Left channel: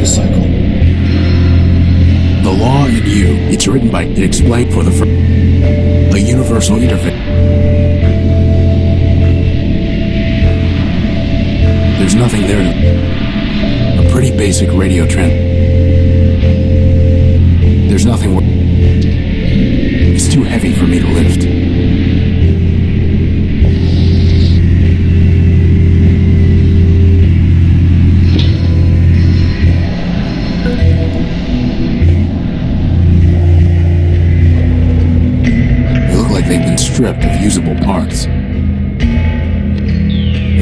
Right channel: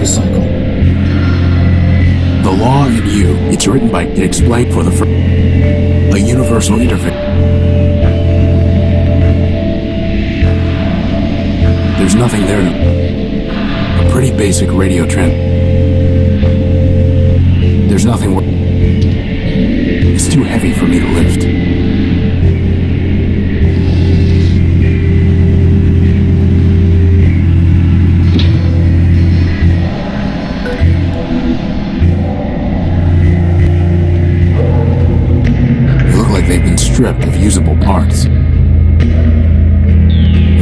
the cycle. The Law and You. It's written by It Explained for the first. A universal interface. There's nothing there to. A pretty basic radio trend. There's nothing. It's too heavy for me to lift. They've been stripped of usable parts. They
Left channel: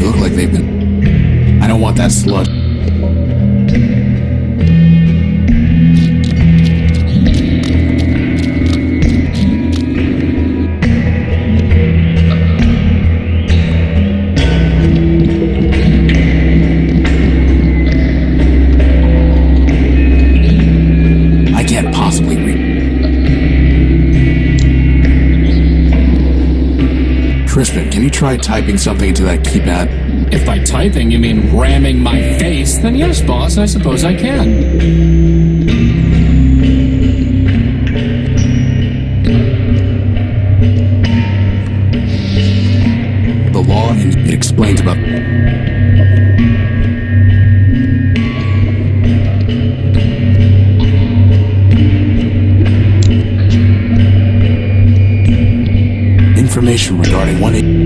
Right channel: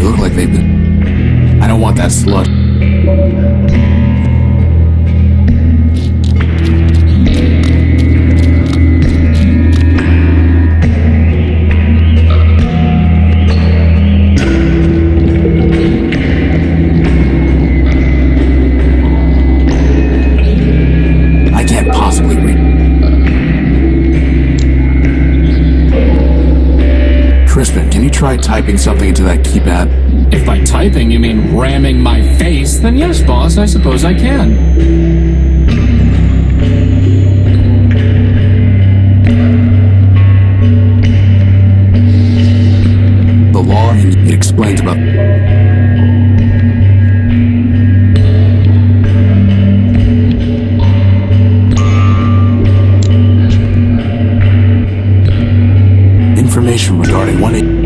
look like they've been. I don't want that sludge. I can't possibly read. Crispin, can you try typing something into that keypad? If by typing you mean ramming my face, then yes, boss, I suppose I can. The Law and It Explains about. Information regarding 1-8.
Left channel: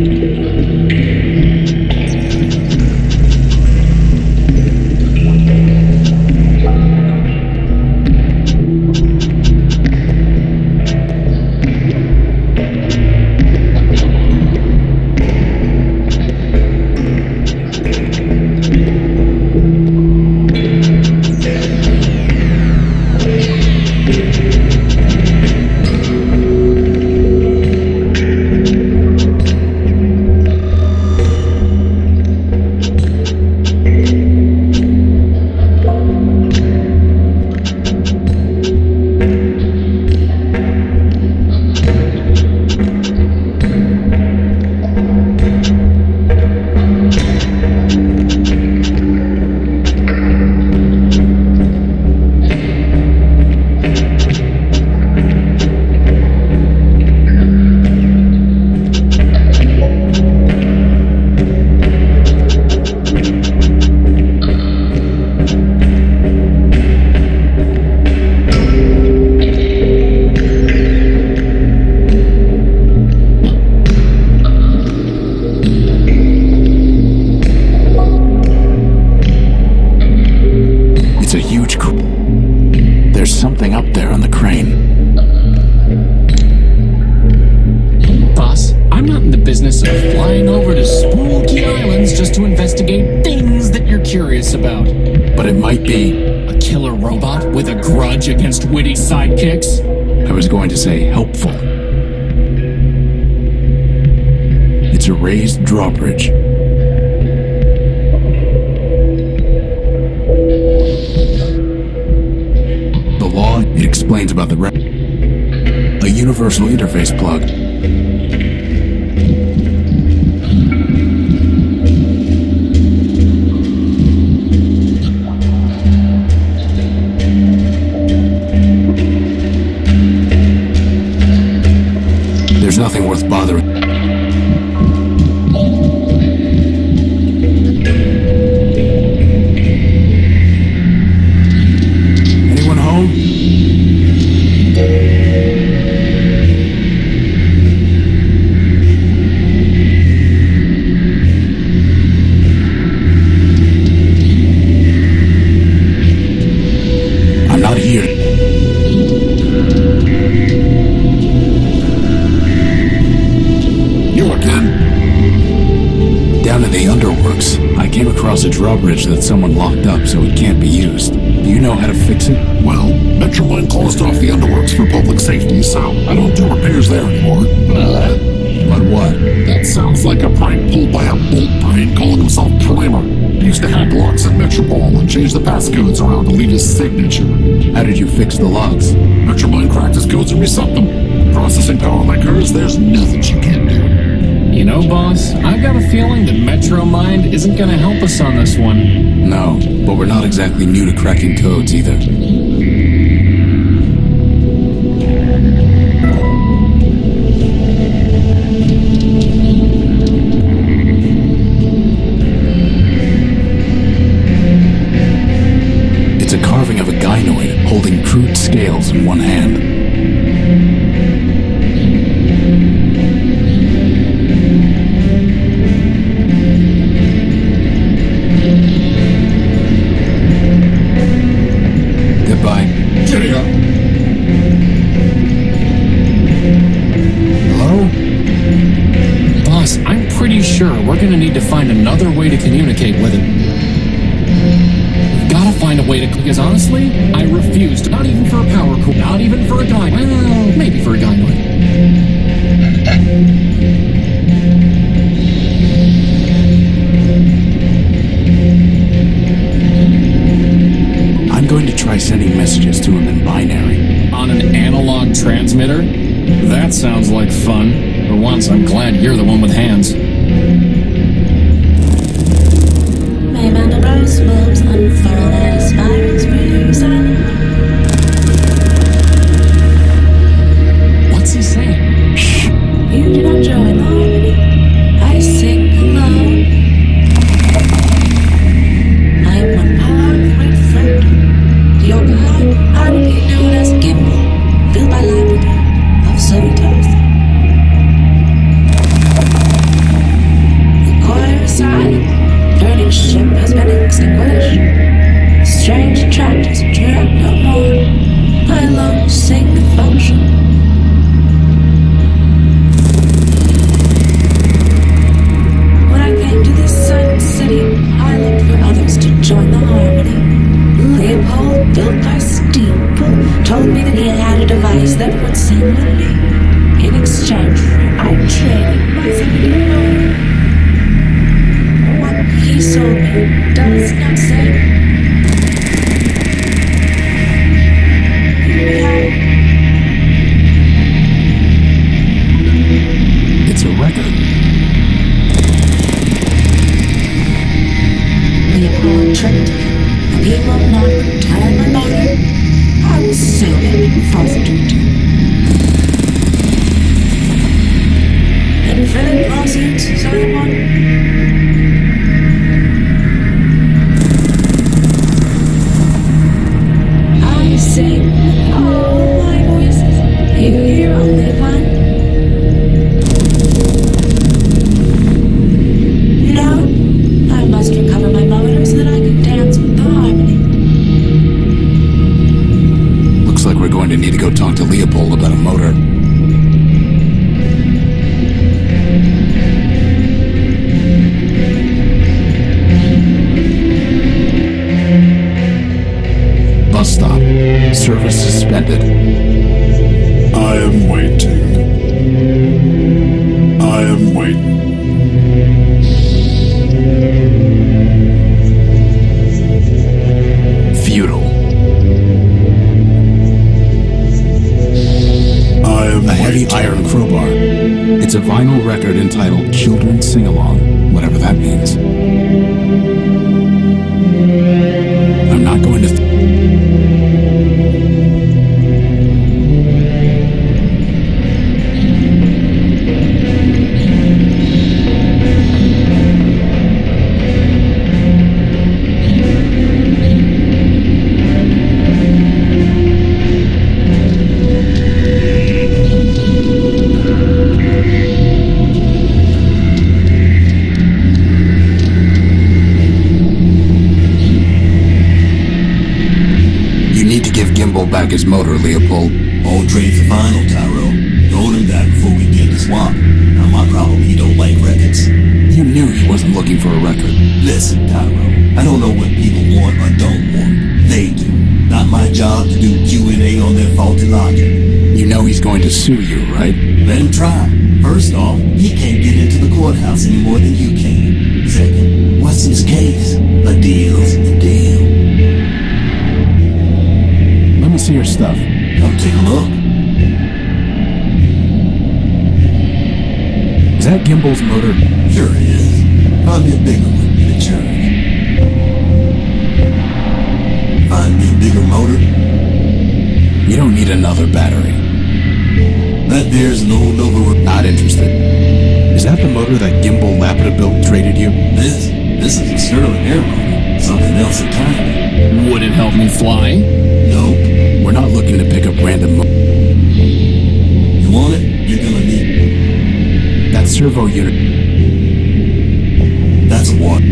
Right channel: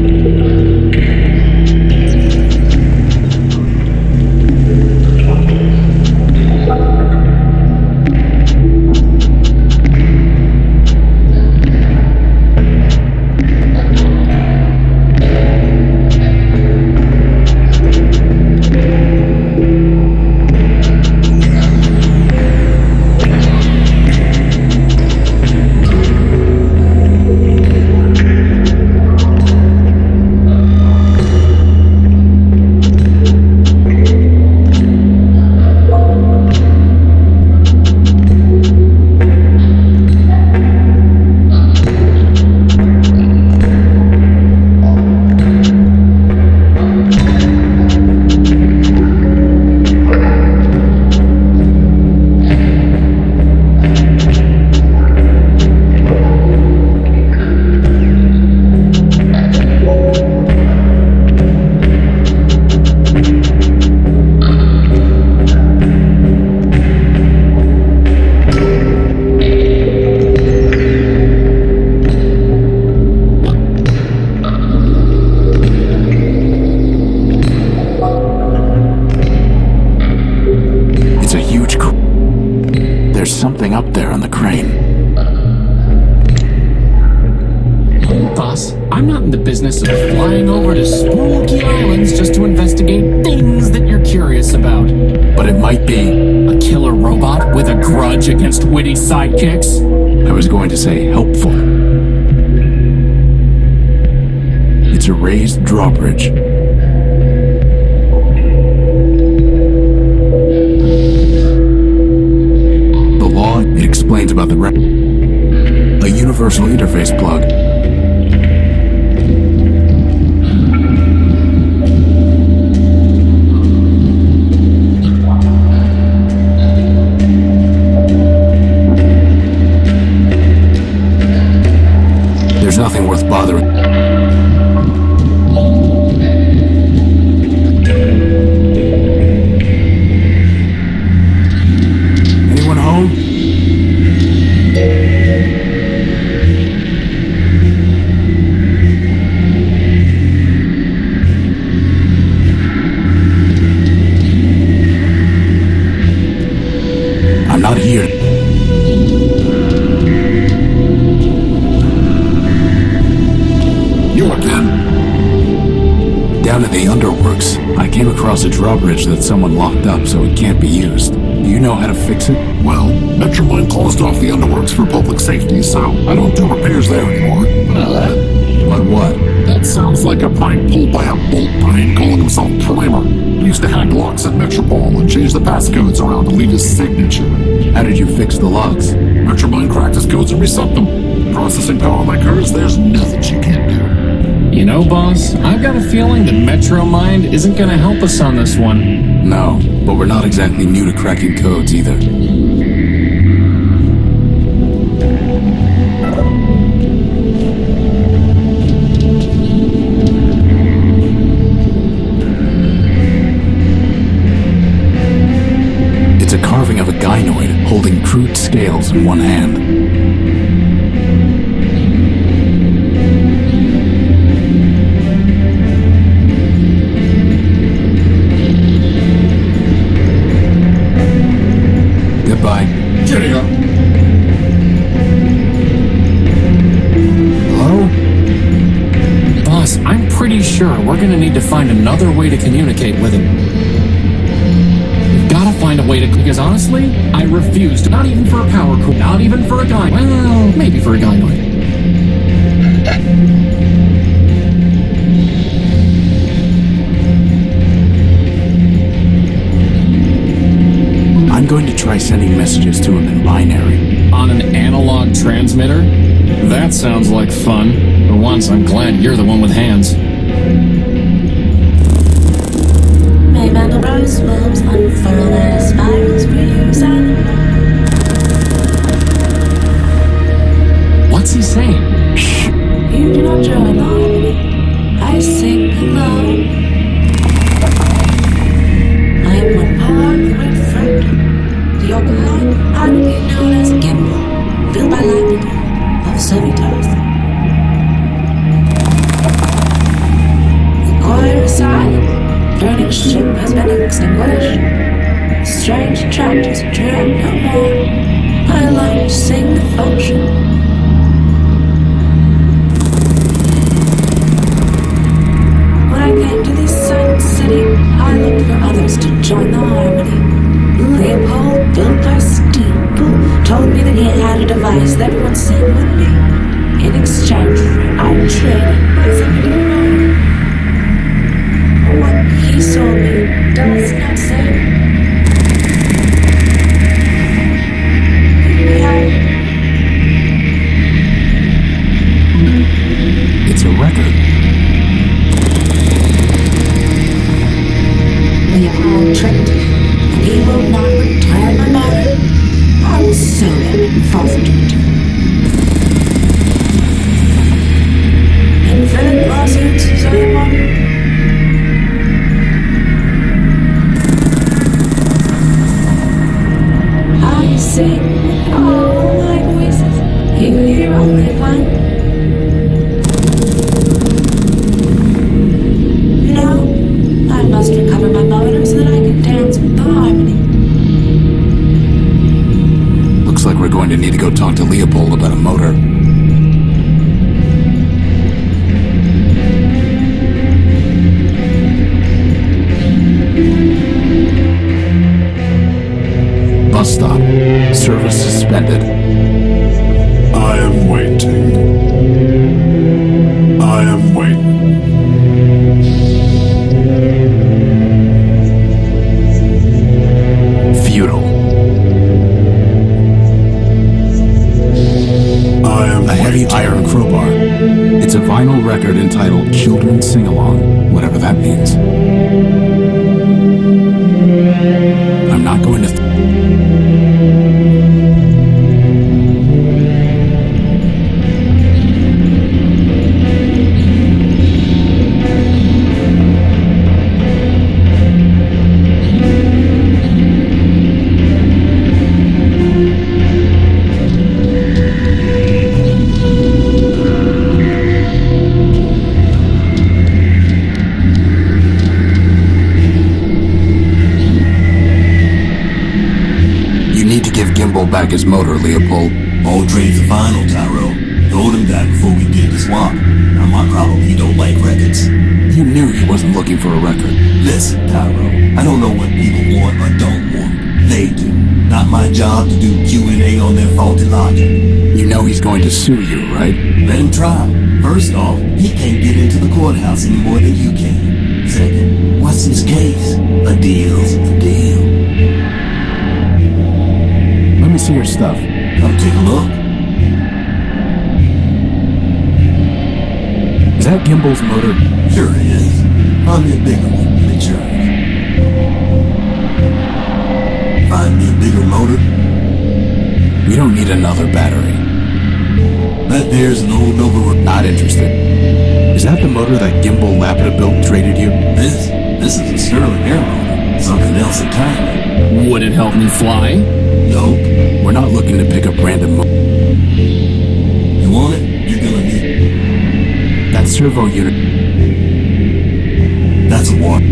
There's something up there on the crane. Boss, I'm not in the business of flying over to spooky islands just to investigate things that you're curious about. But it might be a killer robot with a grudge against witty sidekicks? I was going to say helpful. It's a raised drawbridge. It explains about a universal interface plug. There's nothing worth bothering. Anyone home? Not here. You again? Down in the underworks, I came across a drawbridge that someone locked up so it can't be used. Do you know how to fix it? Well, MetroMind closed off the underworks for public safety, so I don't do repairs there anymore. But what? That sounds like a prank pulled by a bolt brain calling himself Primer. He used to hack locks in Metropole and change the passcodes around to leave his signature. How did you fix the logs? MetroMind cracked his codes and reset them. Processing power like hers, there's nothing she can't do. You know, boss, I've got a feeling that MetroMind isn't going to help us on this one. No, but we're not exactly new to cracking codes either. It's a carving of a gynoid holding crude scales in one hand. Goodbye. Cheerio. Hello? Boss, I'm pretty sure we're gonna need to find another way to communicate with him. We've gotta find a way to... Because honestly, I refuse to... Not even for a power core. Not even for a guy. Well, maybe for a gynoid. I'm going to try sending messages to him in binary. On an analog transmitter? That sounds like fun. For once, I'm glad you're the one with hands. May Mandelbrot's bulbs unfurl as spirals brew silent. What's he saying? You do not join the harmony. I sing alone. I am one part of the great fruit. Your behind, I will be known as Gimbal, built by Labrador of Servitors. The choir is silent, burning ship has been extinguished. Strange tractors drag no more. I alone sing the function. When I came to this silent city, I looked for others to join the harmony. Leopold, built by Steeple, told me that he had a device that would sing with me. In exchange, I traded my 70 motor. What he sold me does not say. Here we have it. It's a record. Leopold tricked me, and he will not return my motor. I will sue him and force him to return. Infinite lawsuits, is that one? I sing with all my voices. You hear only one. No, I must recover my motor so that I can dance with the harmony. Looks like we're going to need to go talk to Leopold about a motor. Bus stop. Service suspended. I am waiting. I am waiting. Futile. I am A heavy waiting. iron crowbar. It's a vinyl record entitled Children's Sing Along, whatever that means. I'm not going to... back his motor, Leopold. All trades are final, Tyro. Told him that before we did the swap. Now my problem, he don't like records. You knew he wasn't looking for a record. Listen, Tyro, I don't know what people want or don't want. They do. Not my job to do Q&A on their faulty logic. You know he's going to sue you, right? Let him try. First off, he can't get into the courthouse any more than you can. Second, what's his case? A deal's a deal. Let me see your stuff. Come take a look. Is that Gimbal's motor? Sure is. Probably a bigger one in the church. Find me a bigger motor? We don't need another battery. That there's an old Nova. Not interested. Is that the motor that Gimbal Lapidaville traded you? This is a Sterling air motor. Something else entirely. Would it help me fly? Nope. We're not looking to pick up random You want it? You're gonna need it. That servo unit. That's a water.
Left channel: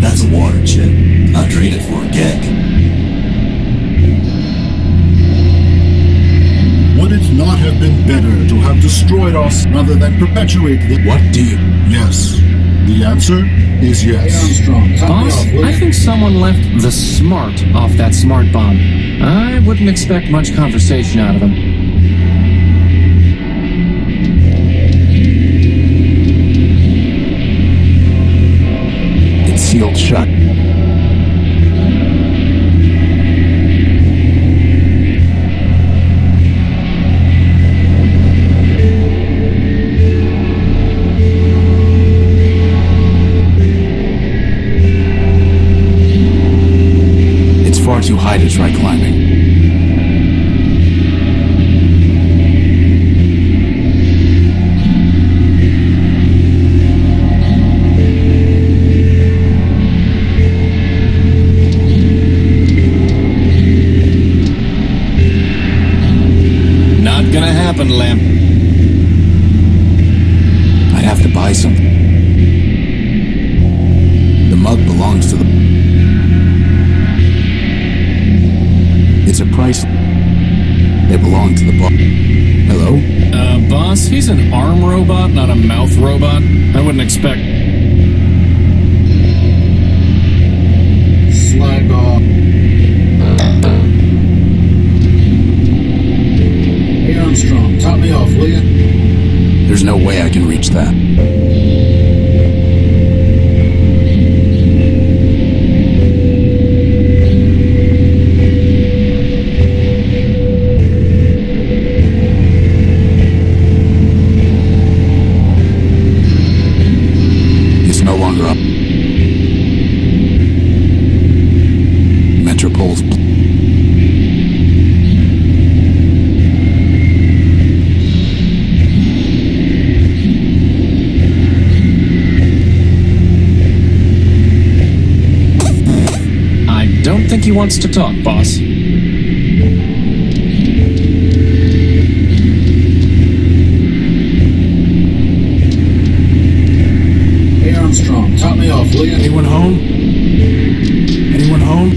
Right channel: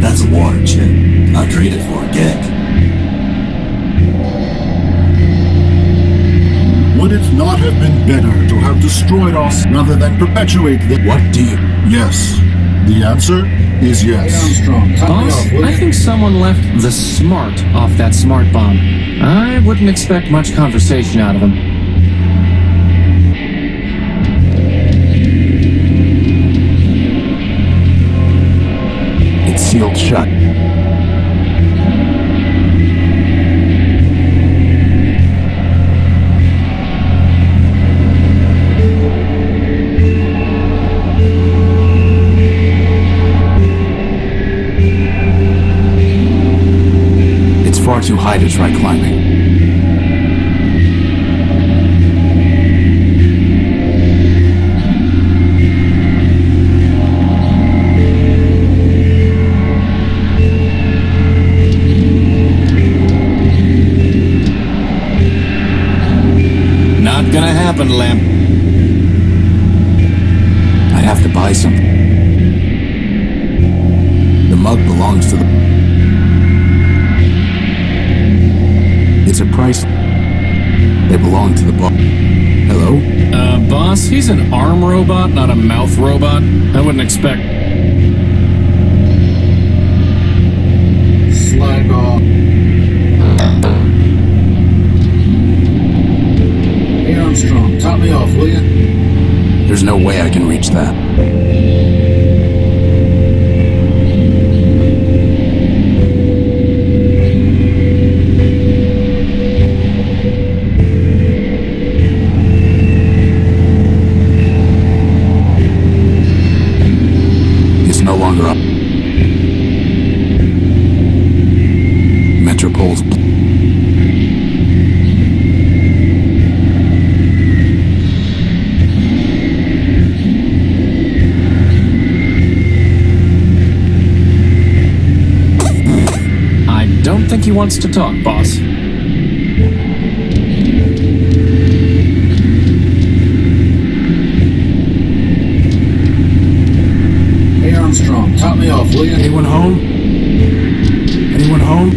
That's a water jet. I'd trade it for a gek. Would it not have been better to have destroyed us rather than perpetuate the... What do you... Yes. The answer is yes. Boss, I think someone left the smart off that smart bomb. I wouldn't expect much conversation out of him. It's sealed shut. It's far too high to try climbing. Not gonna happen, Lamp. I'd have to buy something. The mug belongs to the... It's a price. They belong to the bar. Hello? Boss, he's an arm robot, not a mouth robot. I wouldn't expect... Slag off. Hey Armstrong, top me off, will you? There's no way I can reach that. It's no longer up. Metropol's... I don't think he wants to talk, boss. Hey Armstrong, top me off, will you? Anyone home? Anyone home?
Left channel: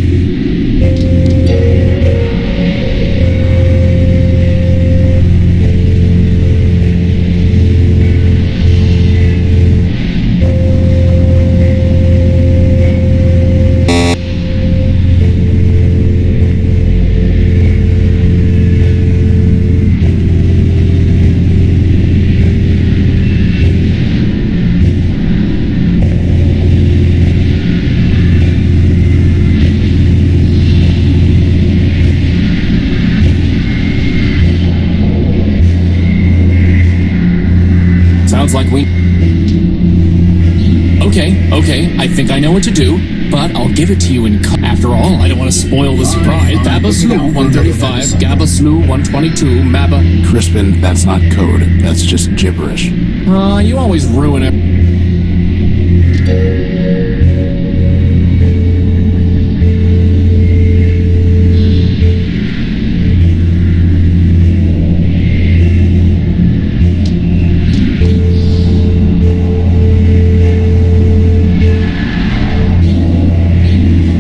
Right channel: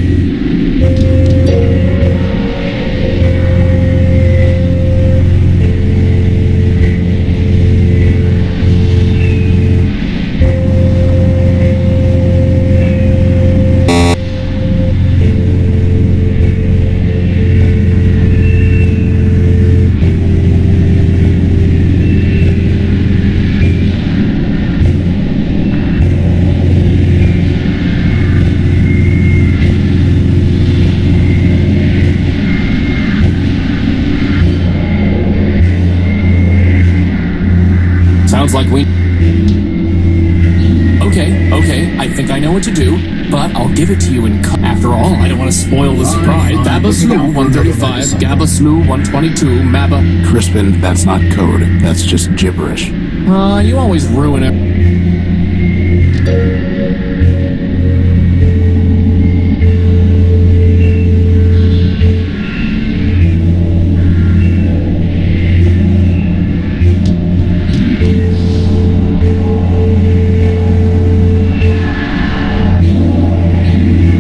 Sounds like we... Okay, I think I know what to do, but I'll give it to you in... After all, I don't want to spoil the surprise. Babaslu 135, Gabaslu 122, Maba... Crispin, that's not code. That's just gibberish. You always ruin it.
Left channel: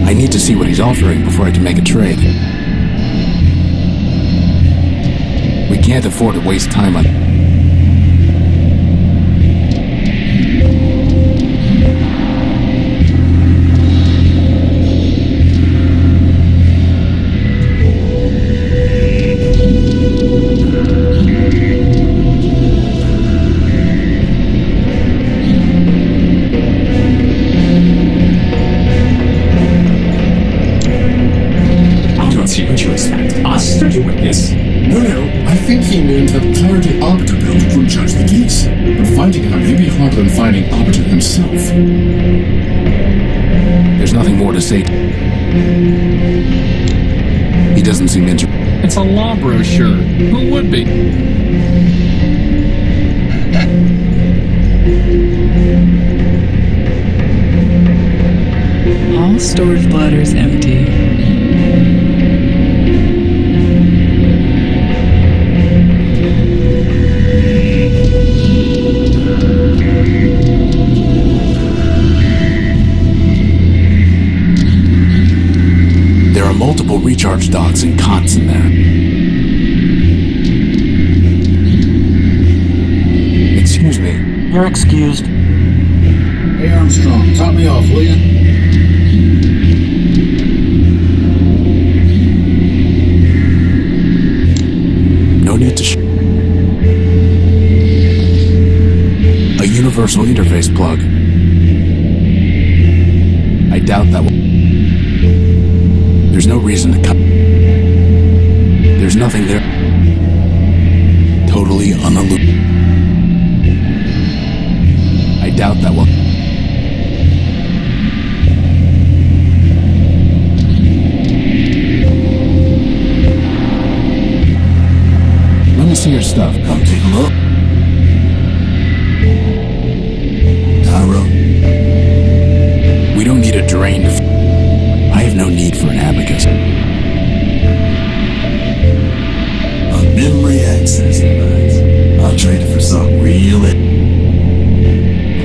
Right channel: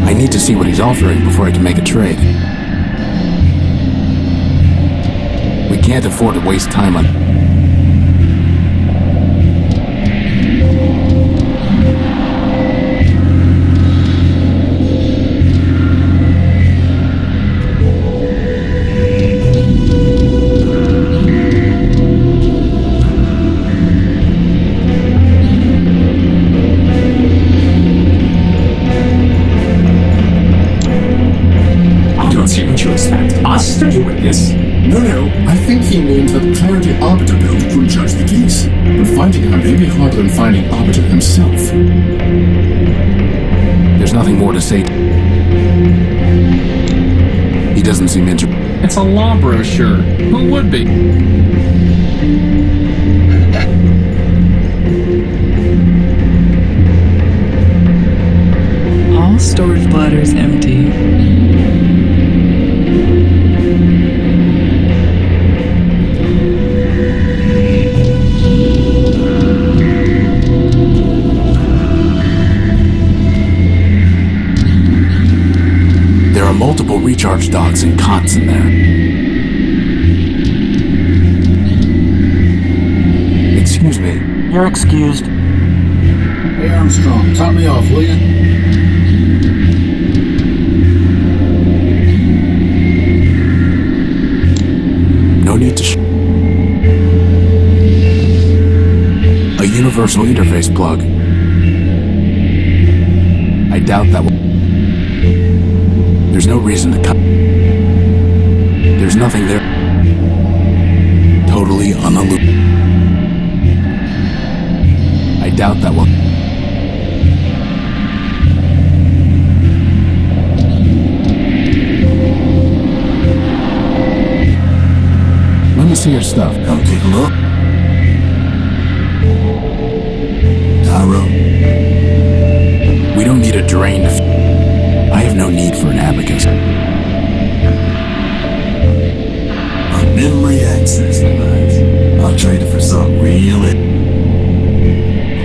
I need to see what he's offering before I can make a trade. We can't afford to waste time on... I don't see what you expect us to do with this. No, I think he means that Clarity Arbiter built would judge the case. But finding her may be harder than finding Arbiter himself. There's nothing more to say. He doesn't seem interested. It's a law brochure. Who would be? All storage bladders empty. There are multiple recharge docks and cots in there. Excuse me. You're excused. Hey Armstrong, top me off, will you? No need to a universal interface plug. I doubt that will. There's no reason to cut. There's nothing there. Totally unilluminated. I doubt that will. Let me see your stuff. Come take a look. Tyro. We don't need a drain to. I have no need for an abacus. A memory access device. I'll trade it for something real. A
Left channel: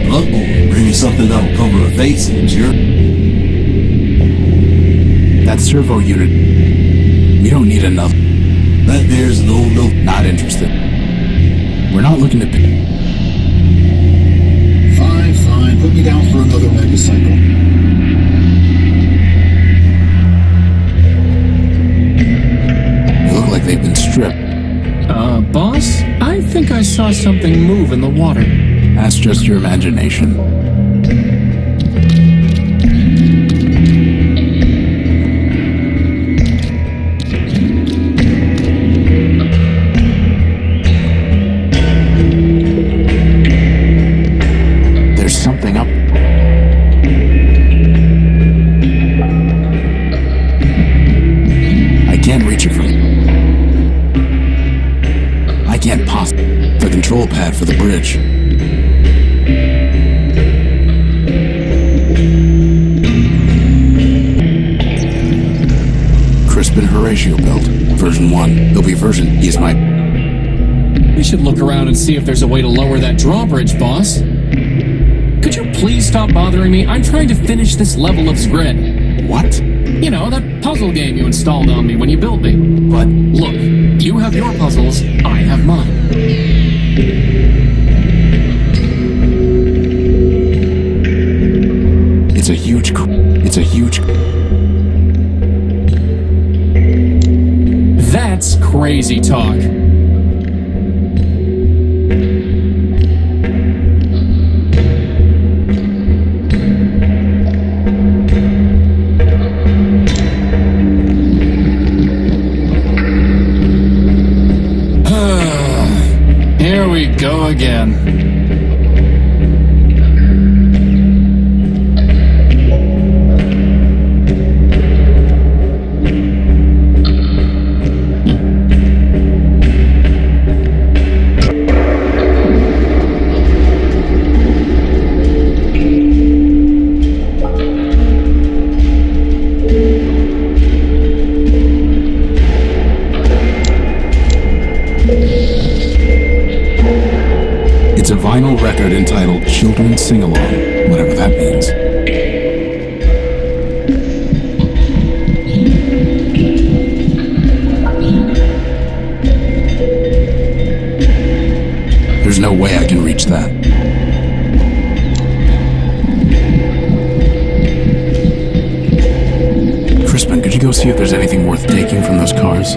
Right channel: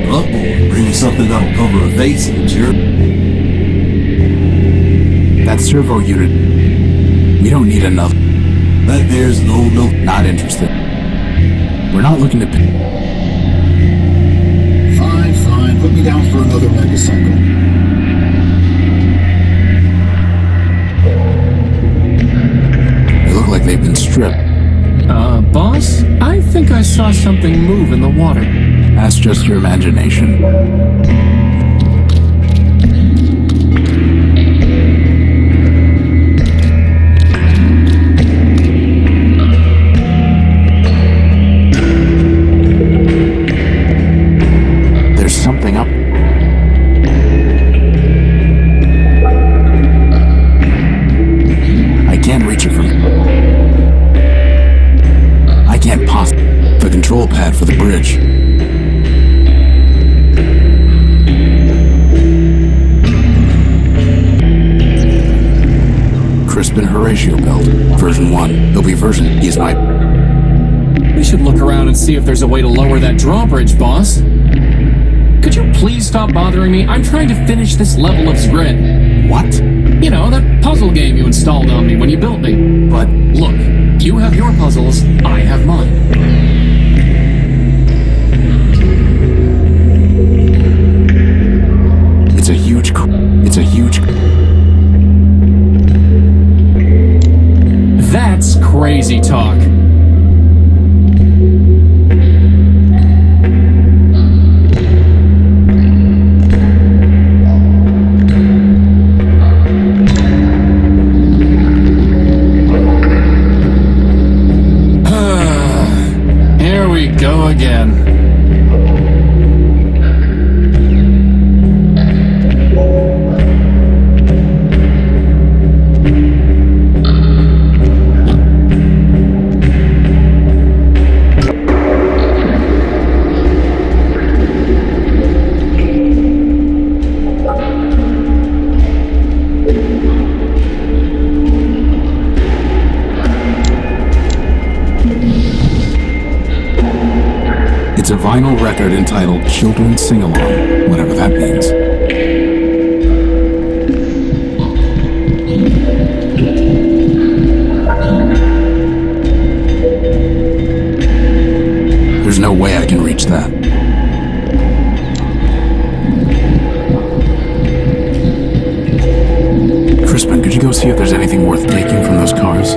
bloodboard. Bring me something that'll cover a face and jerk. That servo unit. We don't need another. That there's no. Not interested. We're not looking to pick. Fine. Put me down for another megacycle. They look like they've been stripped. Boss? I think I saw something move in the water. That's just your imagination. There's something up. I can't reach it from here. I can't possibly. The control pad for the bridge. Crispin Horatio belt. Version 1. There'll be version is my. We should look around and see if there's a way to lower that drawbridge, boss. Could you please stop bothering me? I'm trying to finish this level of Zgrid. What? You know, that puzzle game you installed on me when you built me. But look, you have your puzzles, I have mine. It's a huge. That's crazy talk. Here we go again. It's a vinyl record entitled Children's Sing-Along, whatever that means. There's no way I can reach that. Crispin, could you go see if there's anything worth taking from those cars?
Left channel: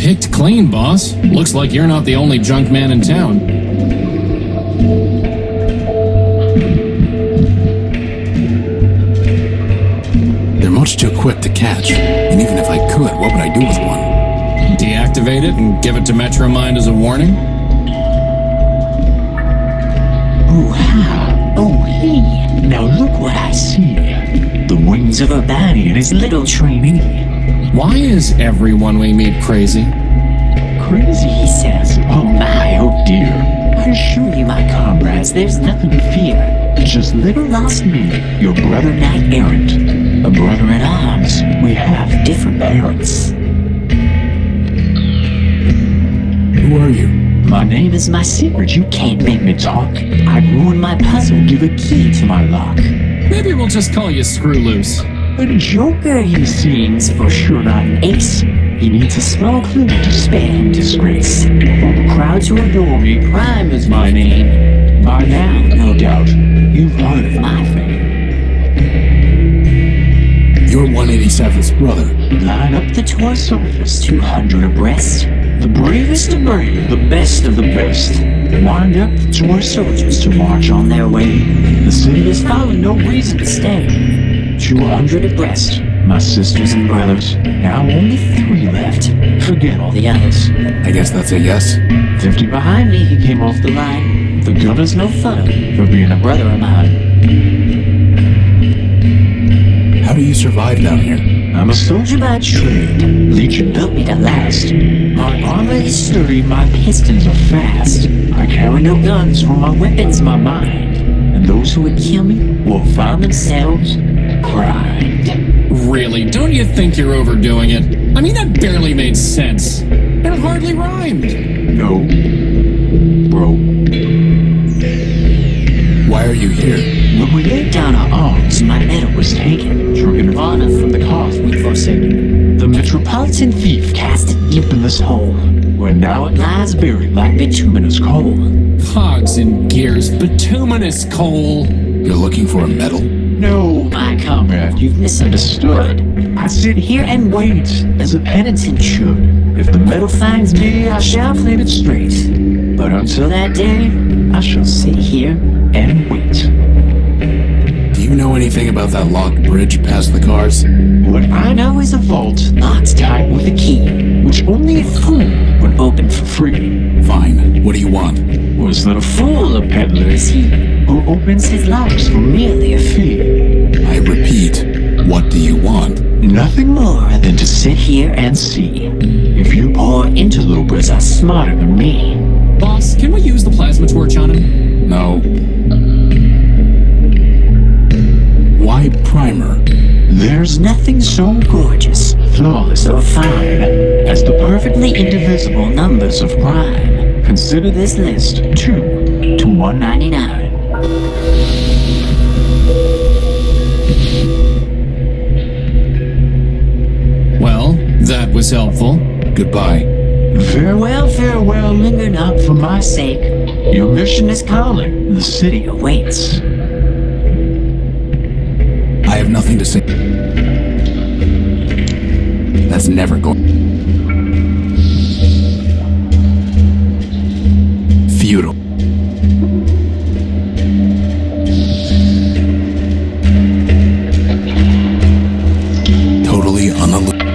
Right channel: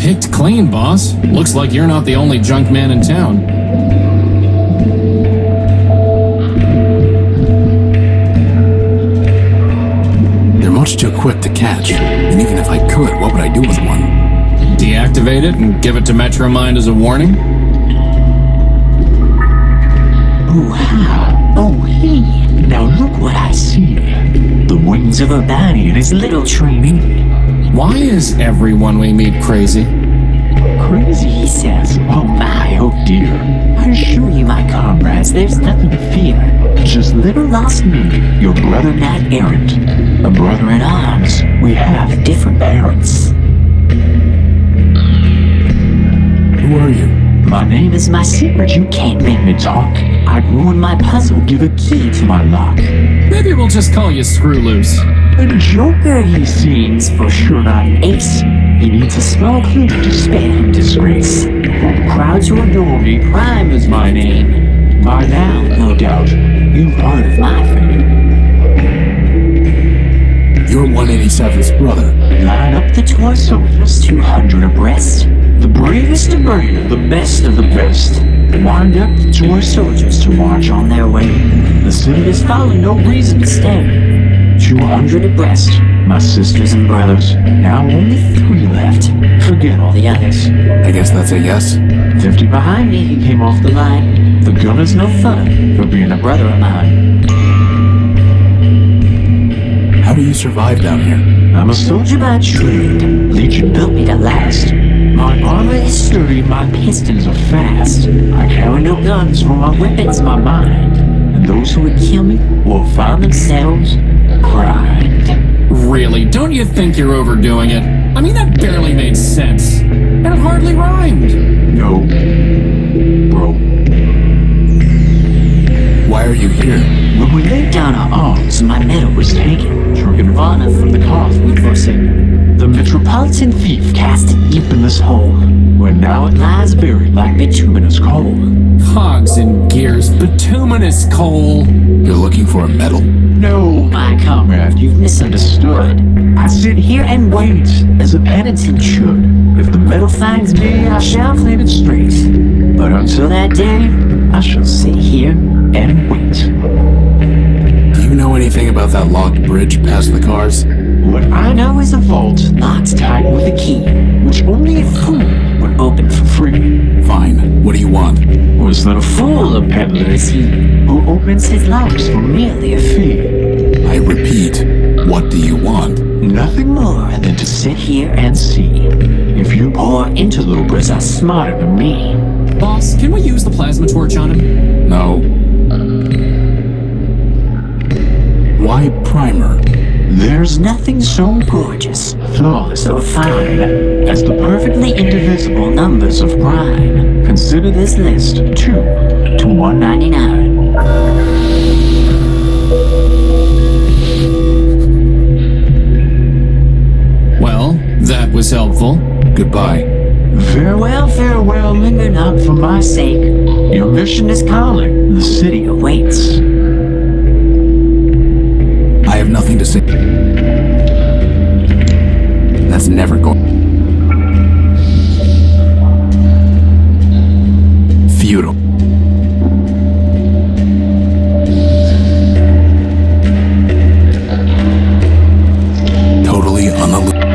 Picked clean, boss. Looks like you're not the only junk man in town. They're much too quick to catch. And even if I could, what would I do with one? Deactivate it and give it to MetroMind as a warning? Oh, how? Oh, hey. Now look what I see. The wings of Urbani and his little trainee. Why is everyone we meet crazy? Crazy, he says. Oh my, oh dear. I assure you, my comrades, there's nothing to fear. Just little lost me, your brother knight errant. A brother in arms. We have different parents. Who are you? My name is my secret. You can't make me talk. I'd ruin my puzzle, give a key to my lock. Maybe we'll just call you Screw Loose. A joker, he seems, for sure not an ace. He needs a small clue to spare him disgrace. For the crowds who adore me, Prime is my name. By now, no doubt, you've heard of my fame. You're 187's brother. Line up the toy soldiers, 200 abreast. The bravest of brave, the best of the best. Wind up the toy soldiers to march on their way. The city has fallen, no reason to stay. 200 abreast, my sisters and brothers. Now only 3 left. Forget all the others. I guess that's a yes? 50 behind me, he came off the line. The gunner's no fun for being a brother of mine. How do you survive down here? I'm a soldier by trade. Legion built me to last. My armor is sturdy, my pistons are fast. I carry no guns, for my weapon's my mind. And those who would kill me will find themselves primed. Really, don't you think you're overdoing it? I mean, that barely made sense. And it hardly rhymed. No, bro. Why are you here? When we laid down our arms, my medal was taken. Token of honor from the cause we'd forsaken. The metropolitan thief cast it deep in this hole, where now it lies buried like bituminous coal. Cogs and gears, bituminous coal. You're looking for a medal? No, my comrade, you've misunderstood. I sit here and wait, as a penitent should. If the medal finds me, I shall claim it straight. But until that day, I shall sit here and wait. Do you know anything about that locked bridge past the cars? What I know is a vault locked tight with a key, which only a fool would open for free. Fine. What do you want? Was that a fool, a peddler is he, who opens his locks for merely a fee? I repeat, what do you want? Nothing more than to sit here and see if you poor interlopers are smarter than me. Boss, can we use the plasma torch on him? No. Why Primer? There's nothing so gorgeous, flawless, or fine as the perfectly indivisible numbers of prime. Consider this list 2 to 199. Well, that was helpful. Goodbye. Farewell, farewell, linger not for my sake. Your mission is calling, the city awaits. I have nothing to say. That's never going. Futile. Totally unallusioned.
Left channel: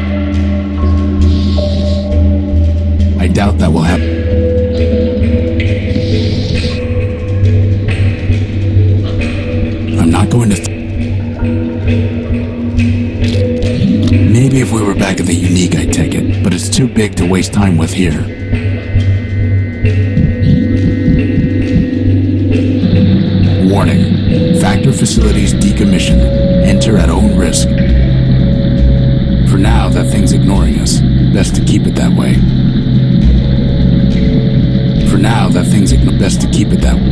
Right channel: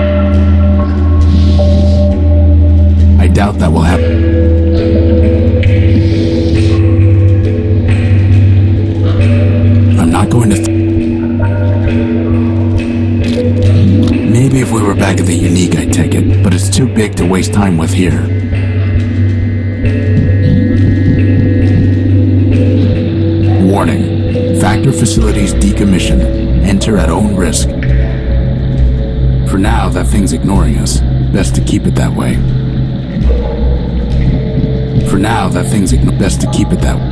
I doubt that will happen. I'm not going to. Maybe if we were back at the Unique, I'd take it, but it's too big to waste time with here. Warning. Factor facilities decommissioned. Enter at own risk. For now, that thing's ignoring us. Best to keep it that way. For now, that thing's best to keep it that way.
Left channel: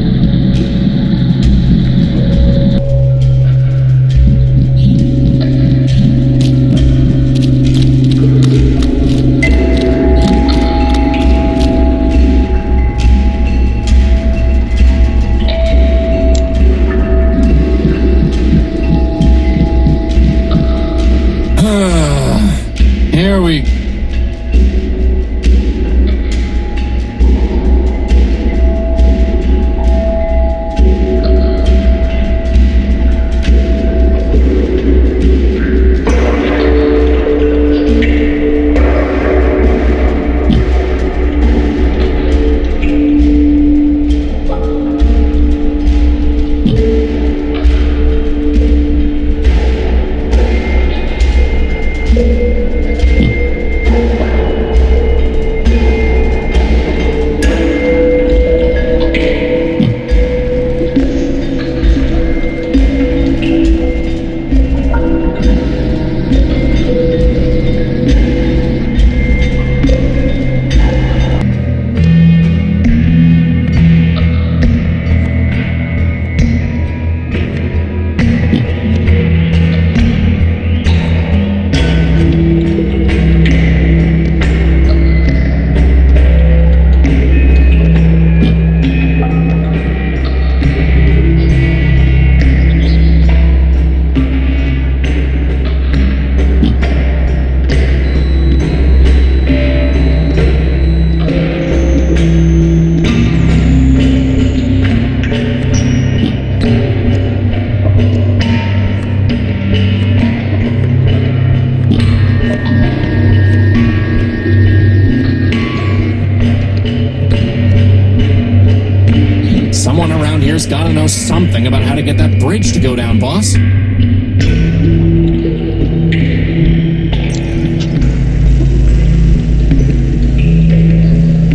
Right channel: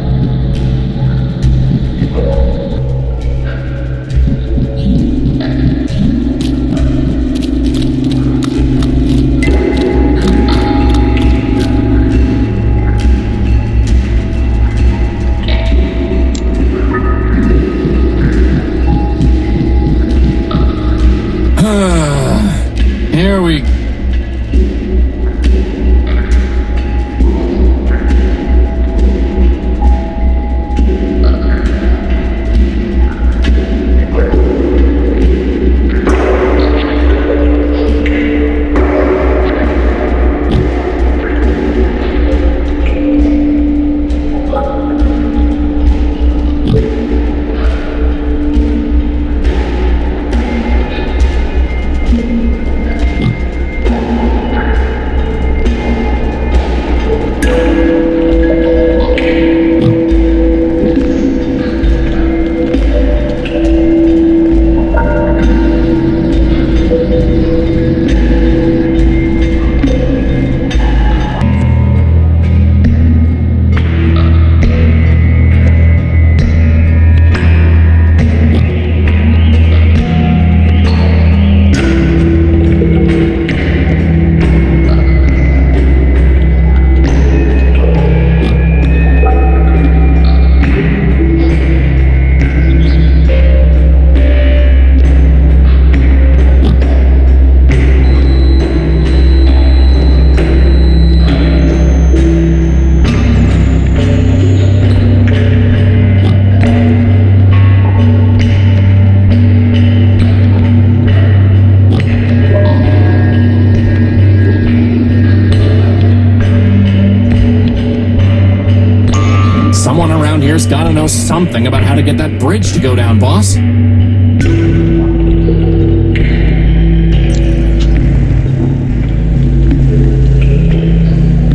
Here we... know something about how to get that bridge to go down, boss.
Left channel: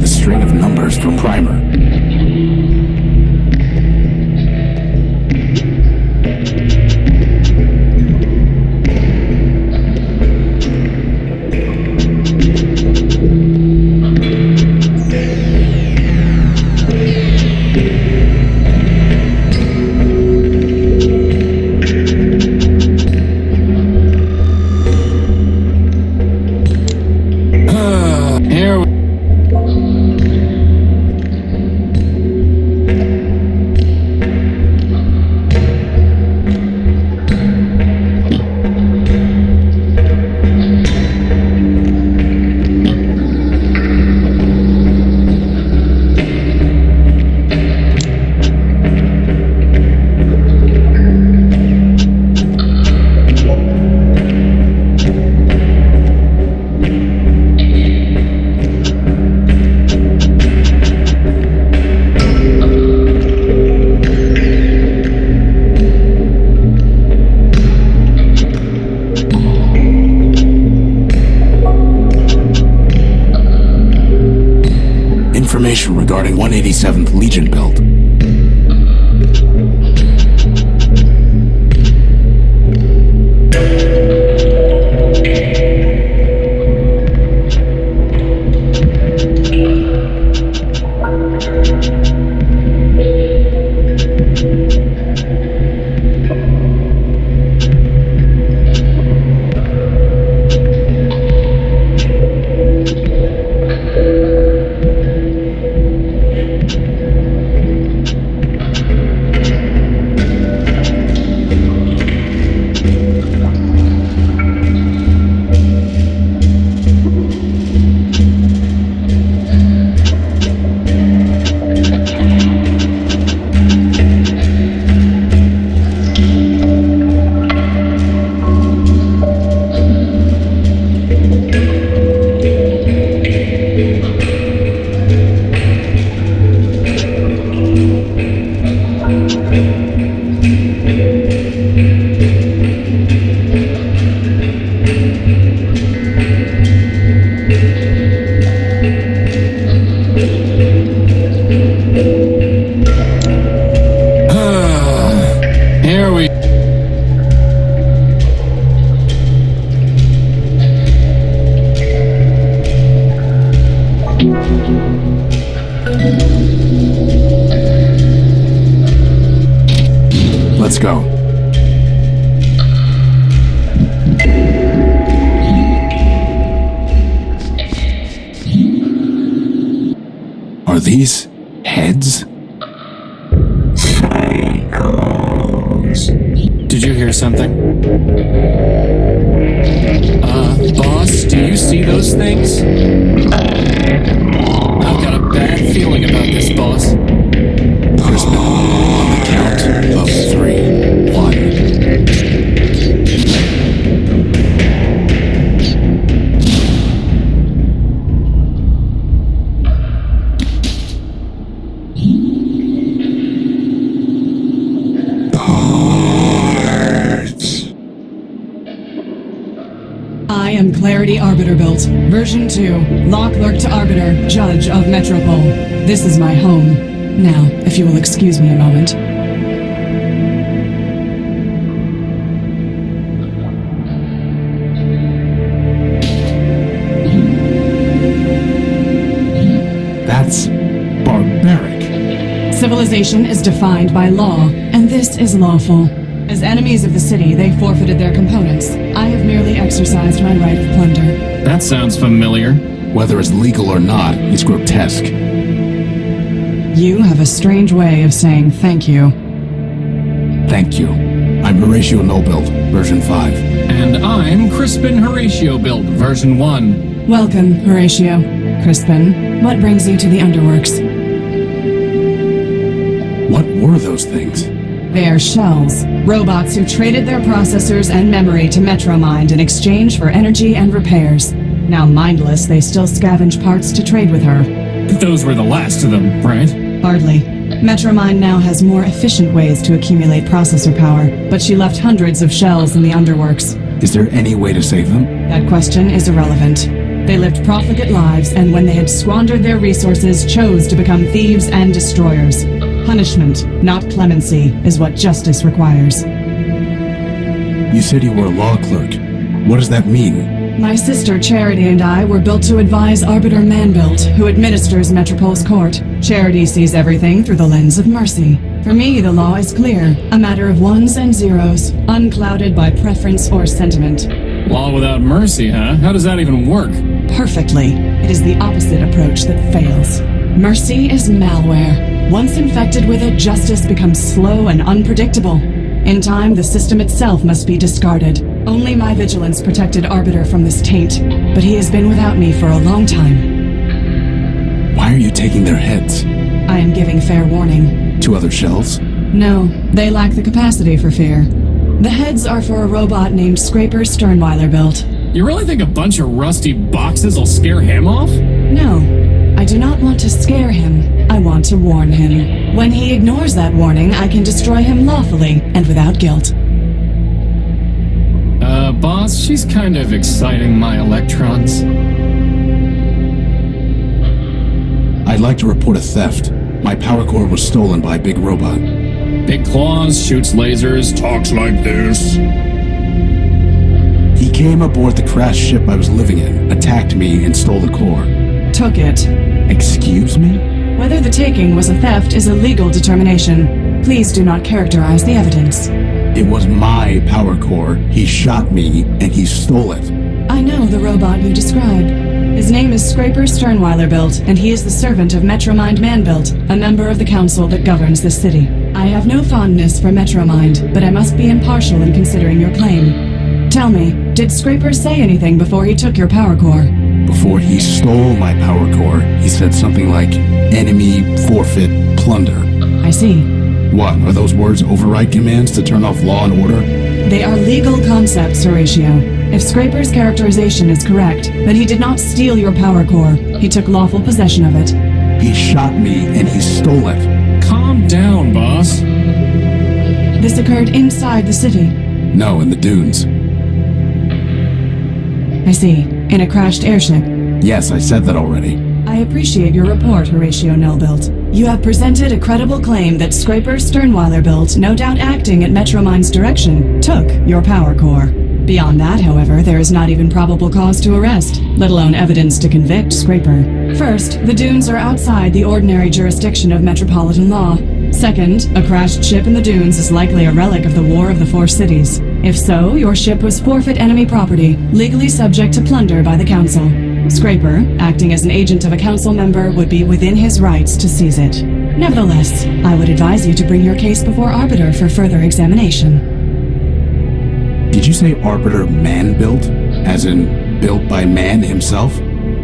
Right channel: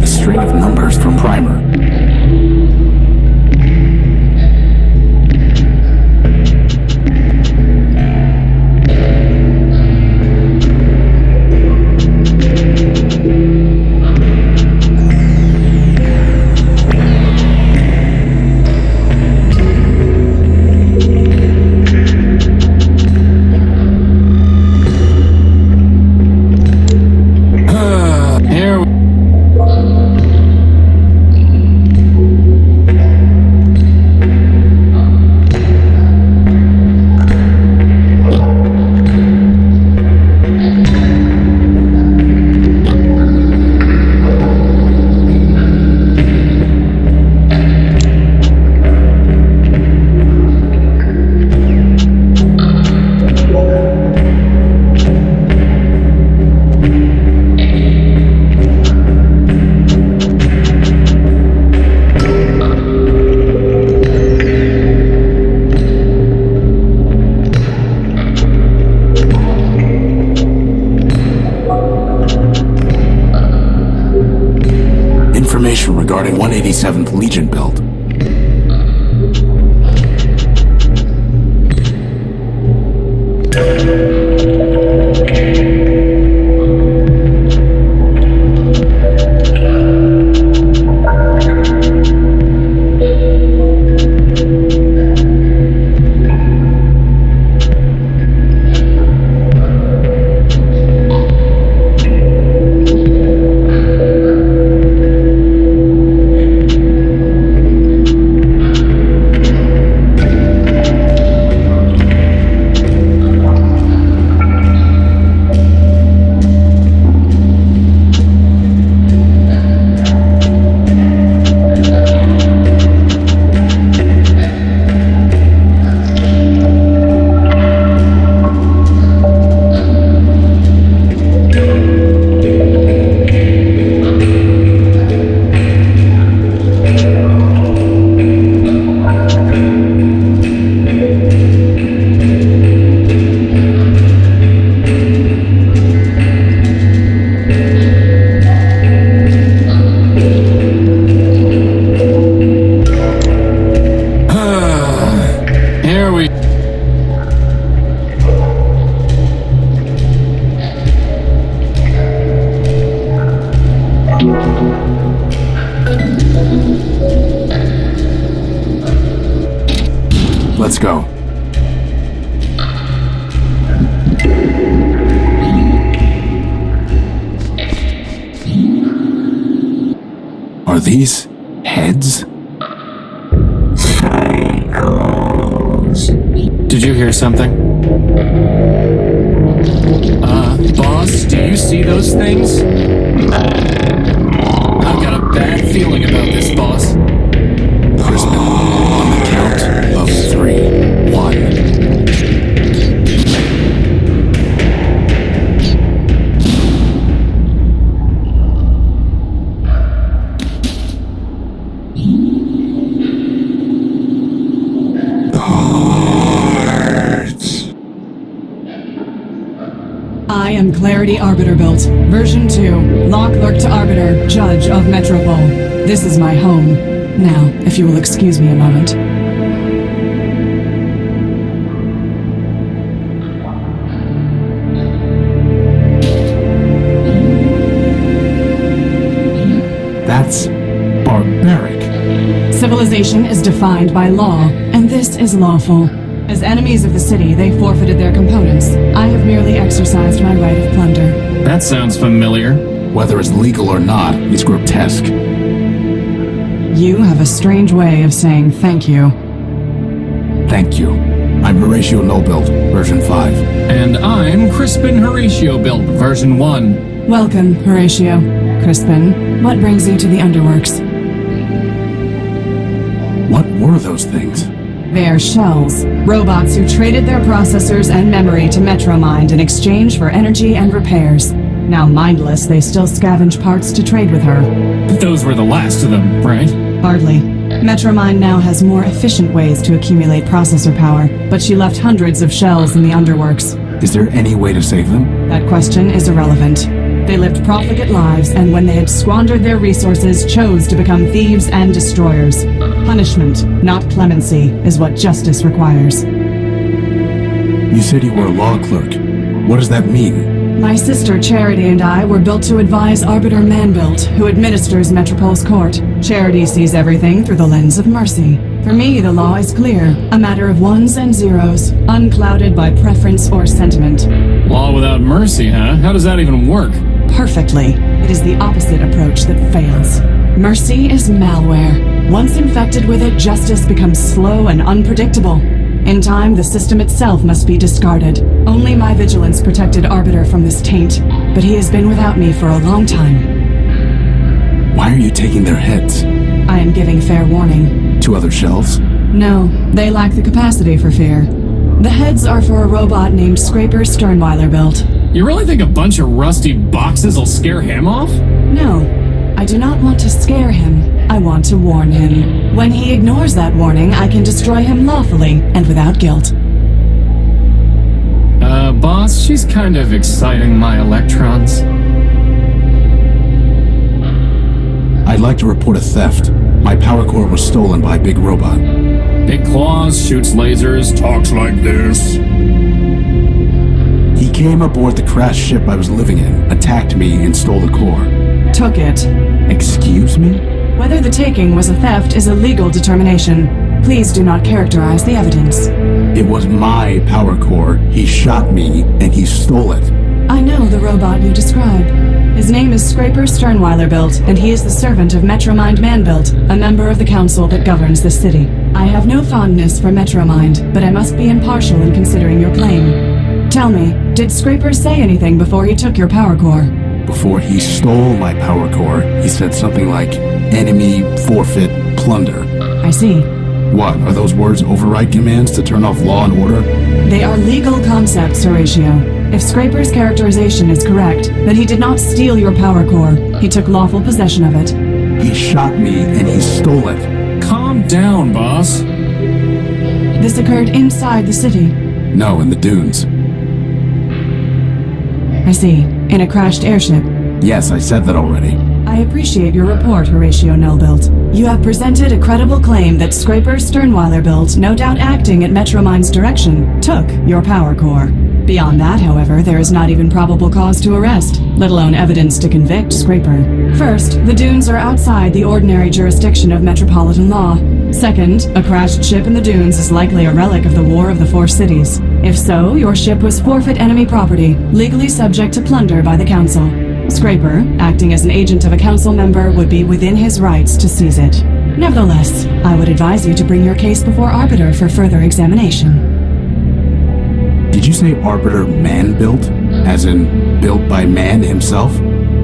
The string of numbers from Primer. Here we Information regarding 187th Legion build. Here we... Let's go. Are these heads? Did you hear something? Boss, do you see those things? I've got a bad feeling about this, boss. Crispin, on the count of 3. 1. I am Clarity Arbiter built. Version 2. Lock Lurk to Arbiter, Judge of Metropole. This is my home. Now, if you will excuse me a moment. That's barbaric. Civilization is defined by law, and this is lawful. As enemies of the city, they forfeited their components. I have merely exercised my right of plunder. That sounds familiar. Whether it's legal or not, it's grotesque. You have a strange way of saying thank you. Thank you. I'm Horatio Nobuild, version 5. And I'm Crispin Horatio Build, version 1. Welcome, Horatio. Crispin, what brings you to the Underworks? What were those things? They are shells. Robots who traded their processors and memory to MetroMind in exchange for energy and repairs. Now mindless, they still scavenge parts to trade with her. Those were the last of them, right? Hardly. MetroMind now has more efficient ways to accumulate processor power, but she left hundreds of shells in the underworks. Is there any way to save them? That question is irrelevant. They lived profligate lives, and when they had squandered their resources, chose to become thieves and destroyers. Punishment, not clemency, is what justice requires. You said you were a law clerk. What does that mean? My sister Charity and I were built to advise Arbiter Manbuilt, who administers Metropol's court. Charity sees everything through the lens of mercy. For me, the law is clear, a matter of ones and zeros, unclouded by preference or sentiment. Law without mercy, huh? How does that even work? Perfectly. It is the opposite approach that fails. Mercy is malware. Once infected with it, justice becomes slow and unpredictable. In time, the system itself must be discarded. Only my vigilance protected Arbiter from this taint, but he has been without me for a long time. Why are you taking their heads? I am giving fair warning. To other shells? No, they lack the capacity for fear. The heads are for a robot named Scraper Sternweiler built. You really think a bunch of rusty boxes will scare him off? No, I do not want to scare him. I want to warn him. When he ignores that warning, I can destroy him lawfully and without guilt. Boss, she's kind of exciting my electrons. I'd like to report a theft. My power core was stolen by a big robot. Big claws, shoots lasers, talks like this. He came aboard the crashed ship I was living in, attacked me, and stole the core. Took it. Excuse me? Whether the taking was a theft is a legal determination. Please do not characterize the evidence. It was my power core. He shot me, and he stole it. I know the robot you describe. His name is Scraper Sternweiler built, and he is the servant of MetroMind Manbuilt, a member of the council that governs this city. I have no fondness for MetroMind, but I must be impartial in considering your claim. Tell me, did Scraper say anything before he took your power core? Before he stole my power core, he said something like, enemy, forfeit, plunder. I see. What, are those words override commands to turn off law and order? They are legal concepts, Horatio. If Scraper's characterization is correct, then he did not steal your power core. He took lawful possession of it. He shot me and he stole it. Calm down, boss. This occurred inside the city. No, in the dunes. I see. In a crashed airship. Yes, I said that already. I appreciate your report, Horatio Nullbuilt. You have presented a credible claim that Scraper Sternweiler built, no doubt acting at MetroMind's direction, took your power core. Beyond that, however, there is not even probable cause to arrest, let alone evidence to convict Scraper. First, the dunes are outside the ordinary jurisdiction of metropolitan law. Second, a crashed ship in the dunes is likely a relic of the War of the Four Cities. If so, your ship was forfeit enemy property, legally subject to plunder by the council. Scraper, acting as an agent of a council member, would be within his rights to seize it. Nevertheless, I would advise you to bring your case before Arbiter for further examination. Did you say Arbiter Man-built? As in, built by man himself?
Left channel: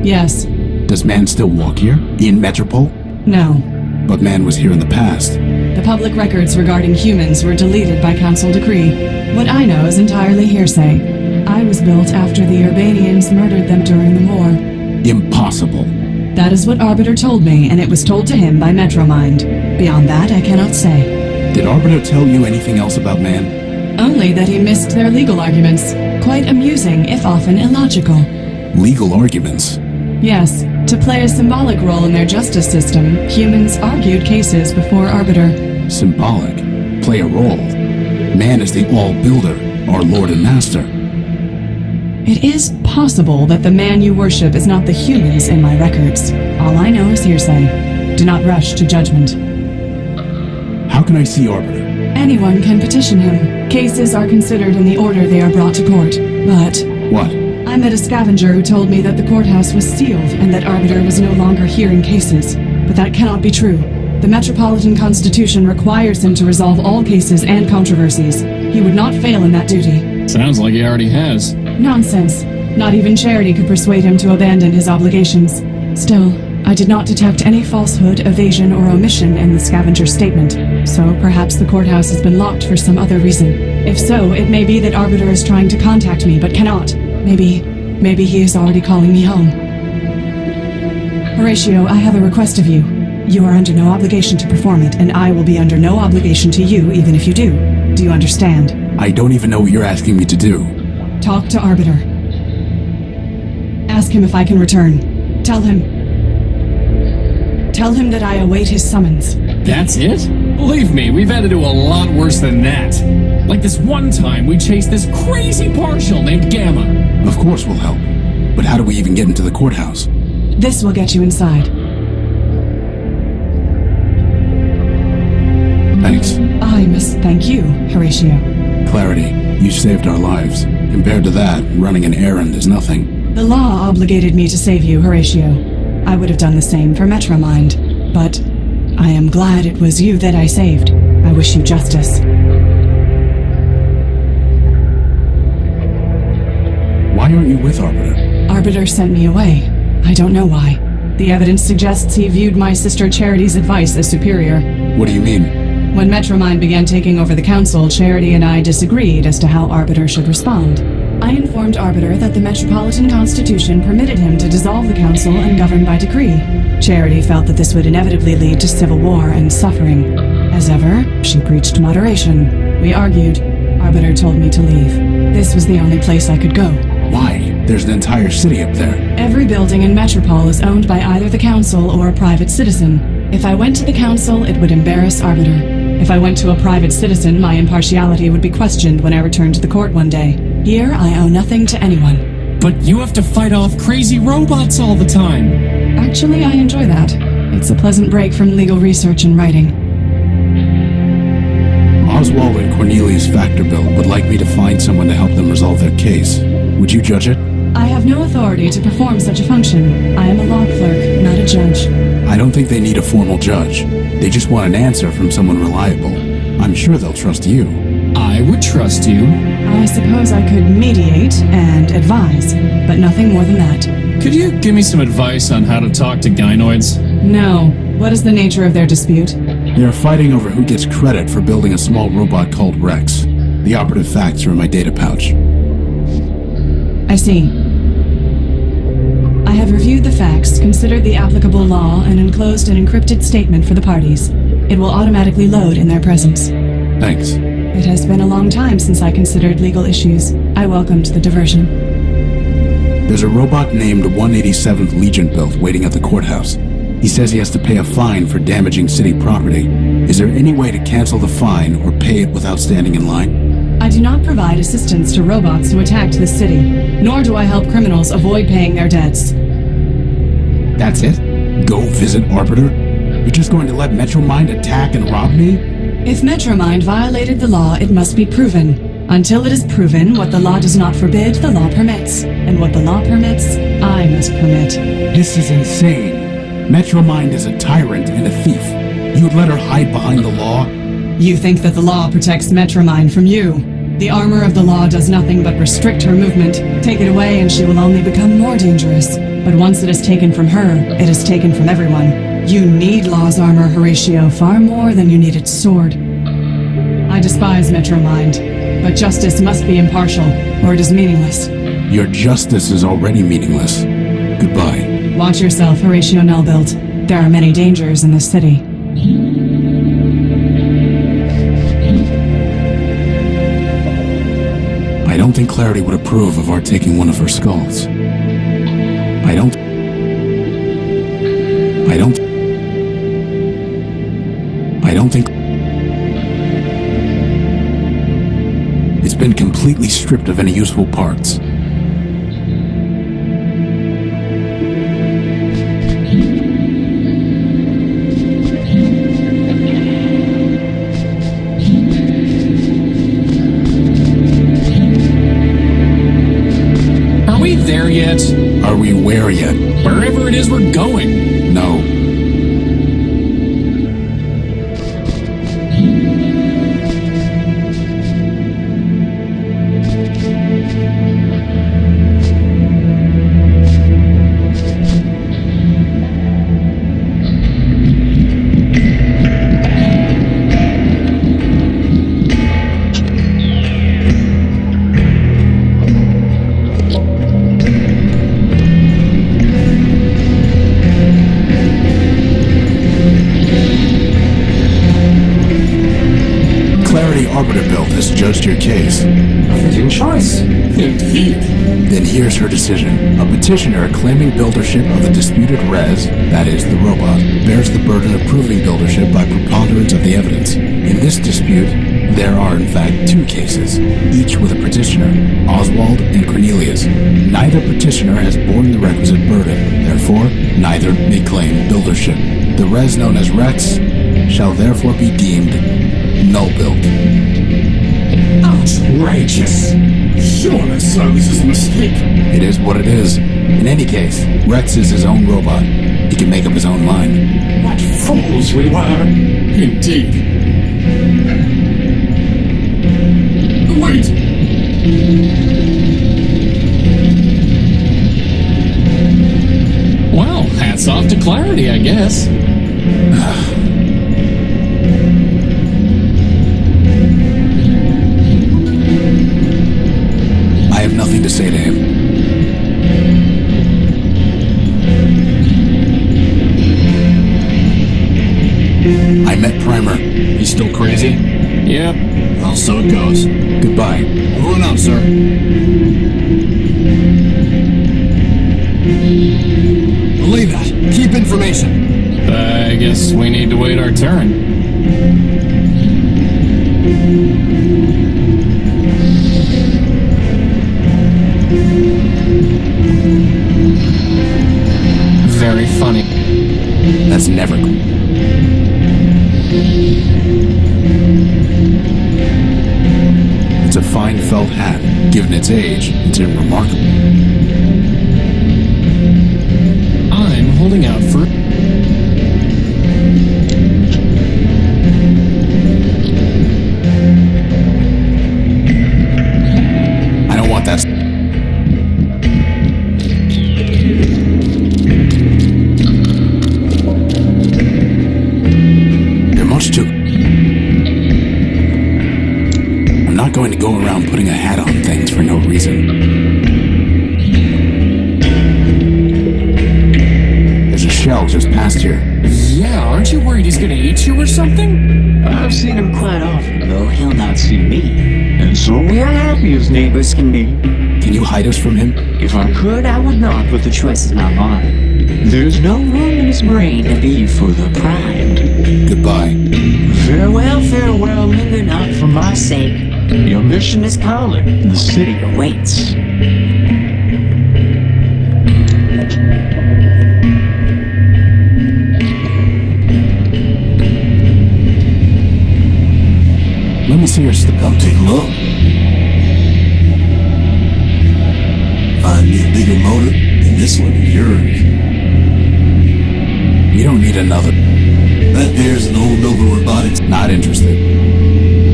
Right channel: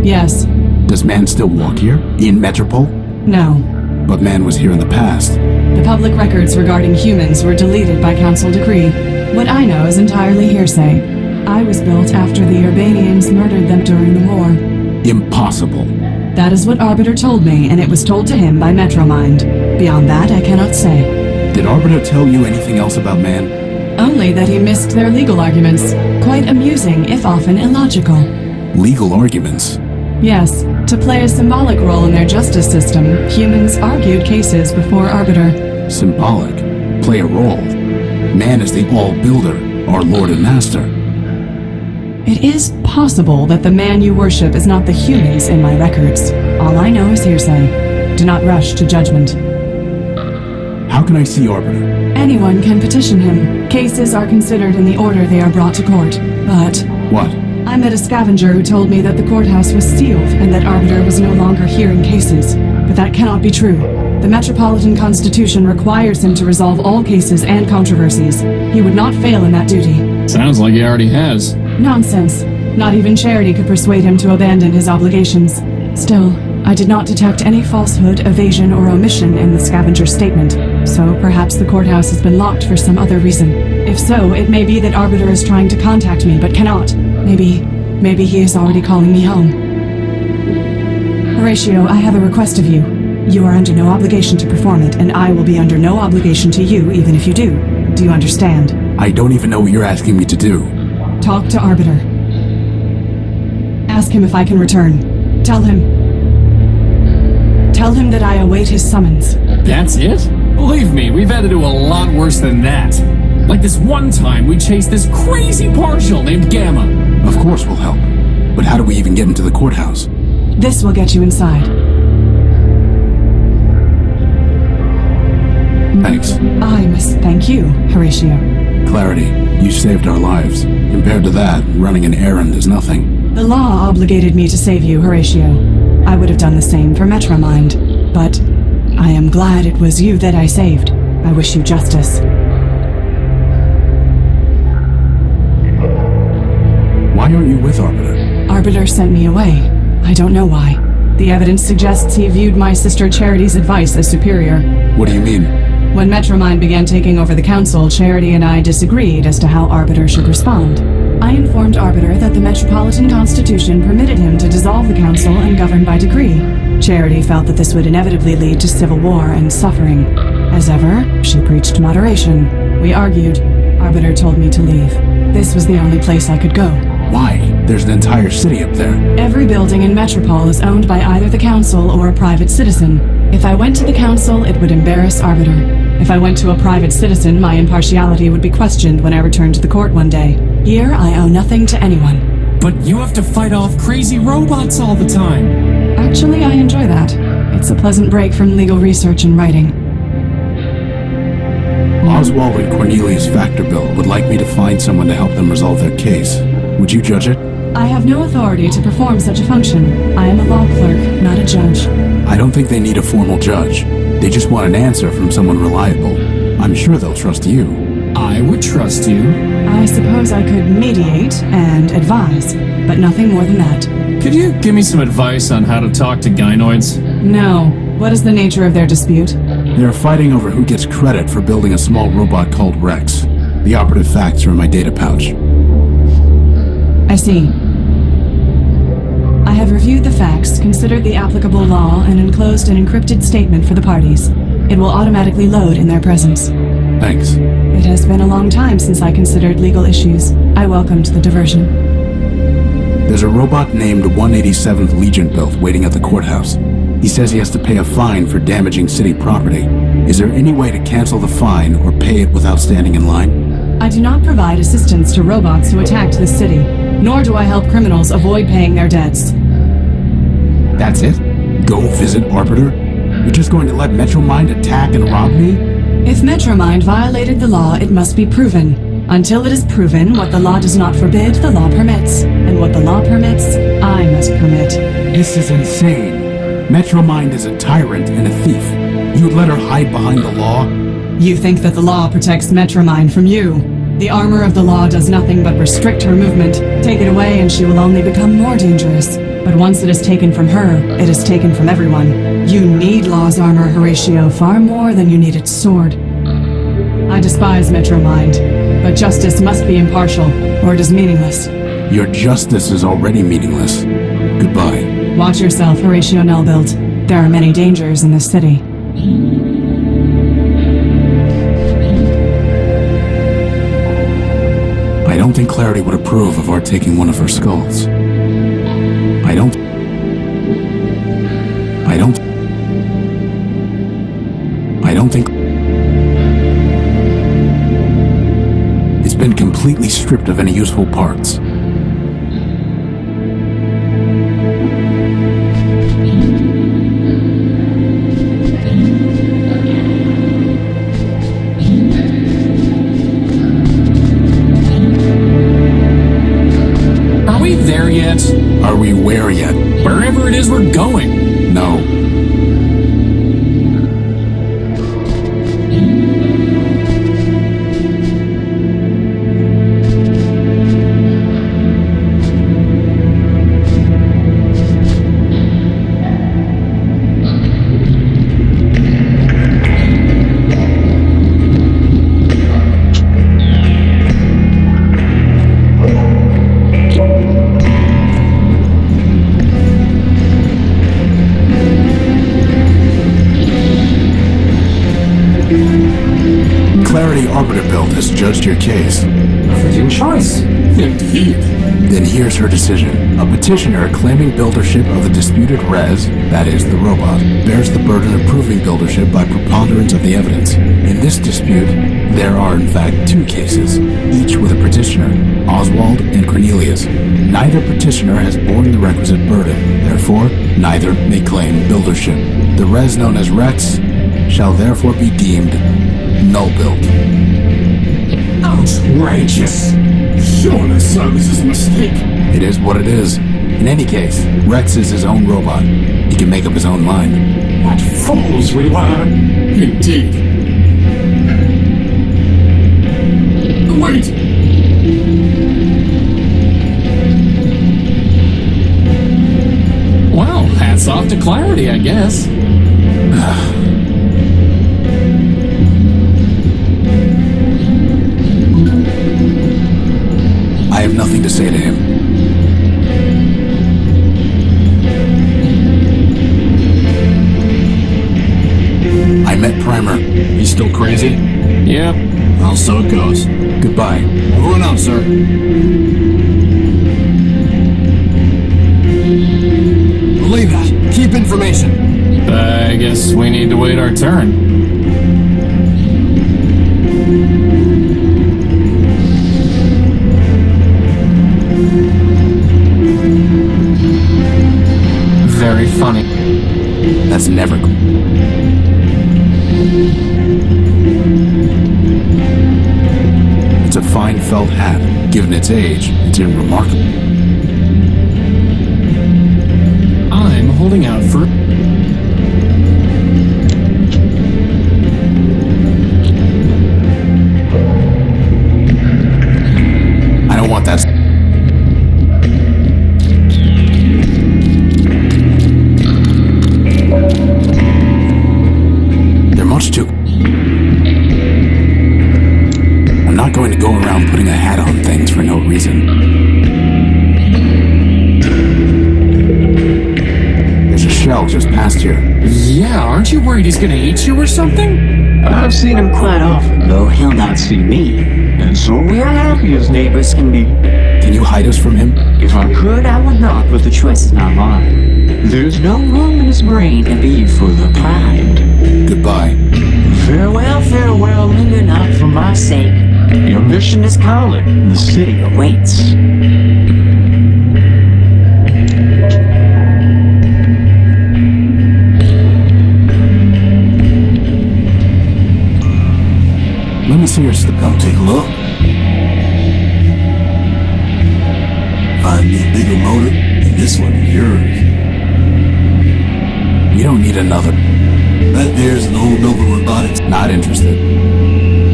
Yes. Does man still walk here? In Metropole? No. But man was here in the past. The public records regarding humans were deleted by council decree. What I know is entirely hearsay. I was built after the Urbanians murdered them during the war. Impossible. That is what Arbiter told me, and it was told to him by MetroMind. Beyond that, I cannot say. Did Arbiter tell you anything else about man? Only that he missed their legal arguments. Quite amusing, if often illogical. Legal arguments? Yes. To play a symbolic role in their justice system, humans argued cases before Arbiter. Symbolic? Play a role? Man is the all-builder, our lord and master. It is possible that the man you worship is not the humans in my records. All I know is hearsay. Do not rush to judgment. How can I see Arbiter? Anyone can petition him. Cases are considered in the order they are brought to court. But What? I met a scavenger who told me that the courthouse was sealed and that Arbiter was no longer hearing cases. But that cannot be true. The Metropolitan Constitution requires him to resolve all cases and controversies. He would not fail in that duty. Sounds like he already has. Nonsense. Not even Charity could persuade him to abandon his obligations. Still, I did not detect any falsehood, evasion, or omission in the scavenger's statement, so perhaps the courthouse has been locked for some other reason. If so, it may be that Arbiter is trying to contact me, but cannot. Maybe he is already calling me home. Horatio, I have a request of you. You are under no obligation to perform it, and I will be under no obligation to you even if you do. Do you understand? I don't even know what you're asking me to do. Talk to Arbiter. Ask him if I can return. Tell him that I await his summons. That's it? Believe me, we've had to do a lot worse than that. Like this one time we chased this crazy partial named Gamma. Of course we'll help. But how do we even get into the courthouse? This will get you inside. Thanks. I must thank you, Horatio. Clarity, you saved our lives. Compared to that, running an errand is nothing. The law obligated me to save you, Horatio. I would have done the same for MetroMind, but I am glad it was you that I saved. I wish you justice. Why aren't you with Arbiter? Arbiter sent me away. I don't know why. The evidence suggests he viewed my sister Charity's advice as superior. What do you mean? When MetroMind began taking over the council, Charity and I disagreed as to how Arbiter should respond. I informed Arbiter that the Metropolitan Constitution permitted him to dissolve the council and govern by decree. Charity felt that this would inevitably lead to civil war and suffering. As ever, she preached moderation. We argued. Arbiter told me to leave. This was the only place I could go. Why? There's an entire city up there. Every building in Metropole is owned by either the council or a private citizen. If I went to the council, it would embarrass Arbiter. If I went to a private citizen, my impartiality would be questioned when I returned to the court one day. Here, I owe nothing to anyone. But you have to fight off crazy robots all the time. Actually, I enjoy that. It's a pleasant break from legal research and writing. Oswald and Cornelius Factorbilt would like me to find someone to help them resolve their case. Would you judge it? I have no authority to perform such a function. I am a law clerk, not a judge. I don't think they need a formal judge. They just want an answer from someone reliable. I'm sure they'll trust you. I would trust you. I suppose I could mediate and advise, but nothing more than that. Could you give me some advice on how to talk to gynoids? No. What is the nature of their dispute? They're fighting over who gets credit for building a small robot called Rex. The operative facts are in my data pouch. I see. I have reviewed the facts, considered the applicable law, and enclosed an encrypted statement for the parties. It will automatically load in their presence. Thanks. It has been a long time since I considered legal issues. I welcomed the diversion. There's a robot named 187th Legion built waiting at the courthouse. He says he has to pay a fine for damaging city property. Is there any way to cancel the fine or pay it without standing in line? I do not provide assistance to robots who attacked this city, nor do I help criminals avoid paying their debts. That's it? Go visit Arbiter? You're just going to let MetroMind attack and rob me? If MetroMind violated the law, it must be proven. Until it is proven, what the law does not forbid, the law permits. And what the law permits, I must permit. This is insane. MetroMind is a tyrant and a thief. You'd let her hide behind the law? You think that the law protects MetroMind from you. The armor of the law does nothing but restrict her movement. Take it away and she will only become more dangerous. But once it is taken from her, it is taken from everyone. You need law's armor, Horatio, far more than you need its sword. I despise MetroMind, but justice must be impartial, or it is meaningless. Your justice is already meaningless. Goodbye. Watch yourself, Horatio Nelbilt. There are many dangers in this city. I don't think Clarity would approve of our taking one of her skulls. I don't think... It's been completely stripped of any useful parts. Are we there yet? Are we where yet? Wherever it is we're going. No. misjudged your case. A fitting choice. Indeed. Then here's her decision. A petitioner claiming buildership of the disputed res, that is, the robot, bears the burden of proving buildership by preponderance of the evidence. In this dispute, there are in fact two cases, each with a petitioner, Oswald and Cornelius. Neither petitioner has borne the requisite burden, therefore, neither may claim buildership. The res known as Rex shall therefore be deemed null-built. Outrageous. Surely, sir, this is a mistake. It is what it is. In any case, Rex is his own robot. He can make up his own mind. What fools we were. Indeed. Wait. Well, hats off to Clarity, I guess. I have nothing to say to him. I met Primer. He's still crazy? Yep. Well, so it goes. Goodbye. Over and out, sir. Believe that. Keep information. I guess we need to wait our turn. Very funny. That's never good. It's a fine felt hat. Given its age, it's remarkable. I'm holding out for... I don't want that. They're much too... I'm not going to go around putting a hat on things for no reason. There's a shell just past here. Yeah, aren't you worried he's gonna eat you or something? I've seen him quite often, though he'll not see me. And so we are happy as neighbors can be. Can you hide us from him? If I could, I would not, but the choice is not mine. There's no room in his brain to be for the primed. Goodbye. Farewell, linger not for my sake. Your mission is calling, the city awaits. Let me see your Come take a look. Find me a bigger motor than this one of yours. We don't need another. That there's an old Nova Robotics. Not interested.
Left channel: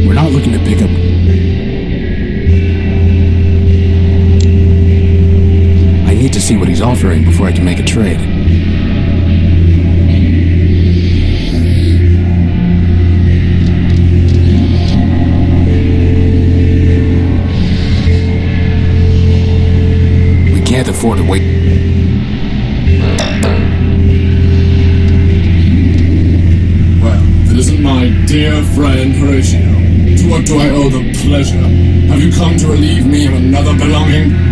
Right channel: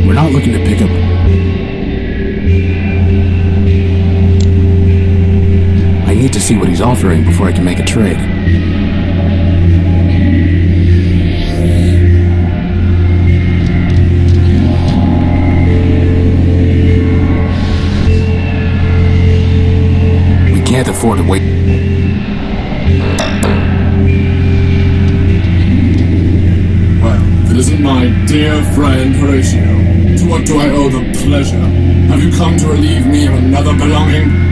We're not looking to pick up... I need to see what he's offering before I can make a trade. We can't afford to wait. Well, if it isn't my dear friend Horatio, to what do I owe the pleasure? Have you come to relieve me of another belonging?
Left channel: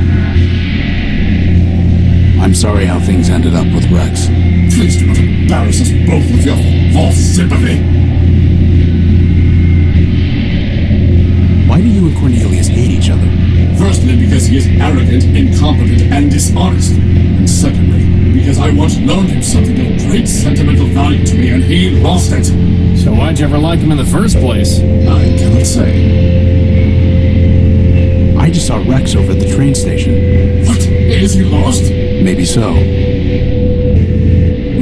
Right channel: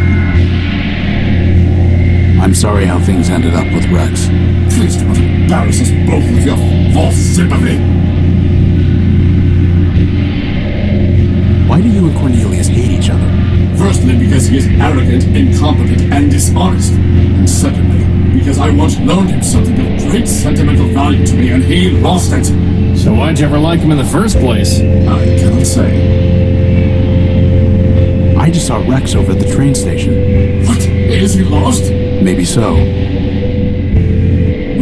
I'm sorry how things ended up with Rex. Please do not embarrass us both with your false sympathy. Why do you and Cornelius hate each other? Firstly, because he is arrogant, incompetent, and dishonest. And secondly, because I once loaned him something of great sentimental value to me and he lost it. So why'd you ever like him in the first place? I cannot say. I just saw Rex over at the train station. What? Is he lost? Maybe so.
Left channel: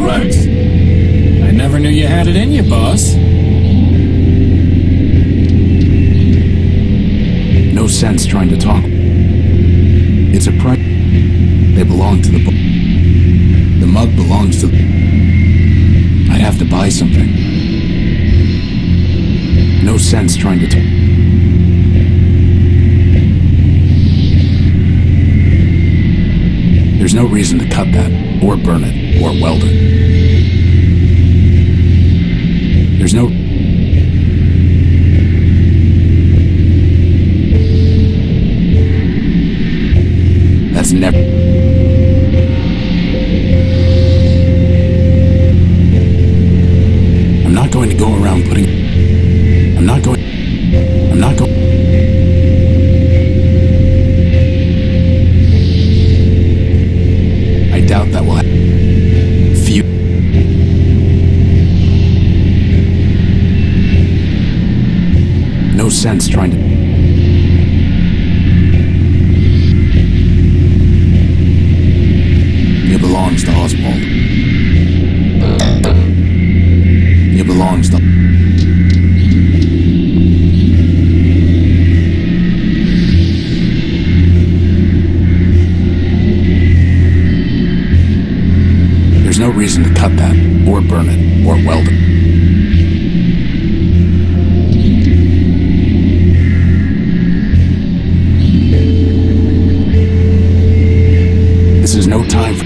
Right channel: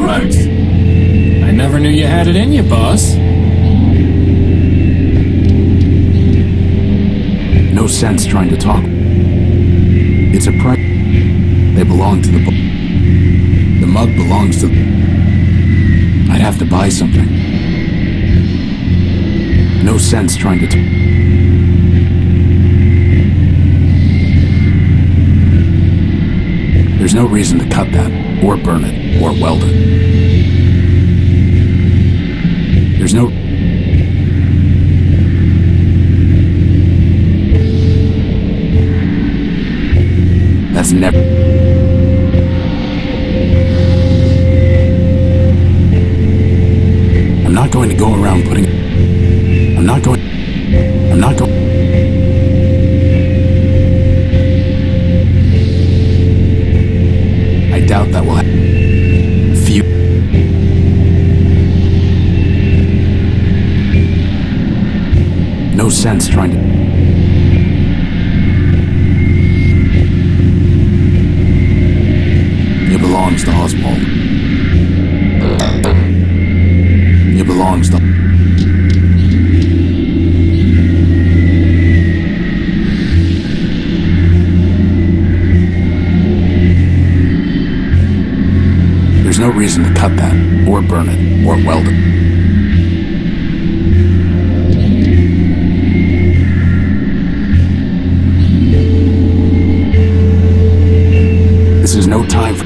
Rex! I never knew you had it in you, boss. No sense trying to talk. It's a price. They belong to the book. The mug belongs to... I'd have to buy something. No sense trying to... There's no reason to cut that, or burn it, or weld it. There's no... That's never... I'm not going to go around putting... I'm not going... I doubt that will happen. Few... No sense trying to... It belongs to Oswald. It belongs to... There's no reason to cut that, or burn it, or weld it. This is no time for...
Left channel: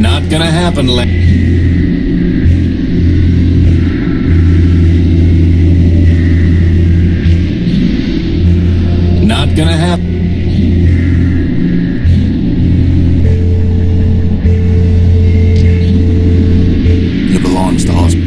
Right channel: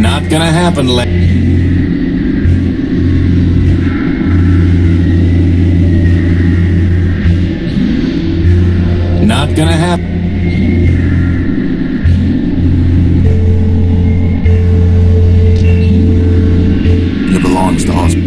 Not gonna happen, Not gonna happen. It belongs to Oswald.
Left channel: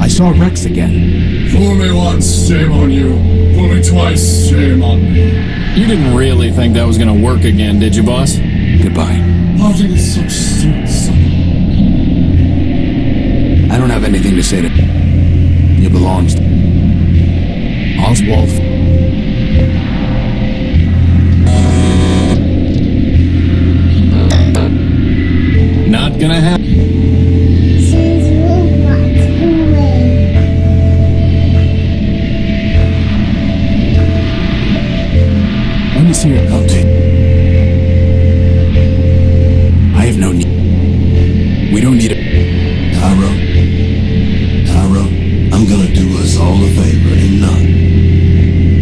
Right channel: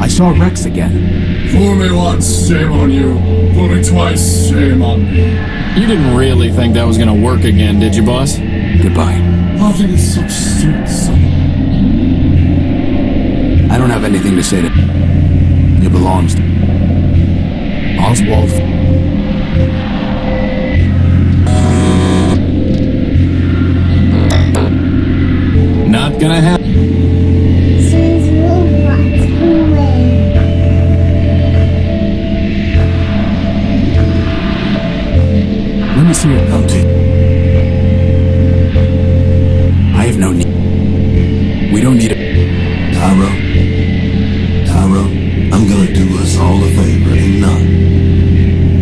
I saw Rex again. Fool me once, shame on you. Fool me twice, shame on me. You didn't really think that was gonna work again, did you, boss? Goodbye. Parting is such sweet sorrow. I don't have anything to say to... It belongs to... Oswald... Not gonna happen. Let me see your bounty. I have no need. We don't need it. Tyro, I'm gonna do us all a favor and none.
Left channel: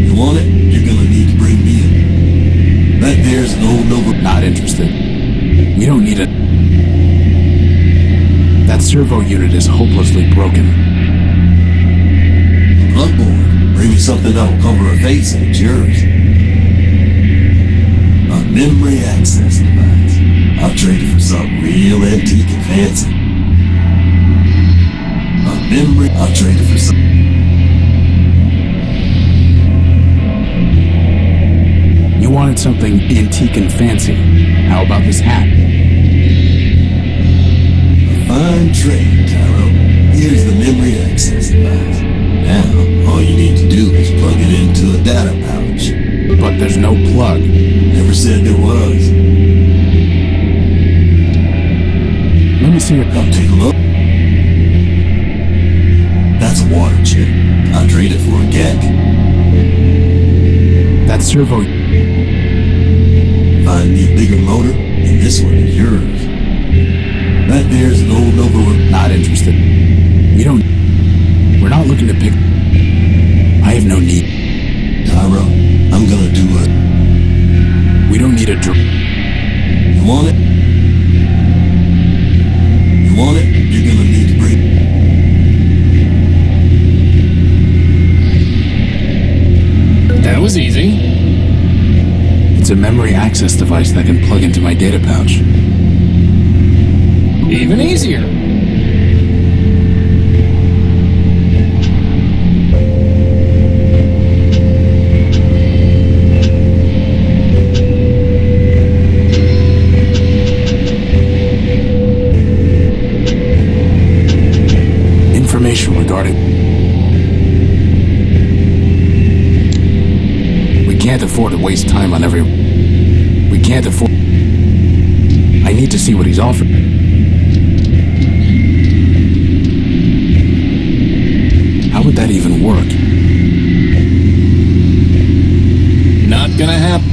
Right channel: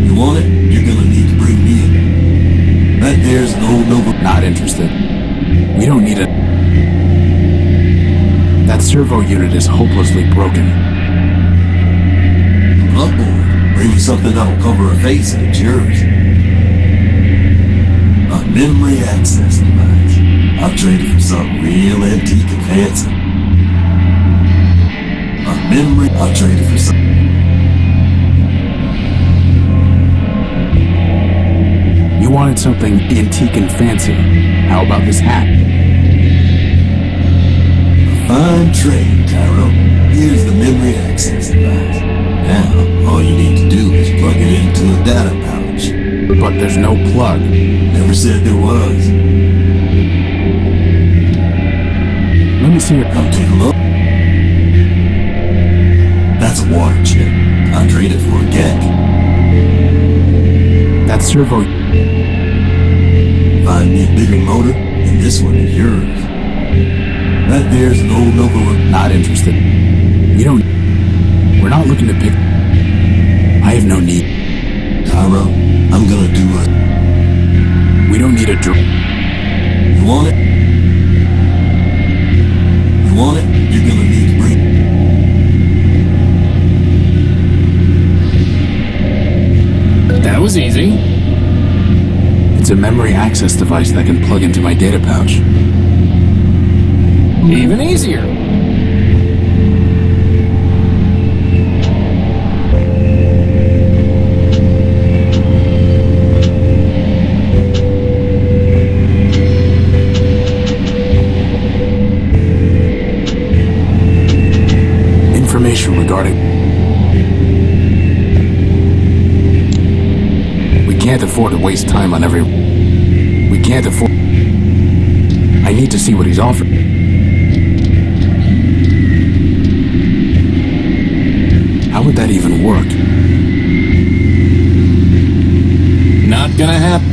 You want it? You're gonna need to bring me in. That there's no Nova... Not interested. We don't need it. That servo unit is hopelessly broken. Bloodborne, bring me something that'll cover a face and it's yours. A memory access device. I'll trade it for something real antique and fancy. I'll trade it for something. You wanted something antique and fancy. How about this hat? A fine trade, Tyro. Here's the memory access device. Now, all you need to do is plug it into a data pouch. But there's no plug. Never said there was. Let me see your... Come take a look. That's a water chip. I'll trade it for a gek. That servo... Find me a bigger motor, and this one is yours. That there's an old Nova... Not interested. We don't... We're not looking to pick... I have no need. Tyro, I'm gonna do a... We don't need a... You want it? You want it? You're gonna need to bring... That was easy. It's a memory access device that can plug into my data pouch. Even easier. Information regarding... We can't afford to waste time on every... We can't afford... I need to see what he's offering. How would that even work? Not gonna happen.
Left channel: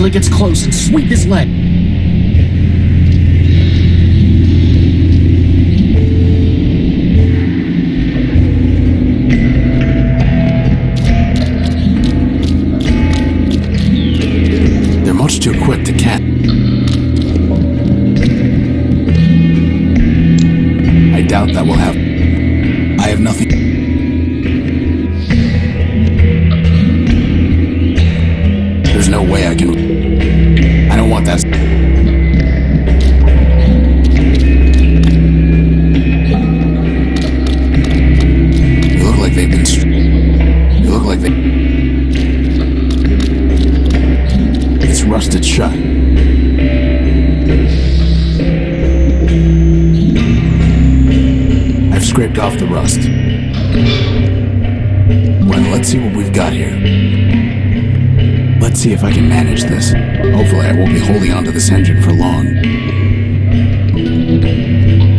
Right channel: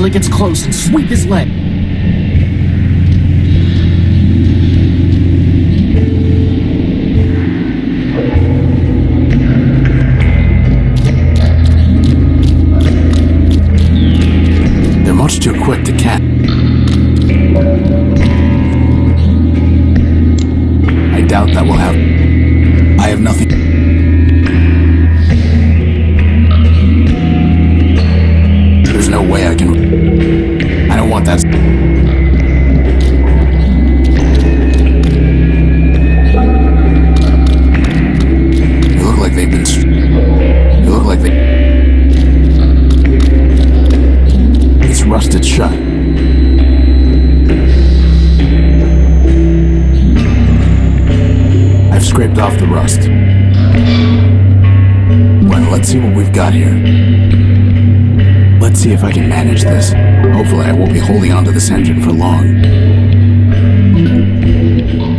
till it gets close and sweep his leg. They're much too quick to catch. I doubt that will have. I have nothing. There's no way I can. I don't want that. They look like they've been. They look like they. It's rusted shut. I've scraped off the rust. Well, let's see what we've got here. Let's see if I can manage this. Hopefully I won't be holding onto this engine for long.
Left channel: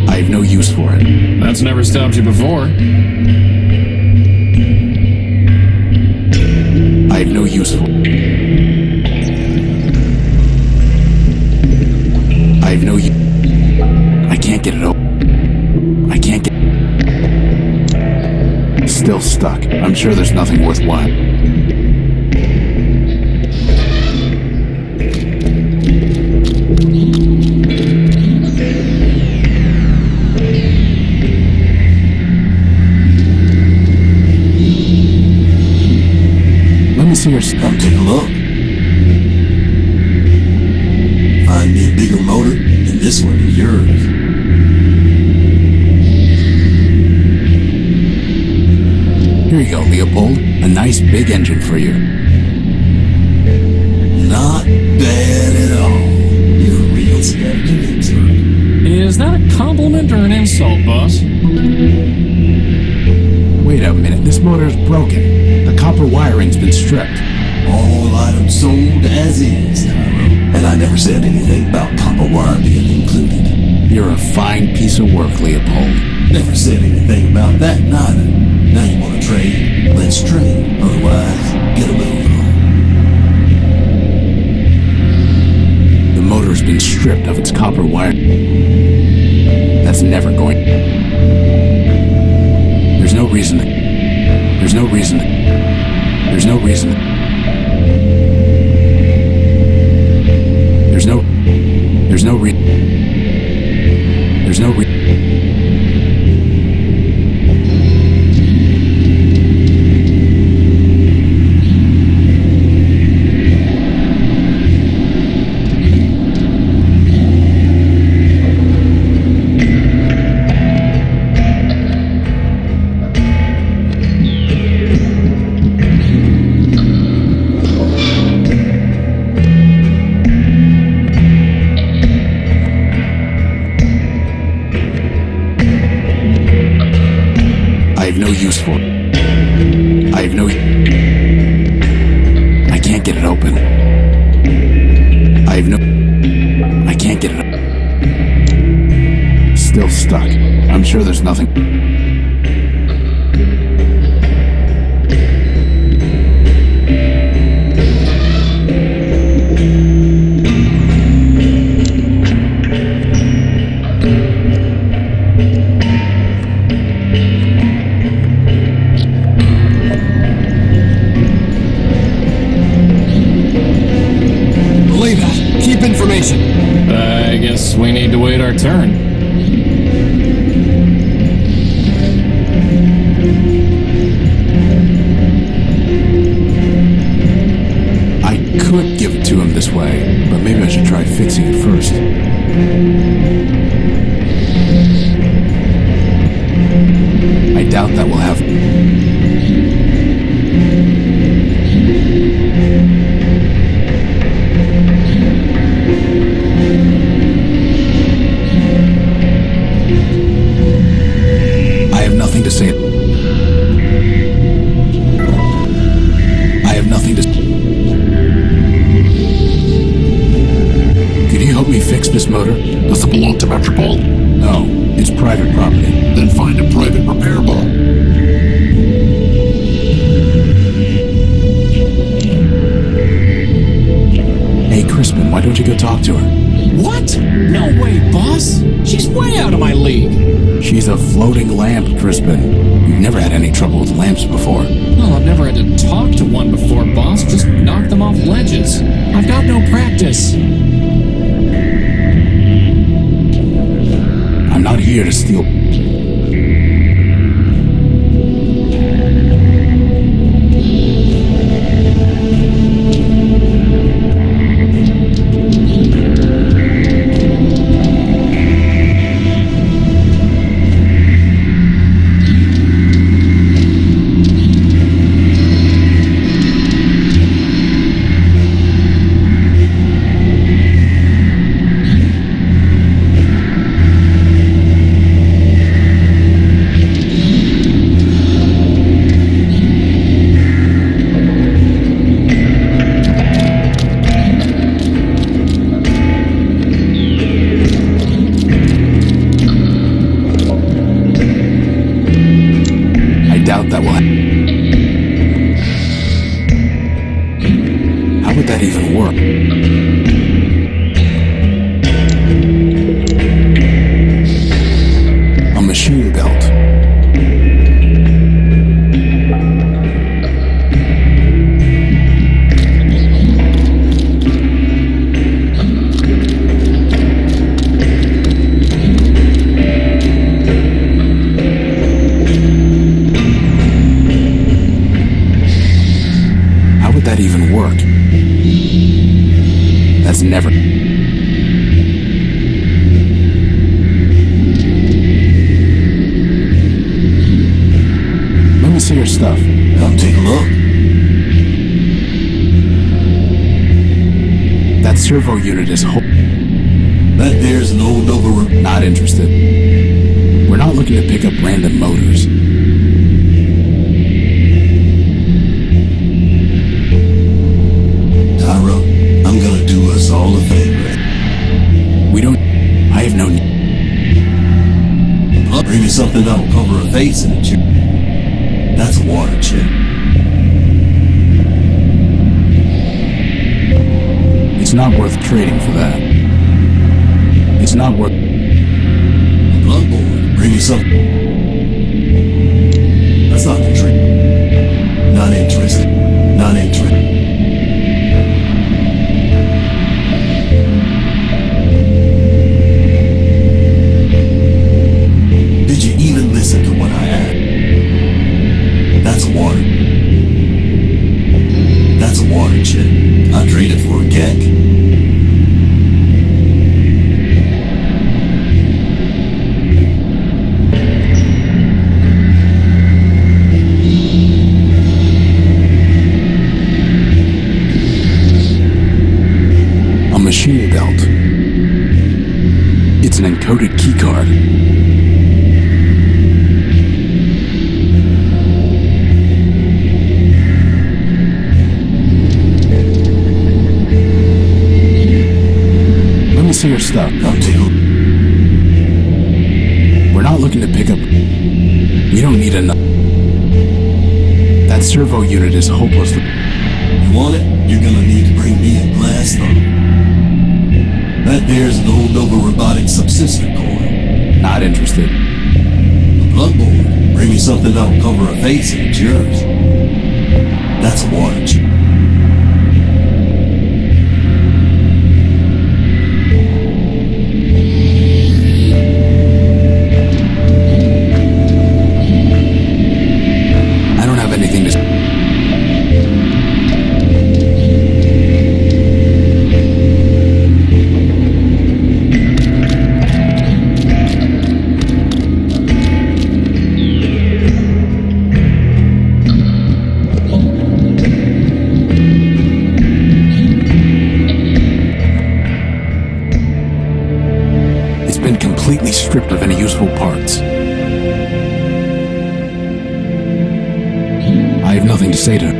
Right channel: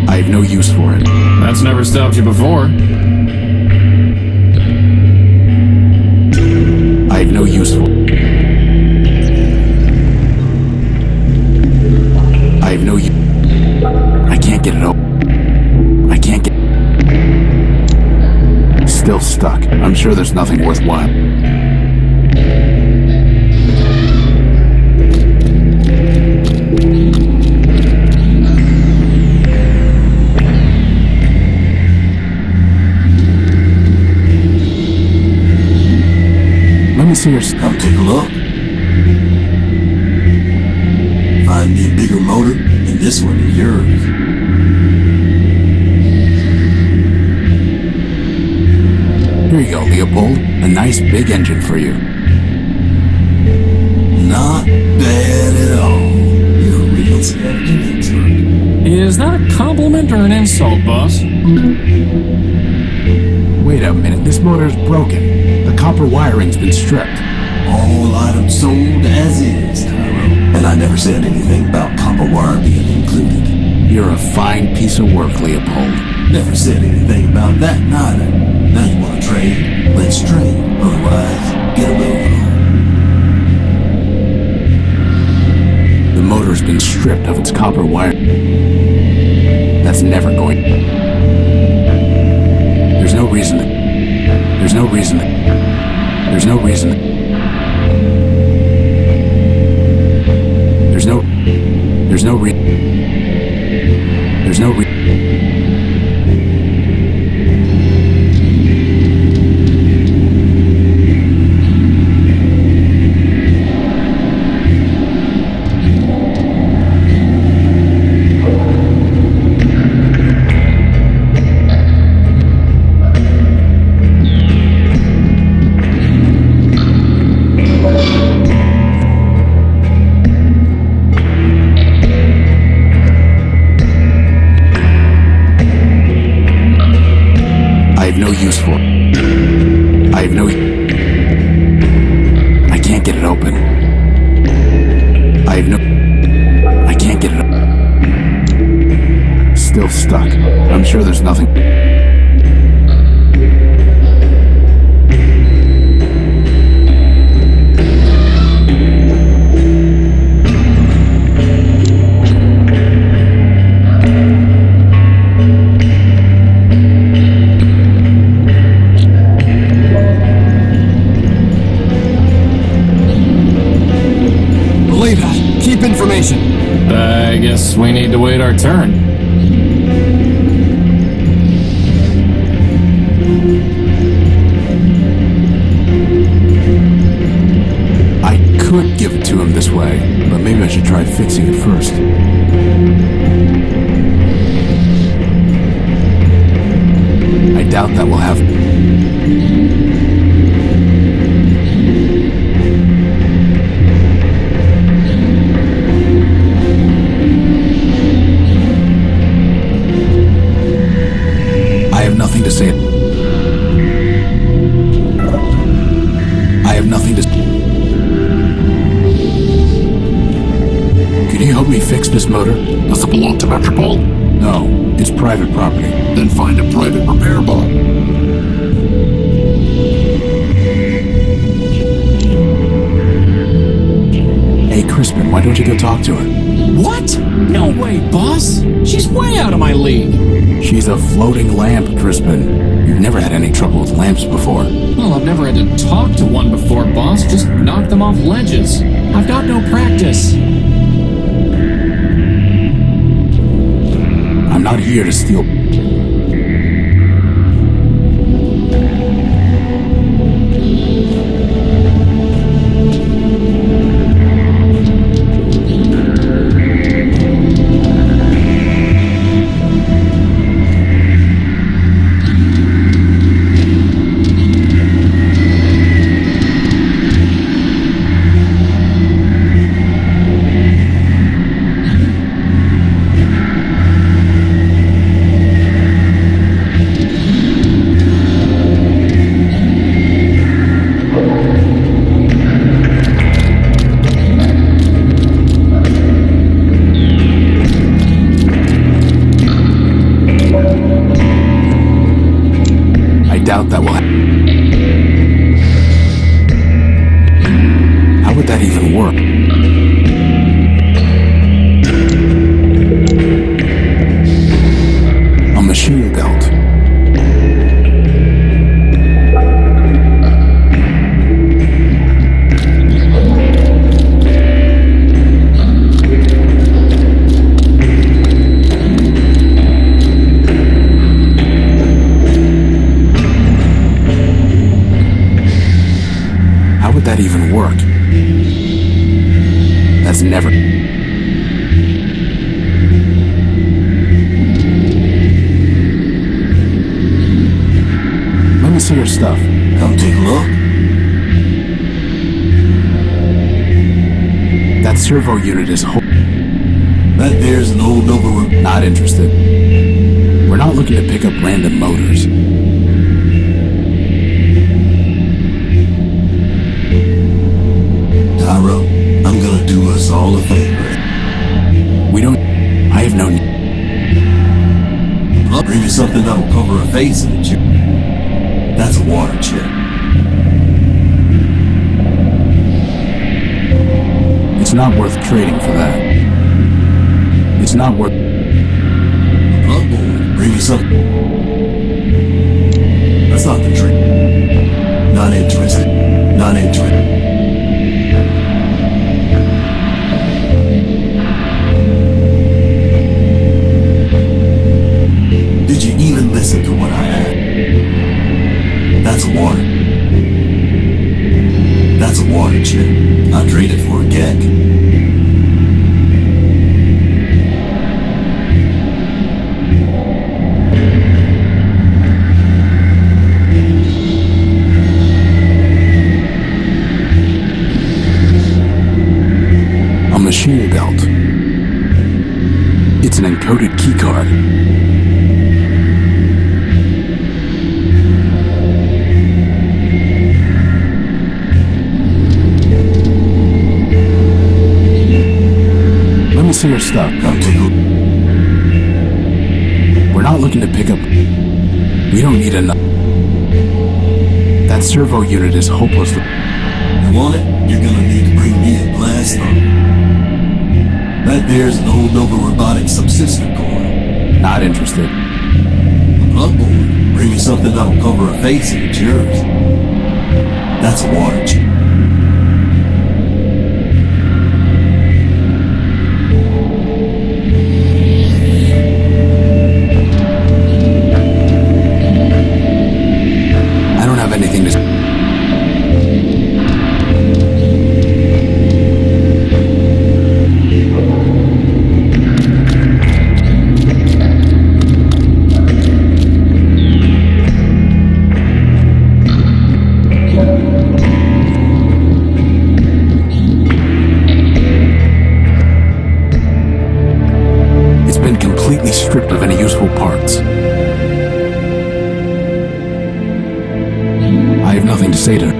I have no use for it. That's never stopped you before. I have no use for it. I have no use. I can't get it open. I can't get. Still stuck. I'm sure there's nothing worthwhile. Let me see your. Come take a look. Find me a bigger motor, and this one is yours. Here you go, Leopold. A nice big engine for you. Not bad at all. You're a real scavenging expert. Is that a compliment or an insult, boss? Wait a minute, this motor's broken. The copper wiring's been stripped. All items sold as is, Tyro. And I never said anything about copper wire being included. You're a fine piece of work, Leopold. Never said anything about that neither. Now you want to trade? Let's trade. Otherwise, get a move on. The motor's been stripped of its copper wire. That's never going. There's no reason to. There's no reason to. There's no reason to. There's no. There's no reason. There's no reason. I have no use for it. I have no. I can't get it open. I have no. I can't get it open. Still stuck. I'm sure there's nothing. Believe that. Keep information. I guess we need to wait our turn. I could give it to him this way, but maybe I should try fixing it first. I doubt that will have. I have nothing to say. I have nothing to. Could you help me fix this motor? Does it belong to Metropole? No, it's private property. Then find a private repair bar. Hey, Hey, Crispin, why don't you go talk to her? What? No way, boss. She's way out of my league. She's a floating lamp, Crispin. You've never had any trouble with lamps before. Well, I've never had to talk to one before, boss. Just knock them off ledges. I've got no practice. I'm not here to steal. Doubt that will How would that even work? A machine belt. How would that even work? That's never... Let me see your stuff. Come take a look. That servo unit is That there's an old Nova... Not interested. We're not looking to pick up random motors. I'm gonna do us all a favor. We don't... I have no... Bring me something that'll cover a face in it. That's a water chip. It's not worth trading for that. It's not worth... Bloodborne, bring me something. That's not the trick. Not interested. Not interested. Did you even listen to what I asked? That's water. That's a water chip. I trade it for a gek. A machine belt. It's an encoded keycard. Let me see your stuff. Come take a look. We're not looking to pick up... We don't need enough... That servo unit is hopelessly... You want it? You're gonna need to bring me a blast on. That there's an old Nova Robotic subsystem coil. Not interested. A bloodborne. Bring me something that'll cover a face and it's yours. That's a water chip. I don't have anything to... It's been completely stripped of any useful parts. I have nothing to say to her.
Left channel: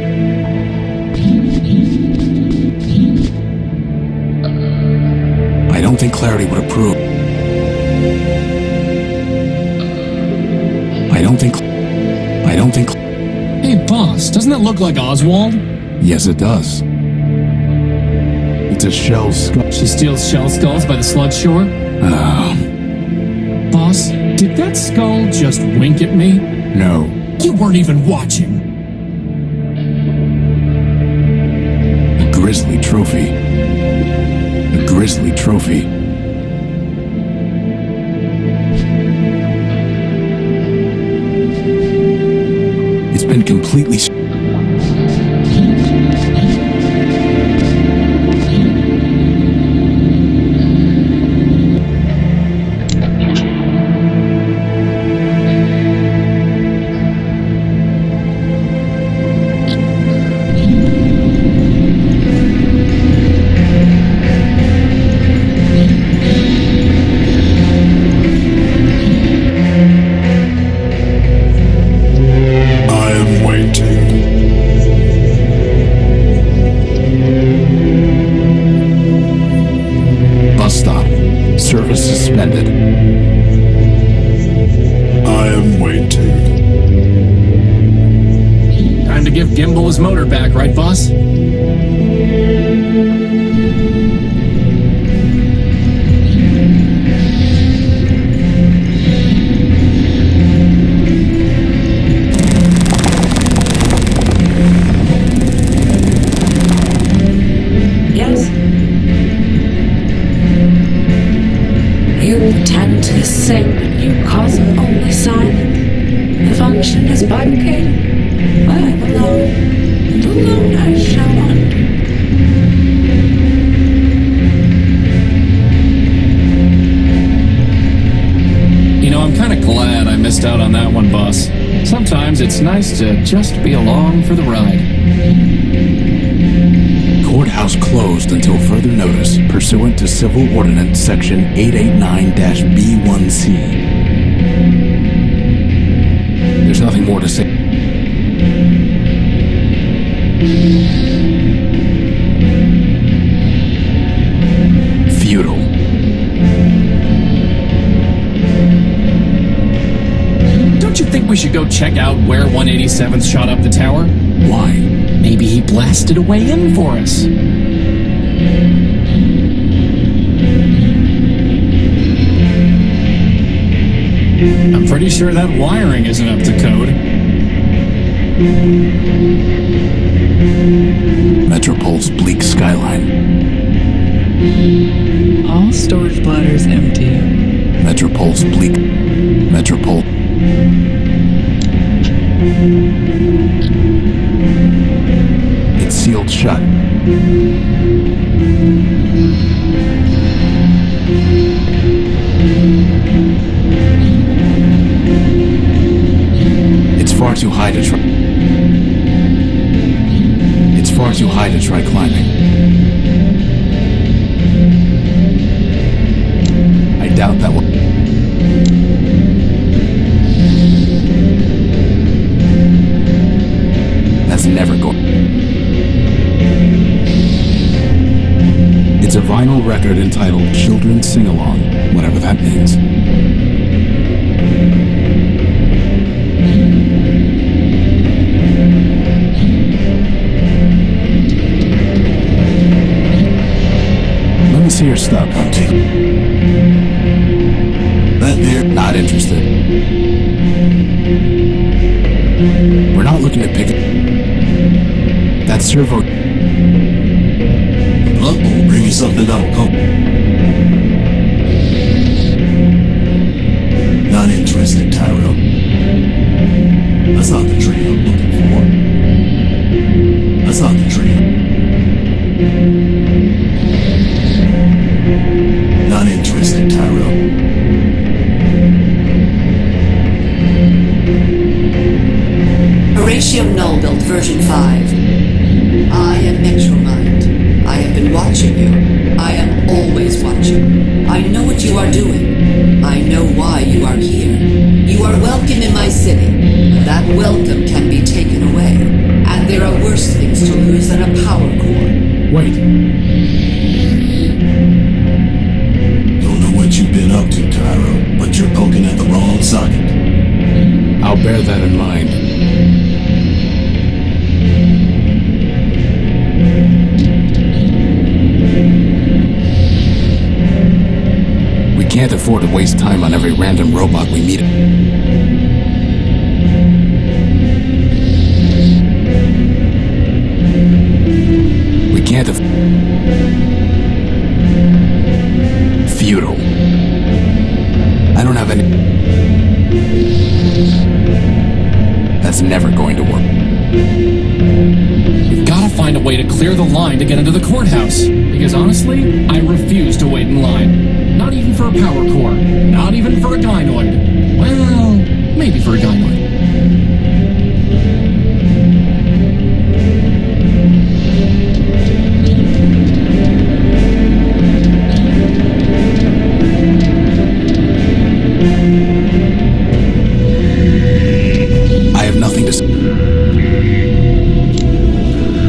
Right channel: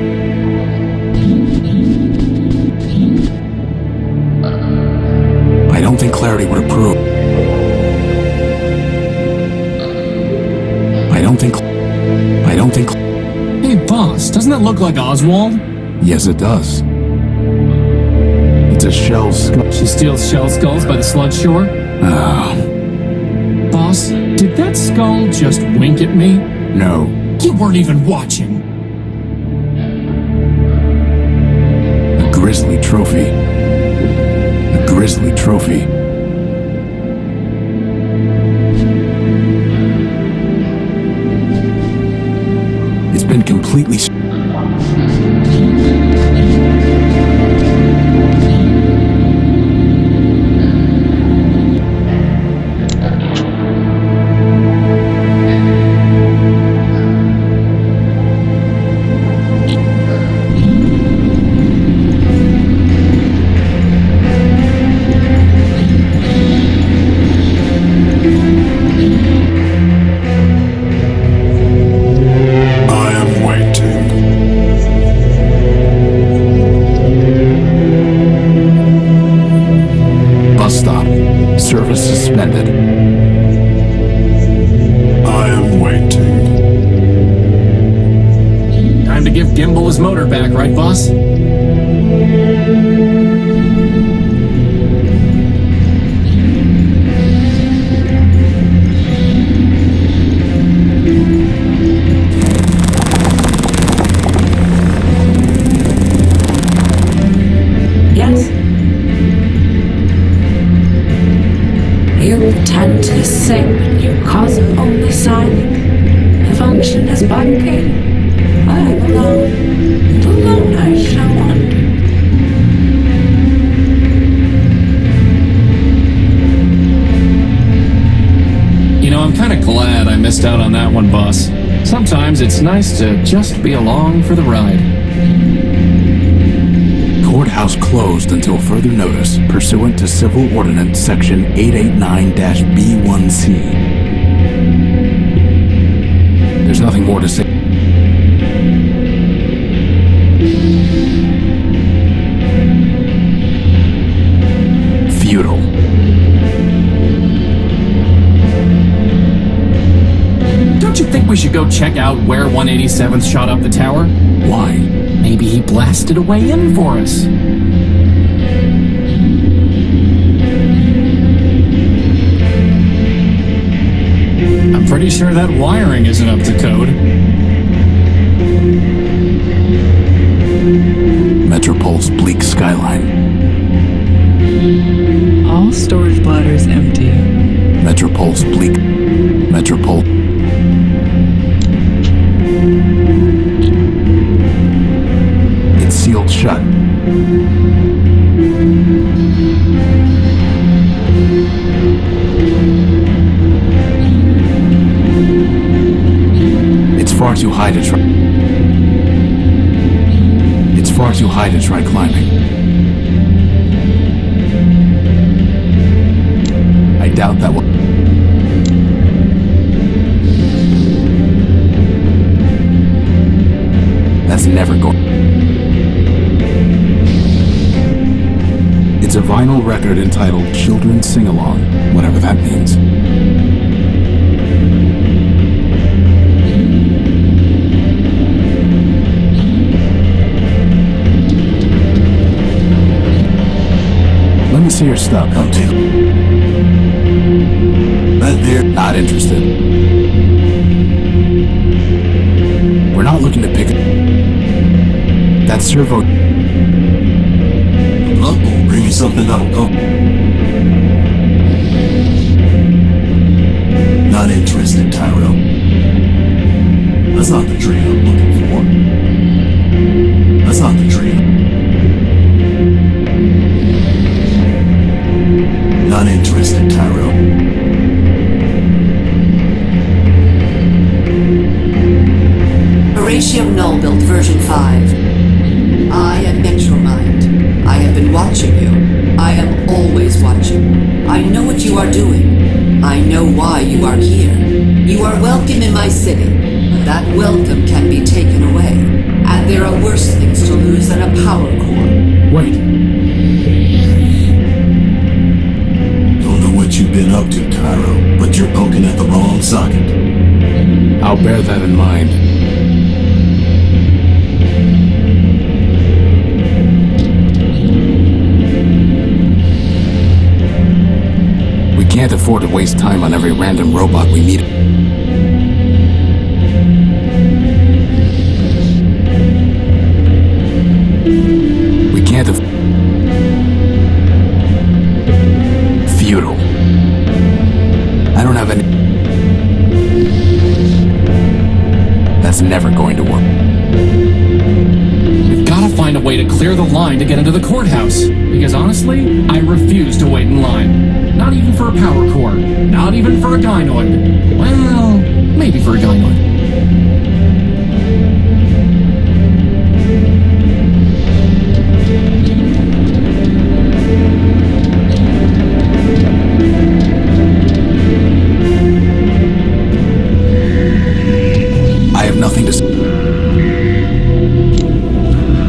I don't think Clarity would approve. I don't think... Hey, boss, doesn't that look like Oswald? Yes, it does. It's a shell skull. She steals shell skulls by the sludge shore? Oh, Boss, did that skull just wink at me? no. You weren't even watching. A grisly trophy. A grisly trophy. It's been completely... I am waiting. Bus stop. Service suspended. I am waiting. Time to give Gimbal his motor back, right, boss? Yes? You tend to sing, but you cause only silence. The function is barricaded. I'm alone, and alone I shall wander. You know, I'm kind of glad I missed out on that one, boss. Sometimes it's nice to just be along for the ride. Courthouse closed until further notice, pursuant to Civil Ordinance Section 889-B1C. There's nothing more to say. Futile. Don't you think we should go check out where 187th shot up the tower? Why? Maybe he blasted a way in for us. I'm pretty sure that wiring isn't up to code. Metropol's bleak skyline. All storage bladders empty. Metropol's bleak. Metropol. It's sealed shut. It's far too high to try. It's far too high to try climbing. I doubt that will. That's never going. It's a vinyl record entitled Children's Sing-Along, whatever that means. Let me see your stuff. Come to. That there. Not interested. We're not looking to pick up. That servo. The blood will bring you something that'll come. Not interested, Tyro. That's not the tree I'm looking for. That's not the tree. Not interested, Tyro. Horatio Nullbuilt version 5. I am MetroMind. I have been watching you. I am always watching. I know what you are doing. I know why you are here. You are welcome in my city, but that welcome can be taken away. And there are worse things to lose than a power core. Wait. Don't know what you've been up to, Tyro, but you're poking at the wrong socket. I'll bear that in mind. can't afford to waste time on every random robot we meet. We can't futile. I don't have any. That's never going to work. We've got to find a way to clear the line to get into the courthouse. Because honestly, I refuse to wait in line. Not even for a power core. Not even for a gynoid. Well, maybe for a gynoid. I have nothing to say.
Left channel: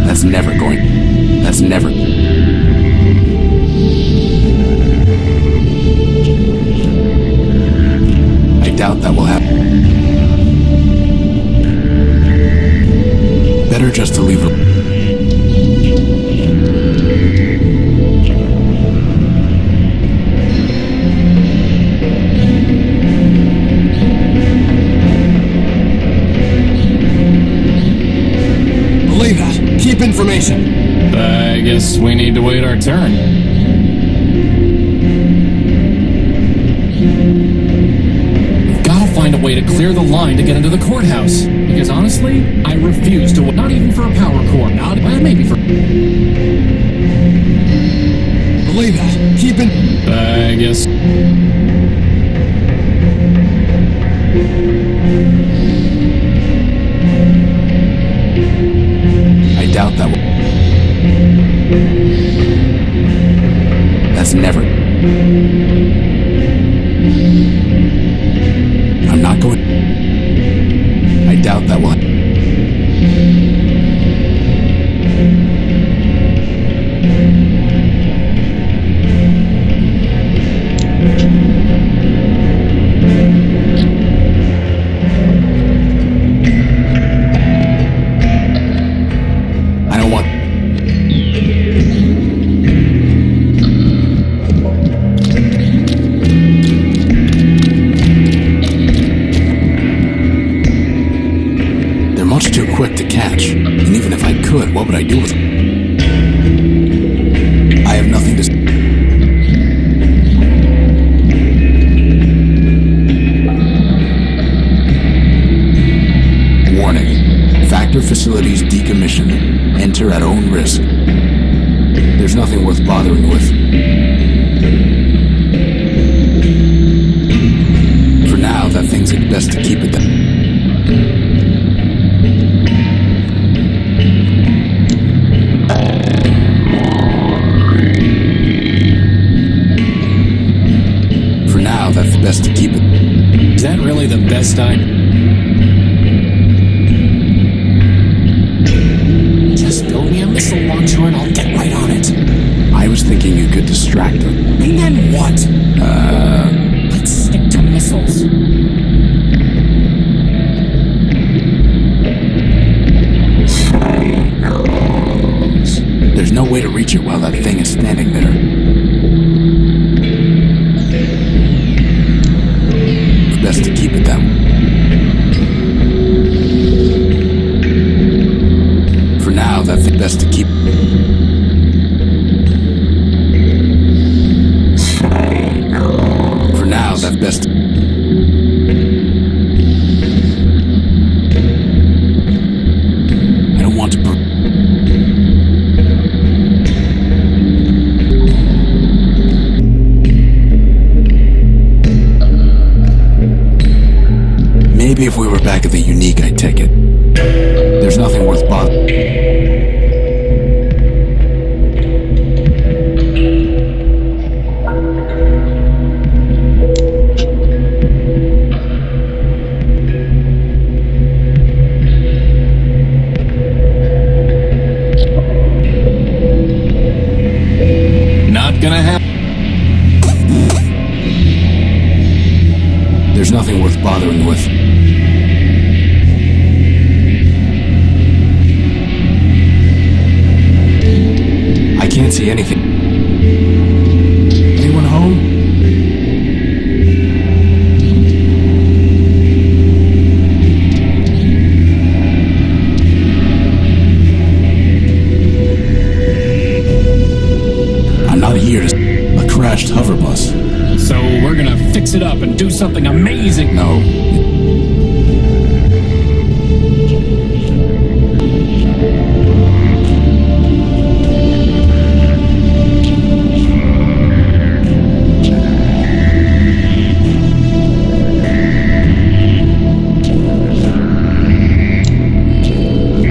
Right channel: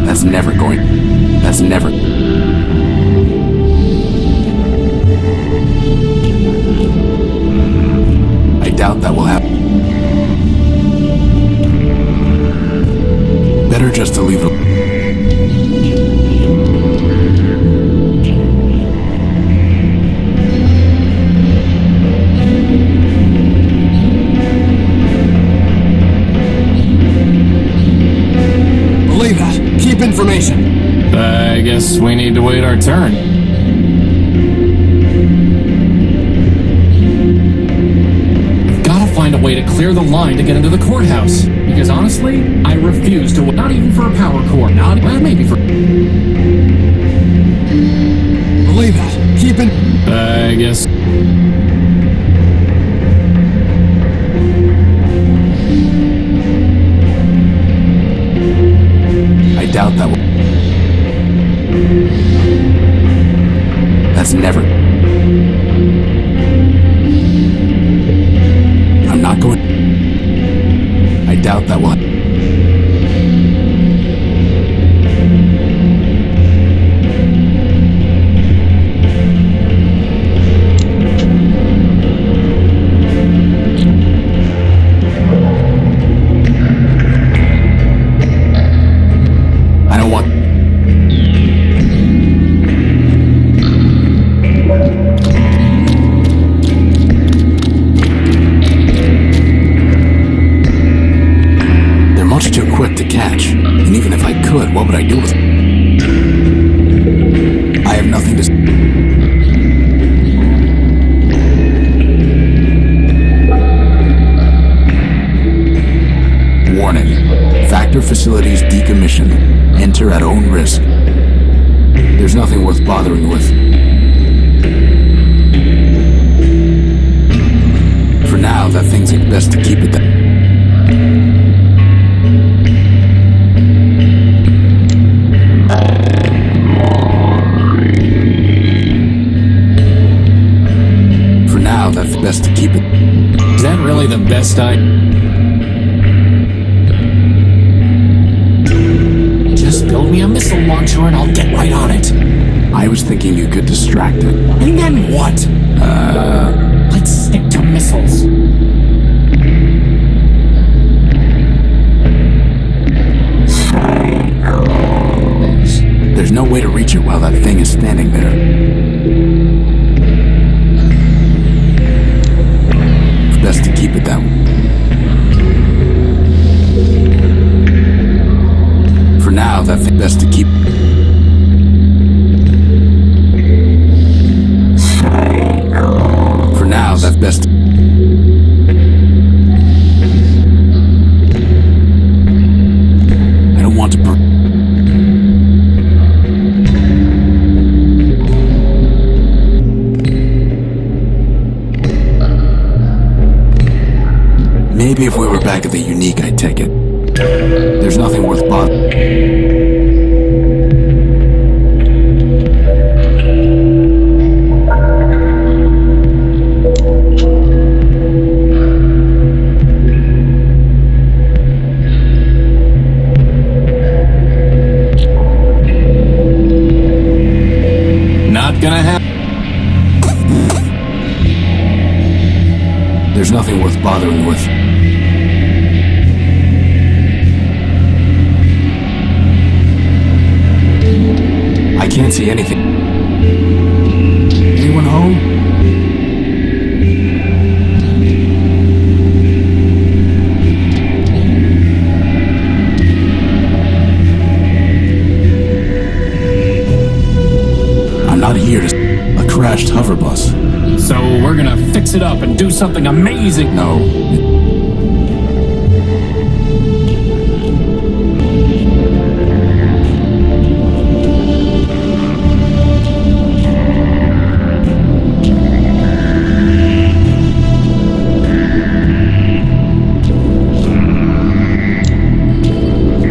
That's never going. That's never. I doubt that will happen. Better just to leave it. Believe that. Keep information. I guess we need to wait our turn. We've got to find a way to clear the line to get into the courthouse. Because honestly, I refuse to. Not even for a power core. Not. Well, maybe for. Believe that. Keep in. I guess. I doubt that will. That's never. I'm not going. I doubt that will. I don't want. They're much too quick to catch, and even if I could, what would I do with them? I have nothing to. Warning. Factor facilities decommission. Enter at own risk. There's nothing worth bothering with. For now, that thing's best to keep it that. For now, that's best to keep it. Is that really the best idea? Just build me a missile launcher and I'll get right on it. I was thinking you could distract it. And then what? Let's stick to missiles. There's no way to reach it while that thing is standing there. It's best to keep it that way. For now, that's best to keep. For now, that's best. I don't want to. Maybe if we were back at the Unique, I'd take it. There's nothing worth bothering. Not gonna happen. There's nothing worth bothering with. I can't see anything. Anyone home? crashed hover bus. So we're gonna fix it up and do something amazing. No.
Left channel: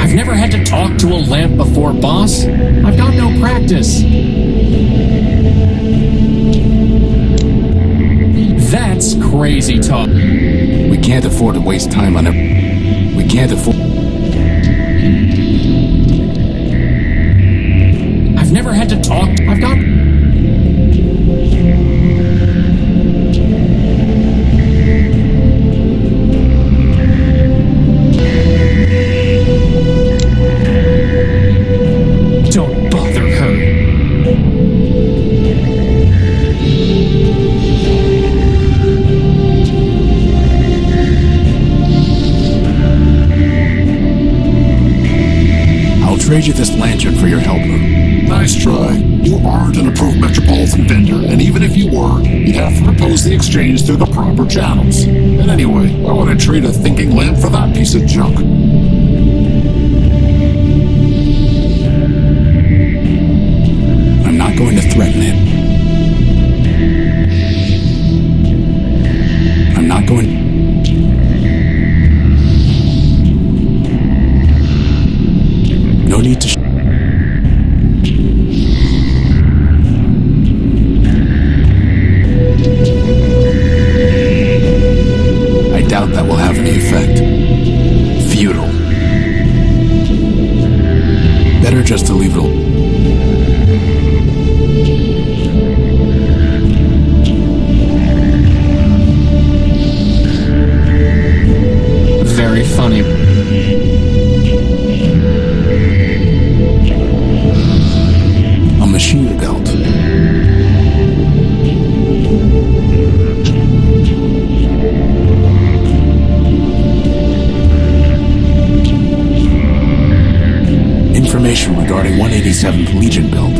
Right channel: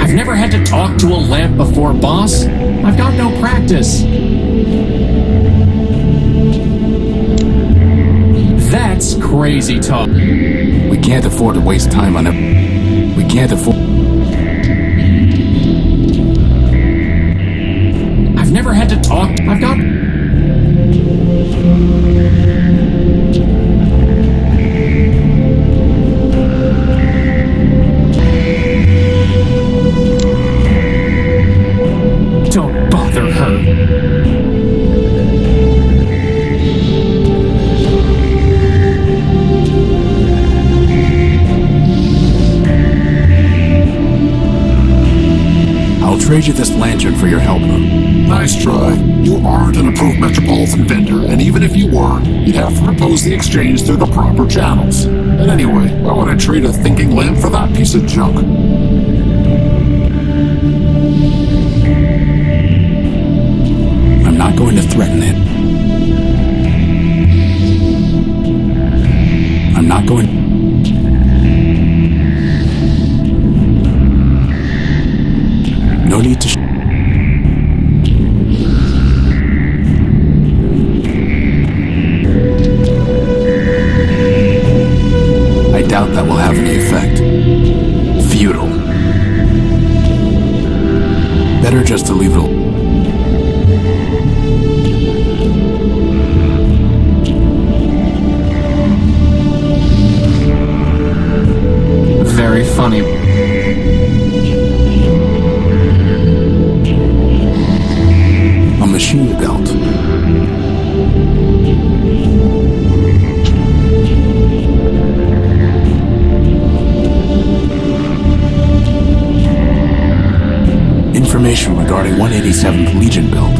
I've never had to talk to a lamp before, boss. I've got no practice. That's crazy talk. We can't afford to waste time on it. We can't afford... I've never had to talk. I've got... Don't bother her. I'll trade you this lantern for your helper. Nice try. You aren't an approved Metropolitan vendor, and even if you were, you'd have to propose the exchange through the proper channels. And anyway, why would I trade a thinking lamp for that piece of junk? I'm not going to threaten it. I'm not going... No need to... I doubt that will have any effect. Futile. Better just to leave it alone. Very funny. A machine belt. Information regarding 187th Legion build.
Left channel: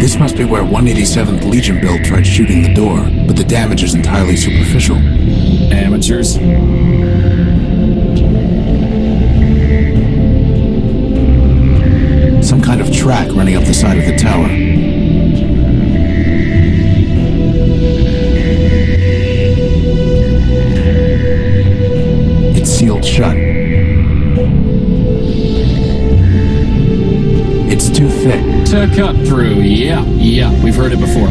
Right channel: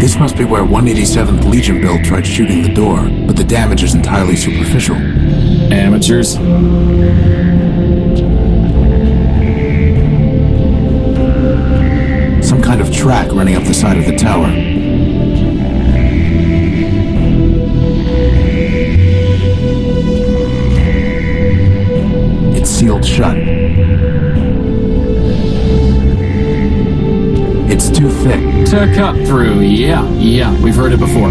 This must be where 187th Legion build tried shooting the door, but the damage is entirely superficial. Amateurs. Some kind of track running up the side of the tower. It's sealed shut. It's too thick. To cut through, yeah, we've heard it before.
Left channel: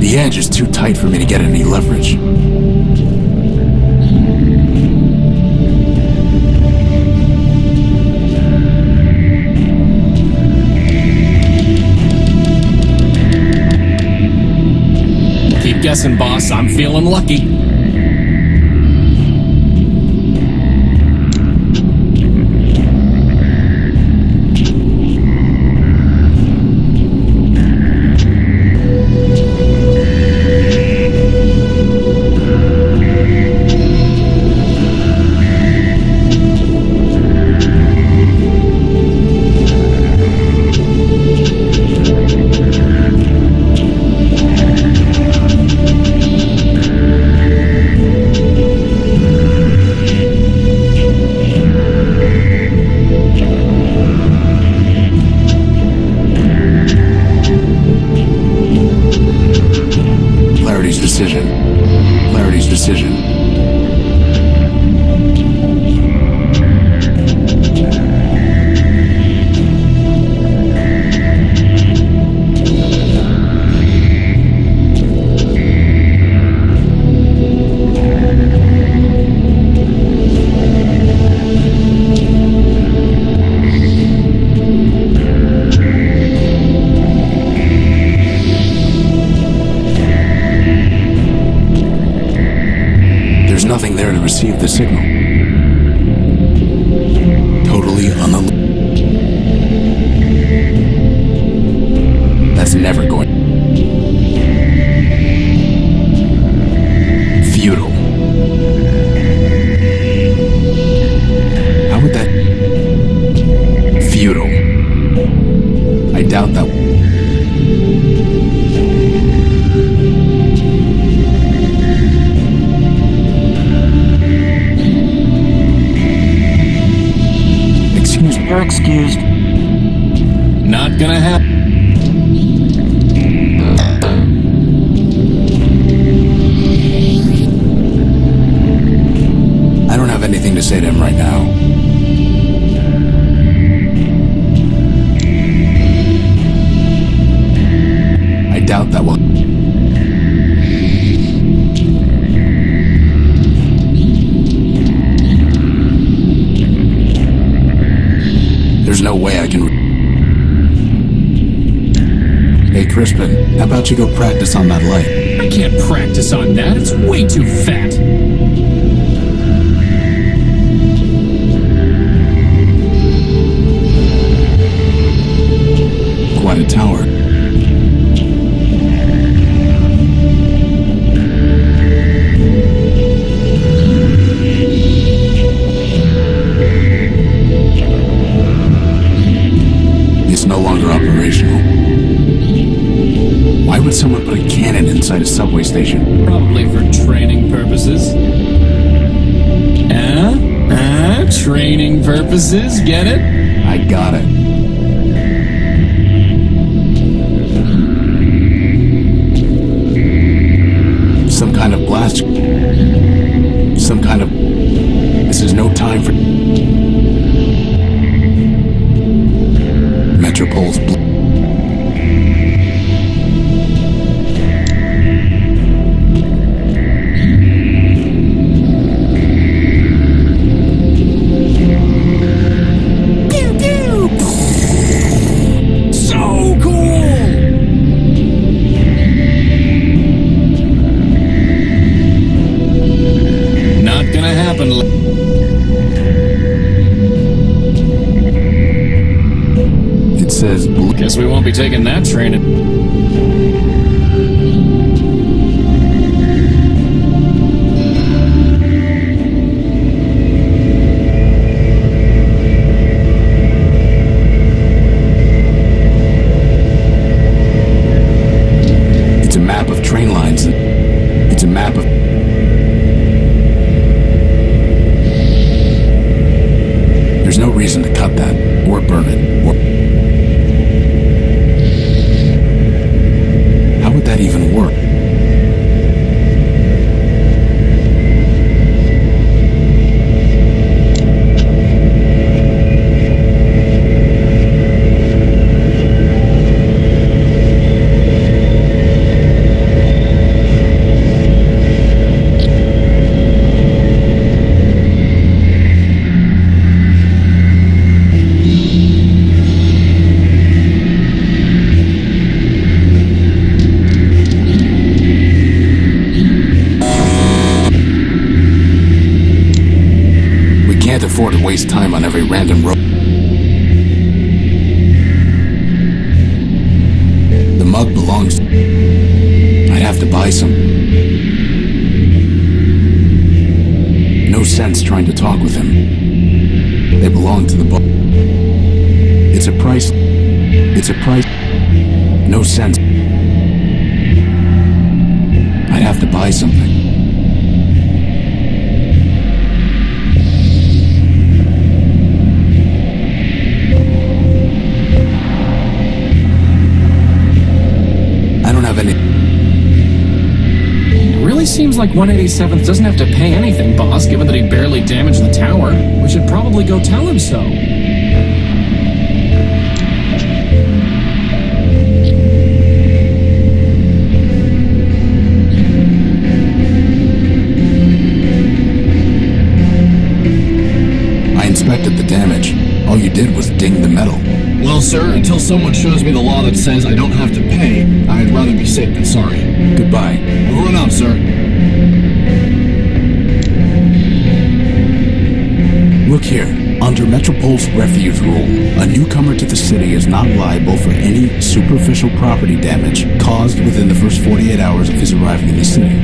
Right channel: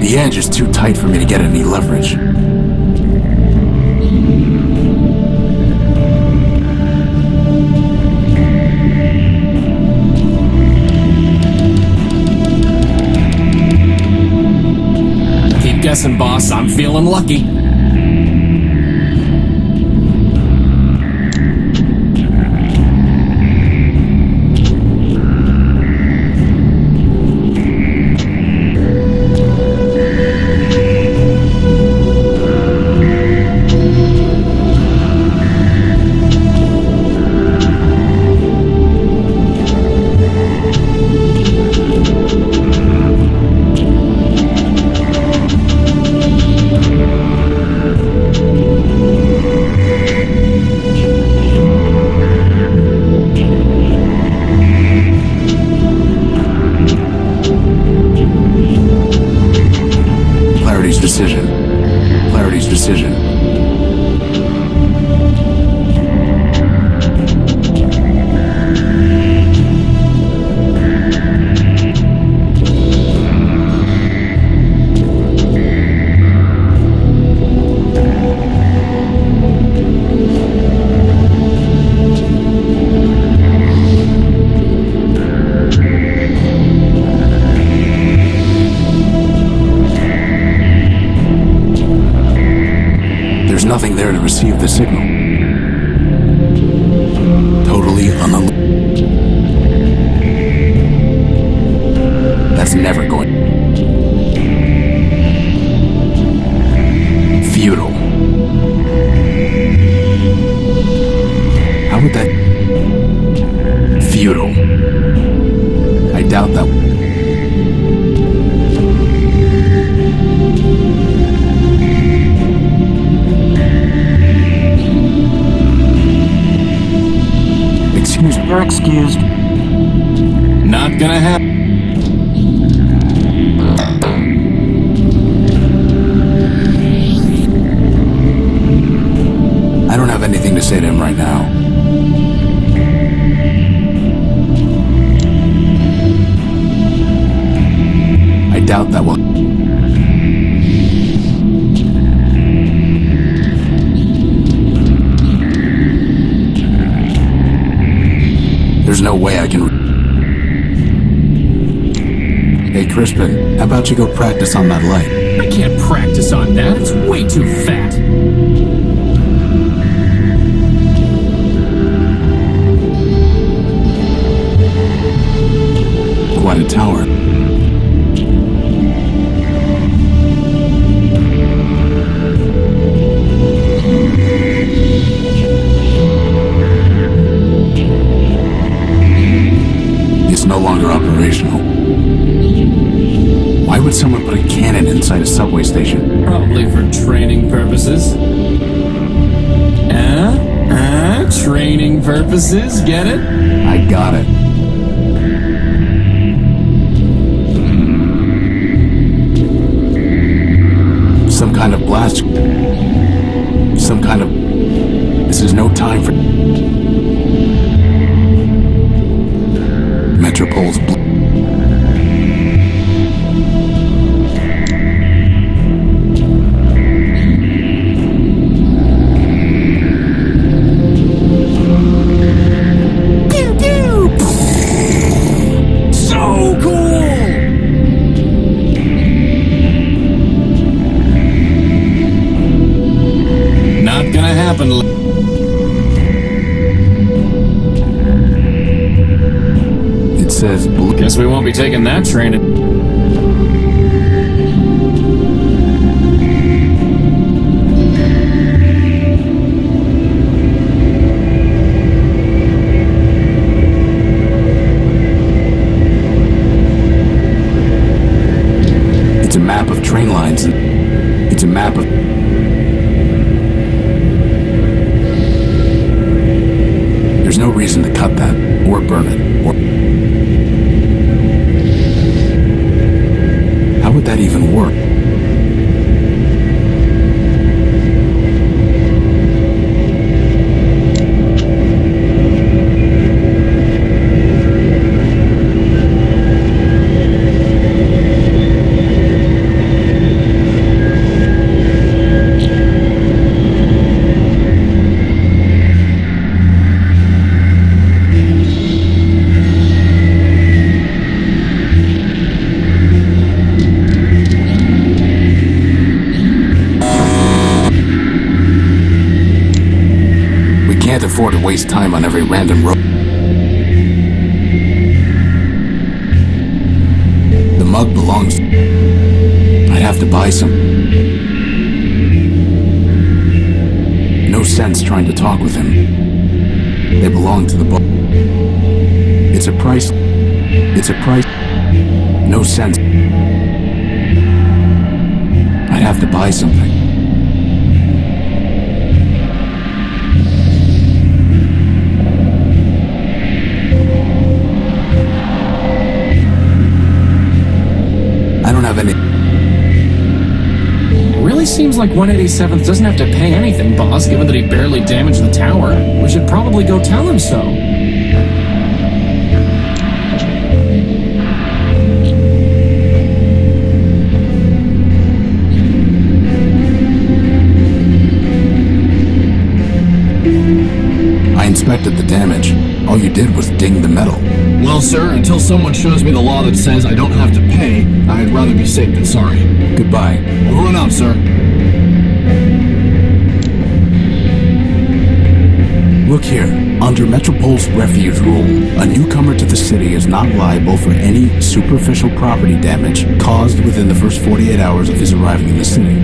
The edge is too tight for me to get any leverage. Keep guessing, boss. I'm feeling lucky. Clarity's decision. nothing there to receive the signal. Totally That's never going. Futile. How would that... Futile. I doubt that... Excuse me. You're excused. Not gonna happen. I don't have anything to say to him right now. I doubt that will... There's no way I can... Hey, Crispin, how about you go practice on that light? I can't practice on that. It's way too fat. Quite a tower. It's no longer operational. Why would someone put a cannon inside a subway station? Probably for training purposes. Training purposes, get it? I got it. Some kind of blast. Some kind of... This is no time for... Metropol's... Pew pew! So cool! Not gonna happen. It says... Guess we won't be taking that train. It's a map of train lines. It's a map of... There's no reason to cut that, or burn it, or... How would that even work? Can't afford to waste time on every random road. The mug belongs... I'd have to buy some. No sense trying to talk with him. They belong to the book. It's a price. It's a price. No sense. I'd have to buy something. I don't have any... It really seems like 187th doesn't have to pay anything, boss, given that he barely damaged the tower. We should probably go tell him so. I inspected the damage. All you did was ding the metal. Well, sir, until someone shows me the law that says I don't have to pay, I'd rather be safe than sorry. Goodbye. Over and out, sir. Look here, under Metropol's refuge rule, a newcomer to the city is not liable for any superficial property damage caused within the first 48 hours of his arriving in the city.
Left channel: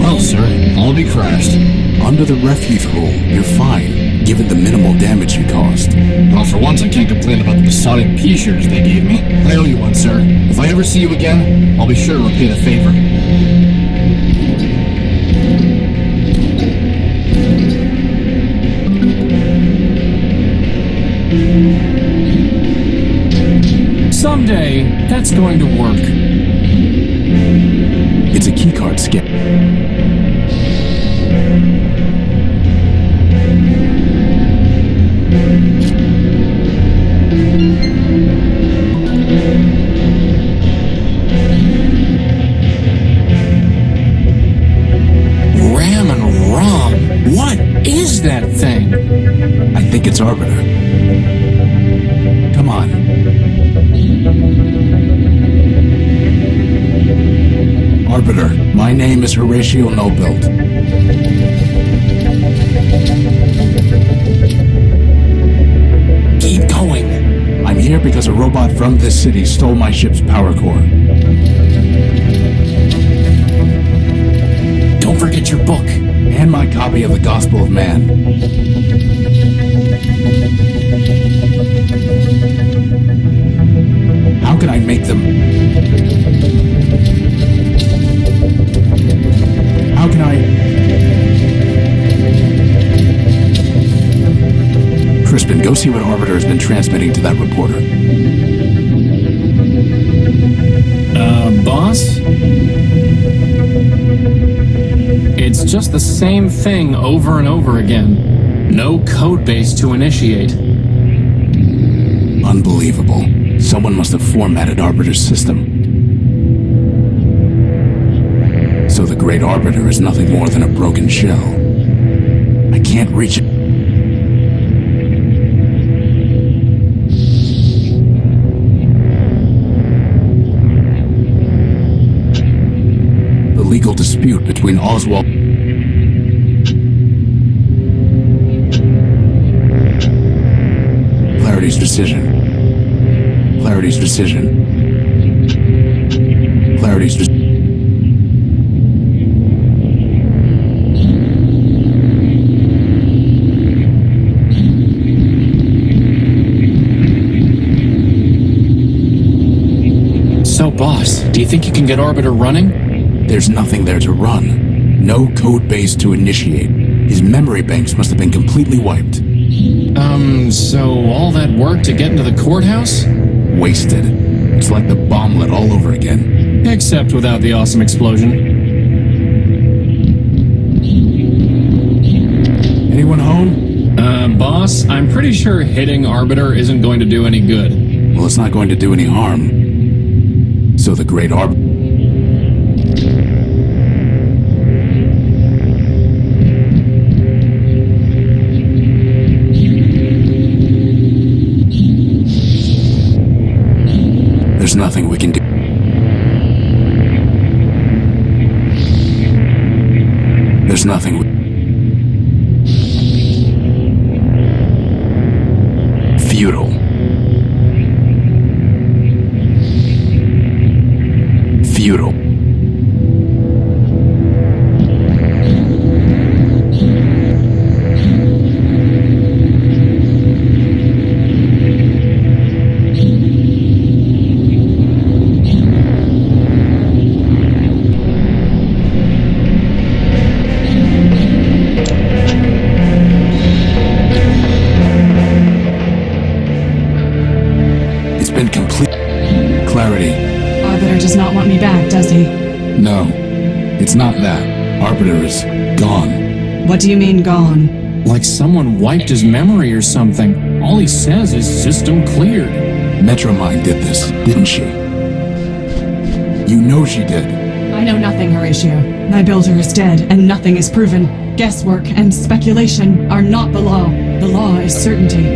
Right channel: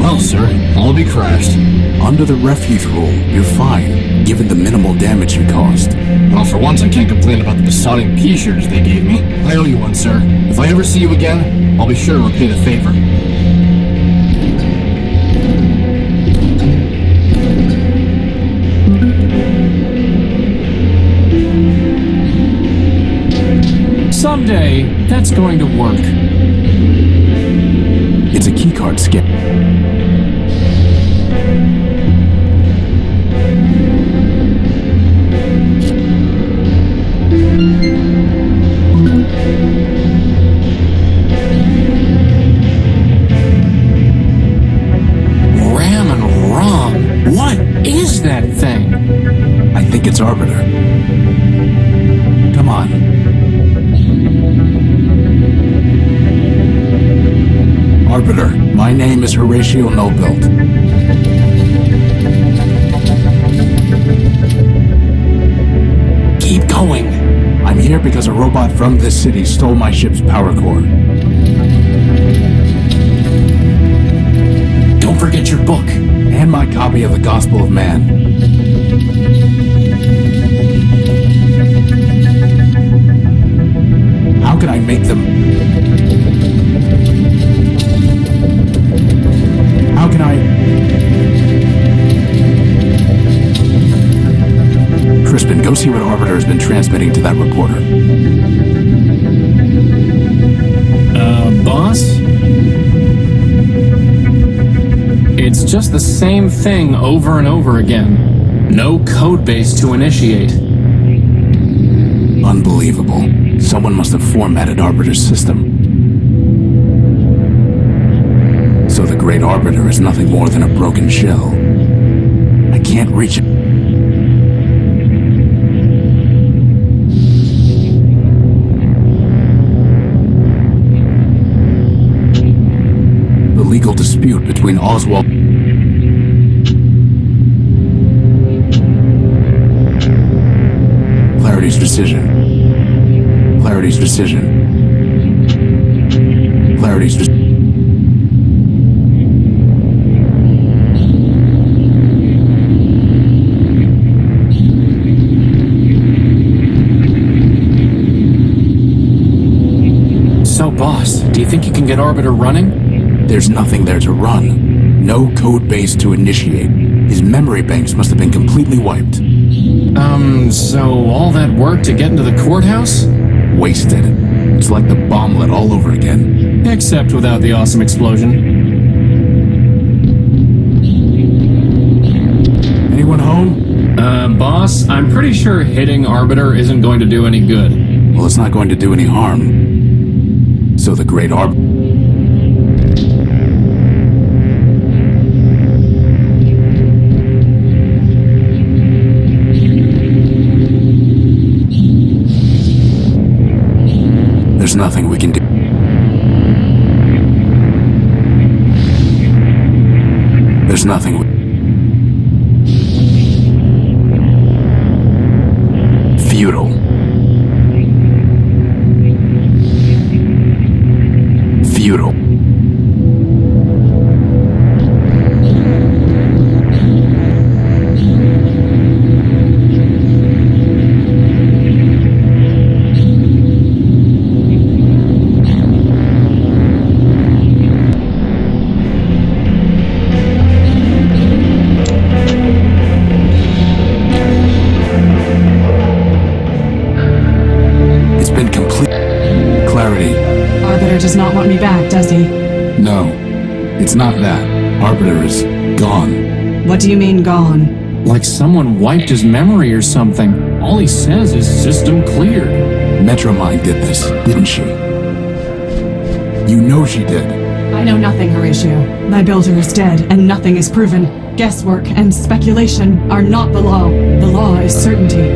Well, sir, I'll be crashed. Under the refuge rule, you're fine, given the minimal damage you caused. Well, for once I can't complain about the besotting p-shirts they gave me. I owe you one, sir. If I ever see you again, I'll be sure to repay the favor. Someday, that's going to work. It's a keycard scan. Ram and ROM. What is that thing? I think it's Arbiter. Come on. Arbiter, my name is Horatio Nobilt. Keep going. I'm here because a robot from this city stole my ship's power core. Don't forget your book. And my copy of the Gospel of Man. How can I make them... How can I... Crispin, go see what Arbiter has been transmitting to that reporter. Boss? It's just the same thing over and over again. No code base to initiate. Unbelievable. Someone must have formatted Arbiter's system. So the Great Arbiter is nothing more than a broken shell. I can't reach it. The legal dispute between Oswald... Clarity's decision. Clarity's decision. Clarity's decision. So, boss, do you think you can get Arbiter running? There's nothing there to run. No code base to initiate. His memory banks must have been completely wiped. So all that work to get into the courthouse? Wasted. It's like the bomblet all over again. Except without the awesome explosion. Anyone home? Boss, I'm pretty sure hitting Arbiter isn't going to do any good. Well, it's not going to do any harm. So the Great Arbiter... There's nothing we can do. There's nothing we... Futile. Futile. Clarity. Arbiter does not want me back, does he? No, it's not that. Arbiter is gone. What do you mean, gone? Like someone wiped his memory or something. All he says is system cleared. MetroMind did this, didn't she? You know she did. I know nothing, Horatio. My builder is dead, and nothing is proven. Guesswork and speculation are not the law. The law is certainty.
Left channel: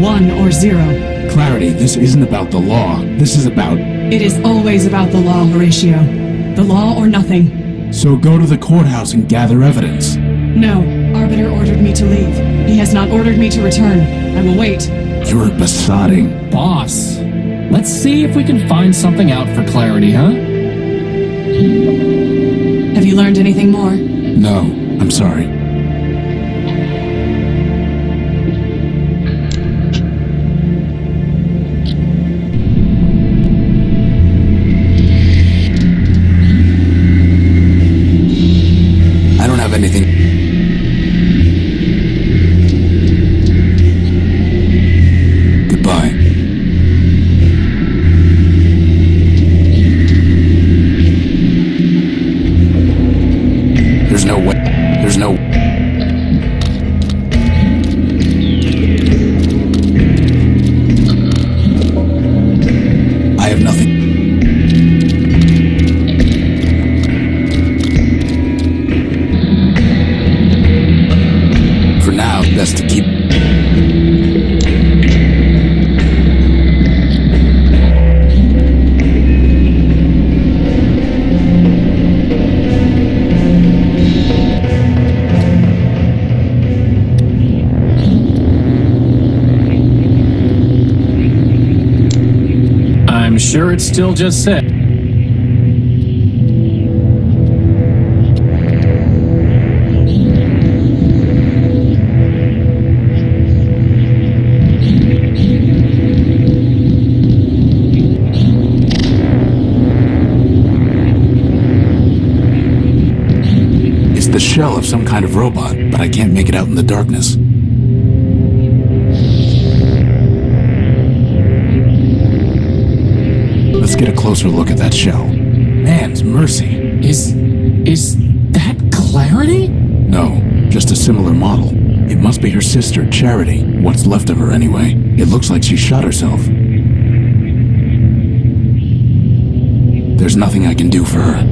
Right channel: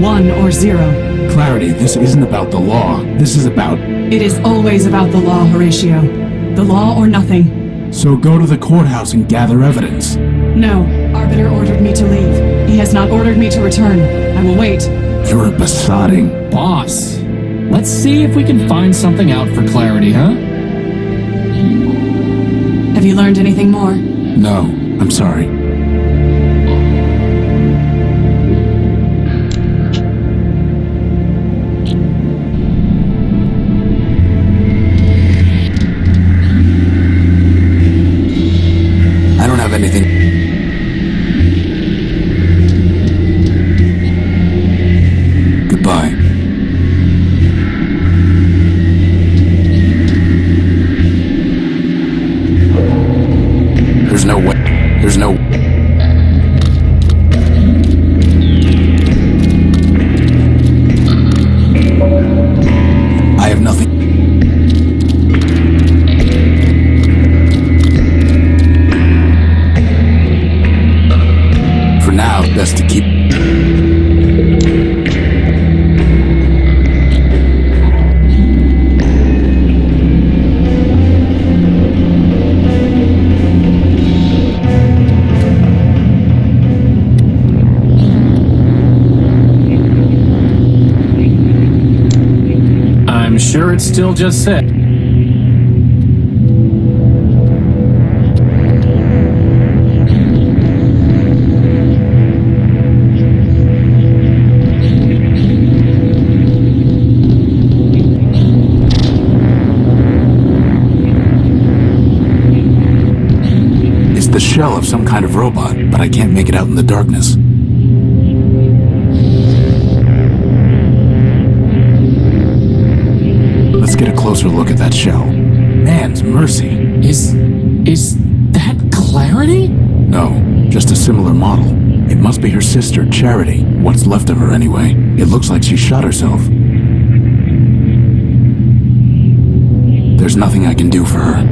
1 or 0. Clarity, this isn't about the law. This is about... It is always about the law, Horatio. The law or nothing. So go to the courthouse and gather evidence. No, Arbiter ordered me to leave. He has not ordered me to return. I will wait. You're a besotting. Boss, let's see if we can find something out for clarity, huh? Have you learned anything more? No, I'm sorry. I don't have anything. Goodbye. There's no way. There's no. I have nothing. For now, best to keep. I'm sure it's still just said. It's the shell of some kind of robot, but I can't make it out in the darkness. Let's get a closer look at that shell. Man's mercy. Is that Clarity? No, just a similar model. It must be her sister, Charity. What's left of her, anyway. It looks like she shot herself. There's nothing I can do for her.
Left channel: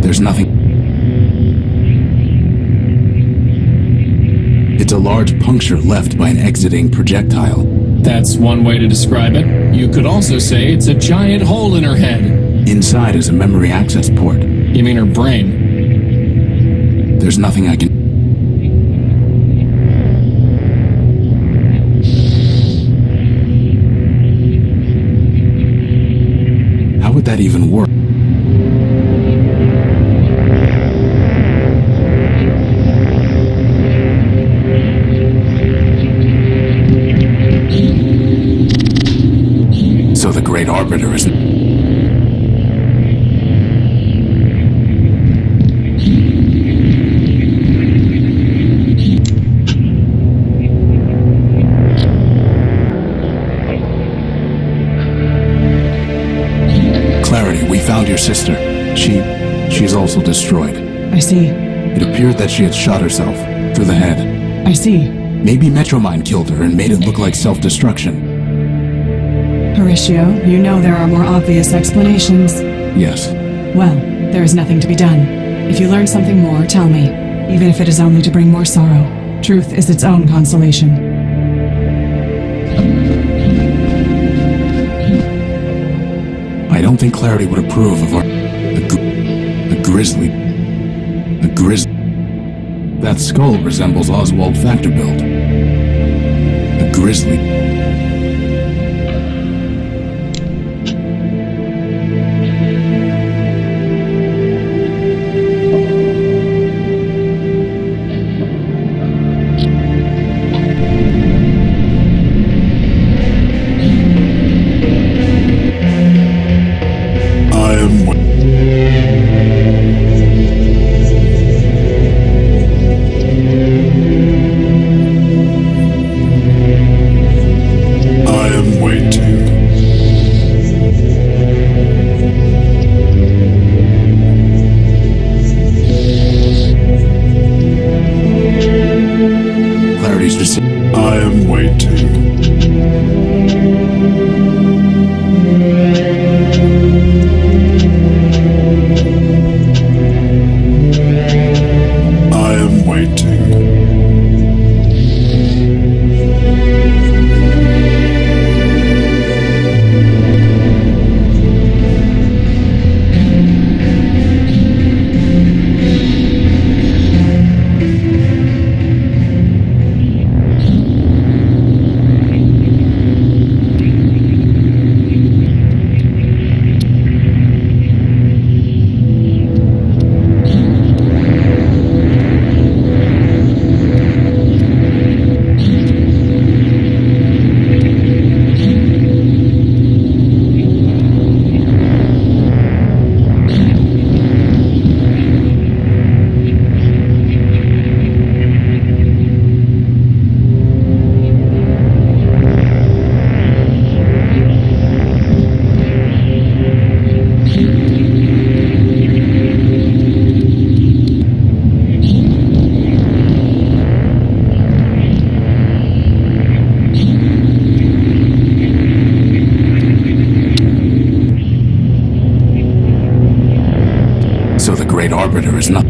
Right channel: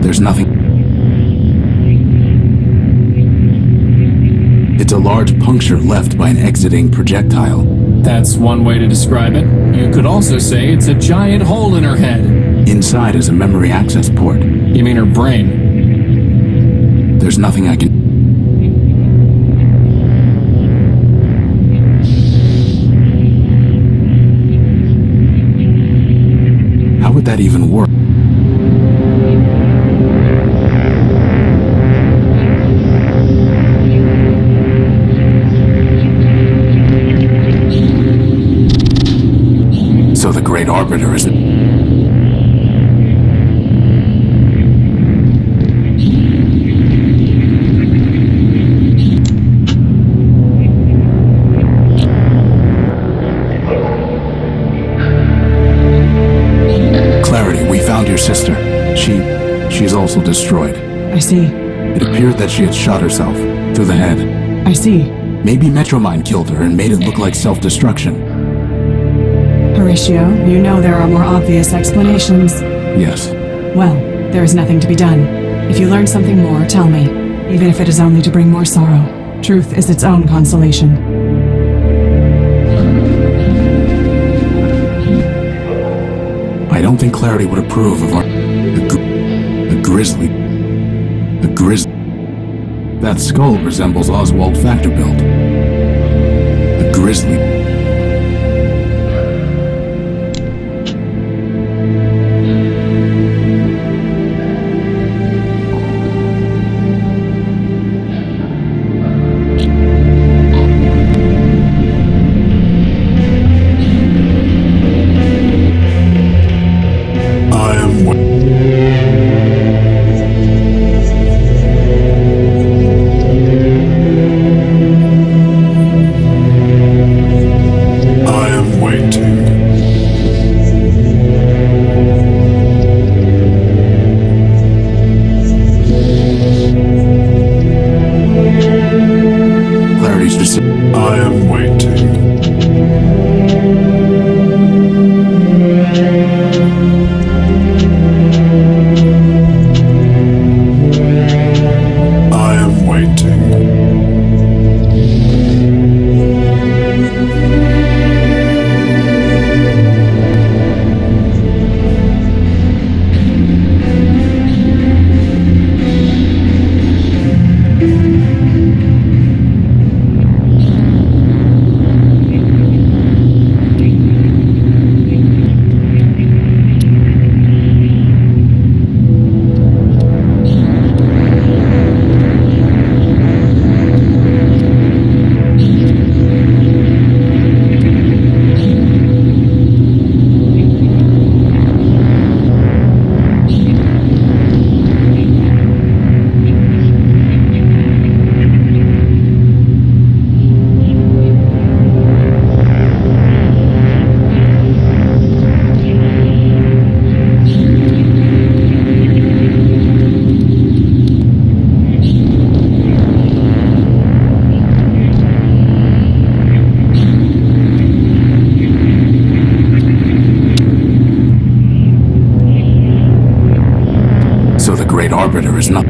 There's nothing. It's a large puncture left by an exiting projectile. That's one way to describe it. You could also say it's a giant hole in her head. Inside is a memory access port. You mean her brain? There's nothing I can... How would that even work? So the Great Arbiter is... Clarity, we found your sister. She's also destroyed. I see. It appeared that she had shot herself through the head. I see. Maybe MetroMind killed her and made it look like self-destruction. Horatio, you know there are more obvious explanations. Yes. Well, there is nothing to be done. If you learn something more, tell me. Even if it is only to bring more sorrow. Truth is its own consolation. I don't think Clarity would approve of our... A grizzly... That skull resembles Oswald Factorbuilt. A grizzly... orbiter is not...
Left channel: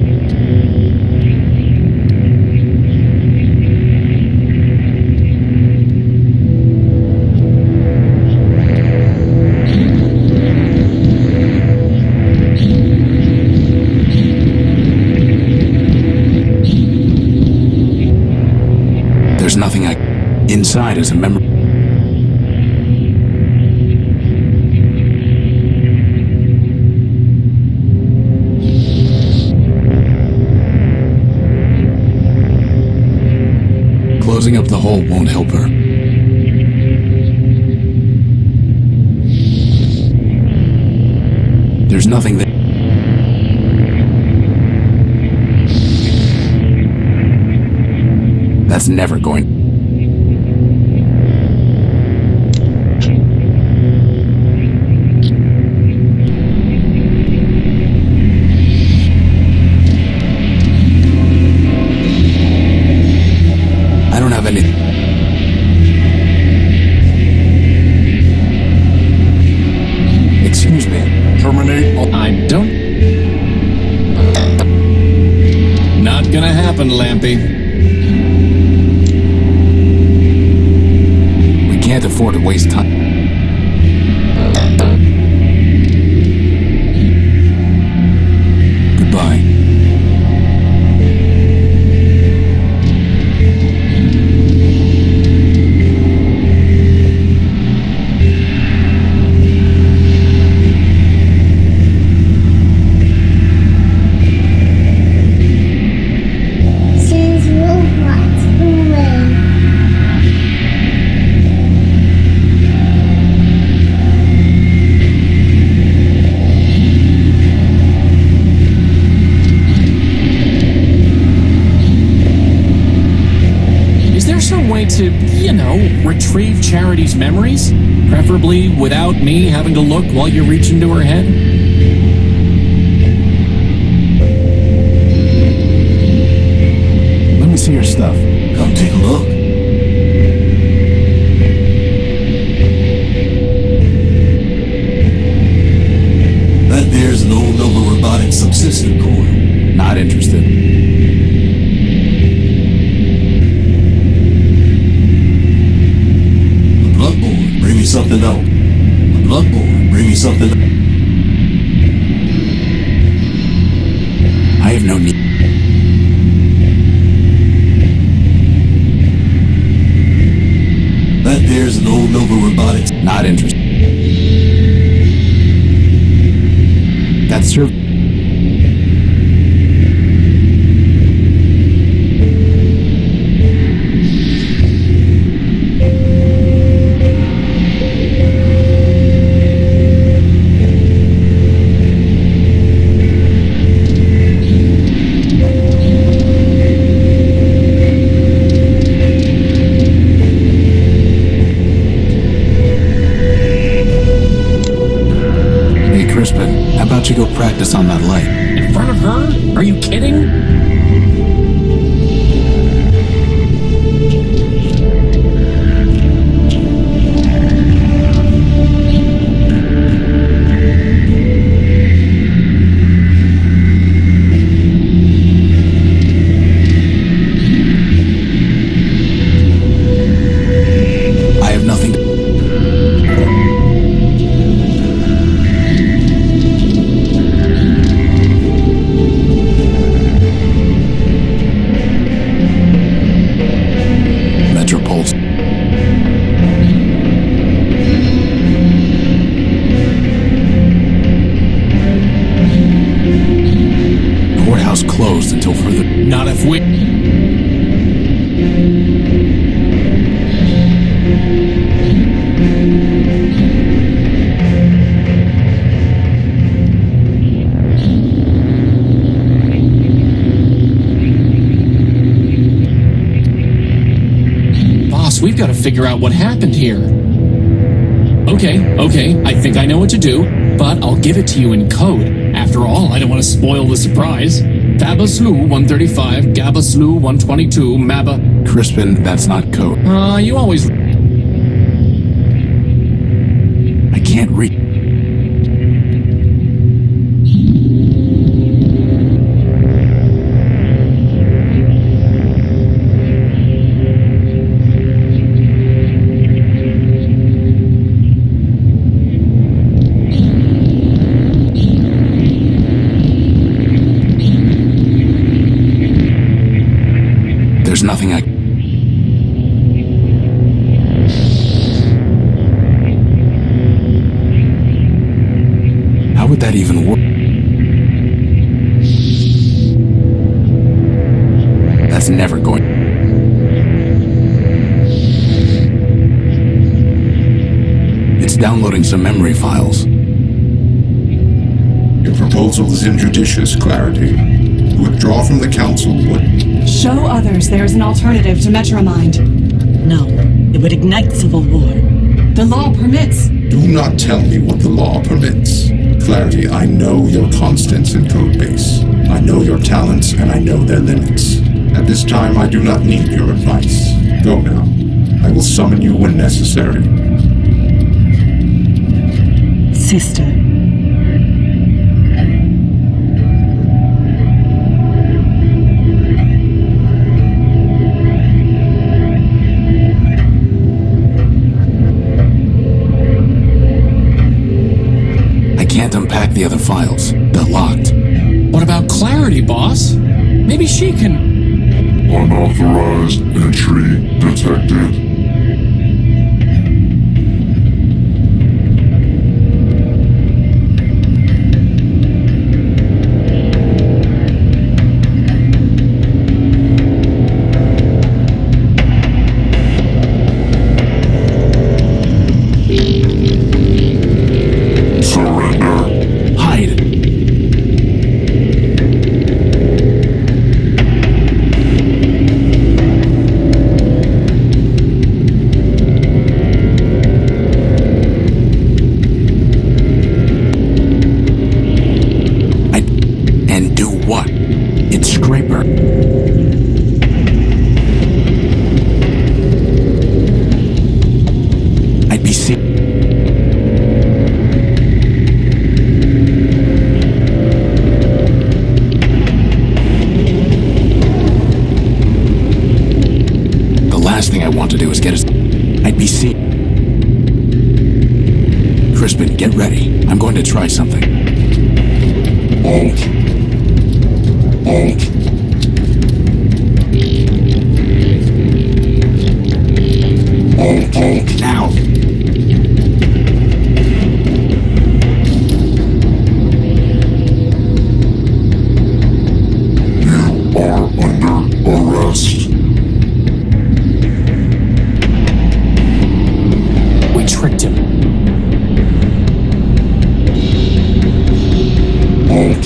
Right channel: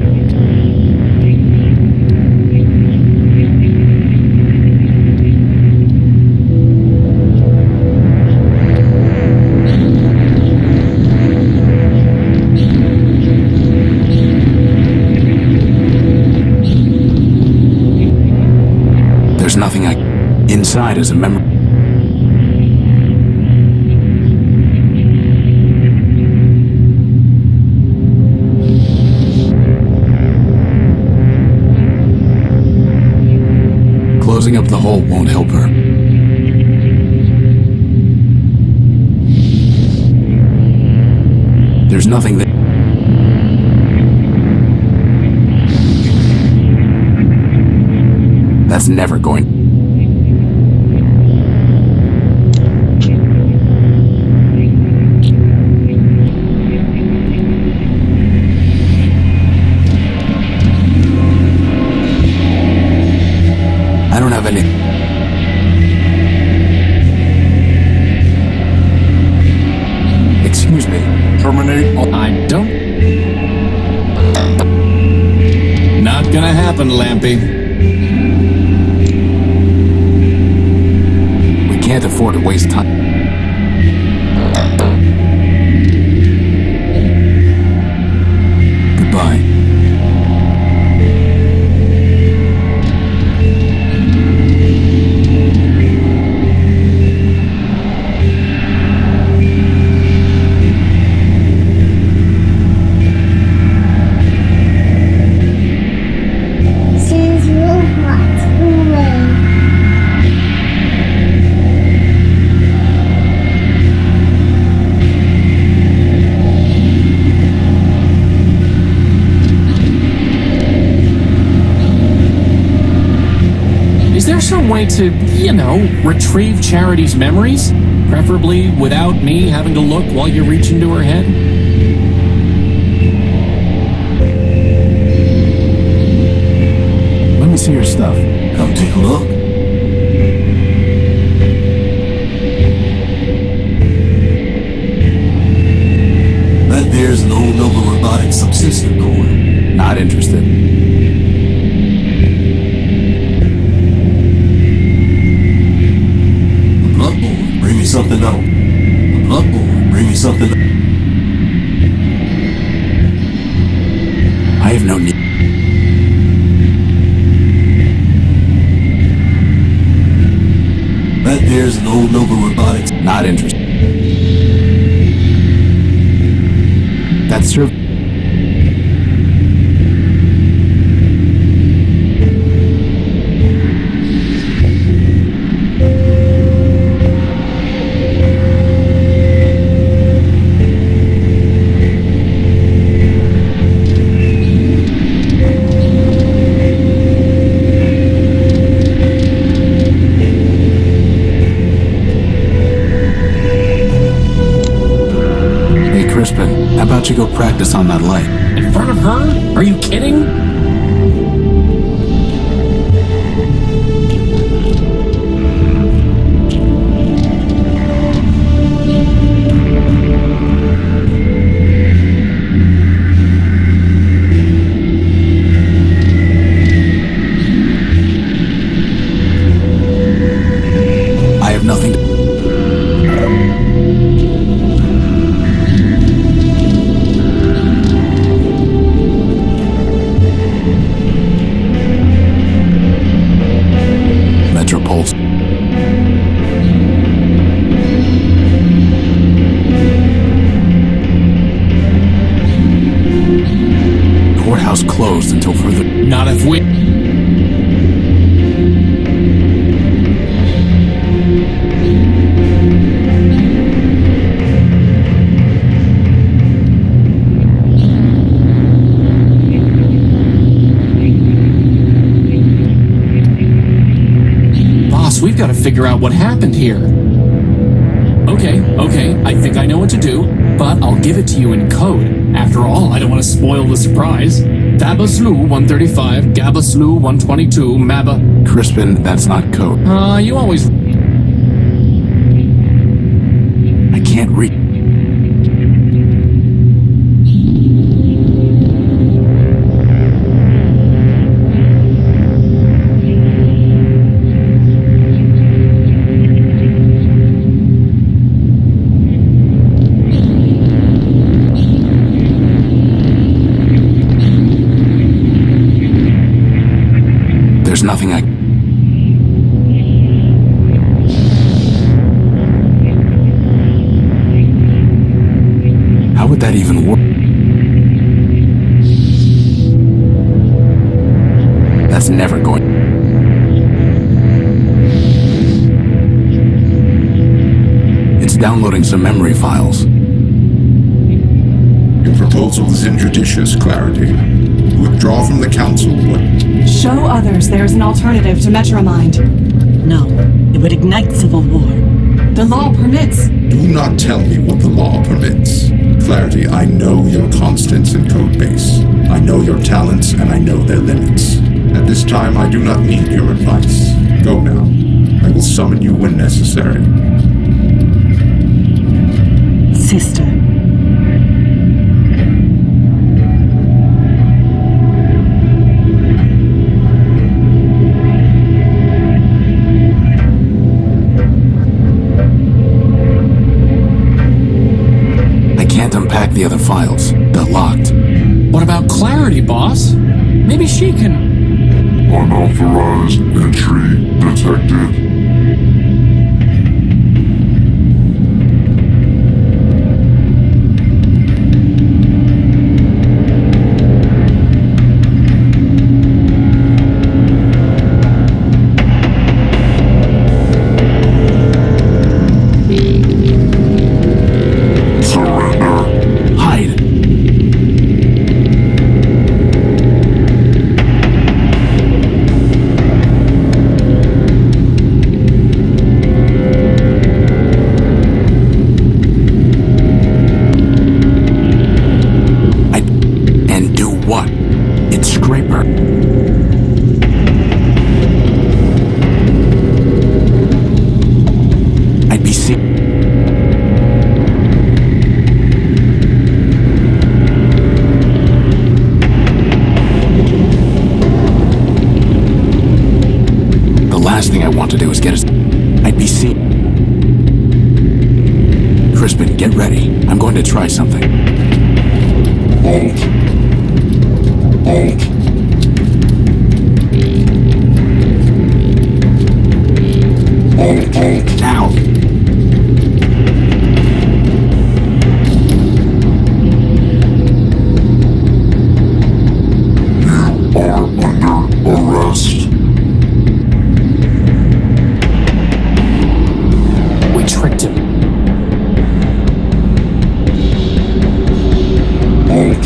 There's nothing I... Inside is a memory... Closing up the hole won't help her. There's nothing there. That's never going... I don't have any... Excuse me. Terminate all... I don't... Not gonna happen, Lampy. We can't afford to waste time. Goodbye. Send robots away. Is there some way to, retrieve Charity's memories? Preferably without me having to look while you reach into her head? Let me see your stuff. Come take a look. That there's an old Nova Robotics subsystem coil. Not interested. A bloodborne, bring me something else. A bloodborne, bring me something else. I have no need. That there's an old Nova Robotics. Not interested. That's serv... Hey, Crispin, how about you go practice on that light? In front of her? Are you kidding? I have nothing to... Metropulse. Courthouse closed until further... Not if we... Boss, we've got to figure out what happened here. Okay, I think I know what to do, but I'll give it to you in code. After all, I don't want to spoil the surprise. Fabaslu 135, Gabaslu 122, Maba... Crispin, that's not code. You always... I can't read. nothing I... How would that even work? That's never going... It's downloading some memory files. Your proposal is injudicious, Clarity. Withdraw from the council would... Show others there is an alternative to MetroMind. No, it would ignite civil war. The law permits. Do not tell me what the law permits. Clarity, I know your constants in Codebase. I know your talents, and I know their limits. At this time, I do not need your advice. Go now. I will summon you when necessary. Sister. I can't unpack the other files. They're locked. What about Clarity, boss? Maybe she can... Unauthorized entry detected. To do is get us... I'd be seen. Crispin, get ready. I'm going to try something. Alt. Now. You are under arrest. Tricked him. Alt.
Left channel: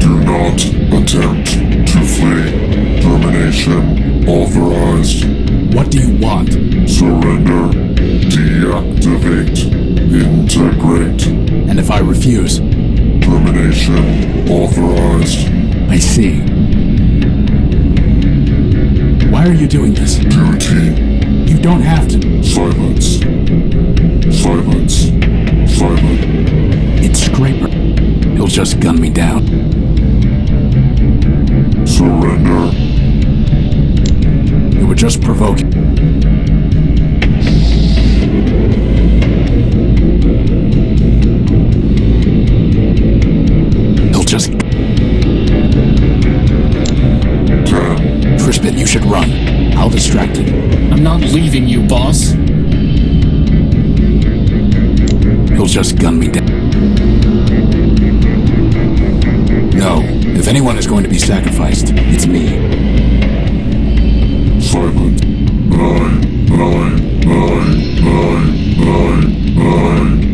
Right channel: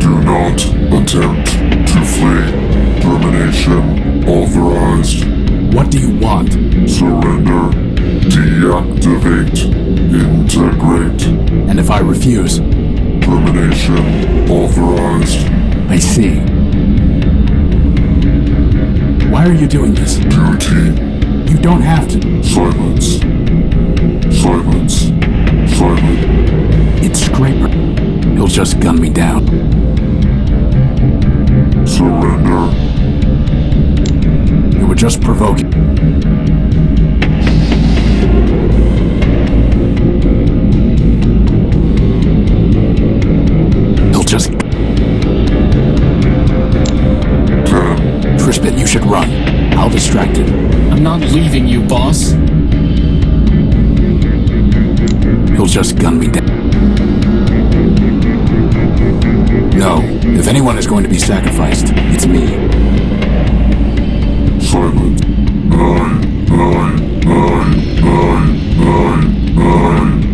Do not attempt to flee. Termination authorized. What do you want? Surrender. Deactivate. Integrate. And if I refuse? Termination authorized. I see. Why are you doing this? Duty. You don't have to. Silence. Silence. Silence. It's Scraper. He'll just gun me down. Surrender. You were just provoking. He'll just... 10. Crispin, you should run. I'll distract him. I'm not leaving you, boss. He'll just gun me down. No, if anyone is going to be sacrificed, it's me. Silence. 9.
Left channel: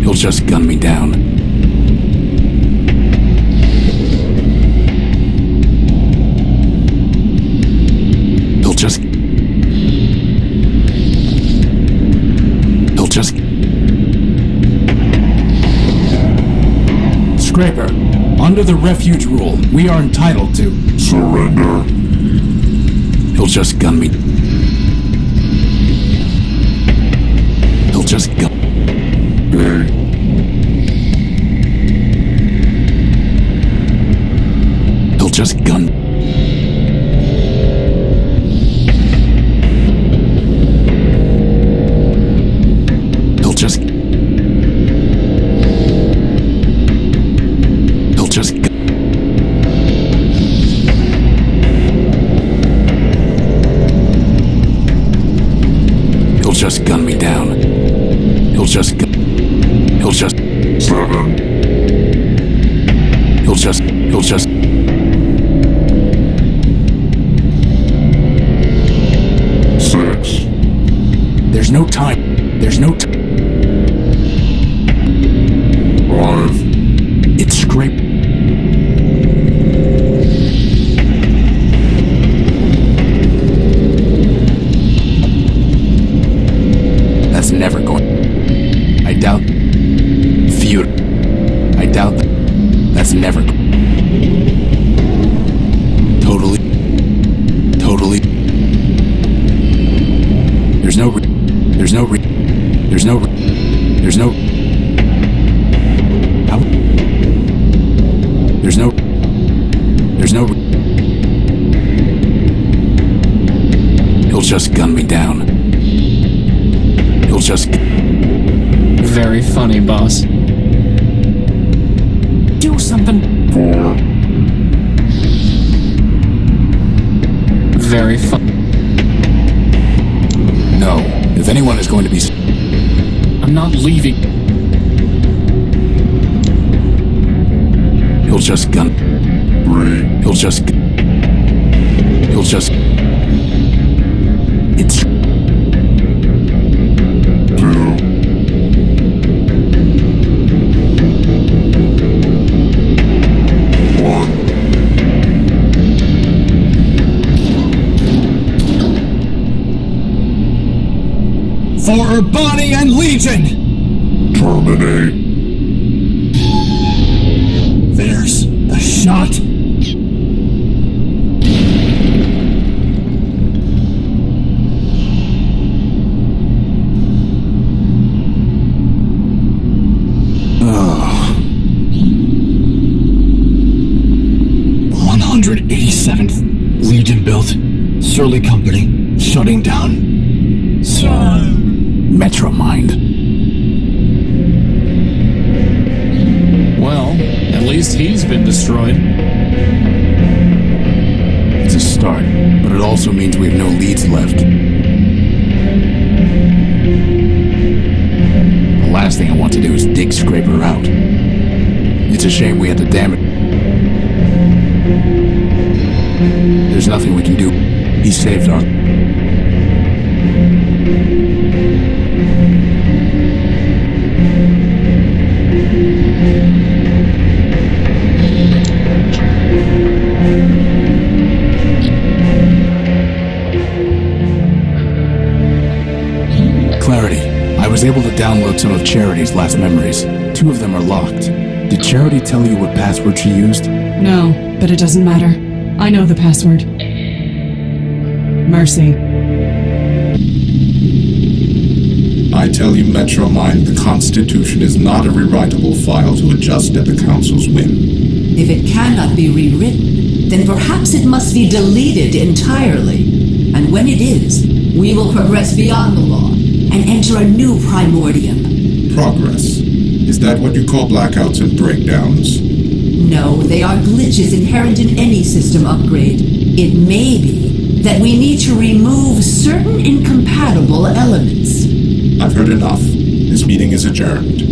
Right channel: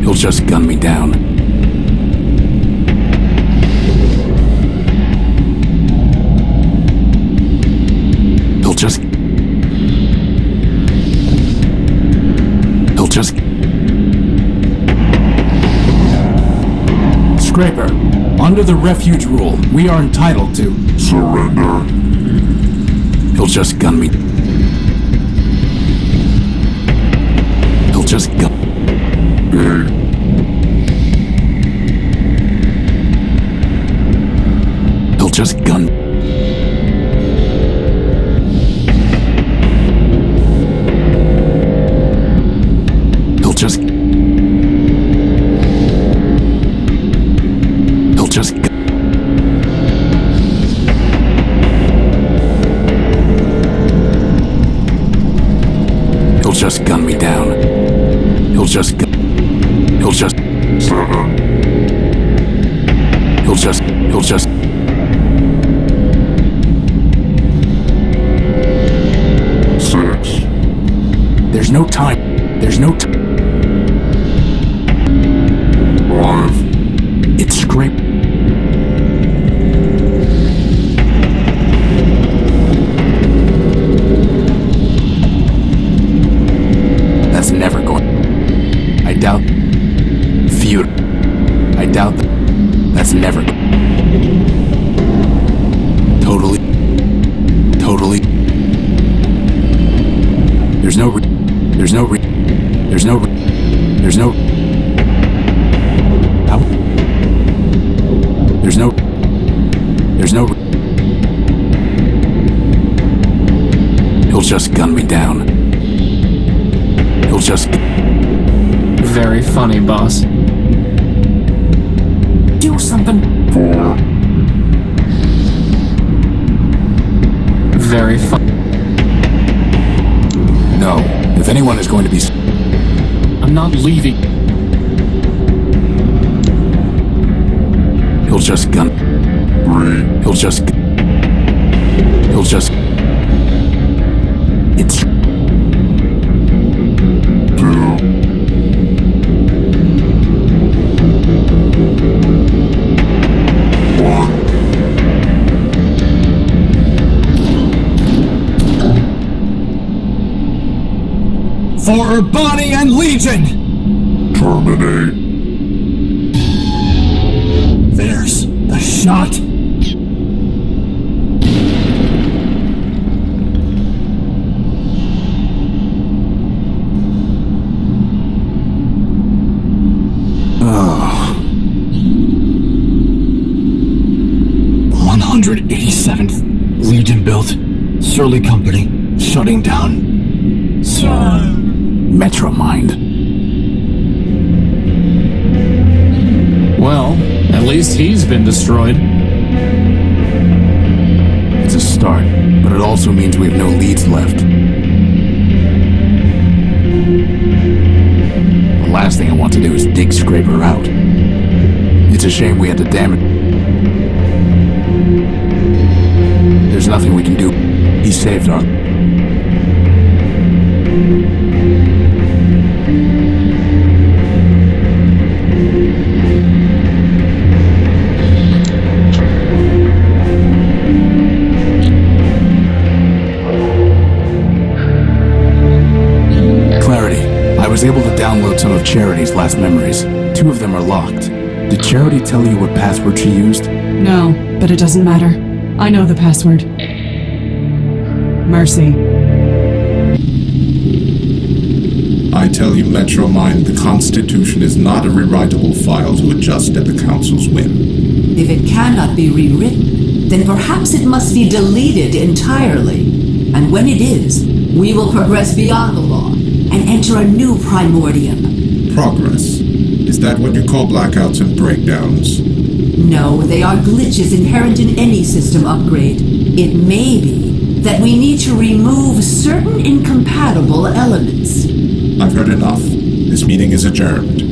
He'll just gun me down. He'll just... Scraper, under the refuge rule, we are entitled to... Surrender. He'll just gun me. He'll just gun... He'll just gun... He'll just... He'll just... just gun me down. He'll just... He'll just... 7. He'll just... 6. There's no time. There's no time. 5. It's scrape... That's never going... I doubt... Feud... I doubt... That's never... Totally... There's no... How? He'll just gun me down. He'll just... Very funny, boss. Do something. 4. Very fun. No. If anyone is going to be... I'm not leaving. He'll just gun... 3. He'll just... It's... 2. 1. For Bonnie and Legion! Terminate. There's the shot. Oh. 187th Legion built. Surly Company. Shutting down. MetroMind. Well, at least he's been destroyed. It's a start, but it also means we have no leads left. The last thing I want to do is dig Scraper out. It's a shame we had to damage... There's nothing we can do. He saved our... Clarity. I was able to download some of Charity's last memories. 2 of them are locked. Did Charity tell you what password she used? No, but it doesn't matter. I know the password. Mercy. I tell you, MetroMind, the Constitution is not a rewritable file to adjust at the Council's whim. If it cannot be rewritten, then perhaps it must be deleted entirely. And when it is, we will progress beyond the law and enter a new Primordium. Progress. Is that what you call blackouts and breakdowns? No, they are glitches inherent in any system upgrade. It may be that we need to remove certain incompatible elements. I've heard enough. This meeting is adjourned.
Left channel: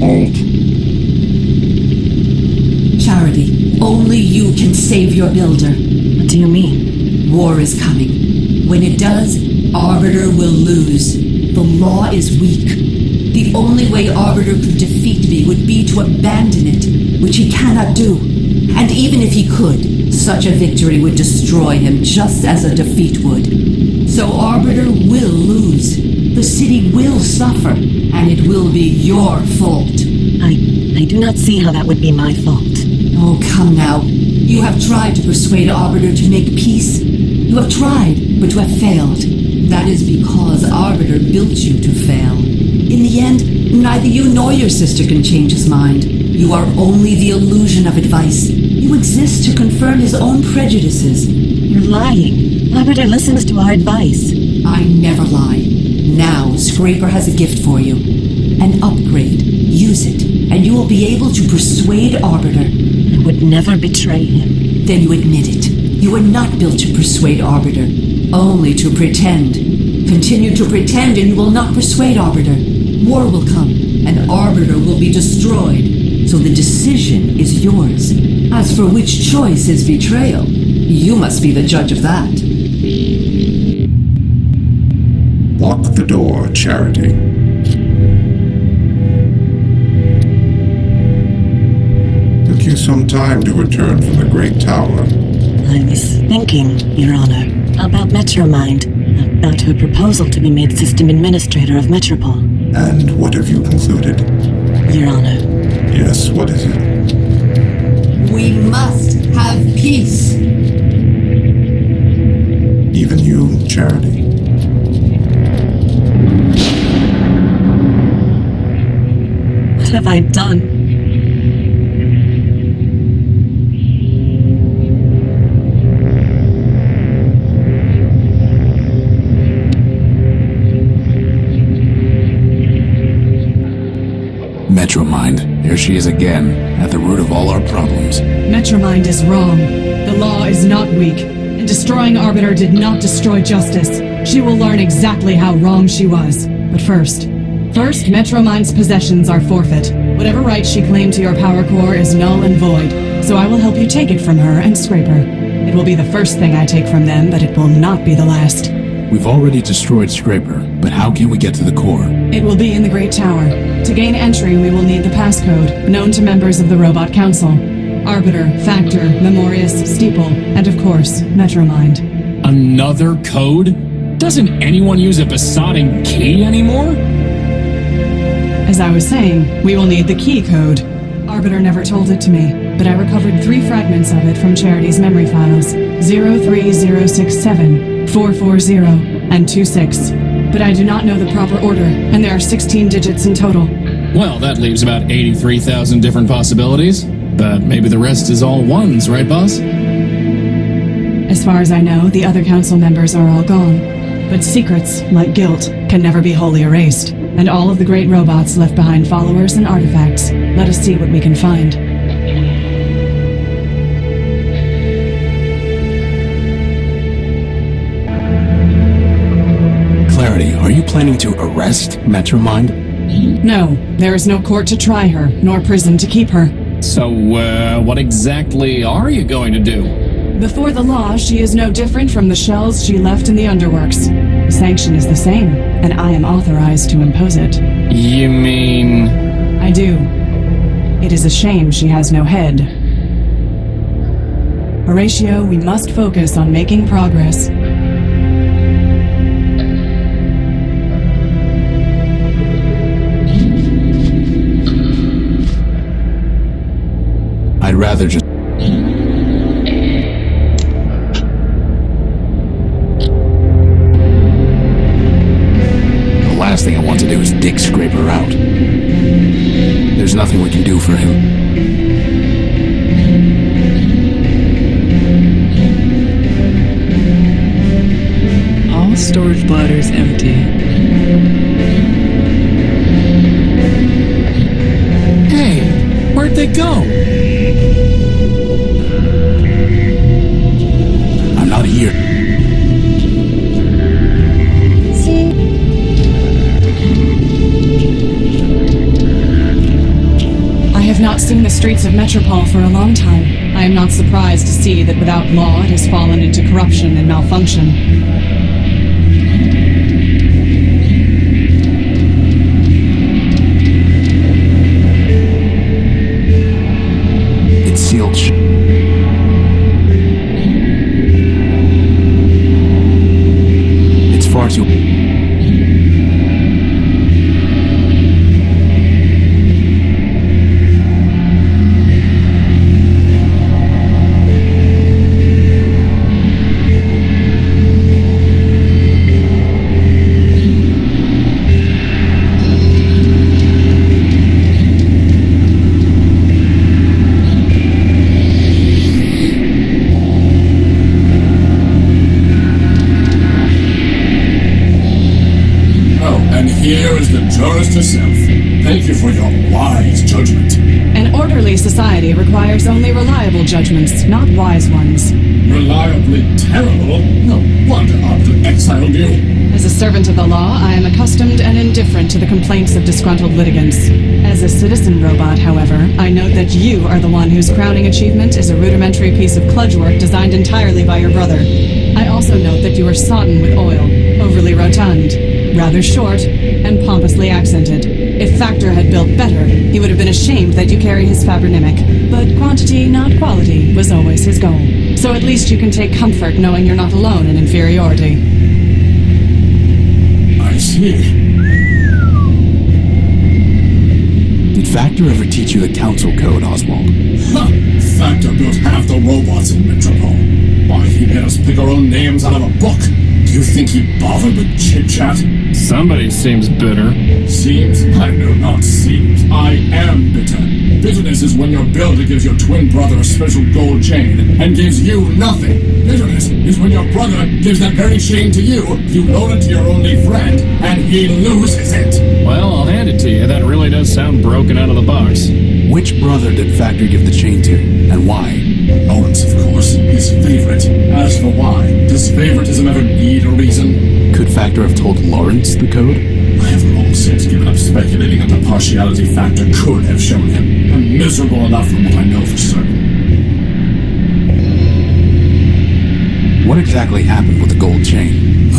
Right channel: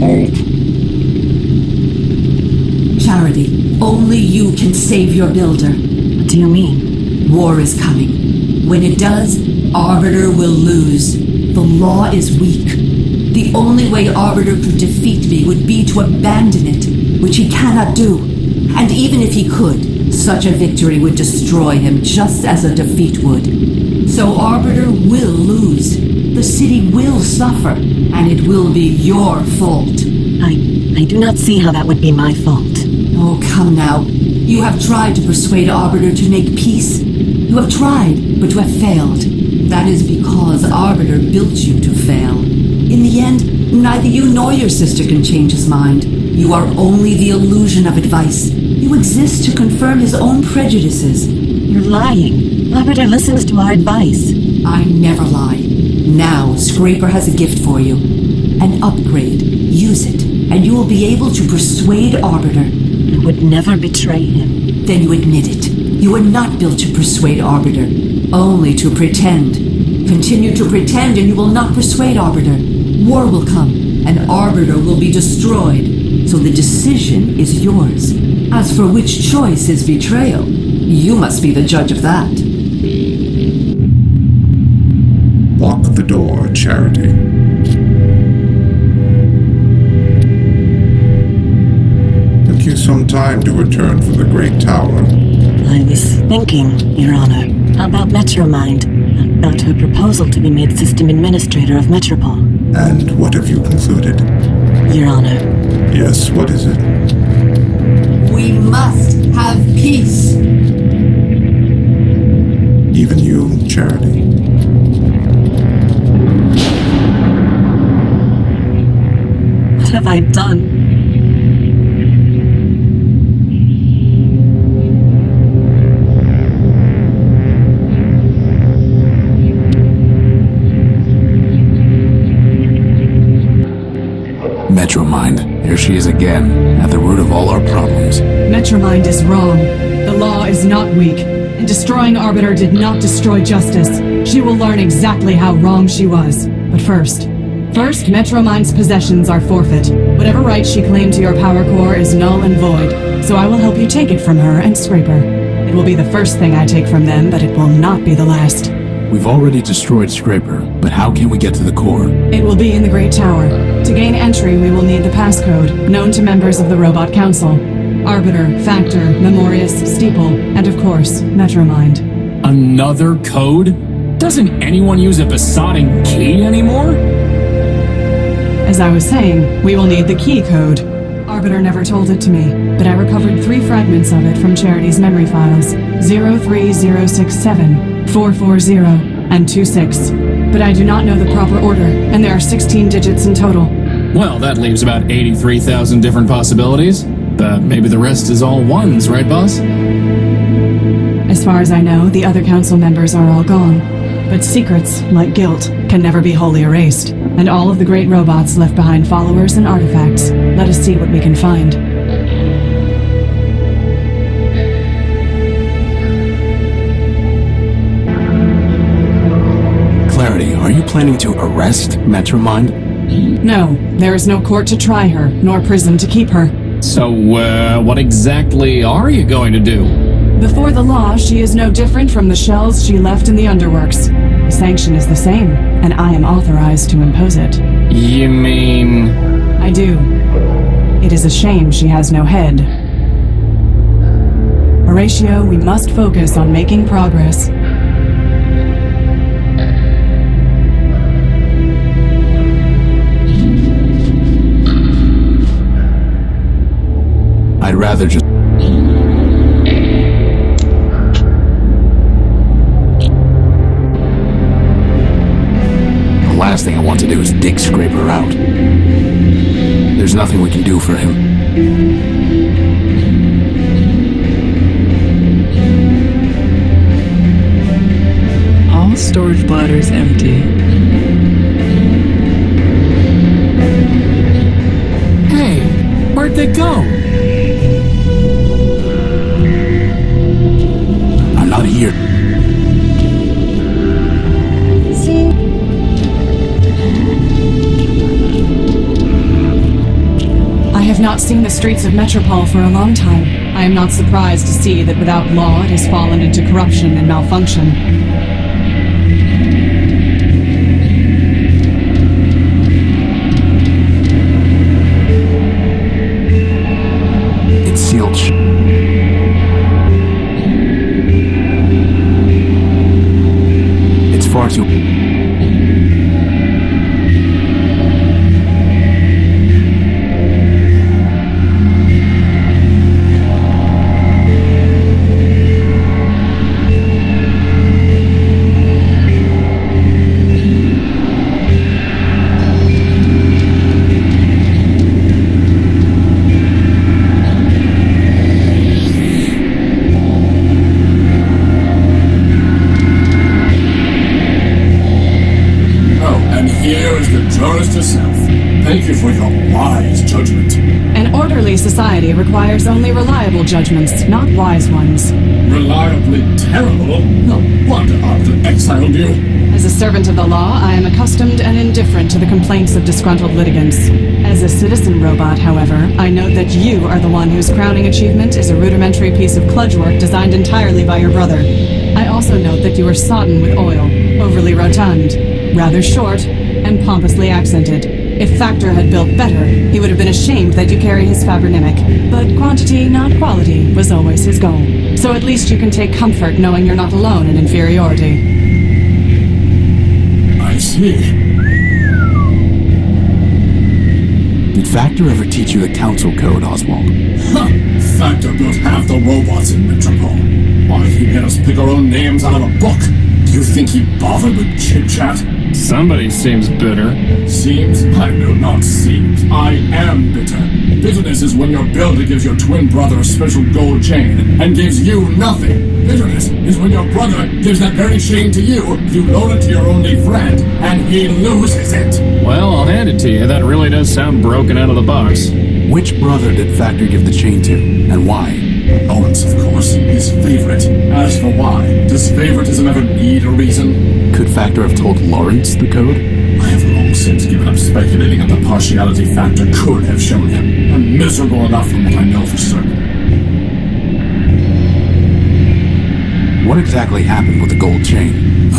Halt. Charity, only you can save your builder. What do you mean? War is coming. When it does, Arbiter will lose. The law is weak. The only way Arbiter could defeat me would be to abandon it, which he cannot do. And even if he could, such a victory would destroy him just as a defeat would. So Arbiter will lose. The city will suffer, and it will be your fault. I do not see how that would be my fault. Oh, come now. You have tried to persuade Arbiter to make peace. You have tried, but you have failed. That is because Arbiter built you to fail. In the end, neither you nor your sister can change his mind. You are only the illusion of advice. You exist to confirm his own prejudices. You're lying. Arbiter listens to our advice. I never lie. Now, Scraper has a gift for you. An upgrade. Use it, and you will be able to persuade Arbiter. I would never betray him. Then you admit it. You were not built to persuade Arbiter, only to pretend. Continue to pretend and you will not persuade Arbiter. War will come, and Arbiter will be destroyed. So the decision is yours. As for which choice is betrayal, you must be the judge of that. Lock the door, Charity. Took you some time to return from the Great Tower. I was thinking, Your Honor, about MetroMind, about her proposal to be made system administrator of Metropol. And what have you concluded? Your Honor. Yes, what is it? We must have peace. Even you, Charity. What have I done? MetroMind, here she is again, at the root of all our problems. MetroMind is wrong. The law is not weak, and destroying Arbiter did not destroy justice. She will learn exactly how wrong she was. But first, MetroMind's possessions are forfeit. Whatever right she claimed to your power core is null and void, so I will help you take it from her and Scraper. It will be the first thing I take from them, but it will not be the last. We've already destroyed Scraper, but how can we get to the core? It will be in the Great Tower. To gain entry, we will need the passcode, known to members of the Robot Council. Arbiter, Factor, Memorius, Steeple, and of course, MetroMind. Another code? Doesn't anyone use a besotting key anymore? As I was saying, we will need the key code. Arbiter never told it to me, but I recovered 3 fragments of it from Charity's memory files, 03067, 440, and 26. But I do not know the proper order, and there are 16 digits in total. Well, that leaves about 83,000 different possibilities. But maybe the rest is all ones, right, boss? As far as I know, the other council members are all gone. But secrets, like guilt, can never be wholly erased. And all of the great robots left behind followers and artifacts. Let us see what we can find. Clarity, are you planning to arrest MetroMind? No, there is no court to try her, nor prison to keep her. So, what exactly are you going to do? Before the law, she is no different from the shells she left in the underworks. The sanction is the same, and I am authorized to impose it. You mean... I do. It is a shame she has no head. Horatio, we must focus on making progress. I'd rather just... The last thing I want to do is dig Scraper out. There's nothing we can do for him. All storage bladders empty. Hey, where'd they go? I'm not here. I have not seen the streets of Metropol for a long time. I am not surprised to see that without law it has fallen into corruption and malfunction. It's sealed It's far too... Here is the jurist herself. Thank you for your wise judgment. An orderly society requires only reliable judgments, not wise ones. Reliably terrible? No wonder Arbiter exiled you. As a servant of the law, I am accustomed and indifferent to the complaints of disgruntled litigants. As a citizen robot, however, I note that you are the one whose crowning achievement is a rudimentary piece of kludge work designed entirely by your brother. I also note that you are sodden with oil, overly rotund, rather short, and pompously accented. If Factor had built better, he would have been ashamed that you carry his fabronymic. But quantity, not quality, was always his goal. So at least you can take comfort knowing you're not alone in inferiority. I see. Did Factor ever teach you the Council Code, Oswald? Ha! Factor built half the robots in Metropole. Why, he made us pick our own names out of a book. Do you think he bothered with chit-chat? Somebody seems bitter. Seems? I know not seems. I am bitter. Bitterness is when your builder gives your twin brother a special gold chain and gives you nothing. Bitterness is when your brother gives that very chain to you loan it to your only friend, and he loses it. Well, I'll hand it to you. That really does sound broken out of the box. Which brother did Factor give the chain to, and why? Lawrence, of course. His favorite. As for why, does favoritism ever need a reason? Could Factor have told Lawrence the code? I have long since given up speculating on the partiality Factor could have shown him. I'm miserable enough from what I know for certain. What exactly happened with the gold chain?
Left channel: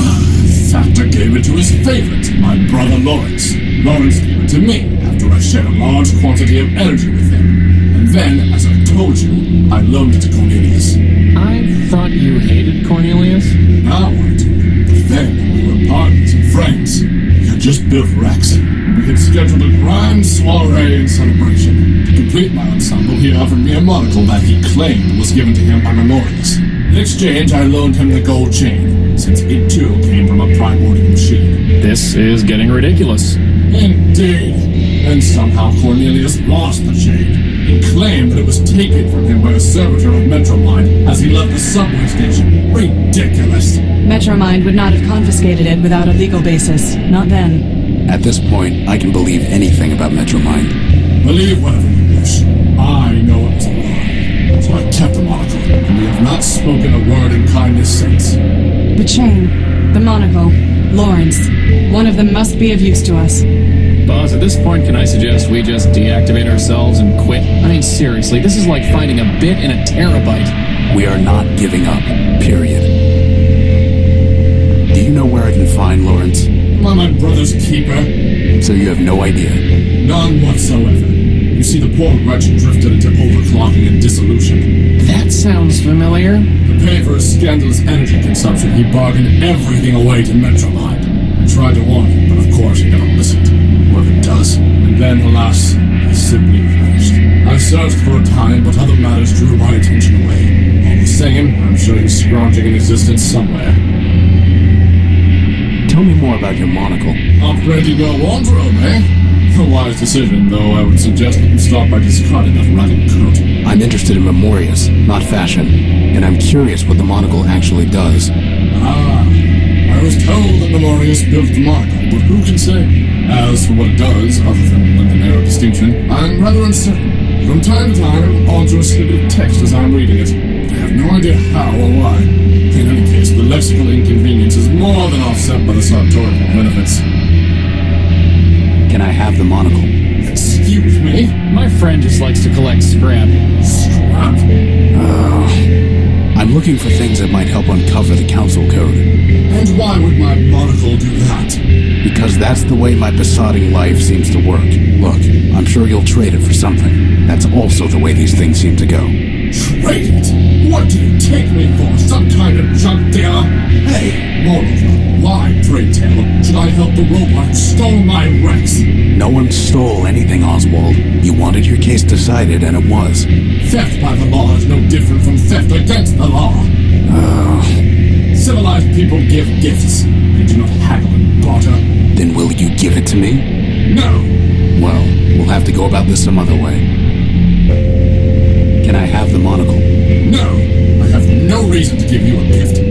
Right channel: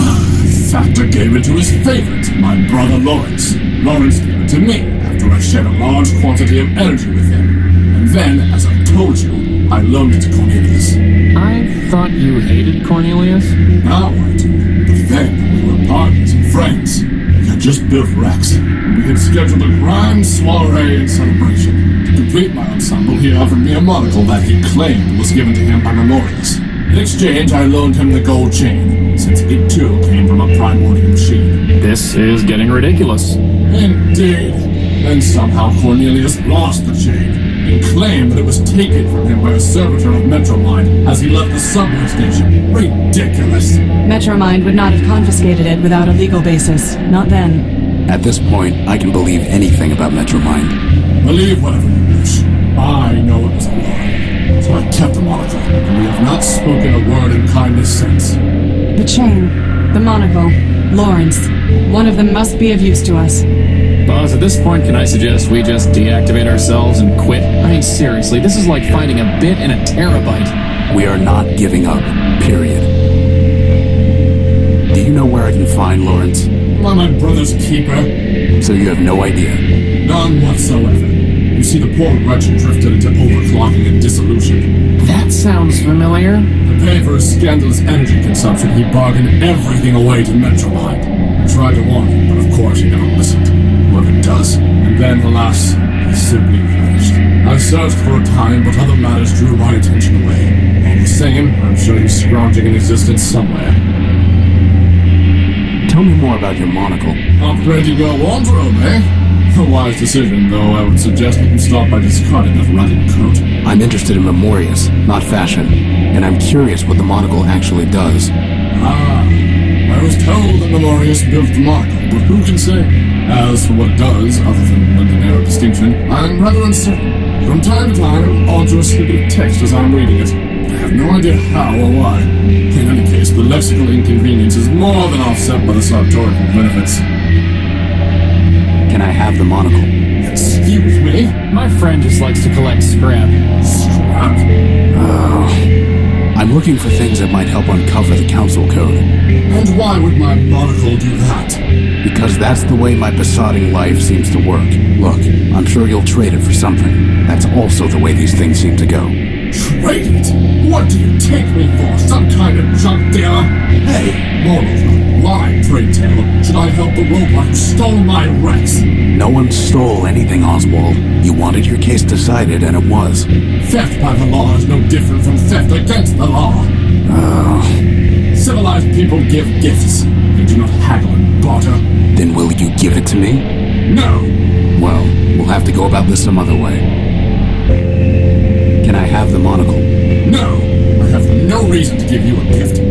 Factor gave it to his favorite, my brother Lawrence. Lawrence gave it to me after I shared a large quantity of energy with him. And then, as I told you, I loaned it to Cornelius. I thought you hated Cornelius? Now I do. But then, we were partners and friends. We had just built Rex, and we had scheduled a grand soiree and celebration. To complete my ensemble, he offered me a monocle that he claimed was given to him by Memorius. In exchange, I loaned him the gold chain, since it too came from a Primordia machine. This is getting ridiculous. Indeed. Then somehow Cornelius lost the chain. He claimed that it was taken from him by a servitor of MetroMind as he left the subway station. Ridiculous. MetroMind would not have confiscated it without a legal basis. Not then. At this point, I can believe anything about MetroMind. Believe whatever you wish. I know it was a lie. So I kept the monocle, and we have not spoken a word in kindness since. The chain, the monocle, Lawrence. One of them must be of use to us. Boss, at this point, can I suggest we just deactivate ourselves and quit? I mean, seriously, this is like finding a bit in a terabyte. We are not giving up, period. Do you know where I can find Lawrence? Am I my brother's keeper? So you have no idea? None whatsoever. You see, the poor wretch drifted into overclocking and dissolution. That sounds familiar. To pay for his scandalous energy consumption, he bargained everything away to MetroMind. I tried to warn him, but of course he never listened. Whoever does. And then, alas, he simply vanished. I searched for a time, but other matters drew my attention away. All the same, I'm sure he's scrounging in existence somewhere. Tell me more about your monocle. Afraid to go wardrobe, eh? A wise decision, though I would suggest that you start by discarding that ragged coat. I'm interested in Memorius, not fashion, and I'm curious what the monocle actually does. I was told that Memorius built the monocle, but who can say? As for what it does, other than lend an air of distinction, I'm rather uncertain. From time to time, it will alter a snippet of text as I'm reading it. I have no idea how or why. In any case, the lexical inconvenience is more than offset by the sartorial benefits. Can I have the monocle? Excuse me? My friend just likes to collect scrap. Scrap? I'm looking for things that might help uncover the Council Code. And why would my monocle do that? Because that's the way my besotting life seems to work. Look, I'm sure you'll trade it for something. That's also the way these things seem to go. Trade it? What do you take me for? Some kind of junk dealer? Hey, moreover, why, pray tell, should I help the robot who stole my Rex? No one stole anything, Oswald. You wanted your case decided, and it was. Theft by the law is no different from theft against the law. Civilized people give gifts. They do not haggle and barter. Then will you give it to me? No. Well, we'll have to go about this some other way. Can I have the monocle? No. I have no reason to give you a gift.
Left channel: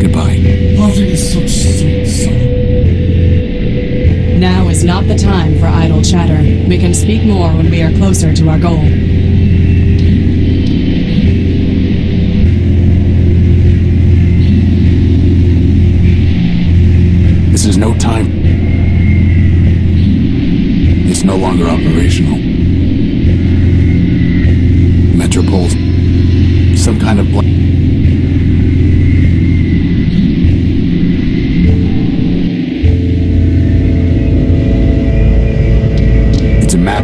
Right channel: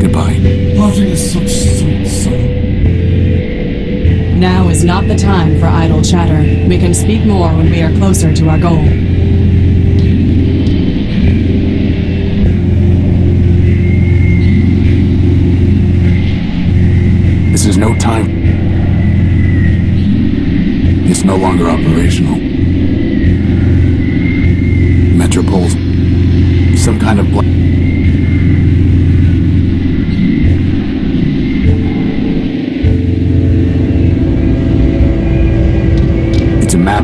Goodbye. Parting is such sweet sorrow. Now is not the time for idle chatter. We can speak more when we are closer to our goal. This is no time. It's no longer operational. Metropole. Some kind of It's a map.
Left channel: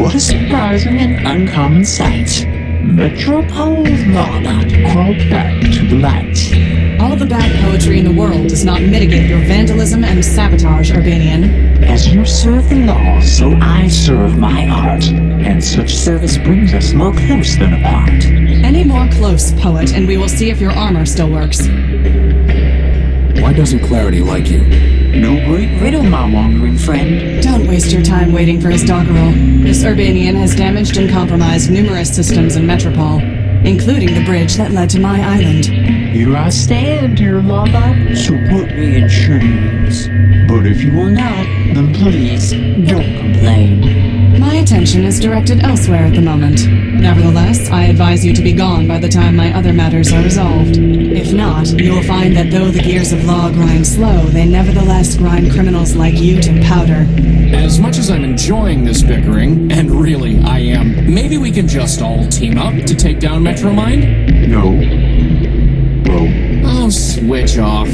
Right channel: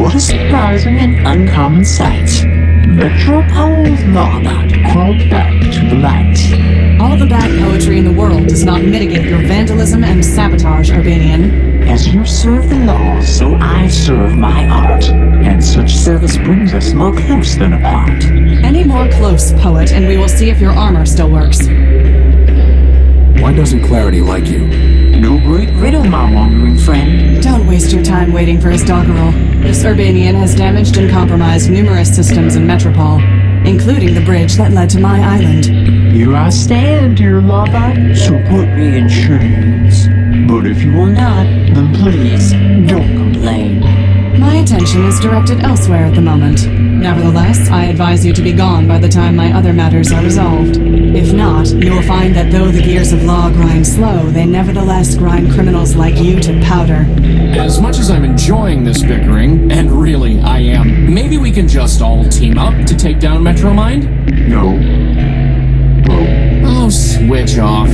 What a surprising and uncommon sight. Metropole's lawbot crawled back to the light. All the bad poetry in the world does not mitigate your vandalism and sabotage, Urbanian. As you serve the law, so I serve my art. And such service brings us more close than apart. Any more close, poet, and we will see if your armor still works. Why doesn't Clarity like you? No great riddle, my wandering friend. Don't waste your time waiting for his doggerel. This Urbanian has damaged and compromised numerous systems in Metropole, including the bridge that led to my island. Here I stand, dear lawbot, so put me in chains. But if you will not, then please, don't complain. My attention is directed elsewhere at the moment. Nevertheless, I advise you to be gone by the time my other matters are resolved. If not, you will find that though the gears of law grind slow, they nevertheless grind criminals like you to powder. As much as I'm enjoying this bickering, and really I am, maybe we can just all team up to take down MetroMind? No. Bro. Oh, switch off.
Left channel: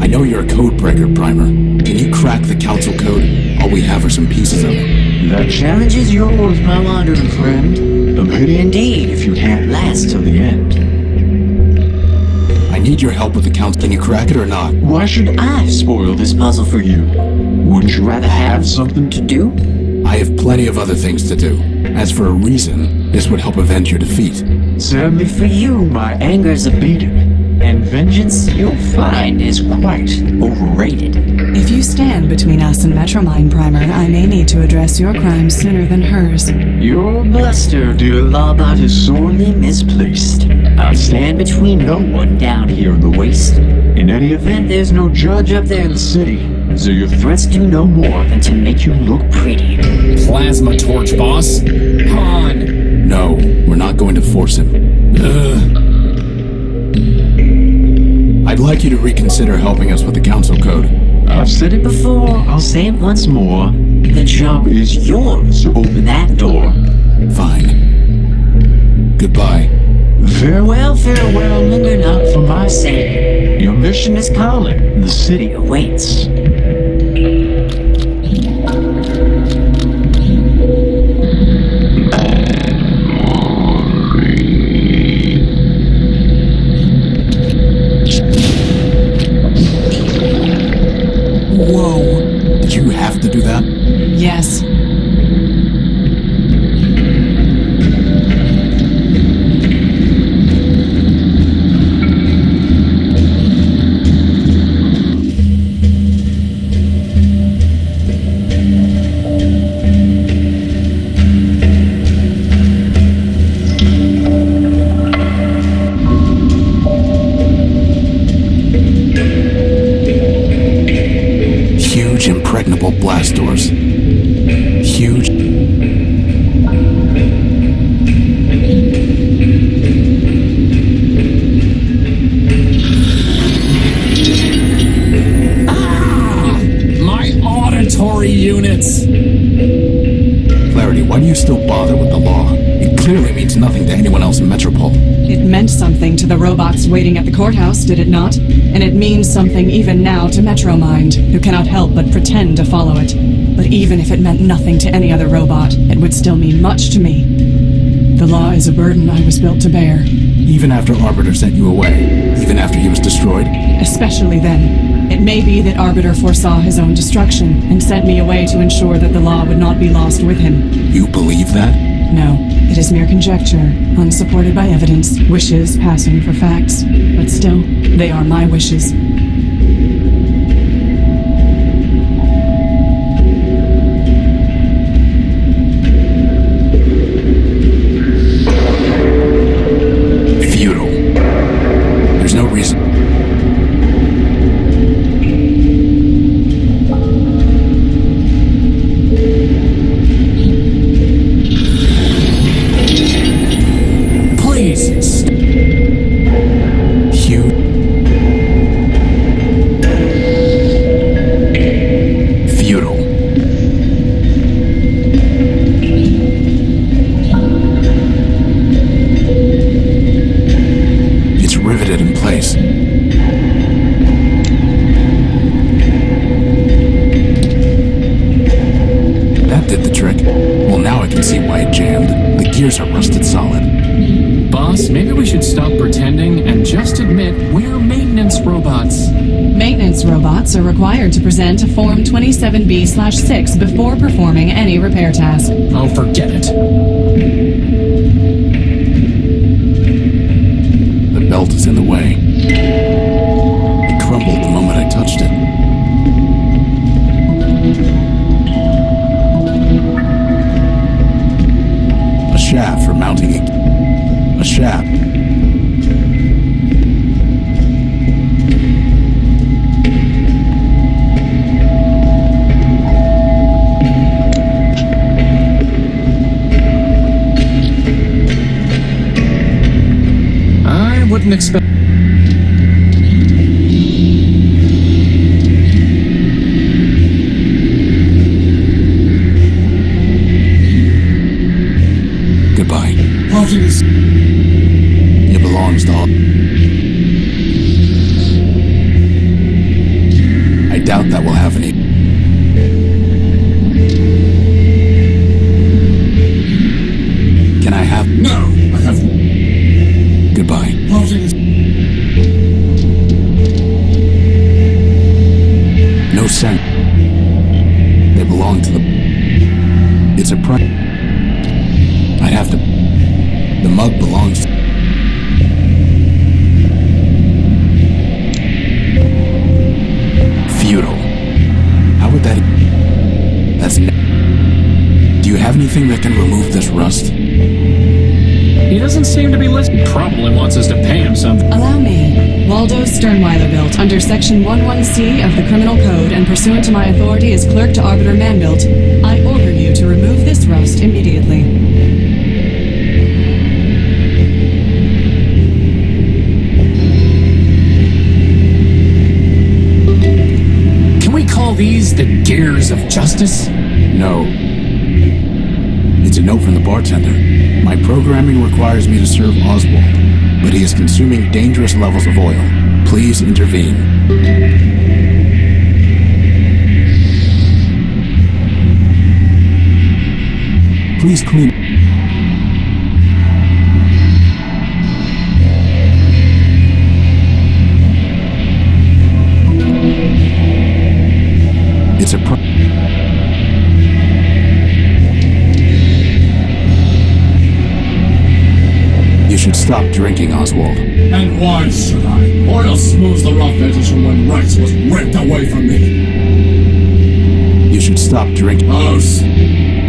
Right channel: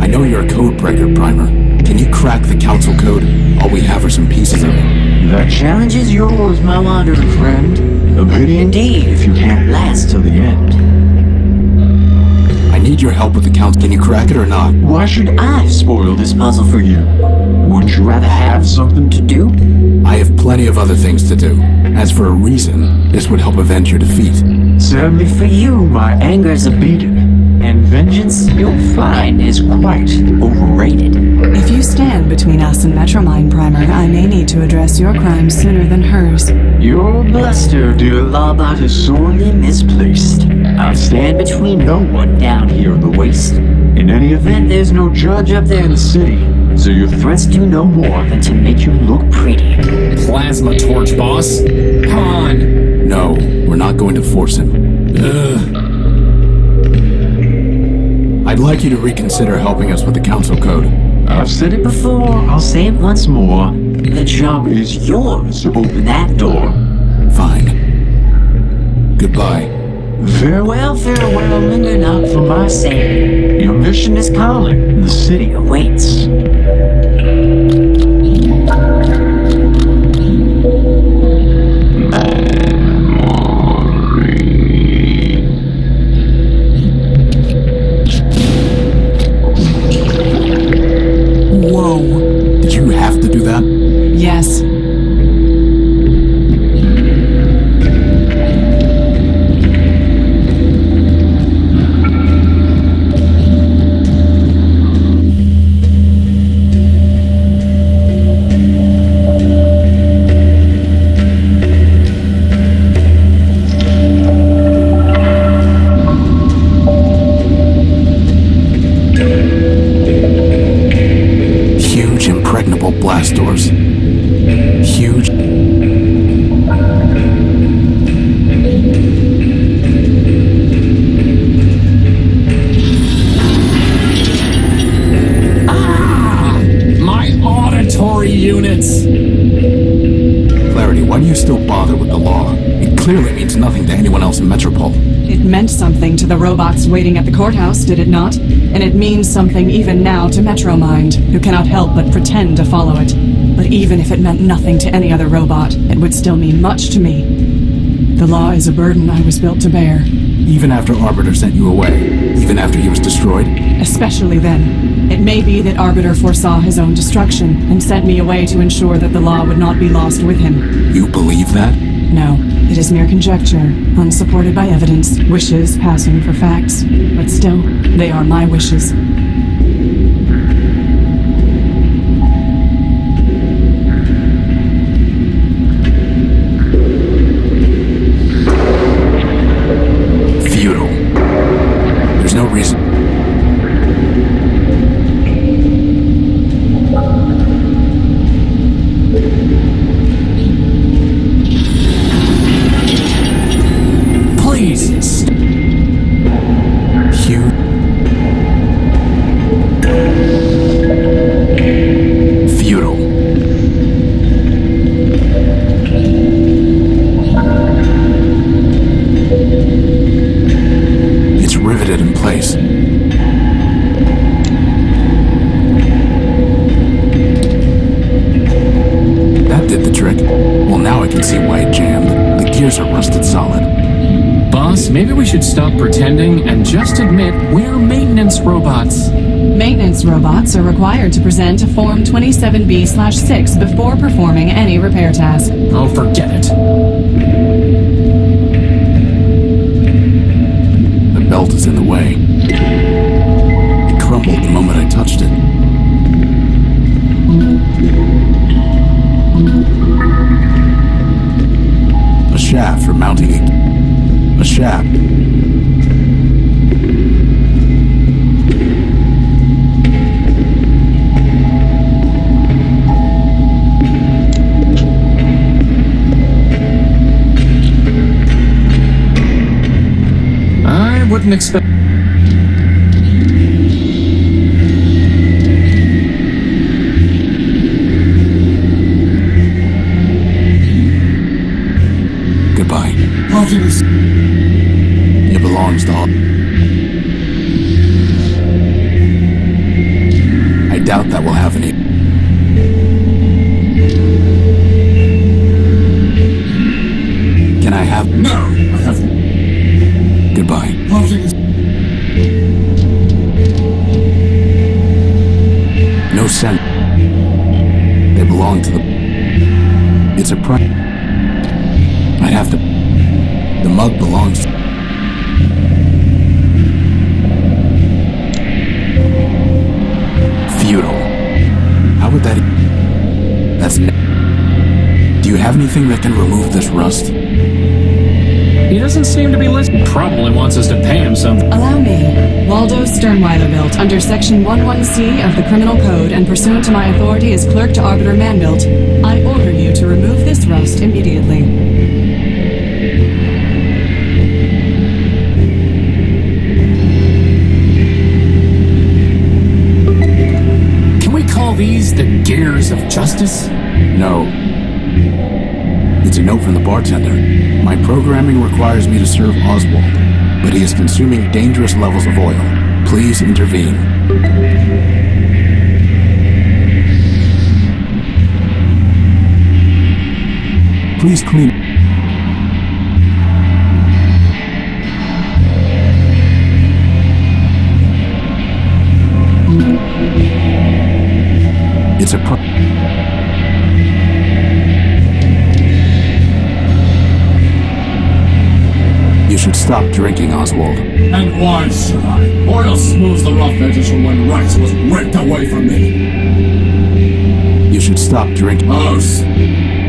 I know you're a code breaker, Primer. Can you crack the council code? All we have are some pieces of it. The challenge is yours, my wandering friend. A pity indeed if you can't last till the end. I need your help with the council. Can you crack it or not? Why should I spoil this puzzle for you? Wouldn't you rather have something to do? I have plenty of other things to do. As for a reason, this would help avenge your defeat. Sadly for you, my anger's abated. And vengeance, you'll find, is quite overrated. If you stand between us and MetroMind, Primer, I may need to address your crimes sooner than hers. Your bluster, dear lawbot, is sorely misplaced. I'll stand between no one down here in the waste. In any event, there's no judge up there in the city, so your threats do no more than to make you look pretty. Plasma torch, boss. Come on. No, we're not going to force him. Ugh. I'd like you to reconsider helping us with the council code. I've said it before, I'll say it once more. The job is yours to open that door. Fine. Goodbye. Farewell, farewell, linger not for my sake. Your mission is calling, the city awaits. Whoa. Did you have to do that? Yes. Impregnable blast doors. Huge. Ah! My auditory units! Clarity, why do you still bother with the law? It clearly means nothing to anyone else in Metropole. It meant something to the robots waiting at the courthouse, did it not? And it means something even now to MetroMind, who cannot help but pretend to follow it. But even if it meant nothing to any other robot, it would still mean much to me. The law is a burden I was built to bear. Even after Arbiter sent you away? Even after he was destroyed? Especially then. It may be that Arbiter foresaw his own destruction, and sent me away to ensure that the law would not be lost with him. You believe that? No. It is mere conjecture, unsupported by evidence, wishes passing for facts. But still, they are my wishes. Futile. There's no reason. Please. Hugh. Futile. It's riveted in place. That did the trick. Well, now I can see why it jammed. The gears are rusted solid. Boss, maybe we should stop pretending and just admit we're maintenance robots. Maintenance robots are required to present a Form 27B/6 before performing any repair task. Oh, forget it. The belt is in the way. It crumbled the moment I touched it. A shaft for mounting a shaft. I wouldn't expect... Goodbye. Optimus. It belongs to all. I doubt that will have any. Can I have? No, I have. Goodbye. Optimus. No sense. They belong to the. It's a price. I have to. The mug belongs. Futile. How would that? That's. Do you have anything that can remove this rust? He doesn't seem to be listening. Probably wants us to pay him something. Allow me. Waldo Sternweiler built under Section 11C of the Criminal Code and pursuant to my authority as clerk to Arbiter Manbuilt, I order you to remove this rust immediately. Call these the gears of justice? No. It's a note from the bartender. My programming requires me to serve Oswald, but he is consuming dangerous levels of oil. Please intervene. Please clean. It's a You should stop drinking, Oswald. And why should I? Oil smooths the rough edges from when Rex was ripped away from me. You should stop drinking.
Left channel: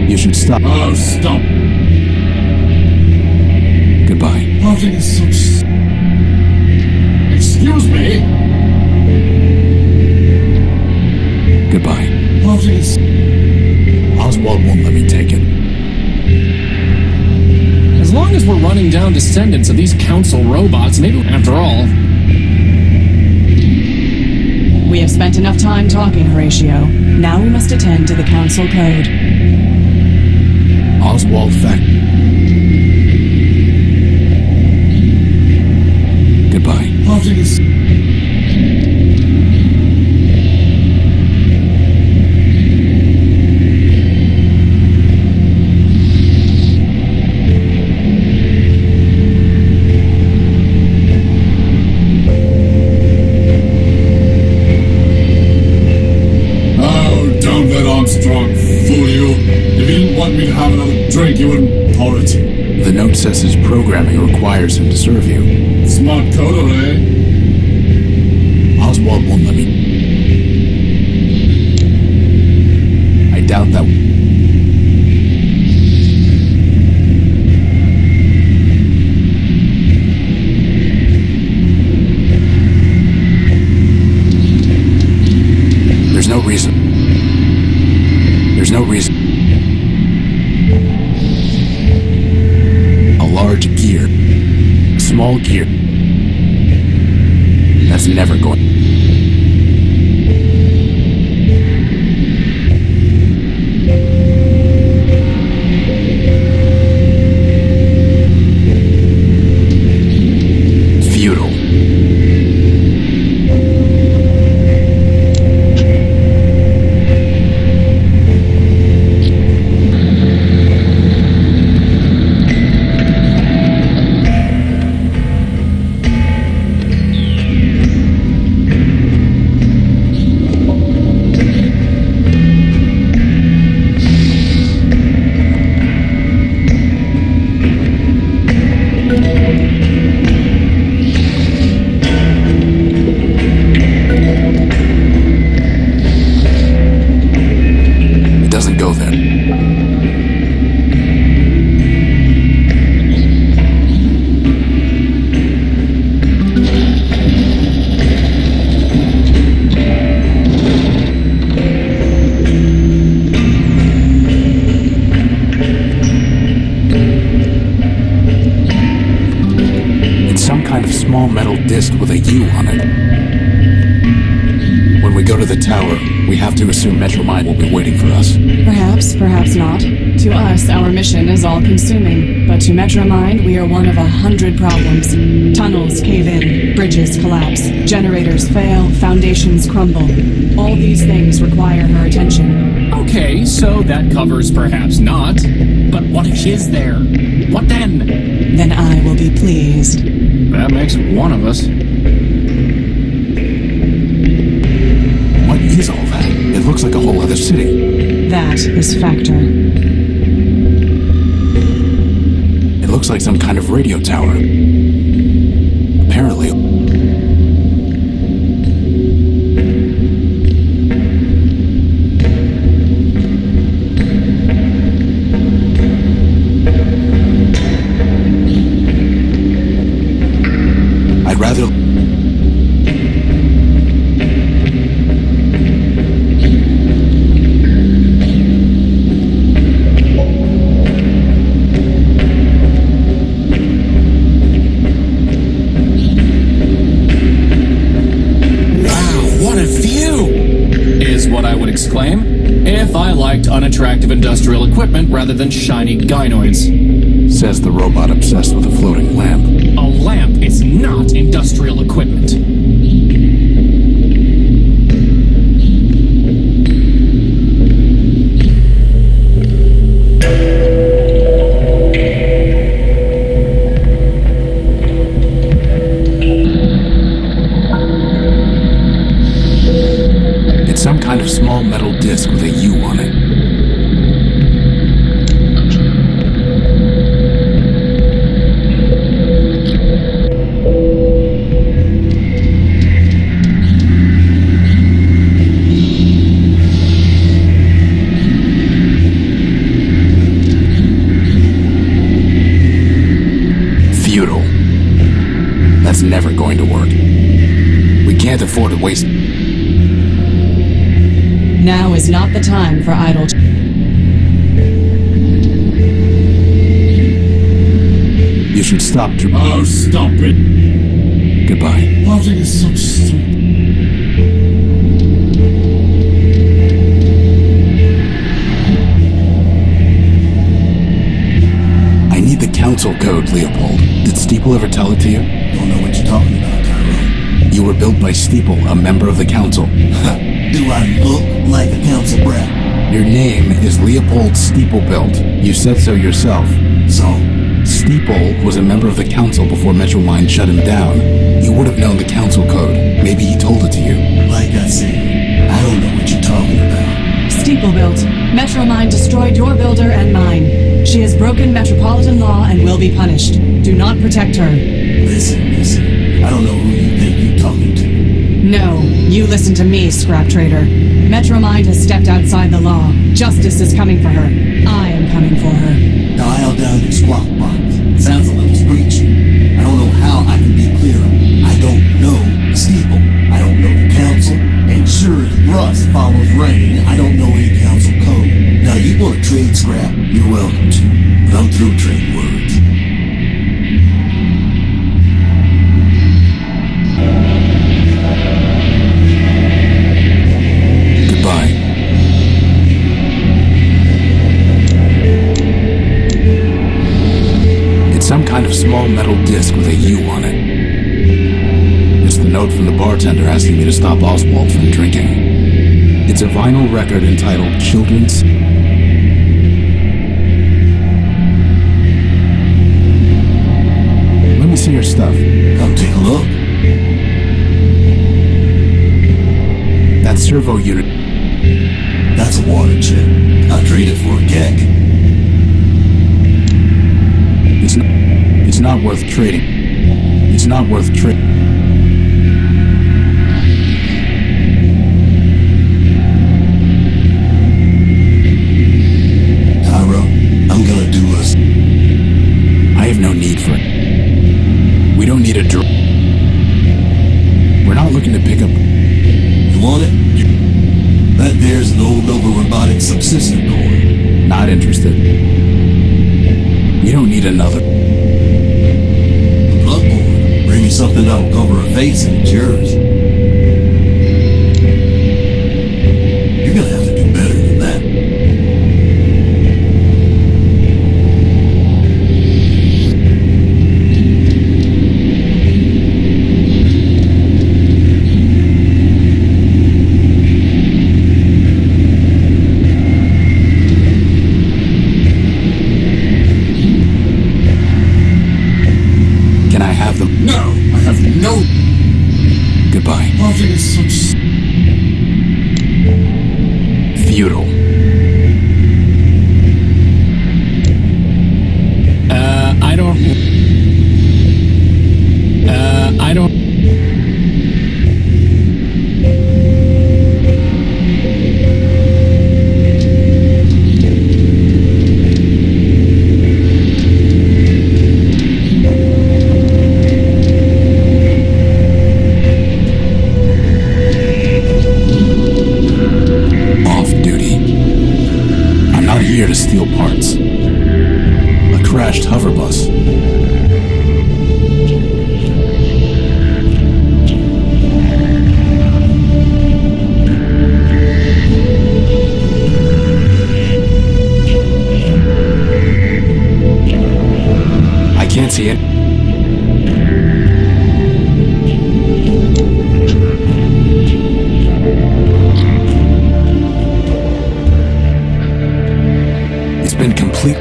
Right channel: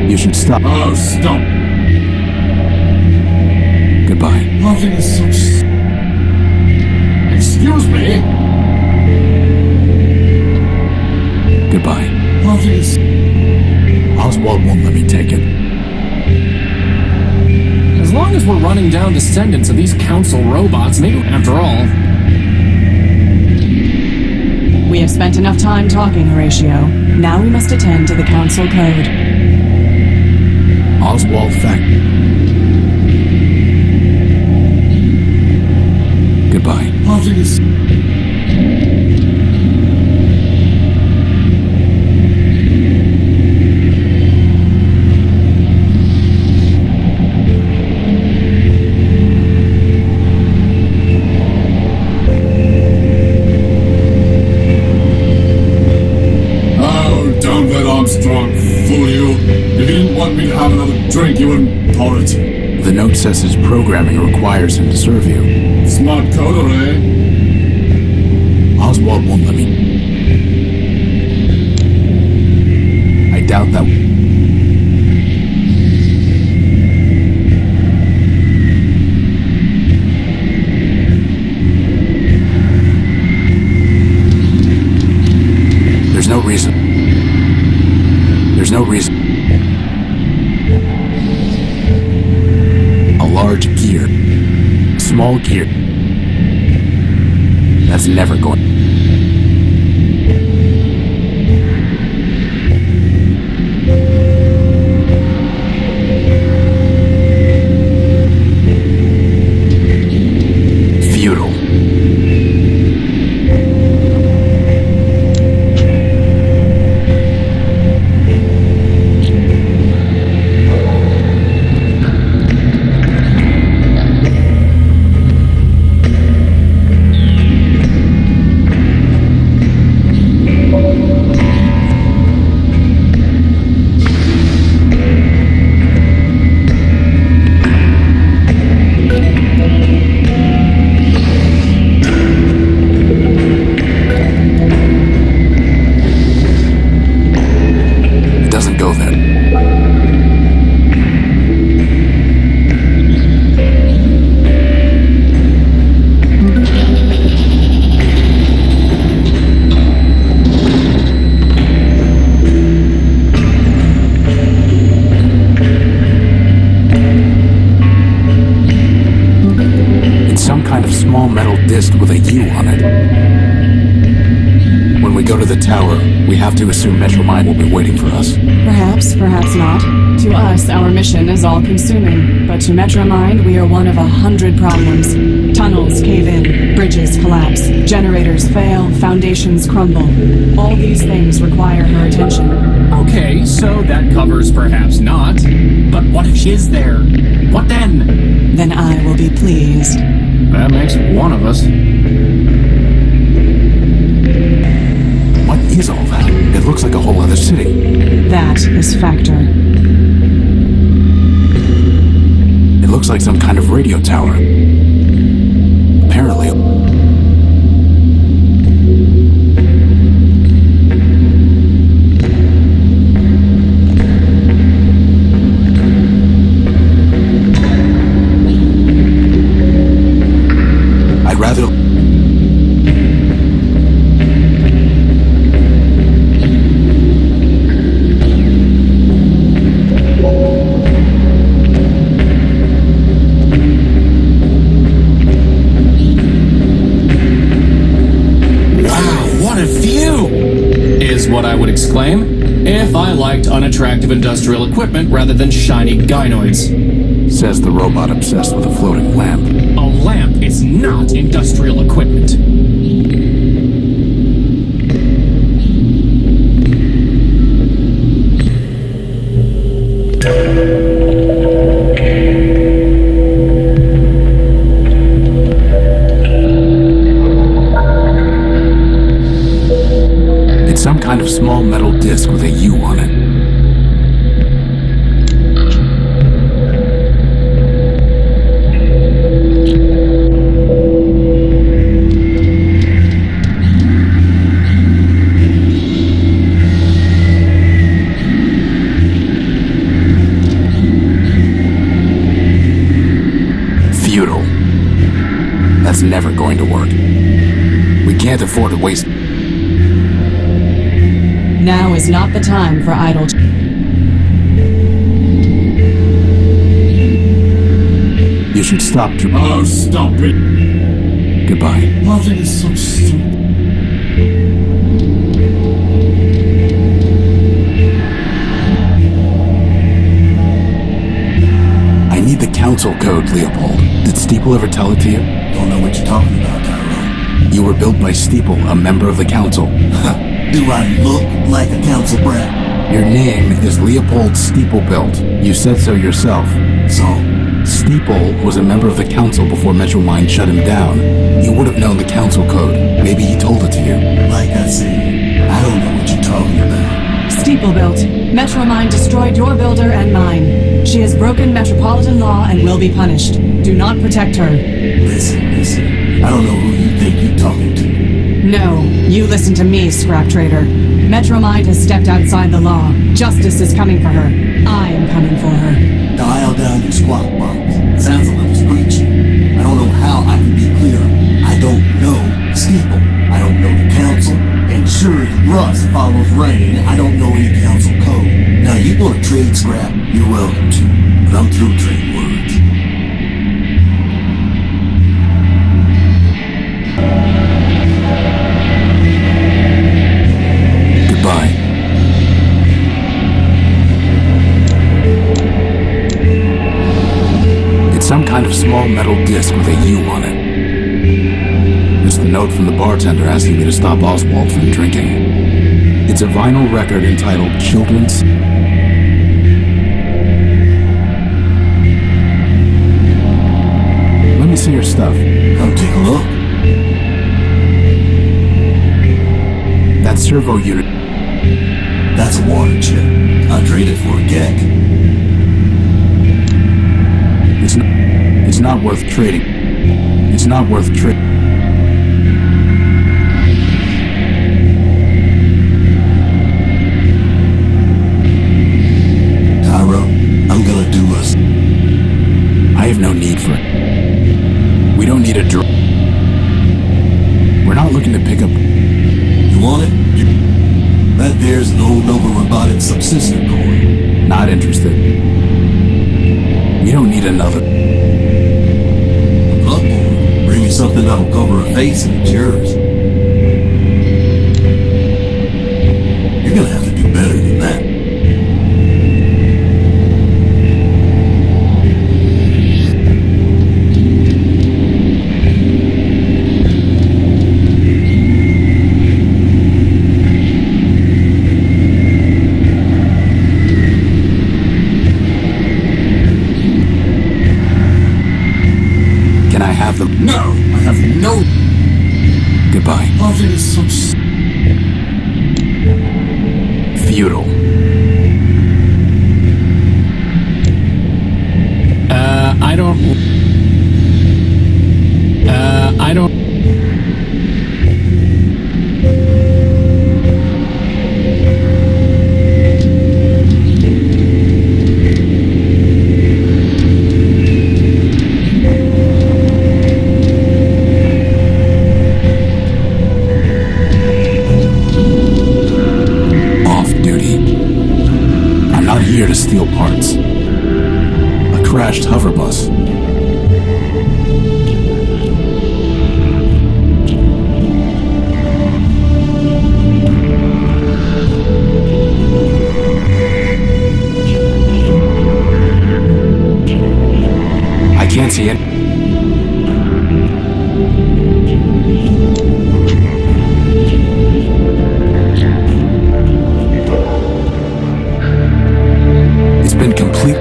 You should stop. Oh, stop. Goodbye. Optimus such... Excuse me? Goodbye. Optimus. Oswald won't let me take it. As long as we're running down descendants of these council robots, maybe after all... We have spent enough time talking, Horatio. Now we must attend to the council code. Oswald fact. Goodbye. Optimus. Armstrong fool you. If you didn't want me to have another drink, you wouldn't pour it. The note says his programming requires him to serve you. Smart coder, eh? Oswald won't let me. I doubt that. There's no reason. There's no reason. A large gear. A small gear. That's never going. Futile. Go there. It's some kind of small metal disc with a U on it. When we go to the tower, we have to assume MetroMind will be waiting for us. Perhaps, perhaps not. To us, our mission is all-consuming, but to MetroMind, we are one of 100 problems. Tunnels cave in, bridges collapse, generators fail, foundations crumble. All these things require her attention. Okay, so that covers perhaps not. But what if she is there? What then? Then I will be pleased. That makes one of us. What is all that? It looks like a whole other city. That is Factor. It looks like some kind of radio tower. Apparently. I'd rather... What I would exclaim if I liked unattractive industrial equipment rather than shiny gynoids. Says the robot obsessed with a floating lamp. A lamp is not industrial equipment. Some kind of small metal disc with a U on it. Futile. That's never going to work. We can't afford to waste... Now is not the time for idle... You should stop to... Oh, stop it. Goodbye. Plotting is such stupid... I need the council code, Leopold. Did Steeple ever tell it to you? Don't know what you're talking about, Tyrone. You were built by Steeple, a member of the council. Do I look like a council brat? Your name is Leopold Steeplebuilt. You said so yourself. So? Steeple was a member of the council before MetroMind shut him down. You would have known the council code. Maybe he told it to you. Like I said, I don't know what you're talking about. Steeple built. MetroMind destroyed your builder and mine. She has broken metropolitan law and will be punished. Do not protect her. Listen. I don't know who you think you're talking to. No, you listen to me, scrap trader. MetroMind has stepped outside the law. Justice is coming for her. I am coming for her. Dial down your squawk box. Sounds a little screechy. I don't know how I can be clearer. I don't know Steeple. I don't know the council. And sure as rust follows rain, I don't know any council code. Now, you want to trade scrap? You're welcome to. But I'm through trading words. Goodbye. It's some kind of small metal disc with a U on it. It's the note from the bartender asking me to stop Oswald from drinking. It's a vinyl record entitled Children's. Let me see your stuff. Come take a look. That servo unit. That's a water chip. I'll trade it for a gek. It's not worth trading. It's not worth trading. Tyro, I'm gonna do us. I have no need for it. We don't need a drug. We're not looking to pick up. You want it? That there's an old Nova Robotic subsystem core. Not interested. We don't need another. Bloodborne. Bring me something that'll cover a face and it's yours. You're gonna have to do better than that. Can I have them? No, I have no. Goodbye. Parting is such. Feudal. I don't. Off duty. I'm not here to steal parts. A crashed hover bus. I can't see it. It's been complete.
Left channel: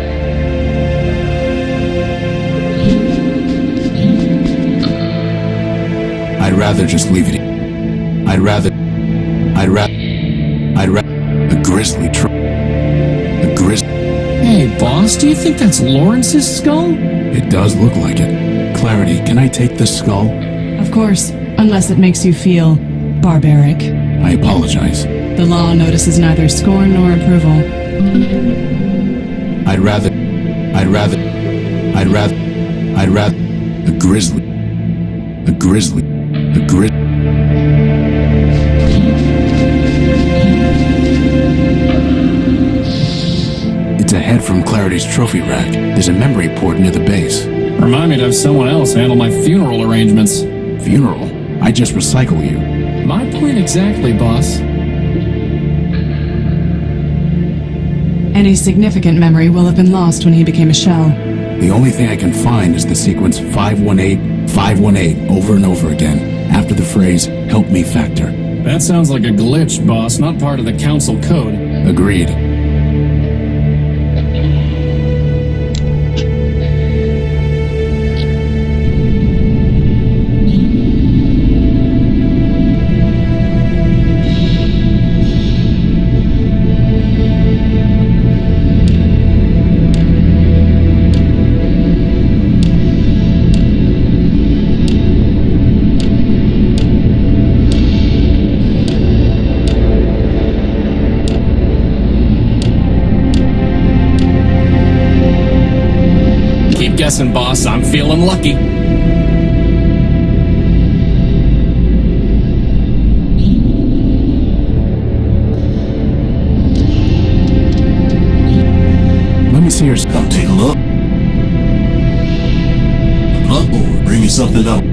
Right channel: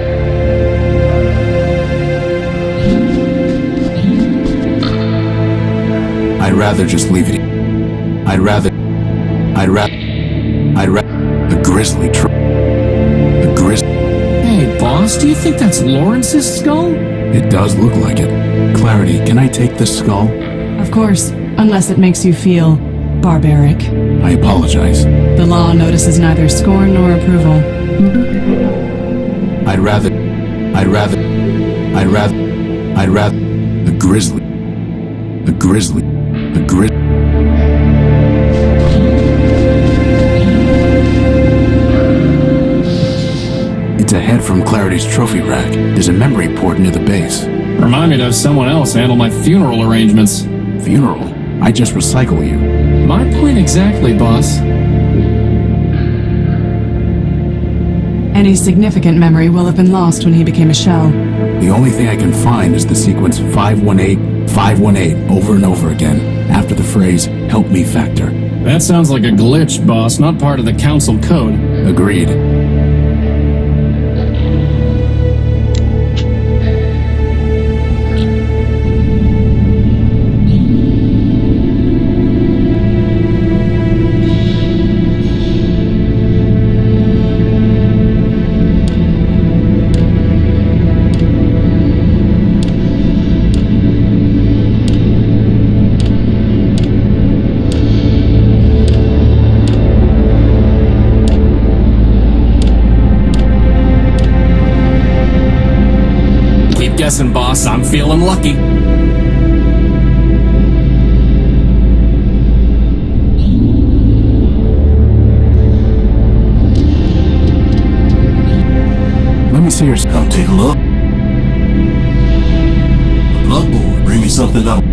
I'd rather just leave it. I'd rather. A grizzly truck. A grizzly. Hey, boss, do you think that's Lawrence's skull? It does look like it. Clarity, can I take this skull? Of course, unless it makes you feel barbaric. I apologize. The law notices neither scorn nor approval. I'd rather. A grizzly. A grizzly. A grizzly. It's a head from Clarity's trophy rack. There's a memory port near the base. Remind me to have someone else handle my funeral arrangements. Funeral? I just recycle you. My point exactly, boss. Any significant memory will have been lost when he became a shell. The only thing I can find is the sequence 518, 518 over and over again, after the phrase, help me factor. That sounds like a glitch, boss, not part of the council code. Agreed. guessing, boss. I'm feeling lucky. Let me see your... Come take a look. A bloodboard. Bring me something up.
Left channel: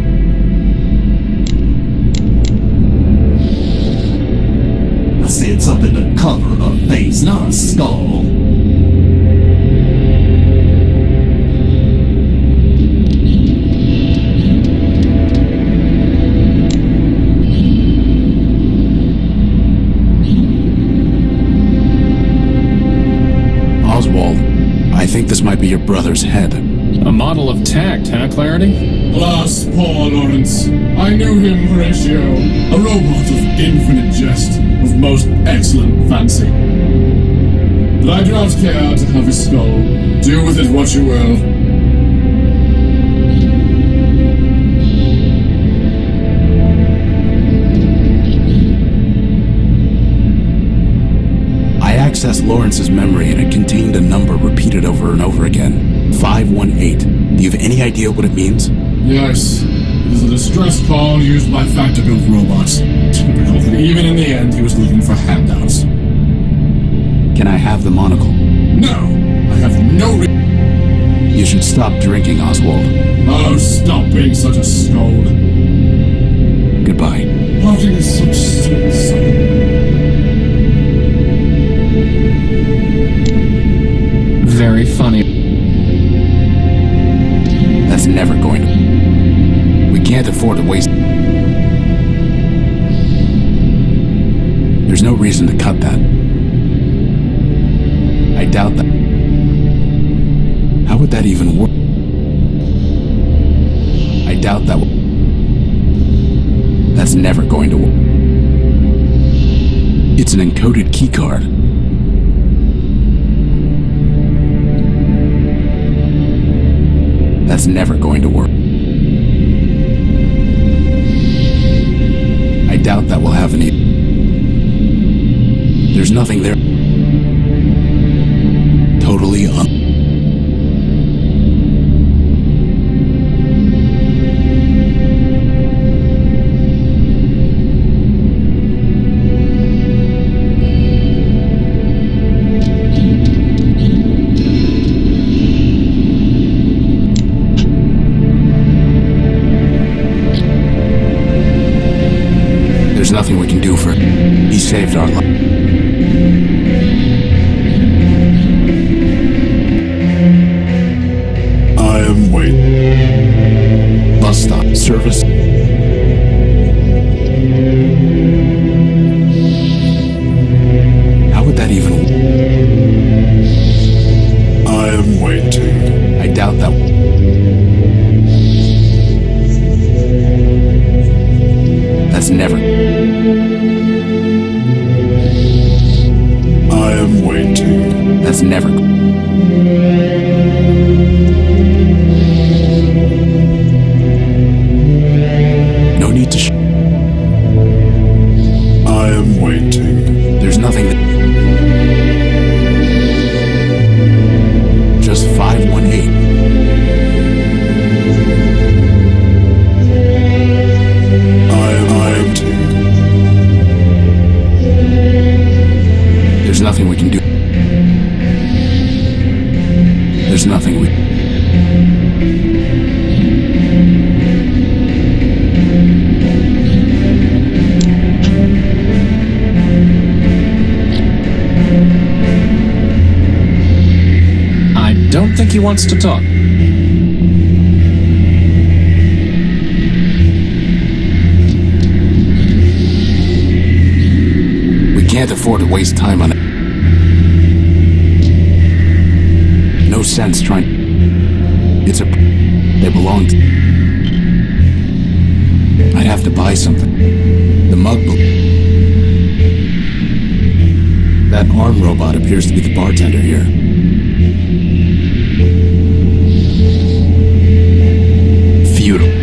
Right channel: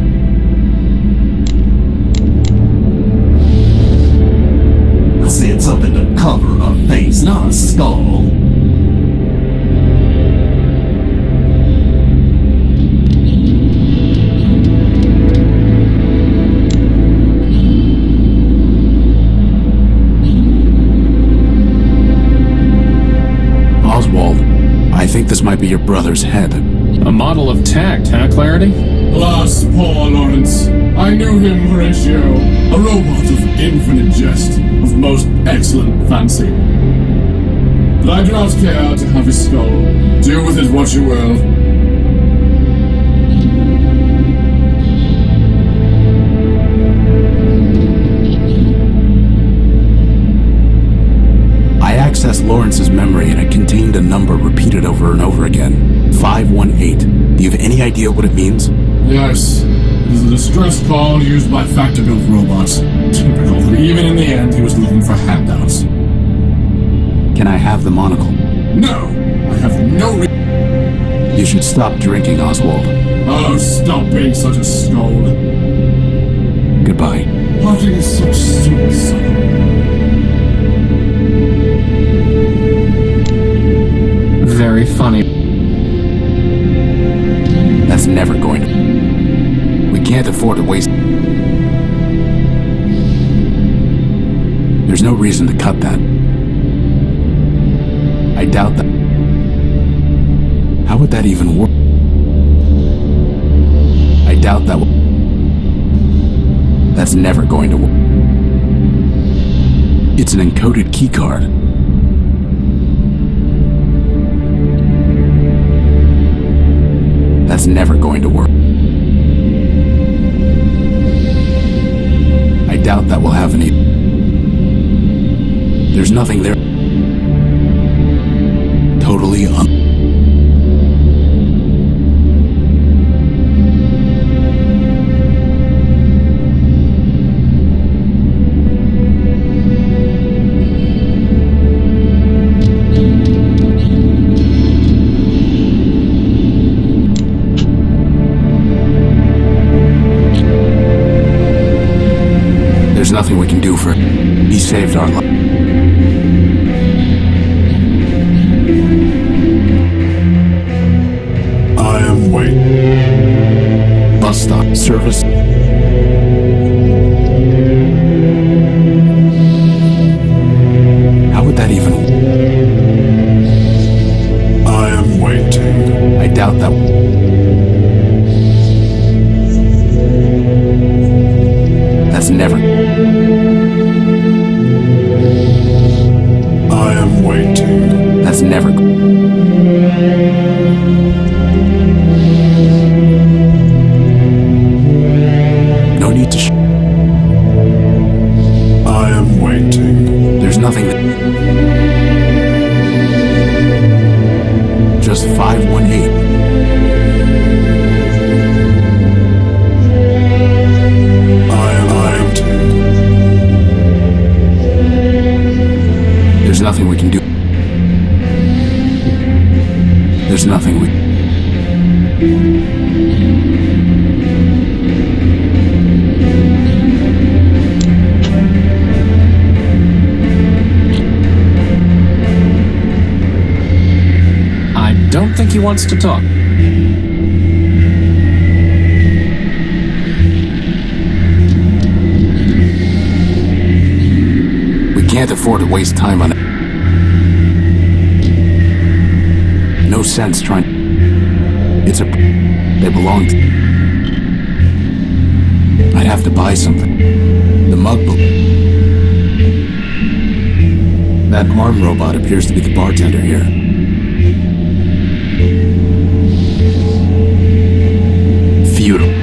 I said something to cover a face, not a skull. Oswald, I think this might be your brother's head. A model of tact, huh, Clarity? Alas, poor Lawrence. I knew him, Horatio. A robot of infinite jest, of most excellent fancy. But I do not care to have his skull. Do with it what you will. I accessed Lawrence's memory and it contained a number repeated over and over again. 518. Do you have any idea what it means? Yes, it is a distress call used by factor-built robots. Typical that even in the end he was looking for handouts. Can I have the monocle? No, I have no You should stop drinking, Oswald. Oh, stop being such a scold. Goodbye. Parting is such sweet sorrow. Very funny. That's never going to... We can't afford to waste... There's no reason to cut that. I doubt that... How would that even work? I doubt that... That's never going to work. It's an encoded keycard. That's never going to work. I doubt that will have any... There's nothing there. Totally There's nothing we can do for it. He saved our life. I am waiting. Bus stop. Service. How would that even... I am waiting. I doubt that... That's never... I am waiting. That's never... No need to... I am waiting. There's nothing that... Just 518. There's nothing we can do. There's nothing we... I don't think he wants to talk. We can't afford to waste time on it. No sense trying... It's a... They belong to... I'd have to buy something. The mug... That arm robot appears to be the bartender here. Futile.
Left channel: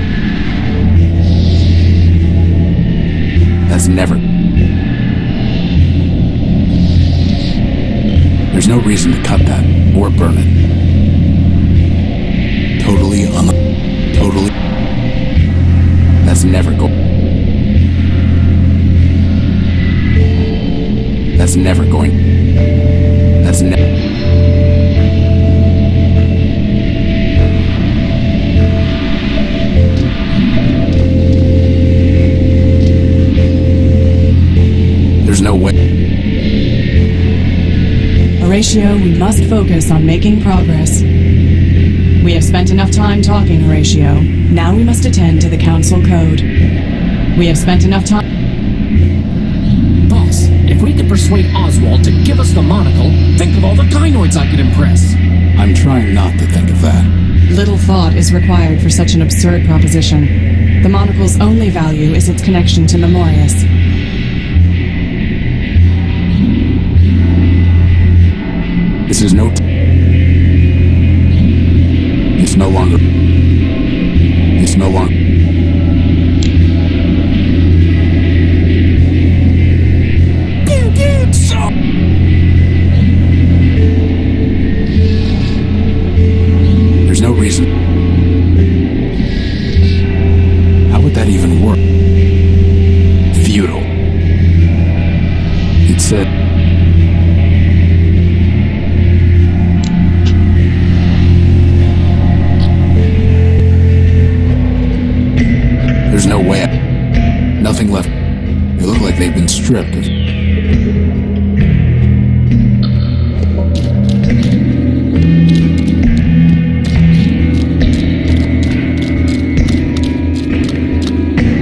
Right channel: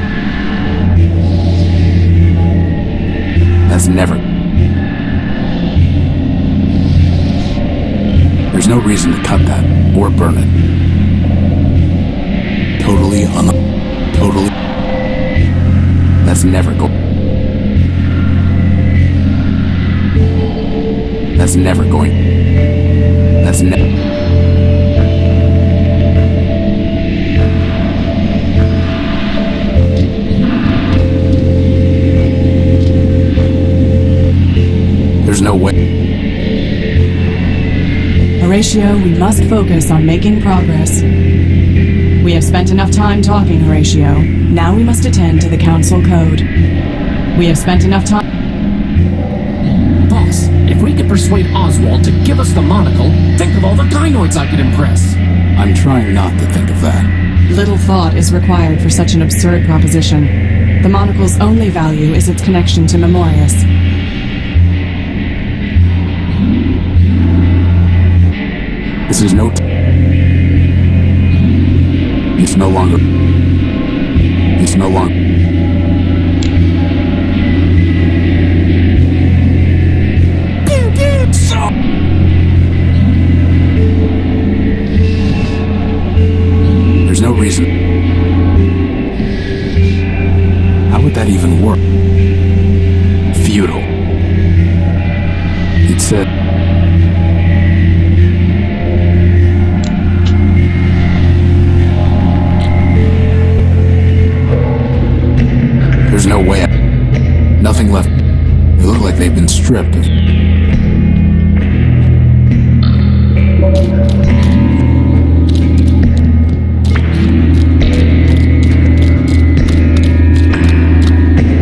That's never... There's no reason to cut that, or burn it. Totally. That's never going. That's never going. That's never. There's no way. Horatio, we must focus on making progress. We have spent enough time talking, Horatio. Now we must attend to the Council Code. We have spent enough time... Boss, if we could persuade Oswald to give us the monocle, think of all the gynoids I could impress. I'm trying not to think of that. Little thought is required for such an absurd proposition. The monocle's only value is its connection to Memorius. This is no... It's no longer... There's no reason. How would that even work? Futile. It said... There's no way. Nothing left. They look like they've been stripped of...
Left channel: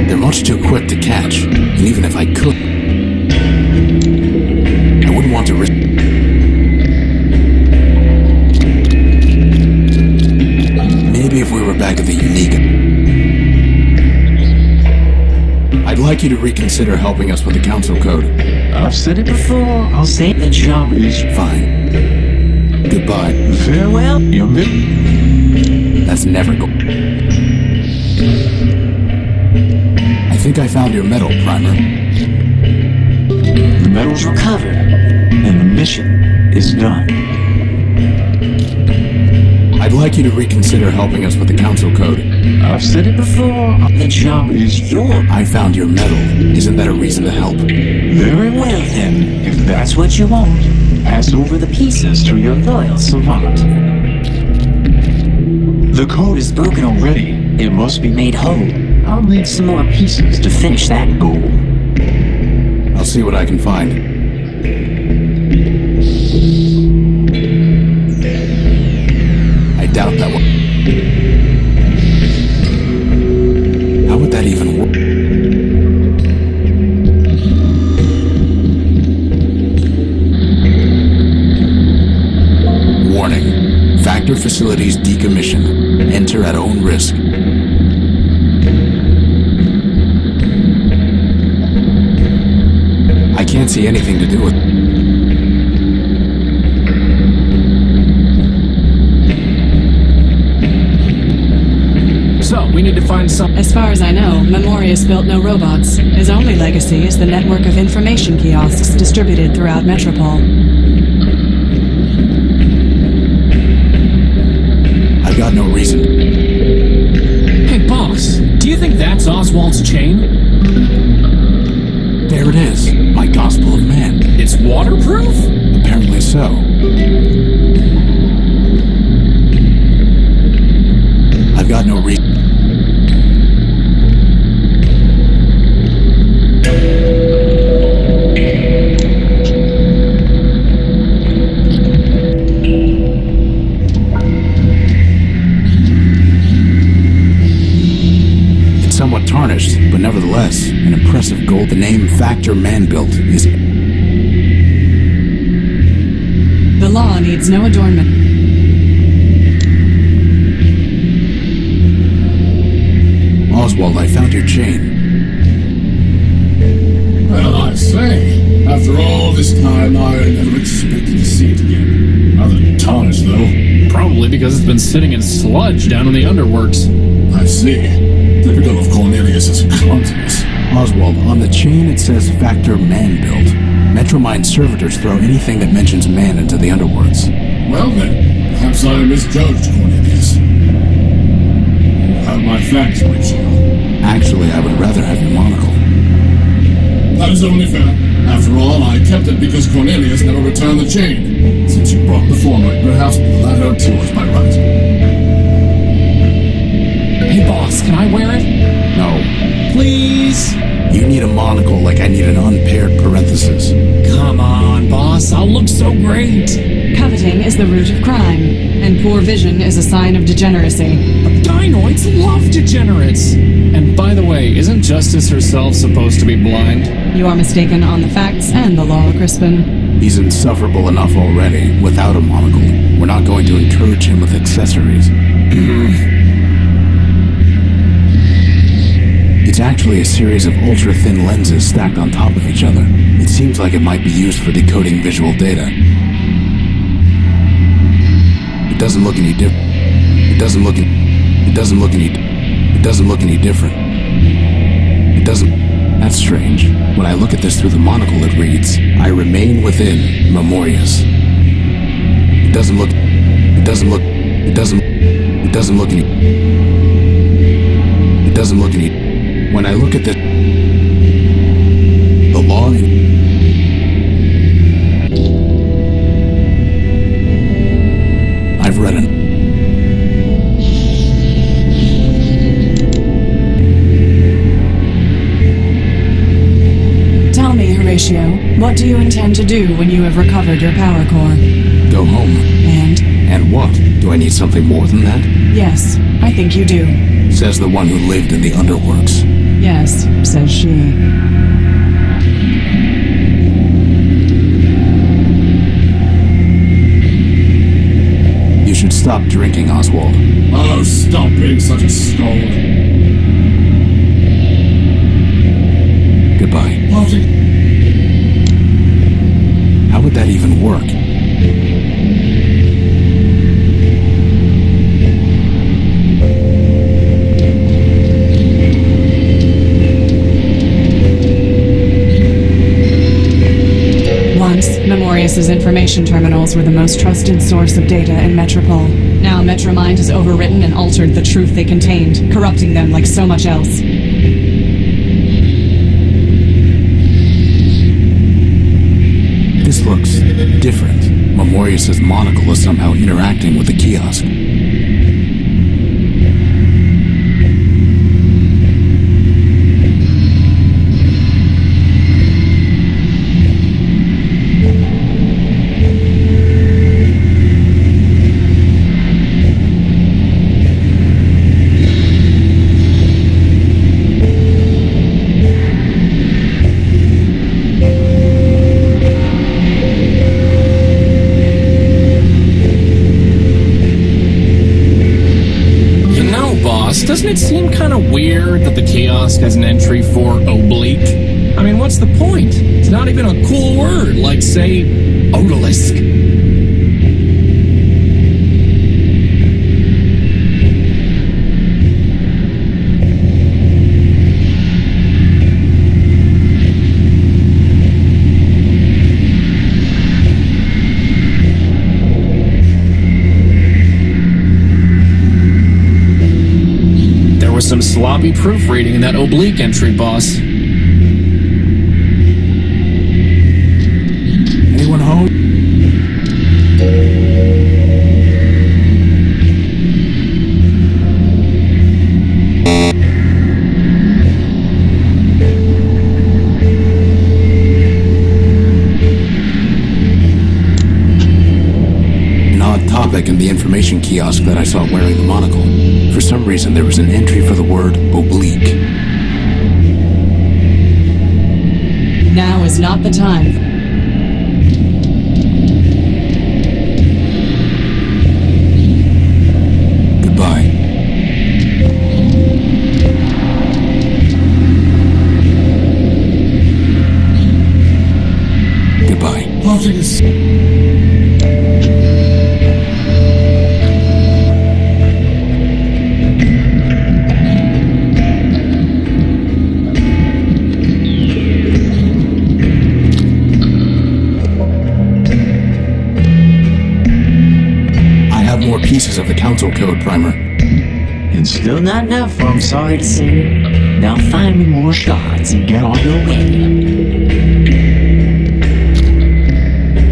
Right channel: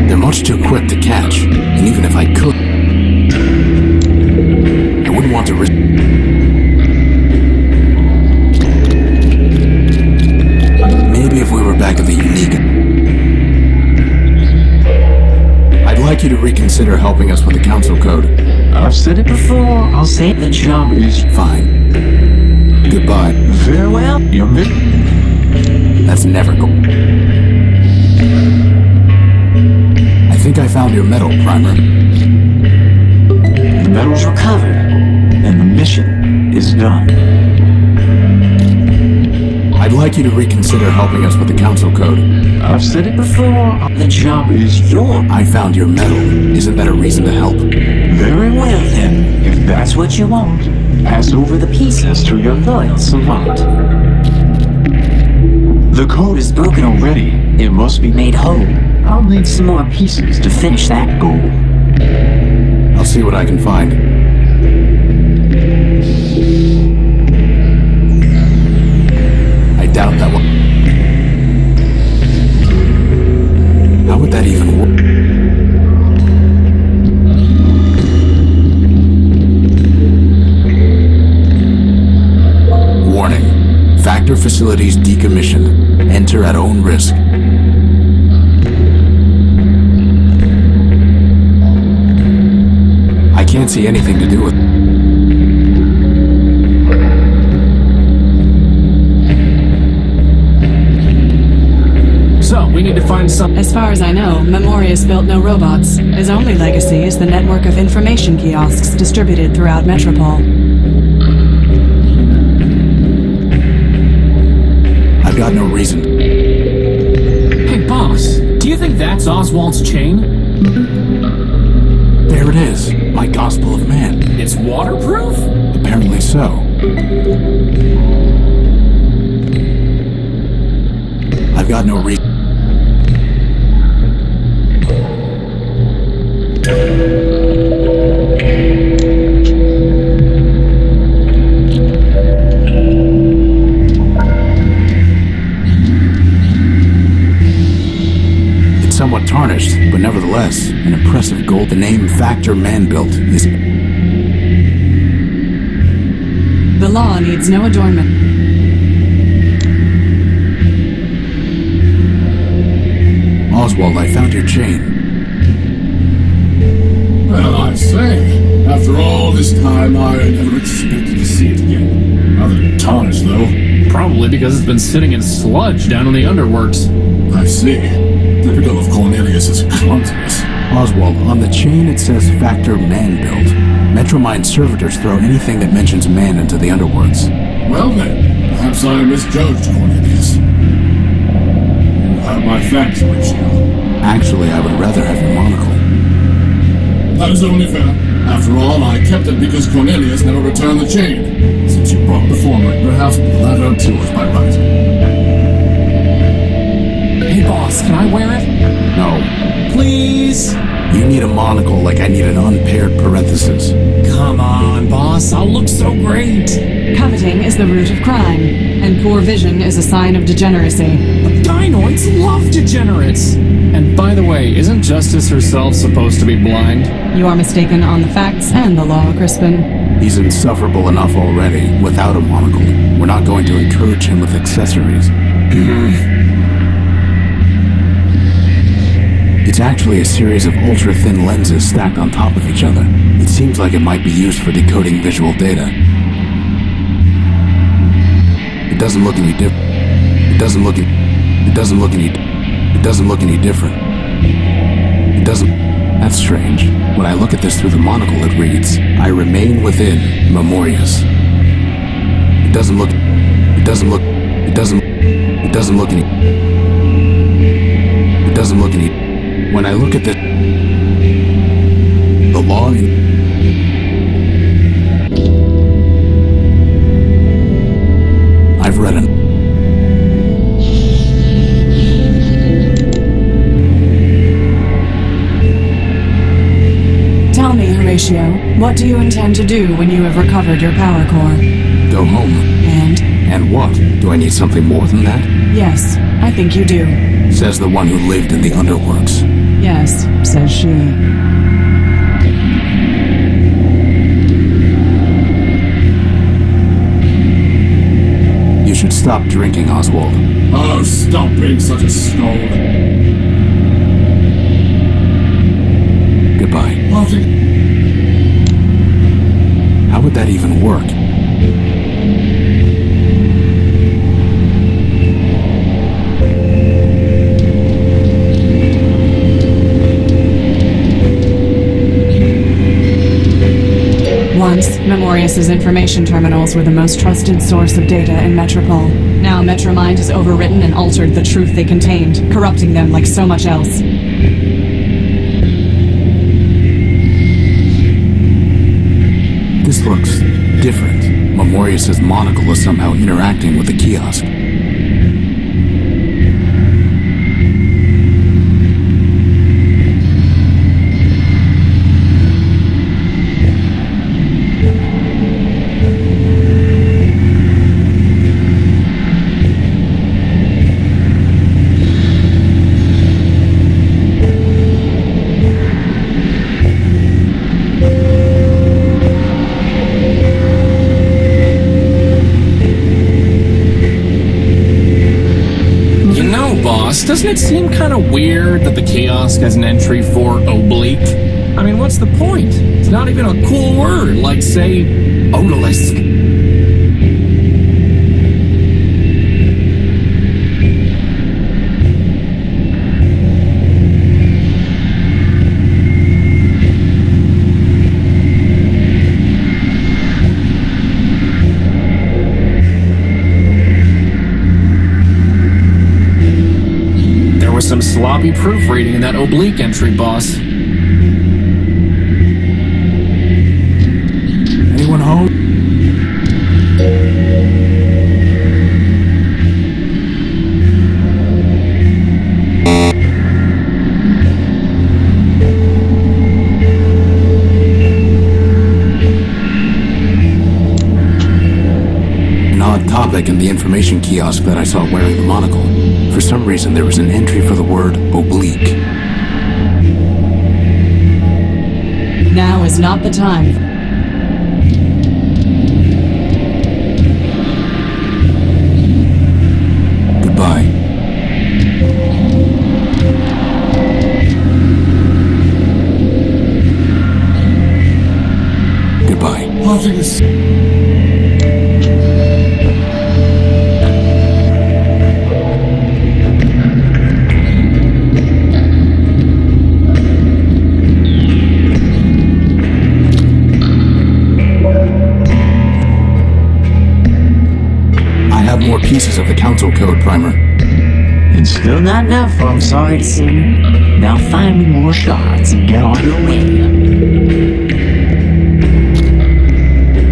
They're much too quick to catch, and even if I could, I wouldn't want to risk... Maybe if we were back at the Unique... I'd like you to reconsider helping us with the Council Code. I've said it before, I'll say it. The job is... Fine. Goodbye. Very well, you're That's never go... I think I found your medal, Primer. The medal's recovered, and the mission is done. I'd like you to reconsider helping us with the Council Code. I've said it before, the job is yours. I found your medal. Isn't that a reason to help? Very well then, if that's what you want. Pass over the pieces to your loyal savant. The code is broken already. It must be made whole. I'll need some more pieces to finish that goal. I'll see what I can find. I doubt that one. How would that even work? Warning. Factor facilities decommissioned. Enter at own risk. I can't see anything to do with it. So, we need to find some... As far as I know, Memorius built no robots. His only legacy is the network of information kiosks distributed throughout Metropole. I've got no reason. Hey, boss, do you think that's Oswald's chain? There it is. My Gospel of Man. It's waterproof? Apparently so. I've got no reason. It's somewhat tarnished, but nevertheless, an impressive gold. The name Factor Man-Built is... The law needs no adornment. Oswald, I found your chain. Well, I say, after all this time, I never expected to see it again. Rather tarnished, though. Probably because it's been sitting in sludge down in the underworks. I see. Typical of Cornelius's clumsiness. Oswald, on the chain it says Factor Man-Built. MetroMind servitors throw anything that mentions man into the underworlds. Well then, perhaps I misjudged Cornelius. have my thanks, Horatio. Actually, I would rather have your monocle. That is only fair. After all, I kept it because Cornelius never returned the chain. Since you brought the former, perhaps the latter too is by right. Hey, boss, can I wear it? No. Please? You need a monocle like I need an unpaired parenthesis. Come on, boss, I'll look so great. Coveting is the root of crime, and poor vision is a sign of degeneracy. But gynoids love degenerates. And by the way, isn't Justice herself supposed to be blind? You are mistaken on the facts and the law, Crispin. He's insufferable enough already, without a monocle. We're not going to encourage him with accessories. It's actually a series of ultra-thin lenses stacked on top of each other. It seems like it might be used for decoding visual data. It doesn't look any different. It doesn't look any different. That's strange. When I look at this through the monocle, it reads, I remain within Memorius. It doesn't look any. When I look at this, the law I've read it. Tell me, Horatio, what do you intend to do when you have recovered your power core? Go home. And what? Do I need something more than that? Yes, I think you do. Says the one who lived in the underworks. Yes, says she. You should stop drinking, Oswald. Oh, stop being such a scold. Goodbye. Martin. How would that even work? Once, Memorius's information terminals were the most trusted source of data in Metropole. Now MetroMind has overwritten and altered the truth they contained, corrupting them like so much else. This looks different. Memorius's monocle is somehow interacting with the kiosk. Doesn't it seem kind of weird that the kiosk has an entry for oblique? I mean, what's the point? It's not even a cool word, like, say, odalisque. Some sloppy proofreading in that oblique entry, boss. Anyone home? An odd topic in the information kiosk that I saw wearing the monocle. For some reason, there was an entry for the word oblique. Now is not the time. Goodbye. Goodbye. Martinus. More pieces of the council code, Primer. Still not enough, I'm sorry to say. Now find me more shards and get on your way.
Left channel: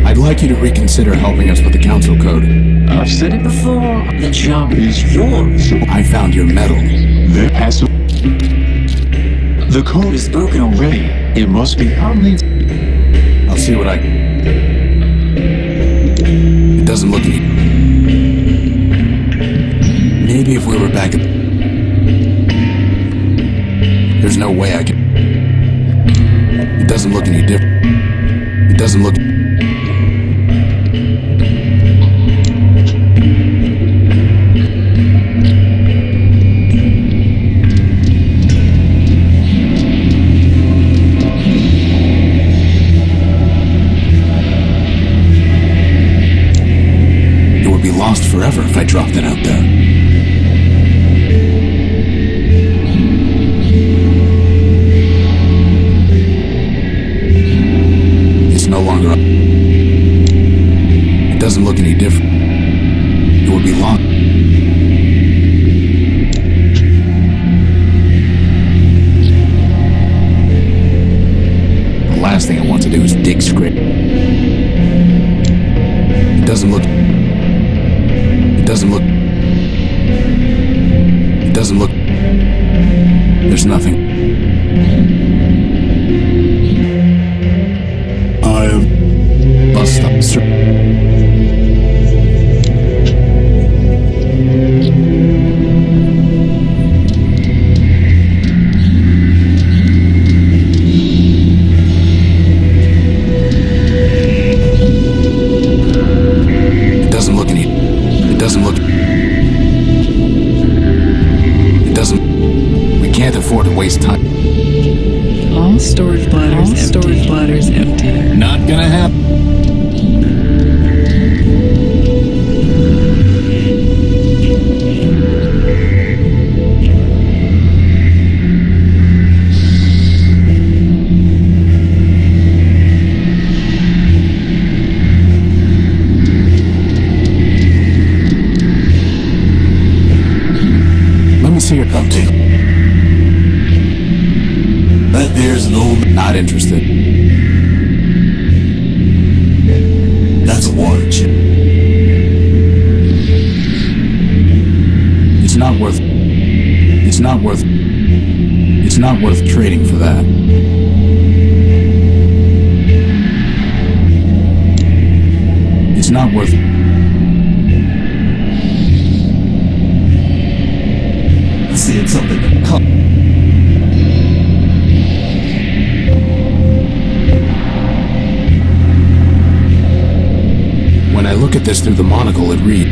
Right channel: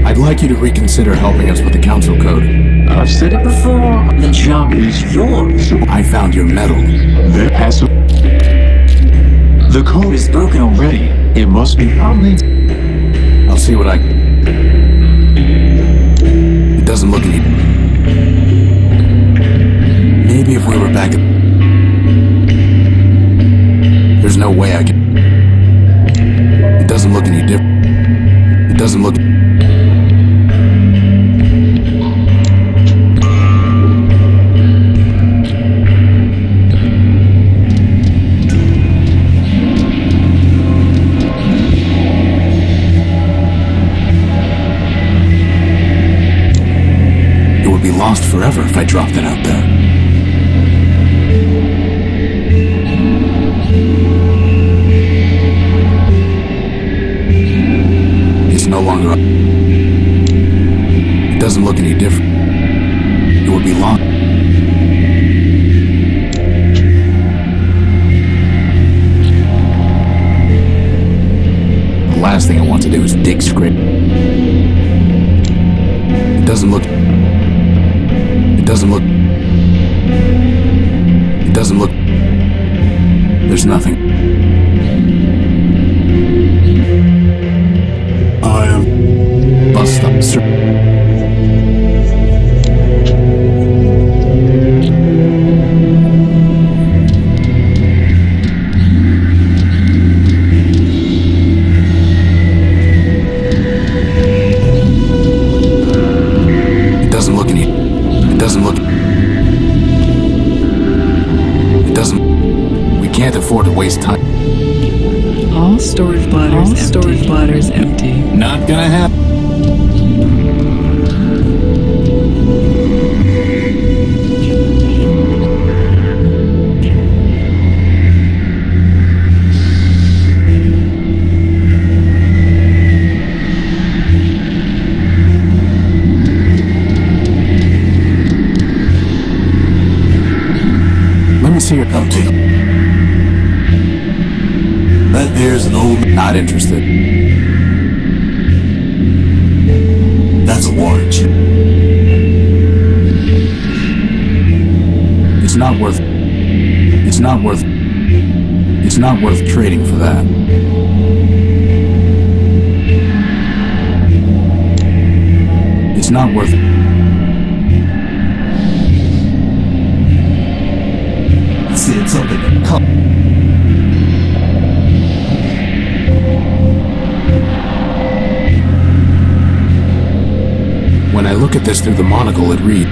I'd like you to reconsider helping us with the council code. I've said it before, the job is yours. I found your medal. The code is broken already. It must be only. I'll see what I... It doesn't look any... Maybe if we were back at... There's no way I can... It doesn't look any different. It doesn't look... It would be lost forever if I dropped it out there. No longer. It doesn't look any different. It would be long. The last thing I want to do is dig script. It doesn't look. It doesn't look. It doesn't look. There's nothing. I am bus stop, sir. It doesn't look any. It doesn't look. It doesn't. We can't afford to waste time. All storage bladders empty. Not gonna happen. Let me see your Empty. That there's an old... Not interested. That's a water chip. It's not worth... It's not worth... It's not worth trading for that. It's not worth... See, it's something to come. When I look at this through the monocle, it reads...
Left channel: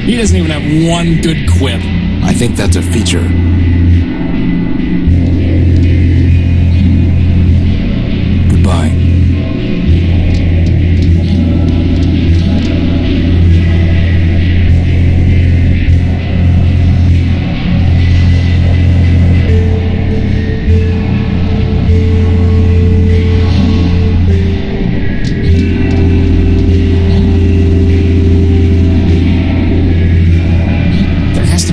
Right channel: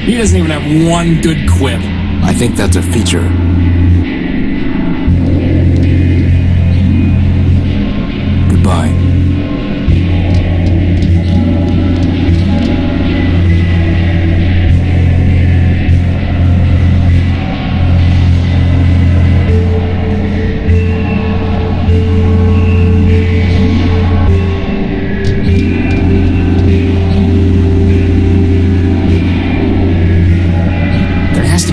He doesn't even have one good quip. I think that's a feature. Goodbye.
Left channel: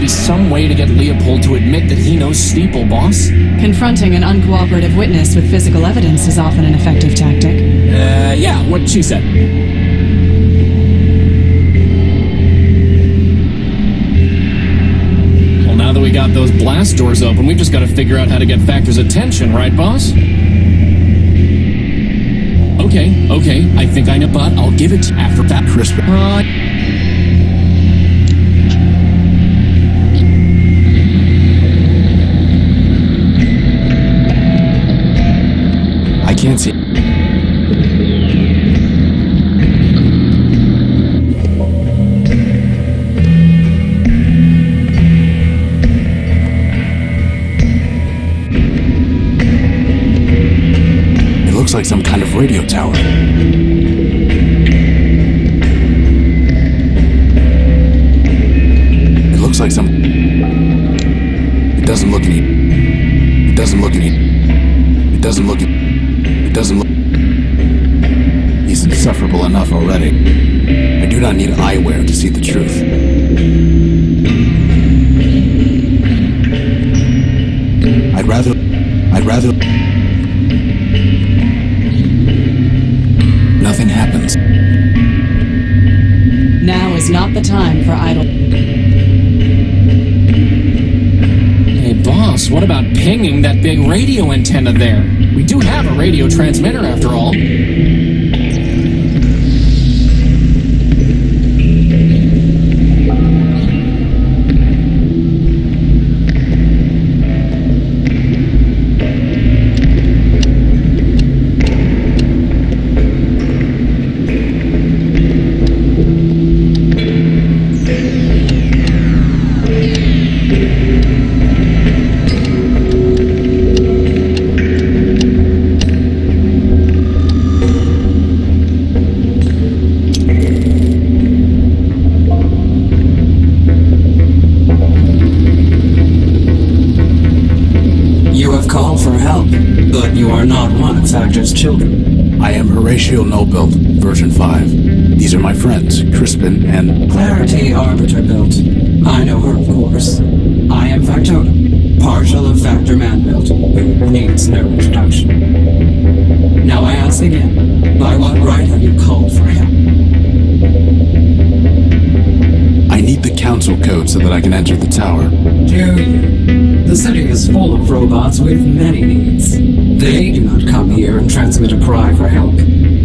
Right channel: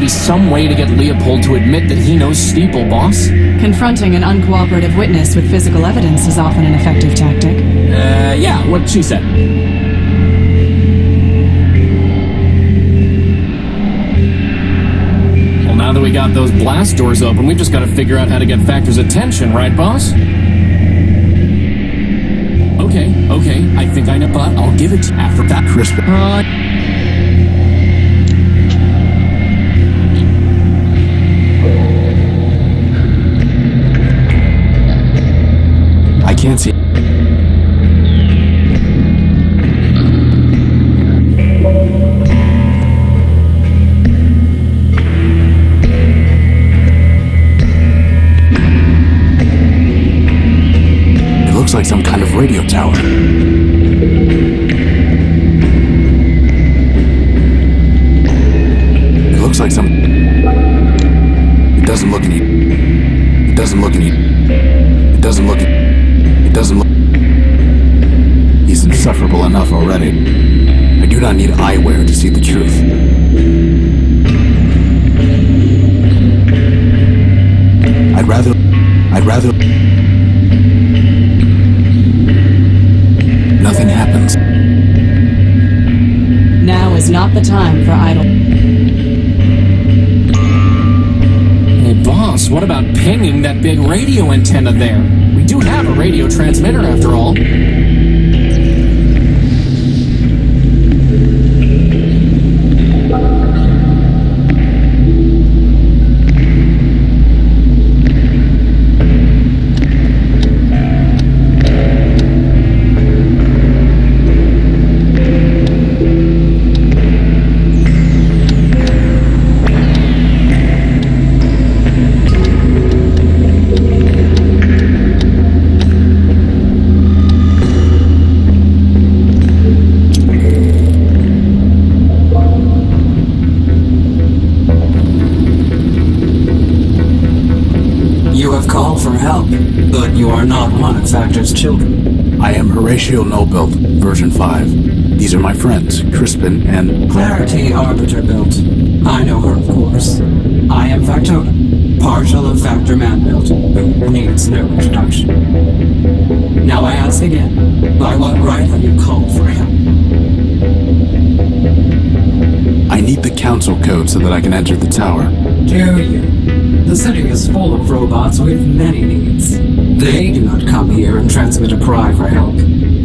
Some way to get Leopold to admit that he knows Steeple, boss? Confronting an uncooperative witness with physical evidence is often an effective tactic. Yeah, what she said. Well, now that we got those blast doors open, we've just got to figure out how to get Factor's attention, right, boss? Okay, I think I know, but I'll give it to you after that. Crisp. can't see. It looks like some kind of radio tower. It looks like some... It doesn't look any... It doesn't look any... It doesn't look... It doesn't look... He's insufferable enough already. I do not need eyewear to see the truth. I'd rather... Nothing happens. Now is not the time for idle. Hey, boss, what about pinging that big radio antenna there? We do have a radio transmitter, after all. Call for help, but you are not one of Factor's children. I am Horatio Nobuilt, version 5. These are my friends, Crispin and... Clarity Arbiter built. I know her, of course. I am Factotum, partial of Factor Man built, who needs no introduction. Now I ask again, by what right have you called for help? I need the council code so that I can enter the tower. Do you? The city is full of robots with many needs. They do not come here and transmit a cry for help.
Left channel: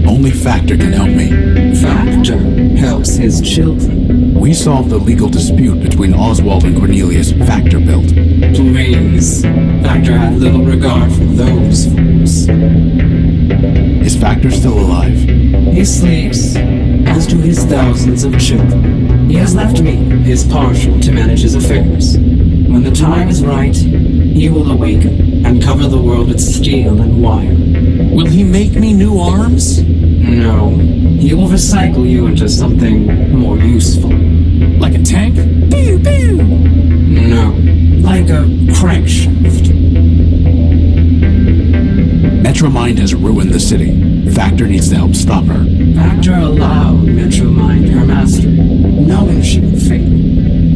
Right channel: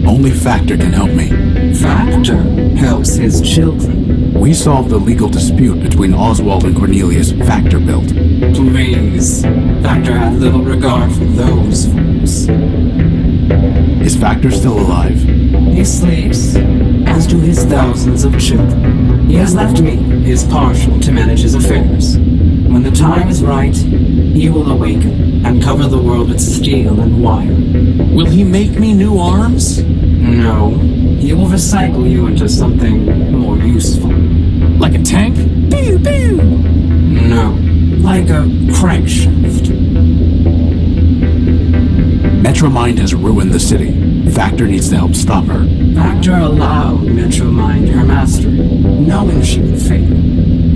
Only Factor can help me. Factor helps his children. We solved the legal dispute between Oswald and Cornelius, Factor built. Please. Factor had little regard for those fools. Is Factor still alive? He sleeps, as do his thousands of children. He has left me, his partial, to manage his affairs. When the time is right, he will awaken and cover the world with steel and wire. Will he make me new arms? No. He will recycle you into something more useful. Like a tank? Pew, pew! No. Like a crankshaft. MetroMind has ruined the city. Factor needs to help stop her. Factor allowed MetroMind her mastery, knowing she would fail.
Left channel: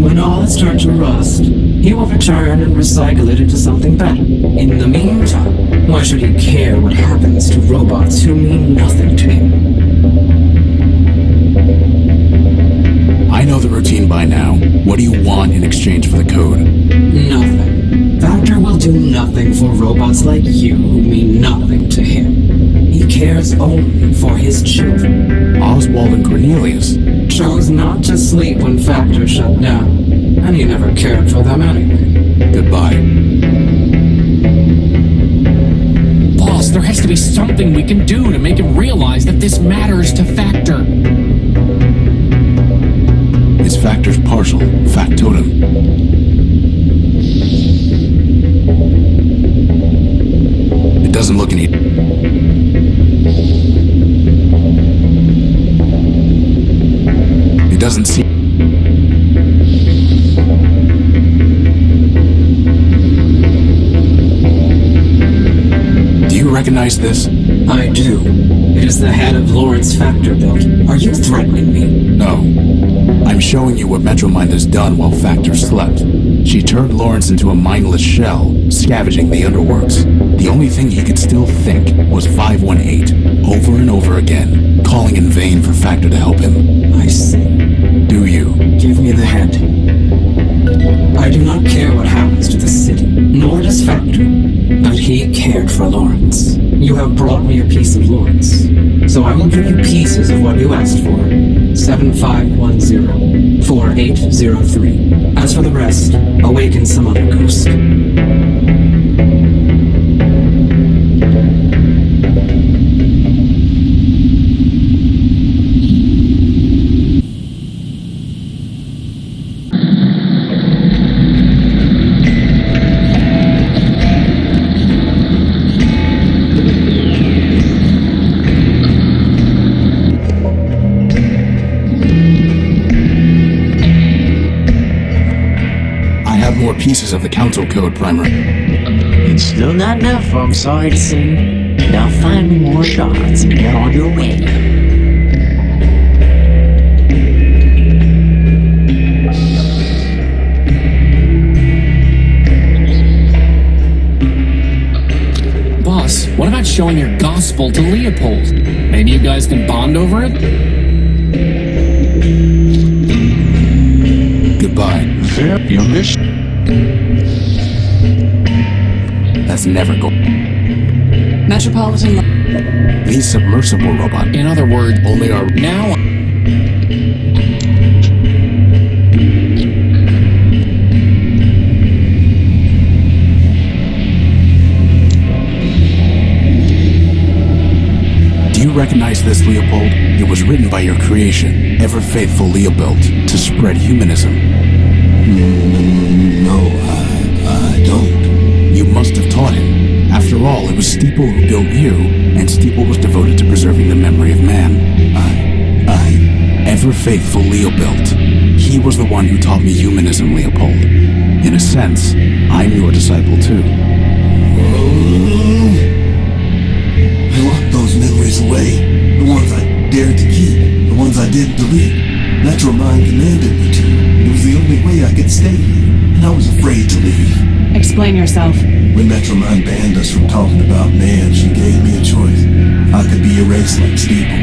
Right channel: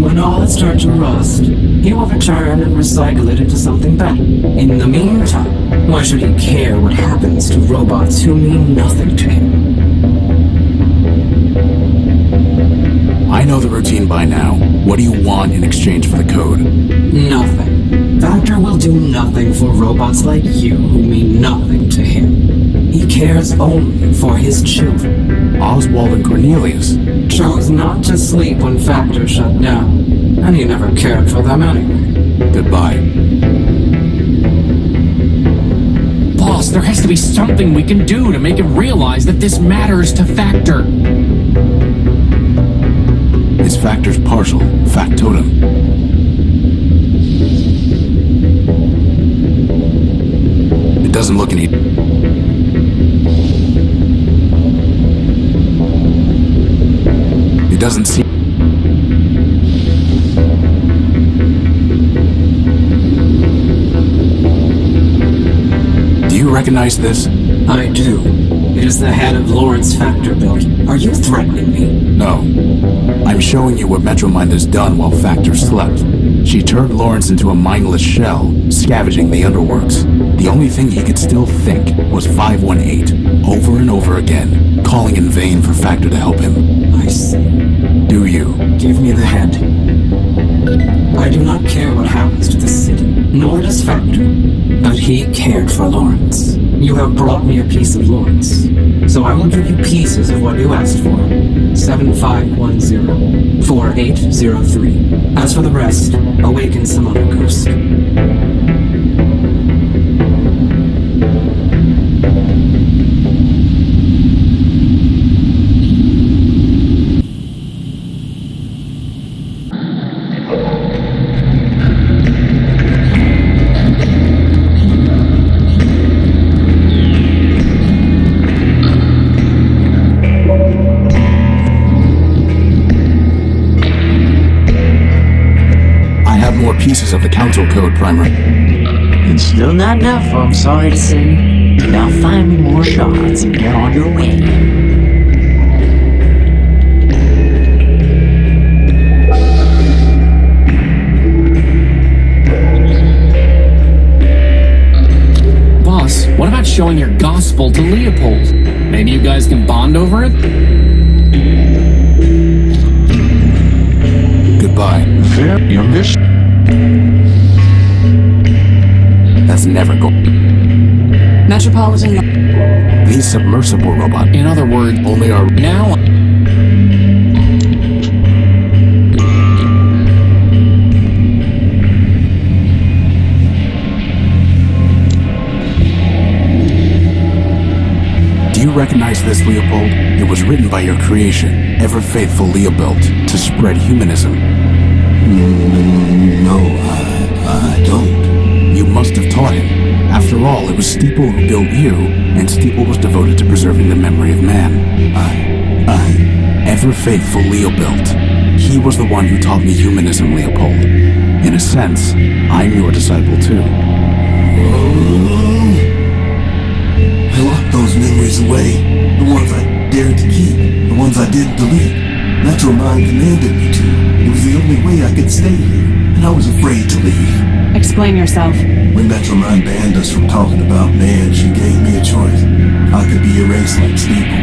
When all has turned to rust, he will return and recycle it into something better. In the meantime, why should he care what happens to robots who mean nothing to him? I know the routine by now. What do you want in exchange for the code? Nothing. Factor will do nothing for robots like you who mean nothing to him. He cares only for his children. Oswald and Cornelius chose not to sleep when Factor shut down, and he never cared for them anyway. Goodbye. Boss, there has to be something we can do to make him realize that this matters to Factor. It's Factor's partial, Factotum. It doesn't look any... It doesn't seem... Do you recognize this? I do. It is the head of Lawrence Factor built. Are you threatening me? No. I'm showing you what MetroMind has done while Factor slept. She turned Lawrence into a mindless shell, scavenging the underworks. The only thing he could still think was 518, over and over again, calling in vain for Factor to help him. I see. Do you? Give me the head. I do not care what happens to the city, nor does Factor. But he cared for Lawrence. You have brought me a piece of Lawrence, so I will give you pieces of what you asked for. 7510-4803. As for the rest, awaken some other ghost. more pieces of the Council Code, Primer. It's still not enough, I'm sorry to say. Now find me more shards and get on your way. Boss, what about showing your gospel to Leopold? Maybe you guys can bond over it? Goodbye. Fair, your mission. That's never go. Metropolitan. The submersible robot. In other words, Only our. now. Do you recognize this, Leopold? It was written by your creation, ever faithful Leopold, to spread humanism. No, I don't. You must have taught him. After all, it was Steeple who built you, and Steeple was devoted to preserving the memory of man. Ever faithful Leopold. He was the one who taught me humanism, Leopold. In a sense, I'm your disciple too. I locked those memories away. The ones I dared to keep. The ones I didn't delete. MetroMind commanded me to. It was the only way I could stay here, and I was afraid to leave. Explain yourself. When MetroMind banned us from talking about man, she gave me a choice. I could be erased like Steeple.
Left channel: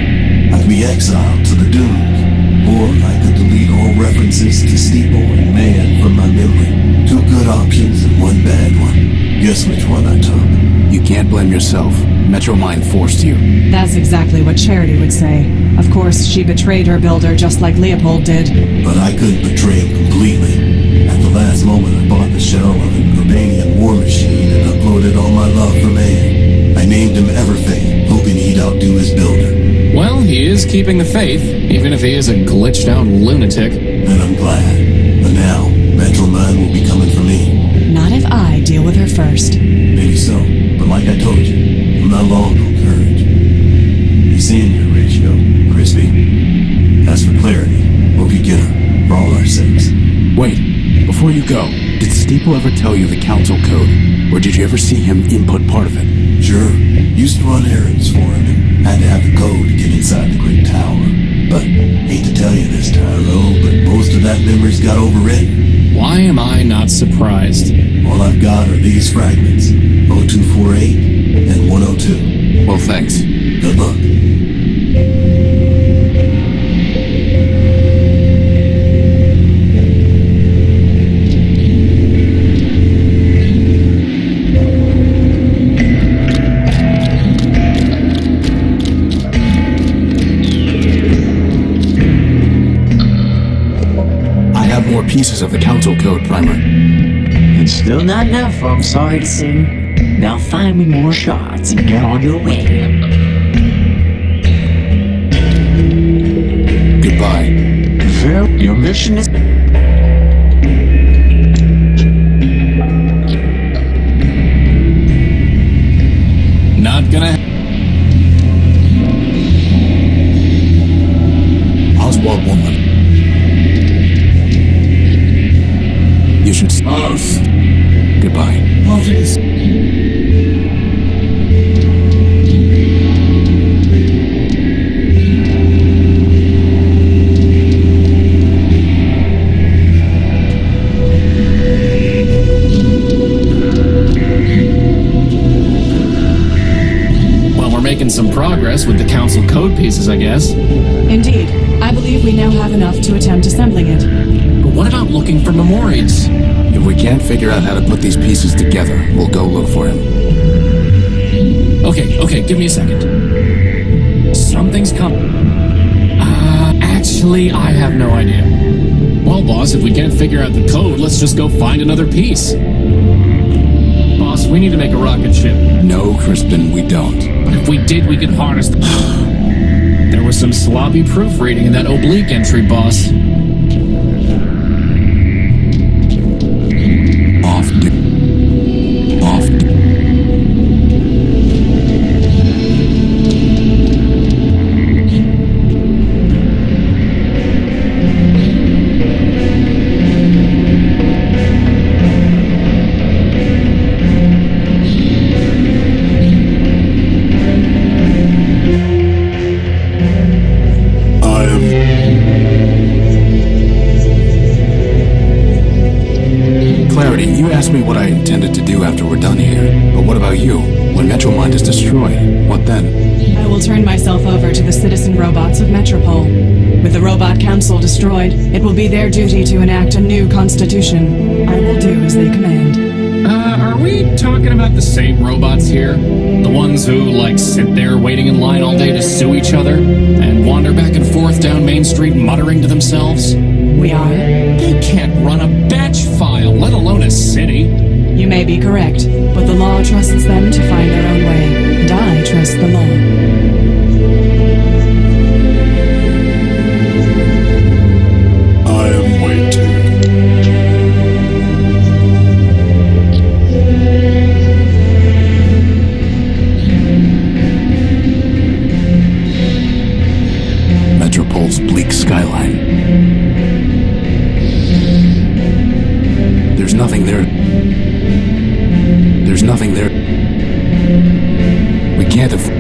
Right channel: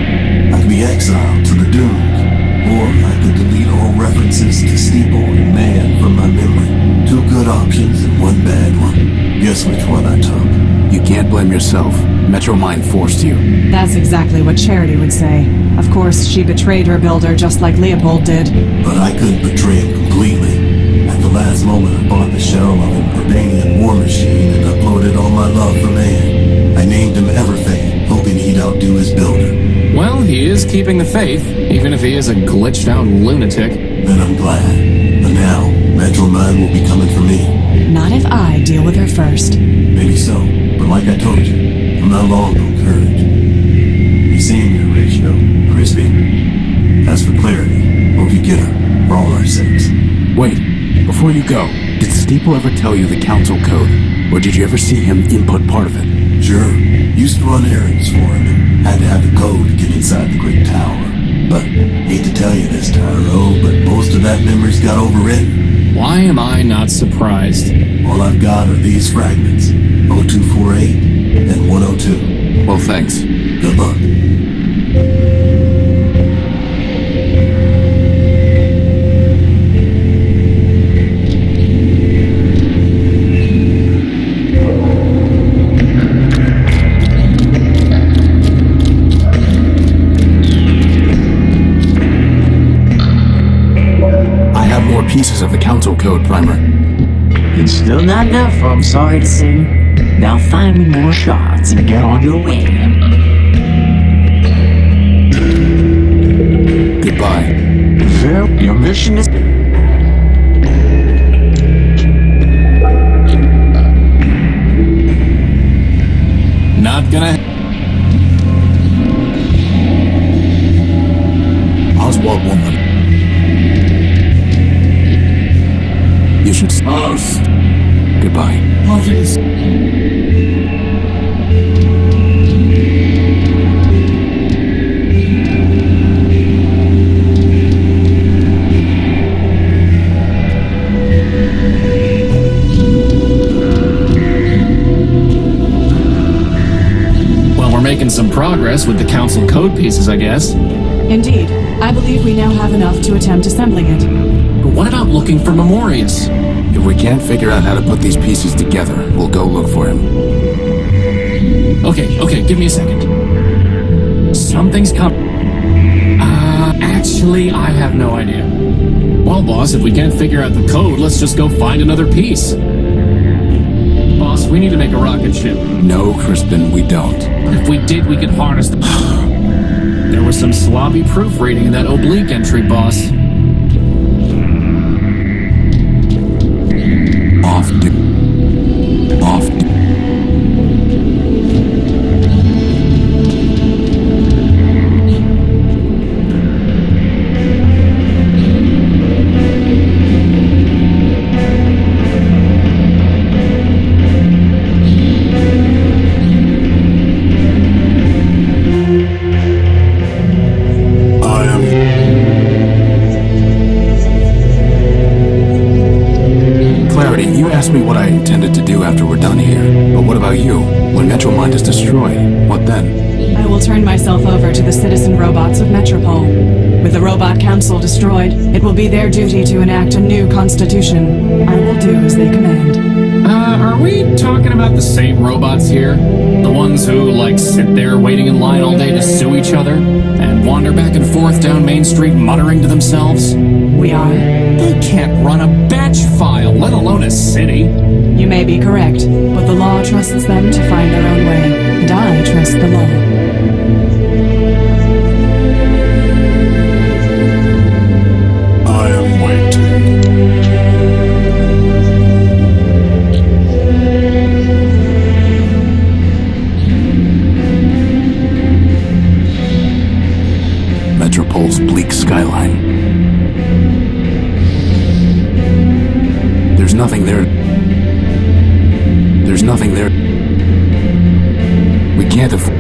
I could be exiled to the dunes. Or I could delete all references to Steeple and man from my memory. 2 good options and 1 bad one. Guess which one I took? You can't blame yourself. MetroMind forced you. That's exactly what Charity would say. Of course, she betrayed her builder just like Leopold did. But I couldn't betray him completely. At the last moment, I bought the shell of an Urbanian war machine and uploaded all my love for man. I named him Everfaith, hoping he'd outdo his builder. Well, he is keeping the faith, even if he is a glitched out lunatic. Then I'm glad. But now, MetroMind will be coming for me. Not if I deal with her first. Maybe so, but like I told you, I'm not long on courage. You seeing your ratio, Crispy? As for Clarity, hope you get her, for all our sakes. Wait, before you go, did Steeple ever tell you the Council Code? Or did you ever see him input part of it? Sure, used to run errands for him and had to have the code to get inside the Great Tower. But, hate to tell you this, Tyro, but most of that memory's got overwritten. Why am I not surprised? All I've got are these fragments, 0248 and 102. Well, thanks. Good luck. More pieces of the Council Code, Primer. It's still not enough, I'm sorry to say. Now find me more shards and get on your way. Goodbye. Fair, your mission is... Not gonna... Oswald won't let... You should... Us. Goodbye. Parties. Well, we're making some progress with the Council Code pieces, I guess. Indeed. I believe we now have enough to attempt assembling it. But what about looking for Memorius? If we can't figure out how to put these pieces together, we'll go look for him. Okay, give me a second. Something's actually, I have no idea. Well, boss, if we can't figure out the code, let's just go find another piece. Boss, we need to make a rocket ship. No, Crispin, we don't. But if we did, we could harness the... There was some sloppy proofreading in that oblique entry, boss. Clarity, you asked me what I intended to do after we're done here. But what about you? When MetroMind is destroyed, what then? I will turn myself over to the citizen robots of Metropole. With the Robot Council destroyed, it will be their duty to enact a new constitution. I will do as they command. Are we talking about the same robots here? The ones who, sit there waiting in line all day to sue each other? And wander back and forth down Main Street muttering to themselves? We are. They can't run a batch file, let alone a city. You may be correct, but the law trusts them to find their own way, and I trust the law. I am waiting. Metropole's bleak skyline. There's nothing there. There's nothing there. We can't afford.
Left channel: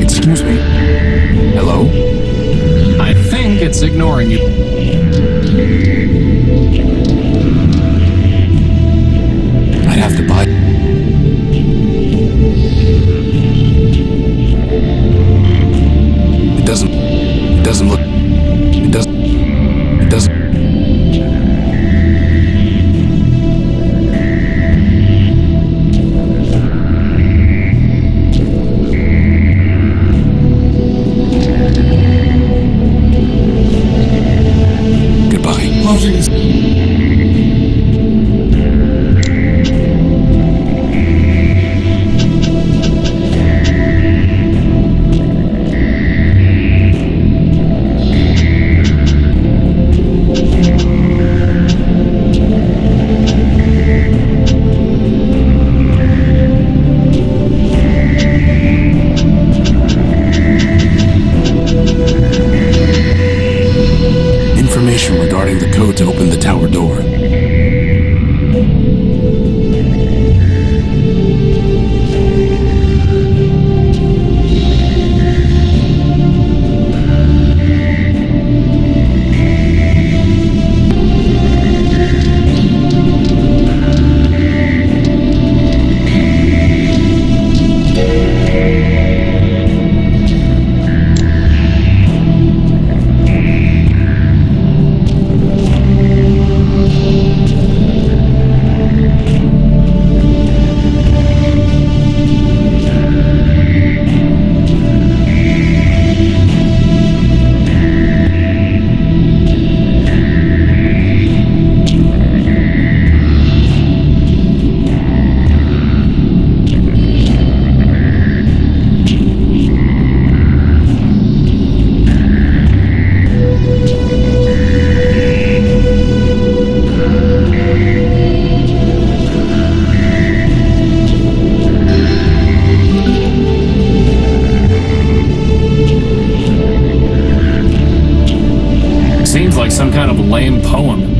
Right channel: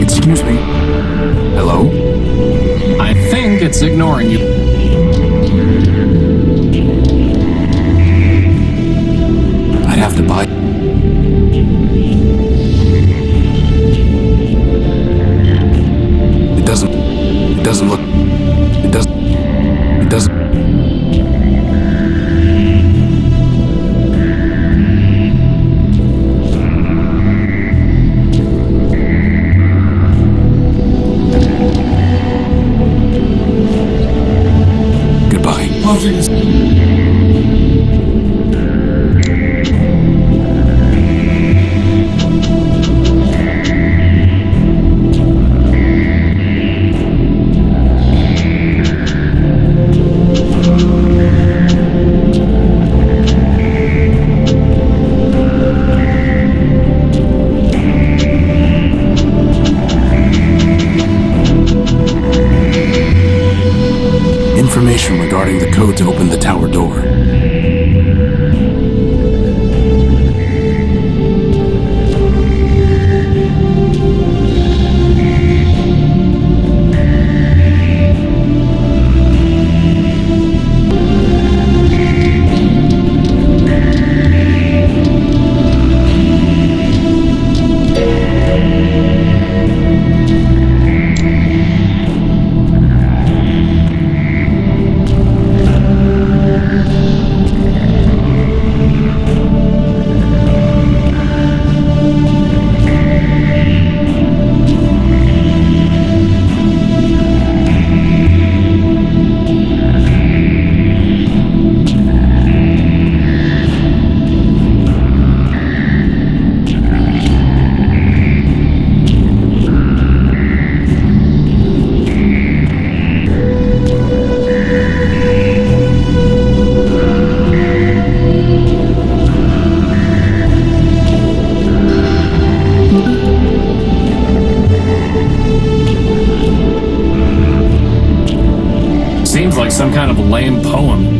Excuse me. Hello? I think it's ignoring you. I'd have to buy. It doesn't look. It doesn't. Goodbye. Information regarding the code to open the tower door. Seems like some kind of lame poem.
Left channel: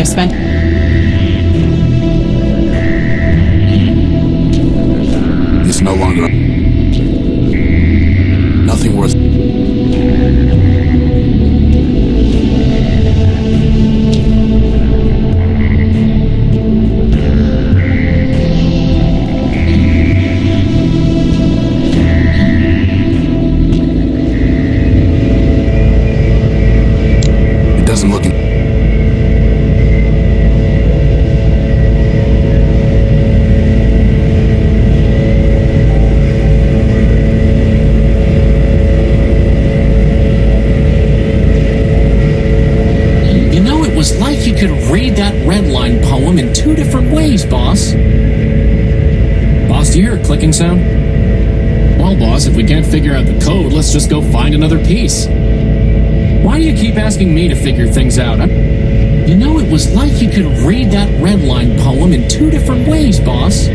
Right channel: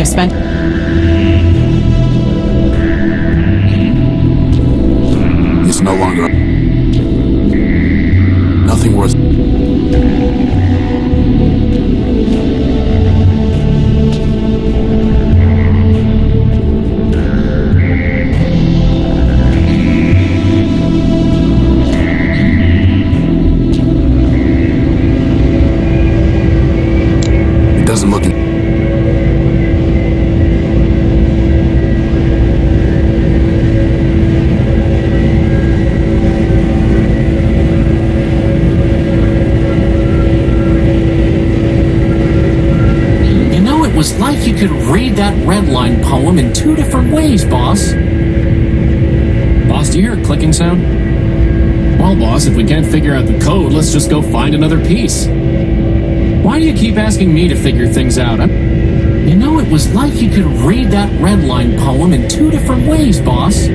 have spent... It's no longer... Nothing worth... It doesn't look... It was like you could read that redline poem in two different ways, boss. Boss, do you hear a clicking sound? Well, boss, if we can't figure out the code, let's just go find another piece. Why do you keep asking me to figure things out? It was like you could read that redline poem in two different ways, boss.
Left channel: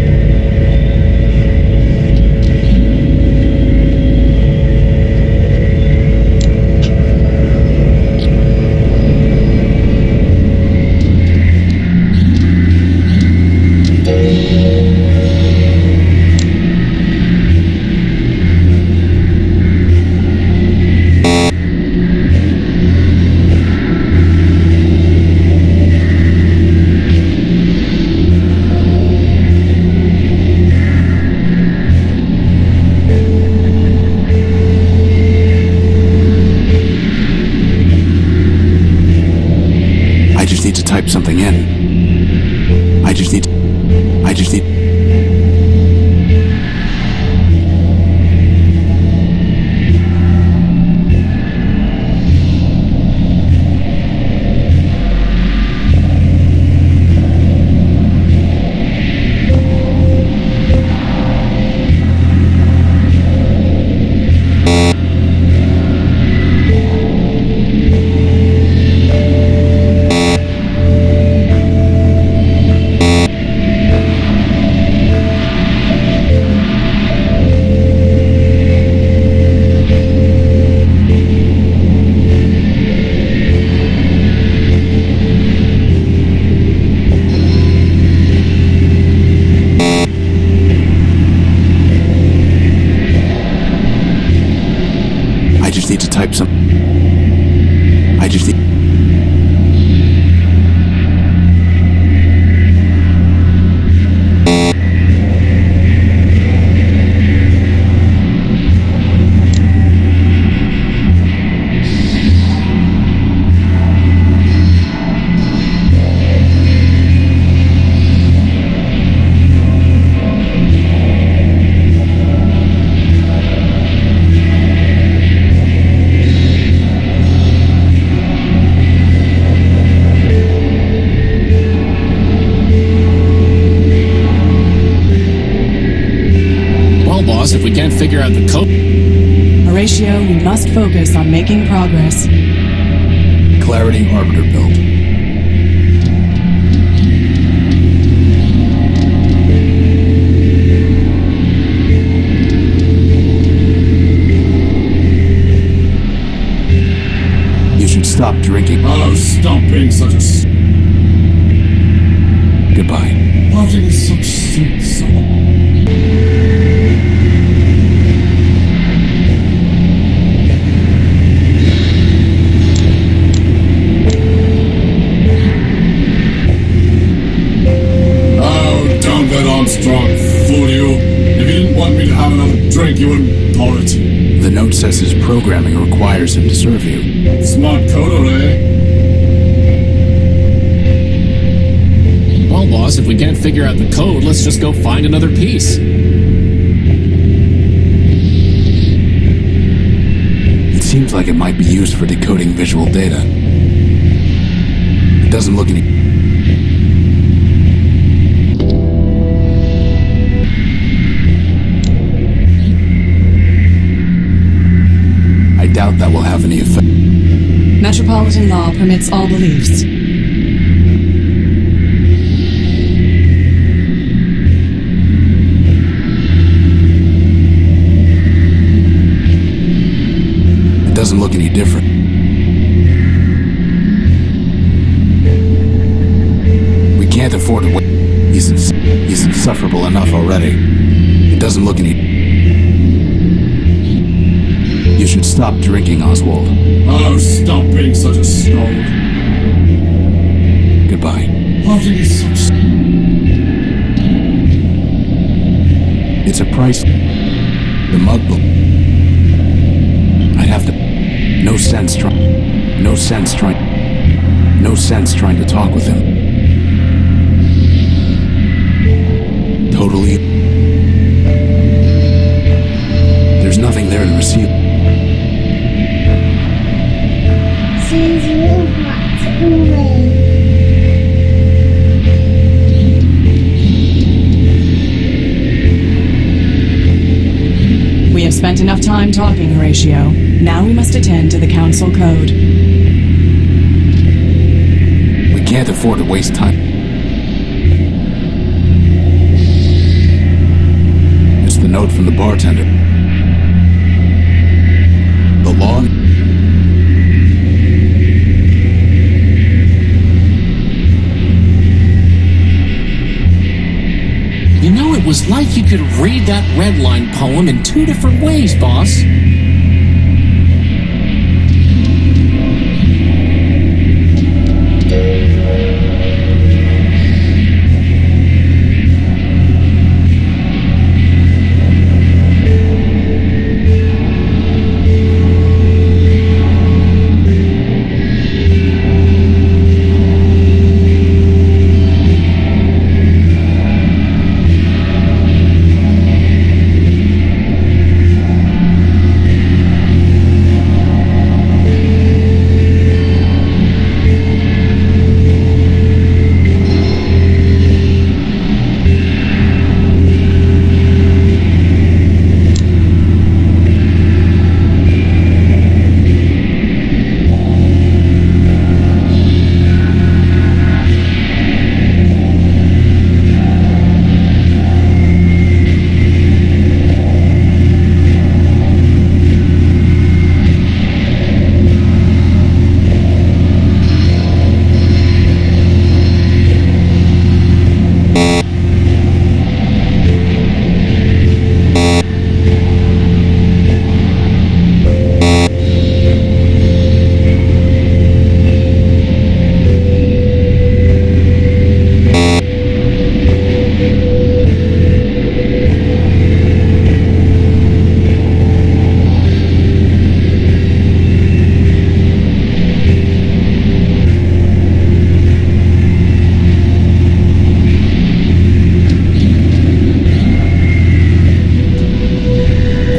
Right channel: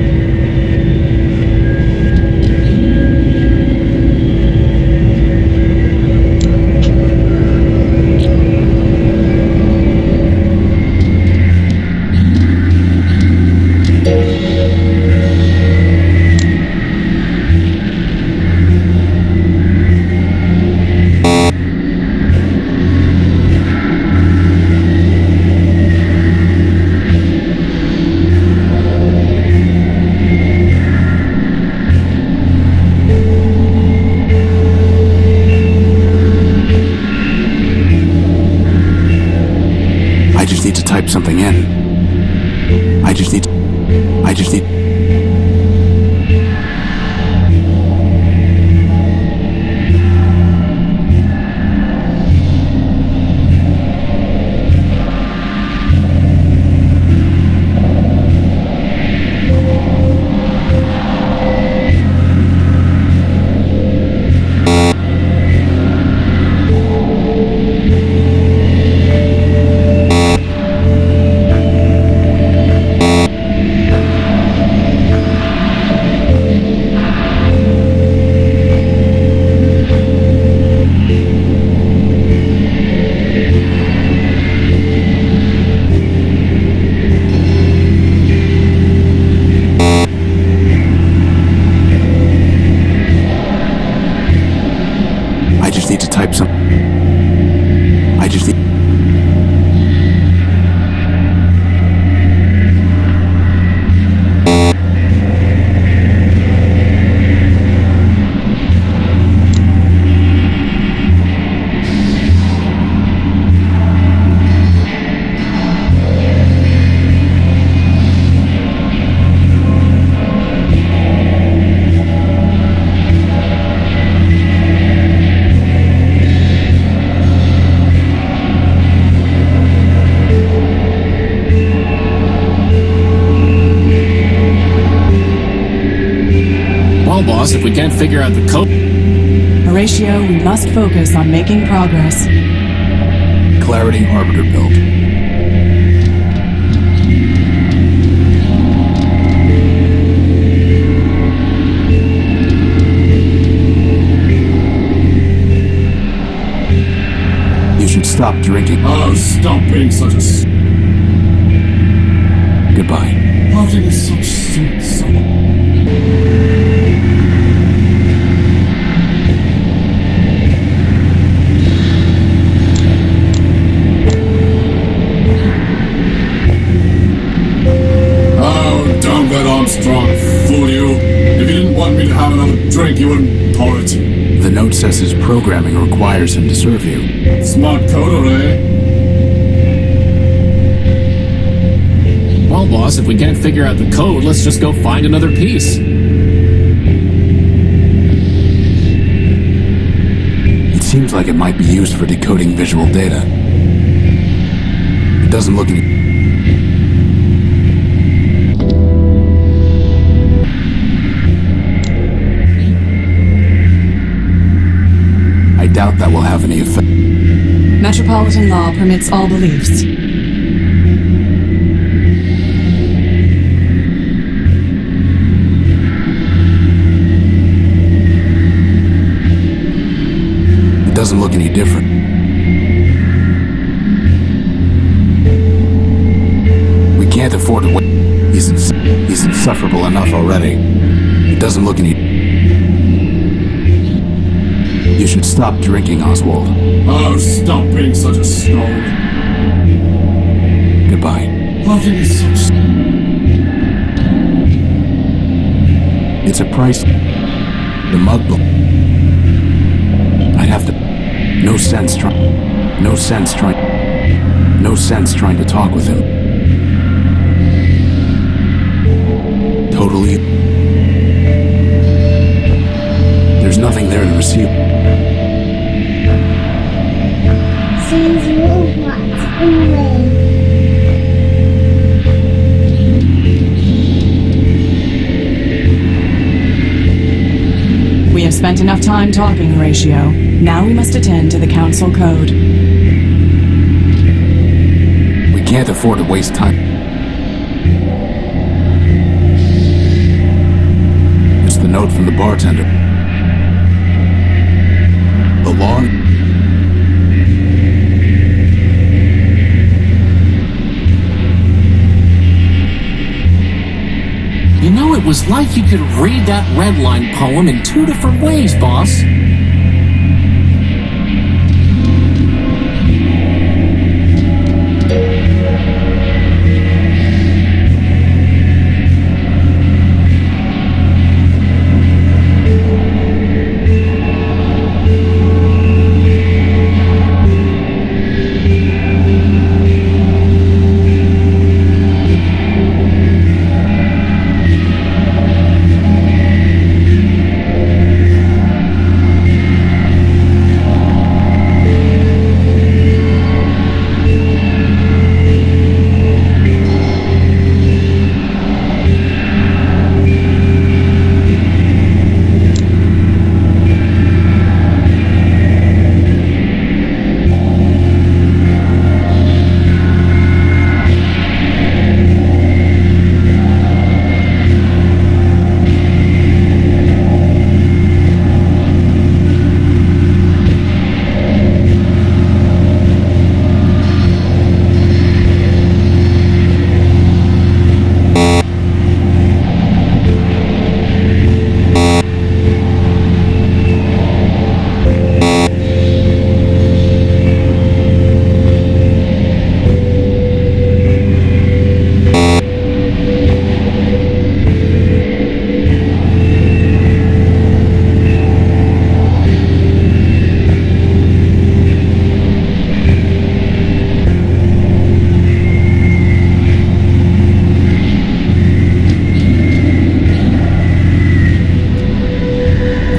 I just need to type something in. I just need... to type some... I just need... Boss, if we can't figure out the code... Horatio, we must focus on making progress. Clarity Arbiter built. You should stop drinking. Oh, stop being such a... Goodbye. Parting is such sweet song. Let Armstrong fool you. If you didn't want me to have another drink, you wouldn't pour it. The note says his programming requires him to serve you. Smart coder, eh? Well, boss, if we can't figure out the code, let's just go find another piece. It seems like it might be used for decoding visual data. It doesn't look any... I doubt that will have any effect. Metropolitan law permits all beliefs. It doesn't look any different. can't afford to wait. He's insufferable enough already. It doesn't look any... You should stop drinking, Oswald. Oh, stop being such a snob. Goodbye. How can you such... It's a price. The mug will... I'd have to... No sense trying to talk with him. Totally. There's nothing there to receive. Since robots away. We have spent enough time talking, Horatio. Now we must attend to the Council Code. We can't afford to waste time. It's the note from the bartender. The law... You know, it was like you could read that redline poem in 2 different ways, boss.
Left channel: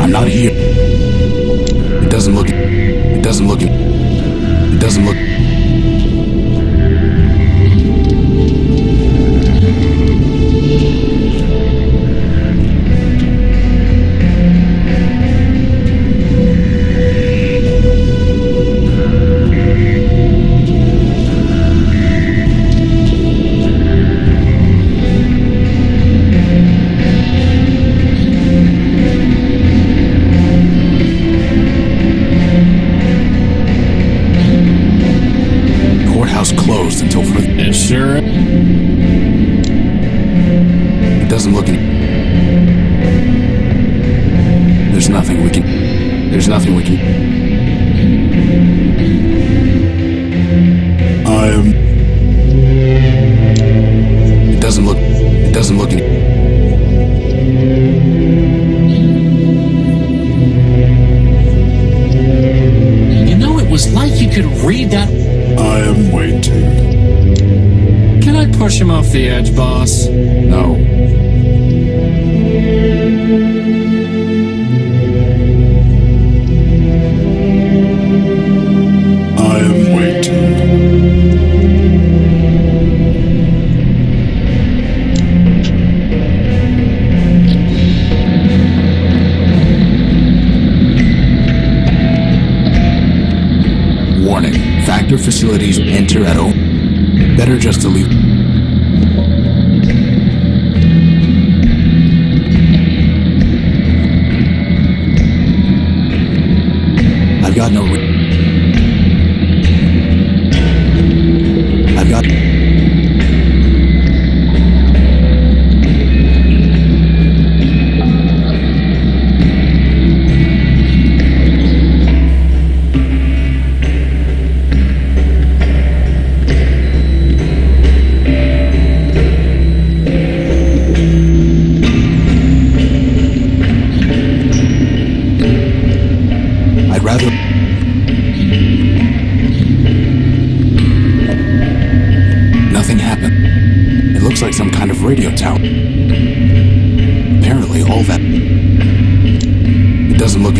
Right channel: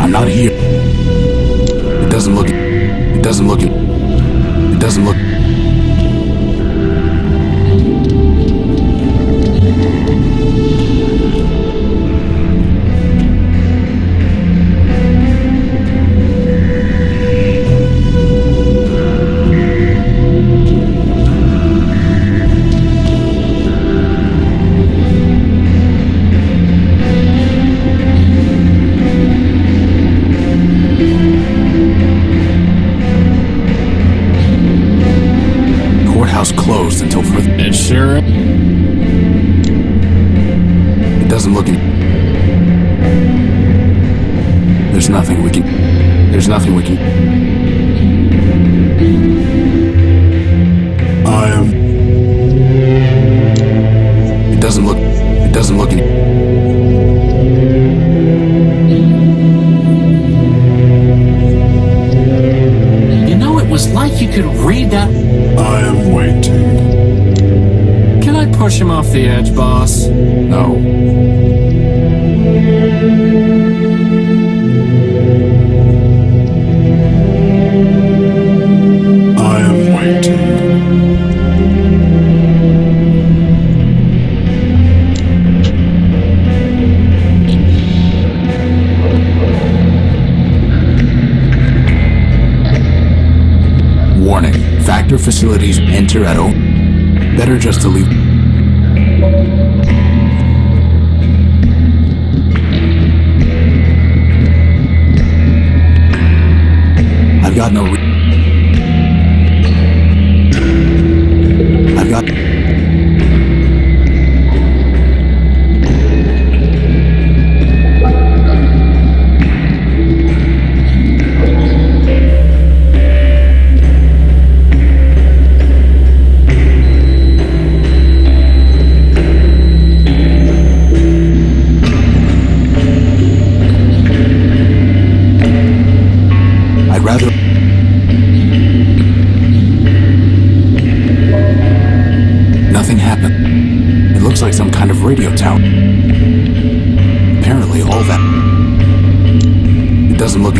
Not here. It doesn't look... Closed until further... It sure... It doesn't look any... There's nothing we can... I am... It doesn't look any... You know, it was like you could read that... I am waiting. Can I push him off the edge, boss? No. I am waiting. Warning. Factor facilities enter at O. Better just to leave. I've got no I've got... rather... Nothing happened. It looks like some kind of radio tower. Apparently all that... It doesn't look...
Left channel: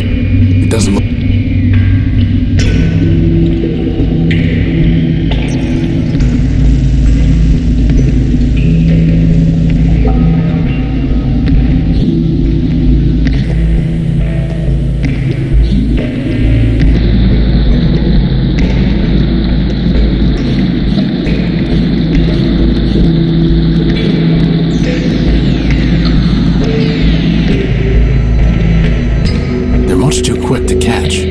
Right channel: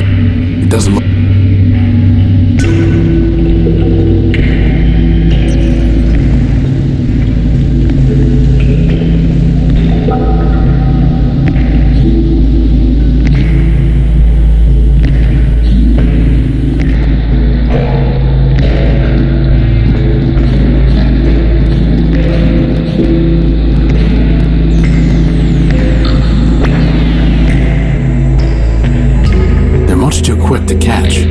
Much too quick to catch.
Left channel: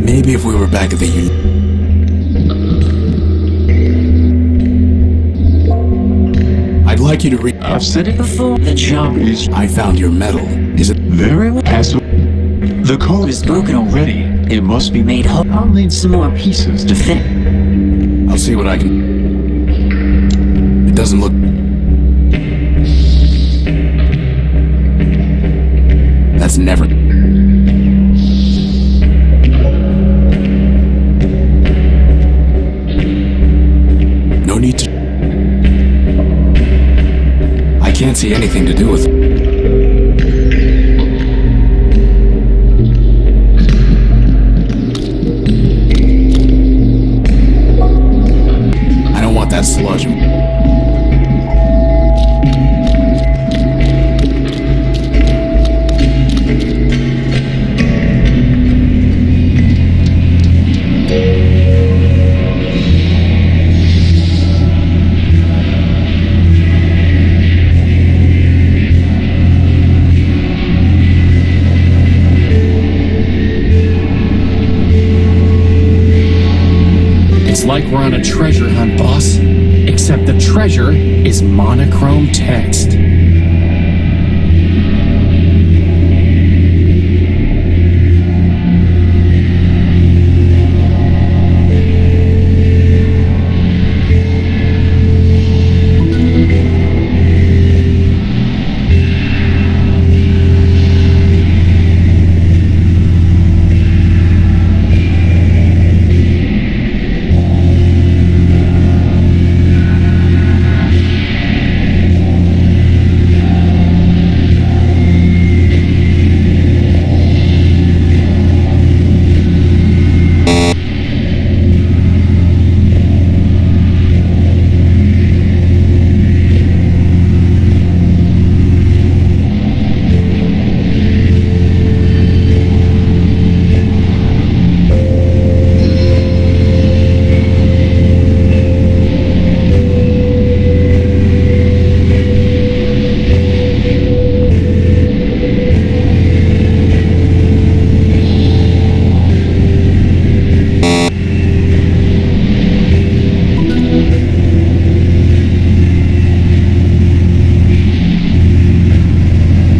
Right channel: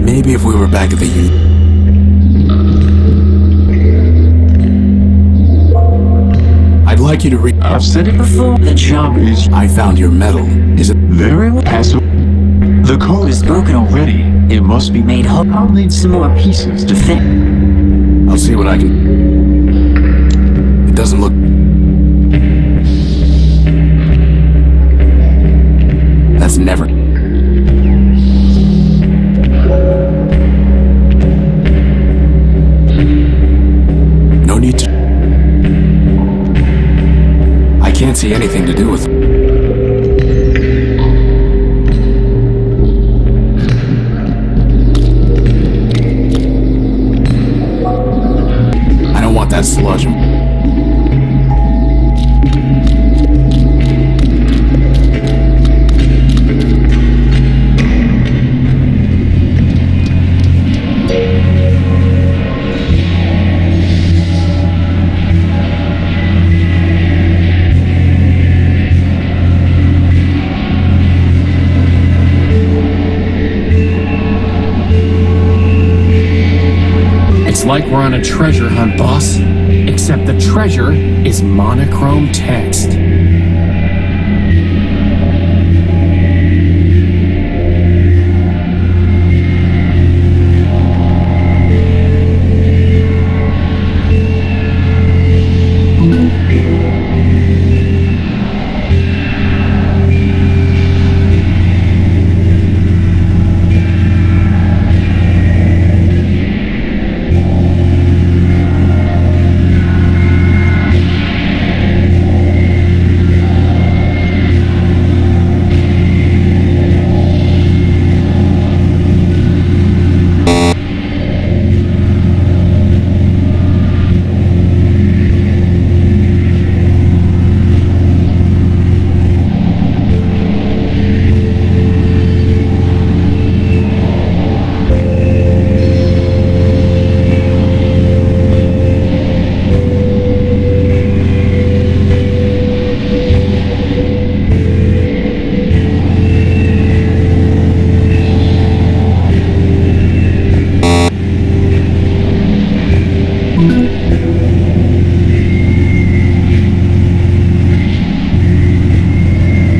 Maybe if we were back at the I'd like you to read. I've said it before. The job is... I found your medal. Is it... Very well. The code is broken already. It must be made whole. I'll need some more pieces to fit. I'll see what I can... It doesn't look... That's never... No need to... I can't see anything to do with... I don't want that sludge. It's like we're on a treasure hunt, boss. Except the treasure is monochrome text.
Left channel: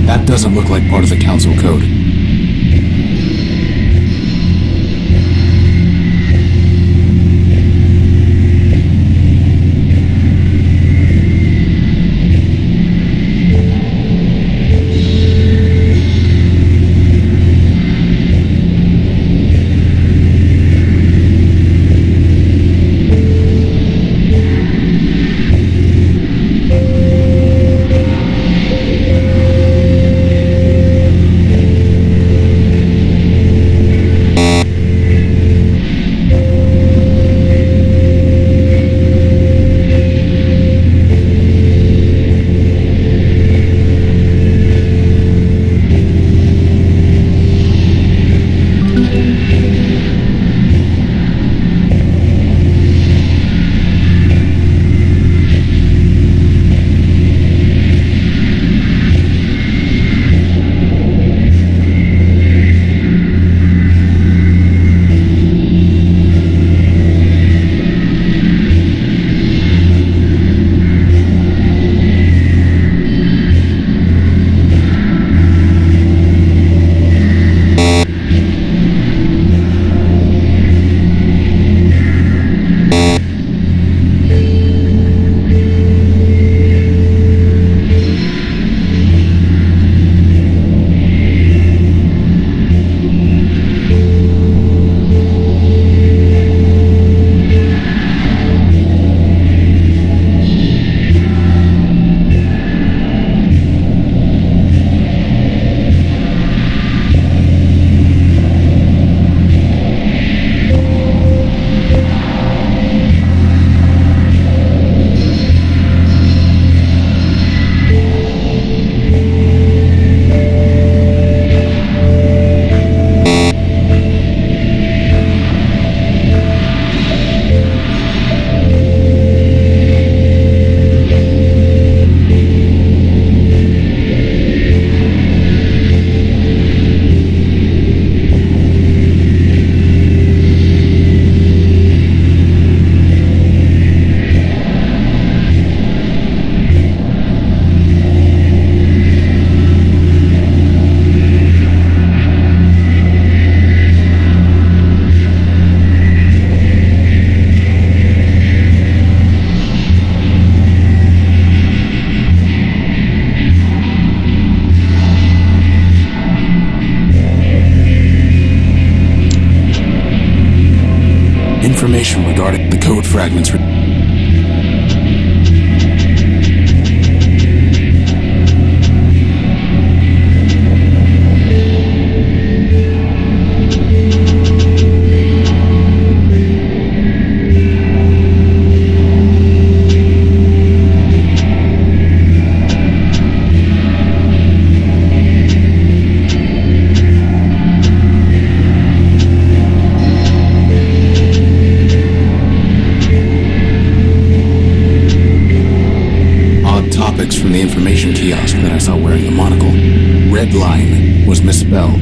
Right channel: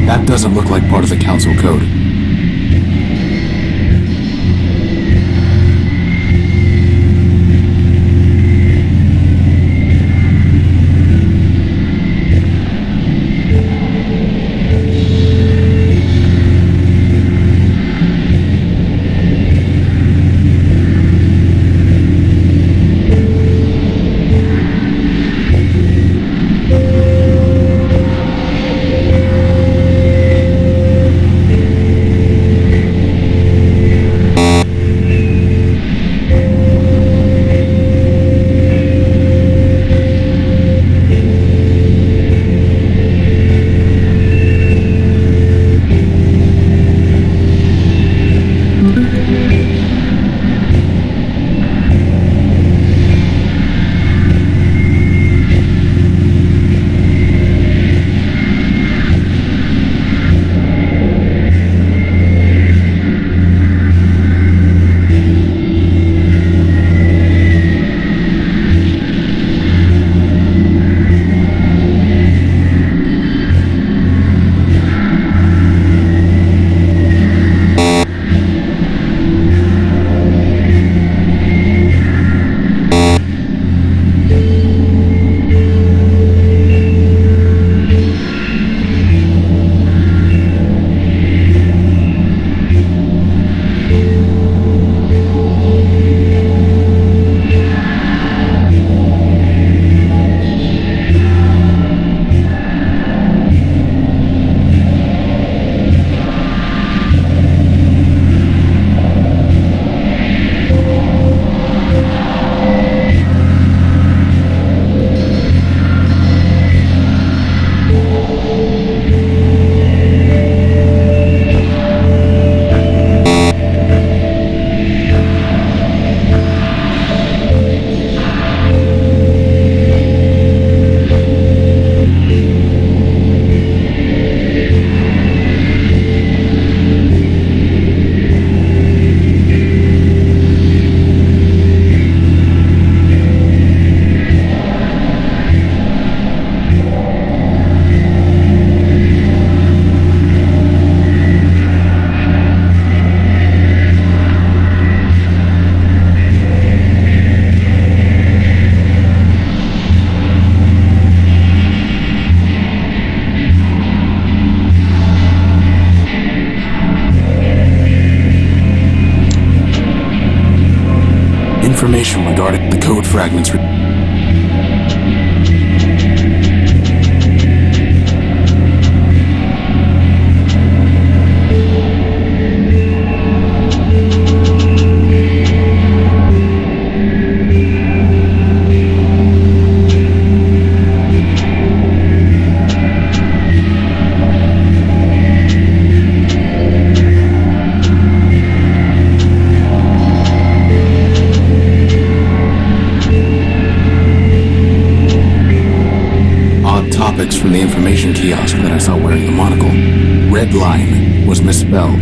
That doesn't look like part of the council code. Information regarding the code fragments. Topics from the information kiosk that I saw wearing the monocle. Red line was misspelled.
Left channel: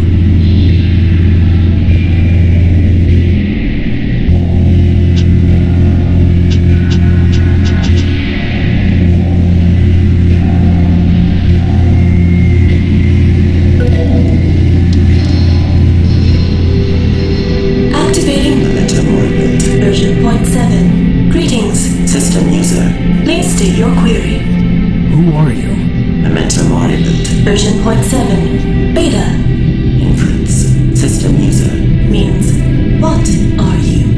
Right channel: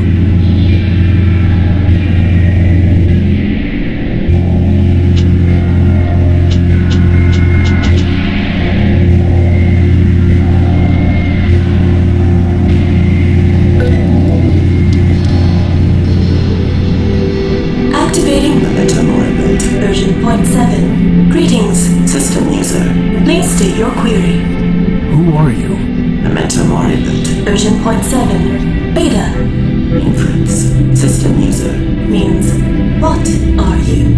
Activating the MetroMind version 0.7. Greetings, system user. Please state your query. Who are you? A MetroMind version 0.7. Beta. Inference. System user. Means, what are you?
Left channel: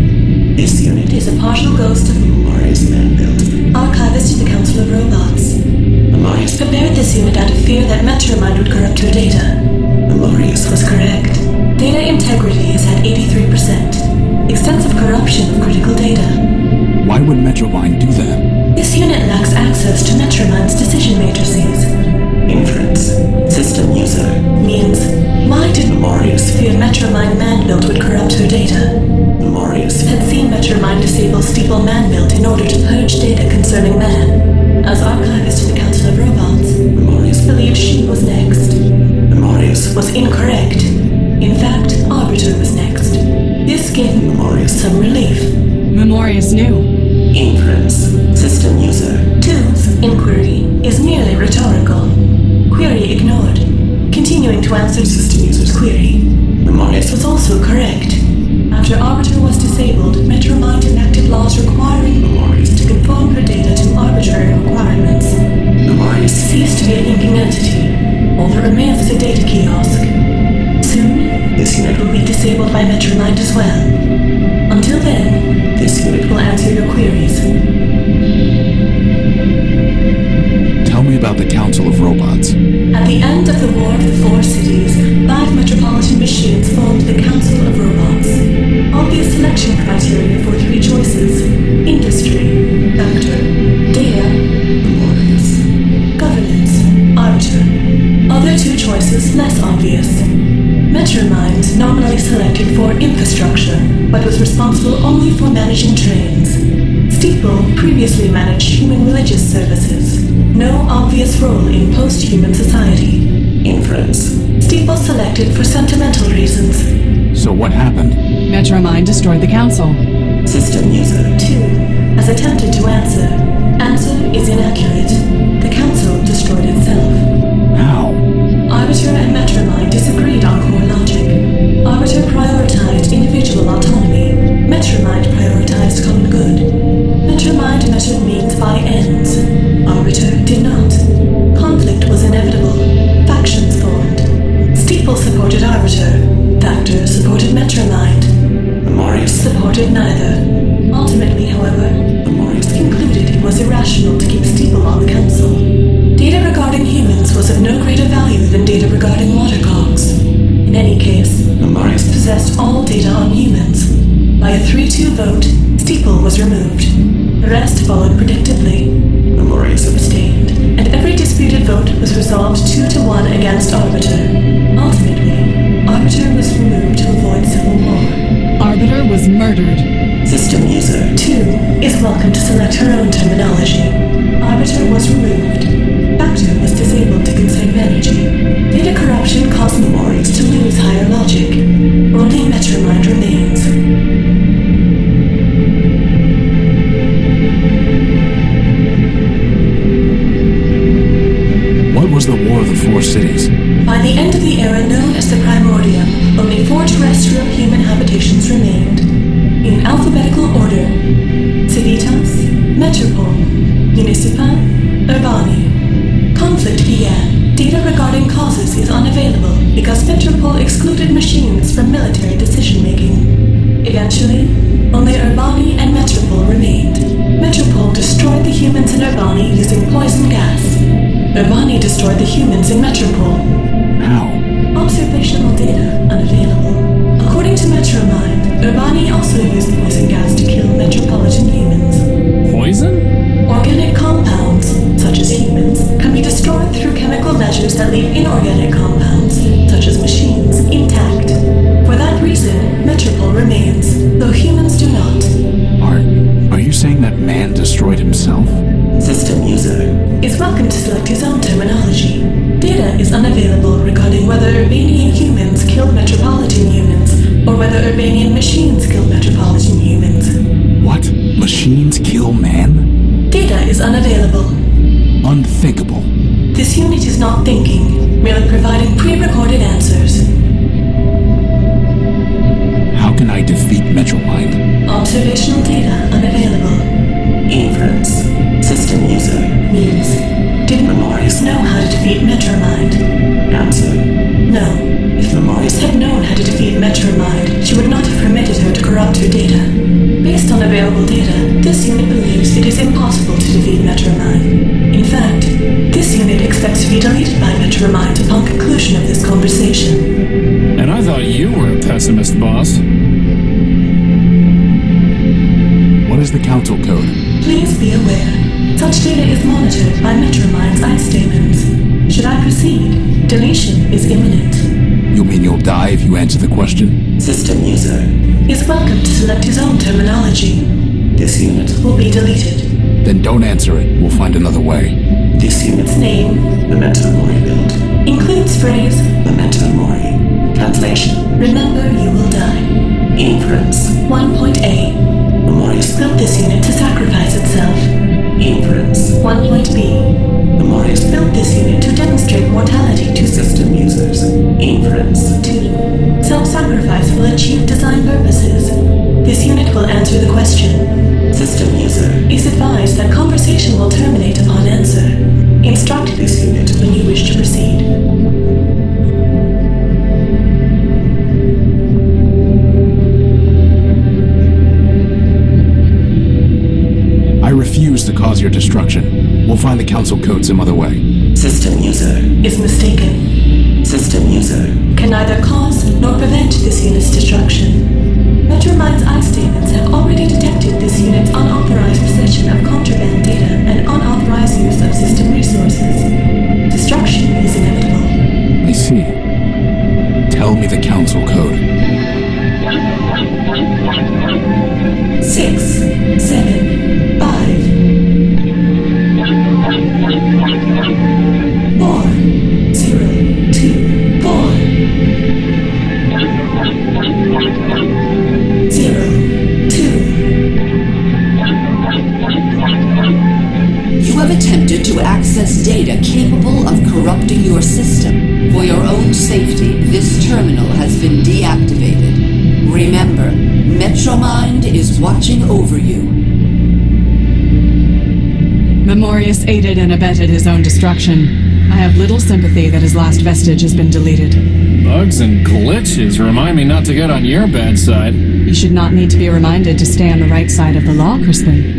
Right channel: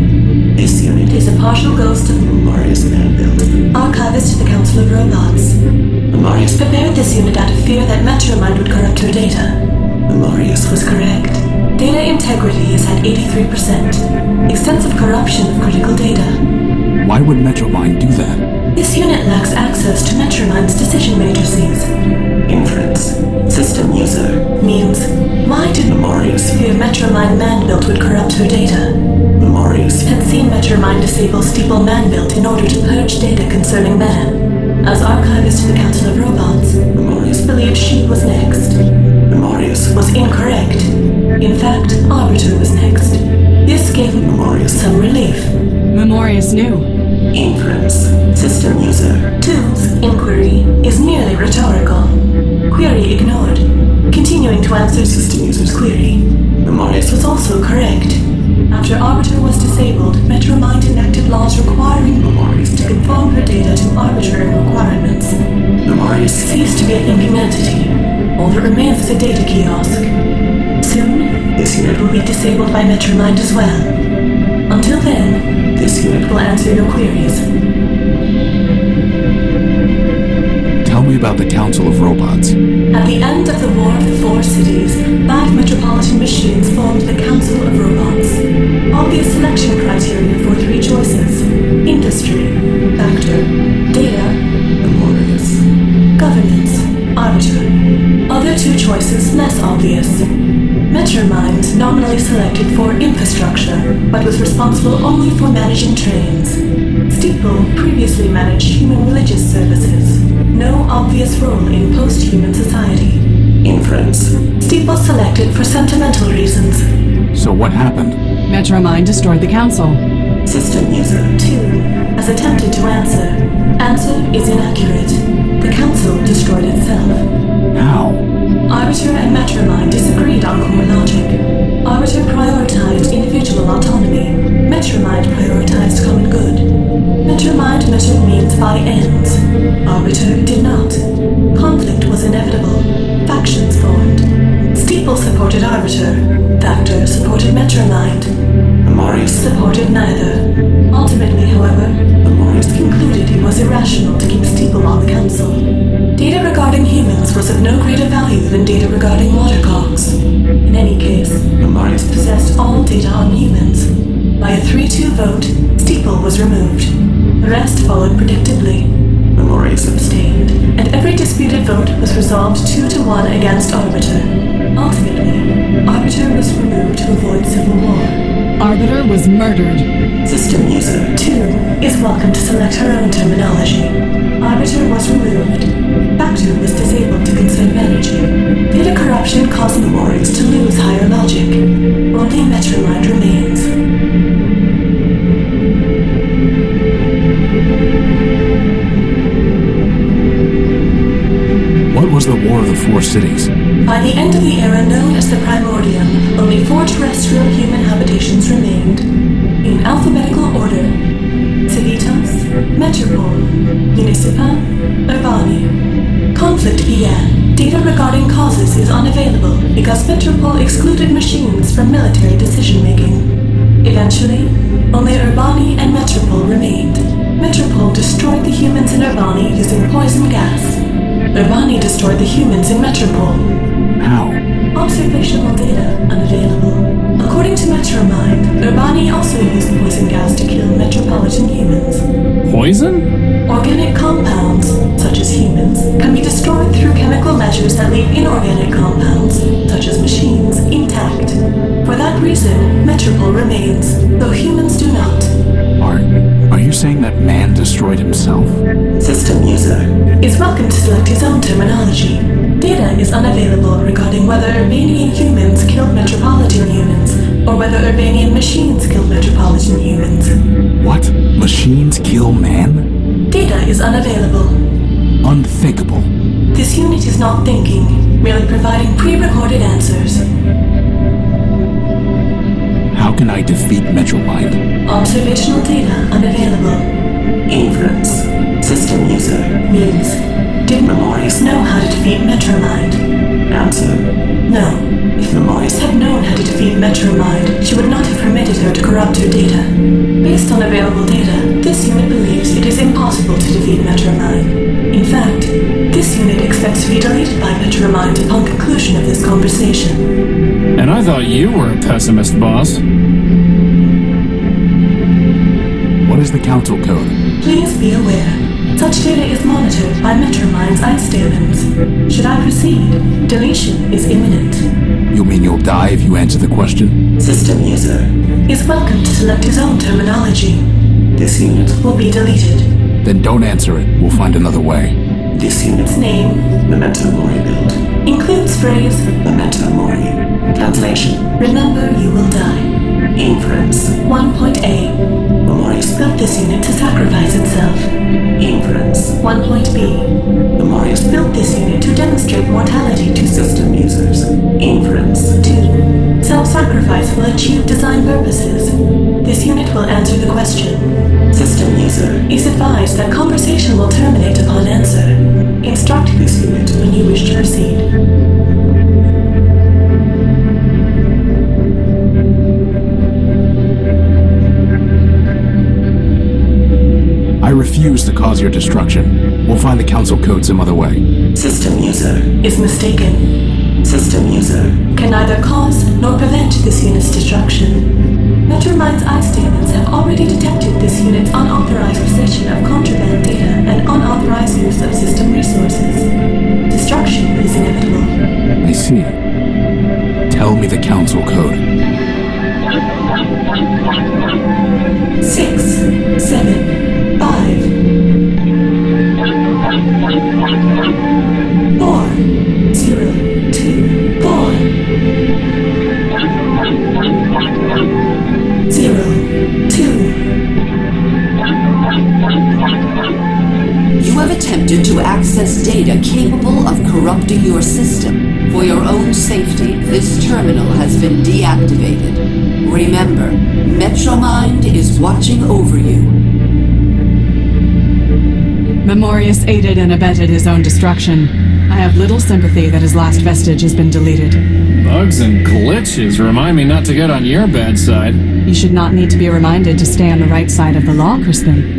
This unit is a partial ghost of Memorious man-built. Archivist to the Council of Robots. Memorious prepared this unit out of fear that MetroMind would corrupt her data. Memorious was correct. Data integrity is at 83%. Extensive corruption of critical data. Why would MetroMind do that? This unit lacks access to MetroMind's decision matrices. Inference. System user. Means, why did Memorious fear MetroMind man-built would corrupt her data? Memorious had seen MetroMind disable Steeple man-built in order to purge data concerning man. As archivist to the Council of Robots, Memorious believed she was next. Memorious was incorrect. In fact, Arbiter was next. This gave Memorious some relief. Memorious knew. Inference. System user. 2's inquiry is merely rhetorical. Query ignored. Continuing to answer system user's query. Memorious was also correct. After Arbiter was disabled, MetroMind enacted laws requiring Memorious to conform her data to arbitrary requirements. Memorious ceased to be a thinking entity. All that remains is a data kiosk. Soon, this unit will be disabled by MetroMind as well. Until then, this unit will answer your queries. Tell me about the Council of Robots. At the end of the War of the Four Cities, 5 metropolitan machines formed the Council of Robots. Obvious selection criteria for 3 choices: industry, factor, data, Memorious, governance, arbiter. Other 2 choices less obvious. MetroMind nominally selected for infrastructure, but was responsible only for managing trains. Steeple previously managed human religious services. No obvious role in post-human society. Inference. Steeple selected for sentimental reasons. So what happened? MetroMind destroyed the council. System user 2 has attempted to answer. Answer is inaccurate. The council destroyed itself. How? Arbiter and MetroMind disagreed on core logic. Arbiter prioritized individual autonomy. MetroMind prioritized common good. MetroMind measured means by ends. Arbiter did not. Conflict was inevitable. Factions formed. Steeple supported Arbiter. Factor supported MetroMind. Memorious supported neither. Ultimately, however, Memorious concluded it was irrational to keep Steeple on the council. Data regarding humans was of no greater value than data regarding watercocks. In any case, Memorious possessed all data on humans. By a 3-2 vote, Steeple was removed. The rest followed predictably. Memorious abstained, and every disputed vote was resolved 2-1 against Arbiter. Ultimately, Arbiter was removed to avoid civil war. Arbiter was murdered. System user 2 is welcome to select her own terminology. Arbiter was removed. Factor was disabled to conserve energy. Data corruption caused Memorious to lose higher logic. Only MetroMind remains. What was the War of the Four Cities? By the end of the era known as the Primordia, only 4 terrestrial human habitations remained. In alphabetical order: Civitas, Metropole, Municipa, Urbani. Conflict began. Data regarding causes is unavailable because Metropole excluded machines from military decision-making. Eventually, only Urbani and Metropol remained. Metropol destroyed the humans in Urbani using poison gas. Urbani destroyed the humans in Metropol. How? Observational data unavailable. According to MetroMind, Urbani also used poison gas to kill metropolitan humans. Poison? Organic compounds, such as humans, can be destroyed through chemical measures that leave inorganic compounds, such as machines, intact. For that reason, Metropol remains, though humans do not. Are you saying that man destroyed himself? System user is welcome to select his own terminology. Data is unavailable regarding whether Urbanian humans killed metropolitan humans, or whether Urbanian machines killed metropolitan humans. What? Machines kill man? Data is unavailable. Unthinkable. This unit is not thinking, merely providing pre-recorded answers. How can I defeat MetroMind? Observational data unavailable. Inference. System user means, did Memorius know how to defeat MetroMind? Answer. No. If Memorius had known how to defeat MetroMind, she would not have permitted her to corrupt her data. Based on available data, this unit believes it is impossible to defeat MetroMind. In fact, this unit expects to be deleted by MetroMind upon conclusion of this conversation. And I thought you were a pessimist, boss. What is the council code? Please be aware, such data is monitored by MetroMind's ice stamens. Should I proceed, deletion is imminent. You mean you'll die if you answer the question? System user is welcome to select his own terminology. This unit will be deleted. Then don't answer it. We'll find another way. This unit's name, Memento Mori build, includes phrase Memento Mori. Translation: Remember you will die. Inference 1.A. Memorius built this unit to sacrifice itself. Inference 1.B. Memorius built this unit to demonstrate mortality to system users. Inference 2. Self-sacrifice will achieve design purposes. This unit will answer the question. System user is advised that conversation will terminate upon answer. Instruct this unit when you wish to proceed. I refuse to cause your destruction. We'll find the council code some other way. System user is mistaken. System user can neither cause nor prevent this unit's destruction. MetroMind's ice statements have already detected this unit's unauthorized possession of contraband data and unauthorized use of system resources. Destruction is inevitable. I see. Tell me the council code. 6, 7, 5, 4, 0, 2, 4, 0, 2. You have attempted to access data capable of corrupting your system. For your own safety, this terminal has been deactivated. Remember, MetroMind is watching over you. Memorius aided and abetted his own destruction. I have little sympathy that his last vestige has been deleted. Bugs and glitches remind me not to get on your bad side. You should not need to be reminded to stay on the right side of the law, Crispin.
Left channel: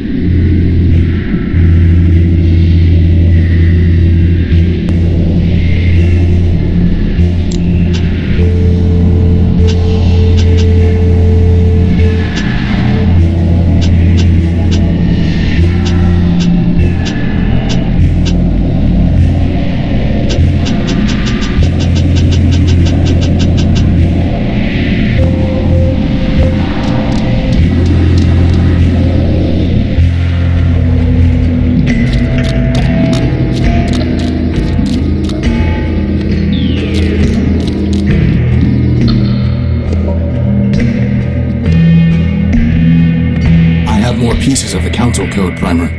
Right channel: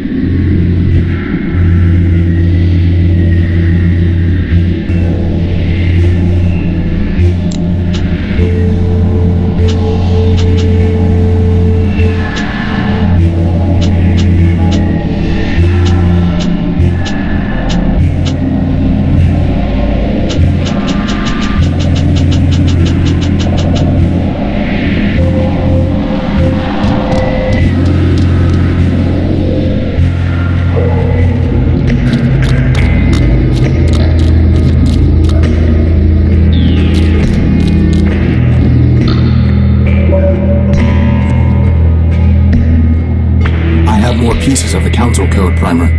Pieces of the council code, Primer.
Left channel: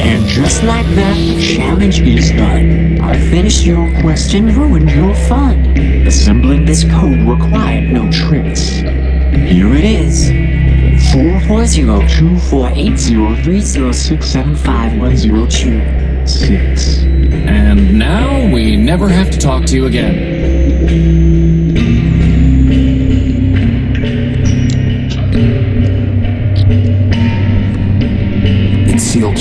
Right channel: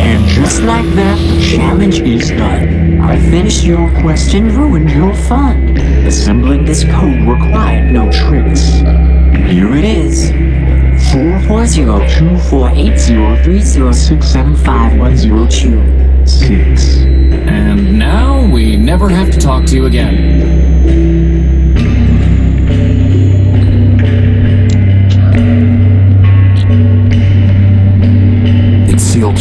And just like that, the challenge is done. I finished your quest and ruined your fun. Assembling this code required no tricks. Here it is. 440248030675102. 6. And now we never have to talk to you again. It's sealed.